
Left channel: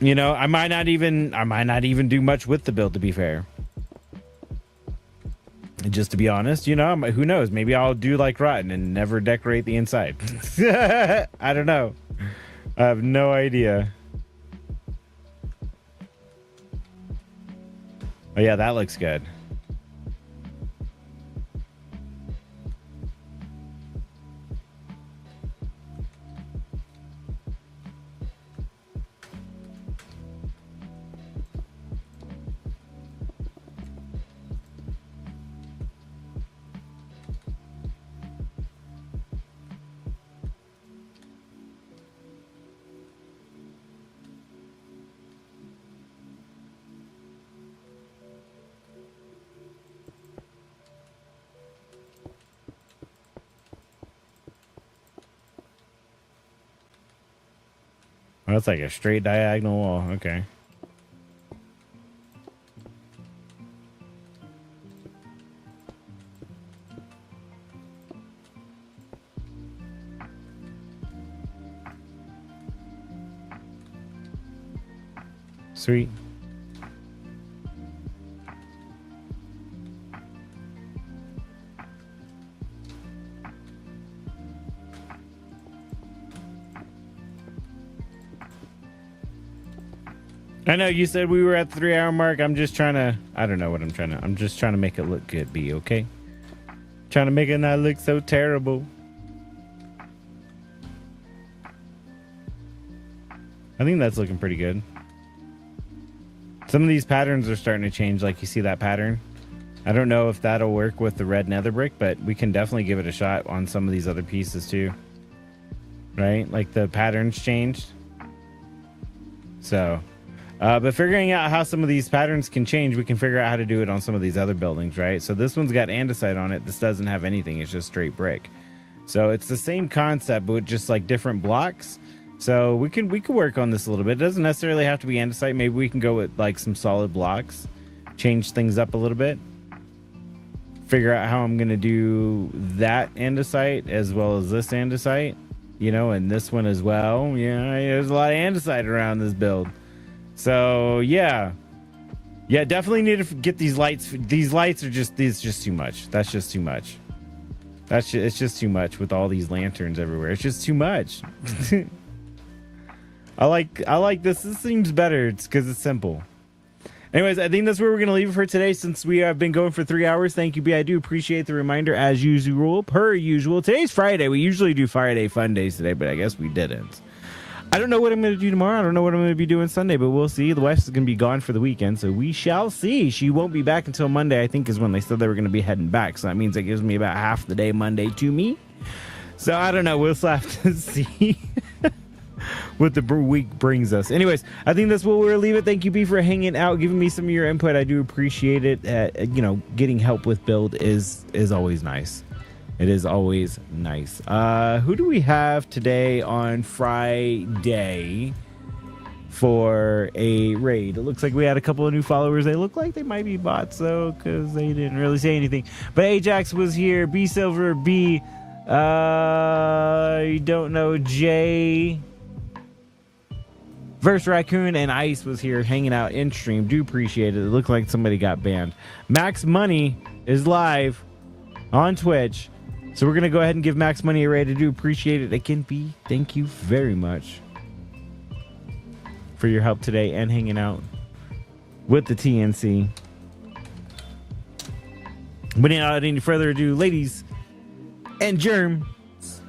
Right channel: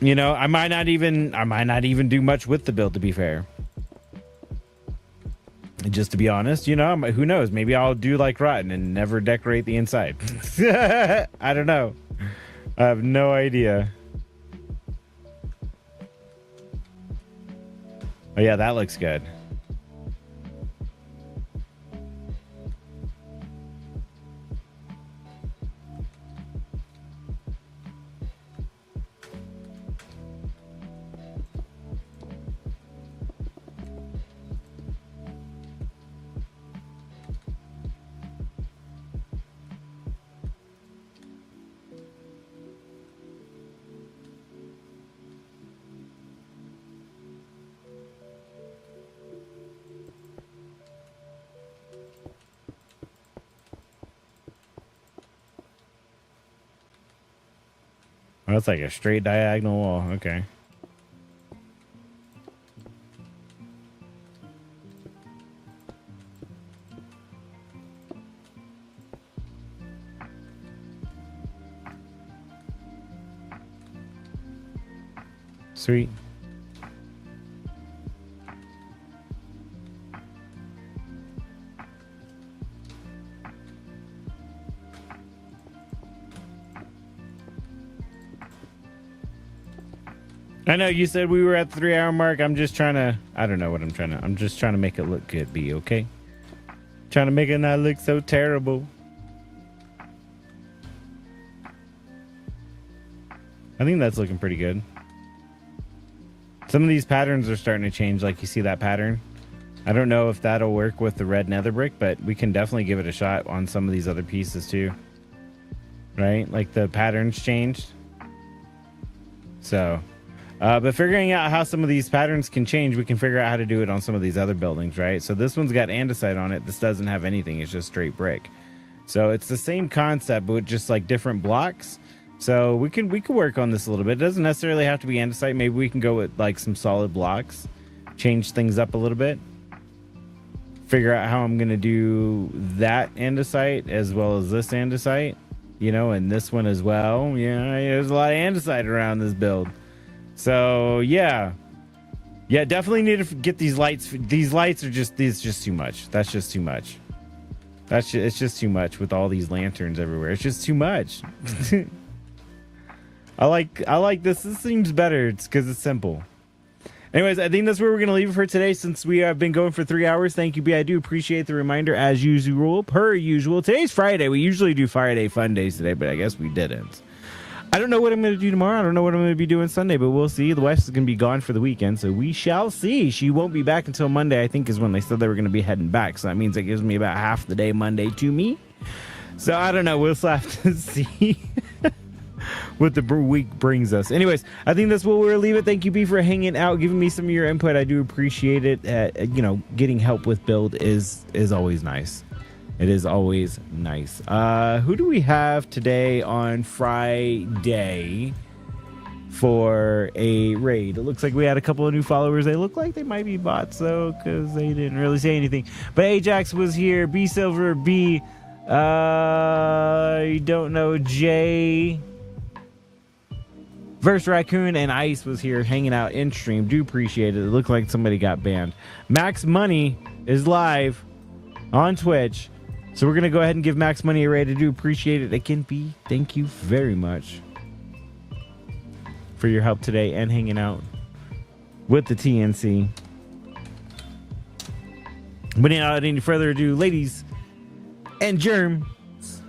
I might not even do much with the build, to be fair. Just to be honest, who knows? Maybe I'll do like Rotten and never decorate the inside. I don't know. I have no idea. Yeah, that looks good. Oh, it's like a straight diagonal wall. Okay. Sweet. I know you said we were at the 3-hour mark. I'm just trying to, I don't know what I'm just trying to make it look good, B, okay? Trying to make it not look so terrible. I think that's looking pretty good. Some of these patterns are starting to change, like you see that pattern. I don't know if that'll work with the red nether brick, but we can definitely give it a shot on some of these other pieces too. Right? Like the patterns changed. So, but figuring out how some of these patterns can change, we can figure out how to do it on some of these other buildings, right? So this one's got andesite on it. This doesn't have anything. It's just straight brick. So it's the same concept, but just like different blocks. So we could work on this a little bit. It doesn't necessarily have to be andesite. Maybe we can go with like some solid blocks, change things up a little bit, figure out how I'm going to do that andesite as well as this andesite, you know, and this one as well. Yeah, there's a lot of andesite around this build. So yeah, definitely need to get these lights. These lights are just too much. That's just too much. It's just too much with all these lanterns everywhere. It's just too much. I like this. This seems better. It's because it's simple. Anyways, I think that's where we're going to leave it for today since we have been going for 3 hours. Thank you, B. I do appreciate the reminder as usual, per usual. Today's Friday. We usually do Friday fun days today, but I guess we didn't. I don't know what I'm going to do tomorrow. I don't know what I'm going to be doing Sunday, but we'll see. The wife is going to be gone for the weekend, so we shall see. She won't be back until Monday, I think, is when they said they were going to be heading back. So that means it gives me about half the day Monday to me. So I don't know. We'll have to see what the week brings us. Anyways, I think that's what we'll leave it. Thank you, B, for hanging out, giving me some of your input. I do appreciate it. You know, getting help with build is always nice. It is always nice. Who do we have today on Friday for a raid? It looks like we had a couple of new followers. They look like they might be bots, though, because they didn't really say anything. But Ajax was here. B Silver, B. I don't know. Jay. Verse Raccoon and Ice was here hanging out in stream. Do appreciate it. It looked like somebody got banned. Max Money is live on Twitch. So we're going to go ahead and give Max Money a raid. I do appreciate it. Again, B, thank you very much for your help today and hanging out with the TNC. Without any further ado, ladies and germs,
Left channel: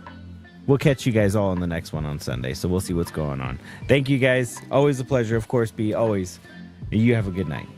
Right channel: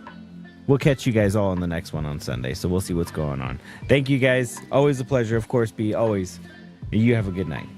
we'll catch you guys all in the next one on Sunday. So we'll see what's going on. Thank you guys. Always a pleasure. Of course, B, always. You have a good night.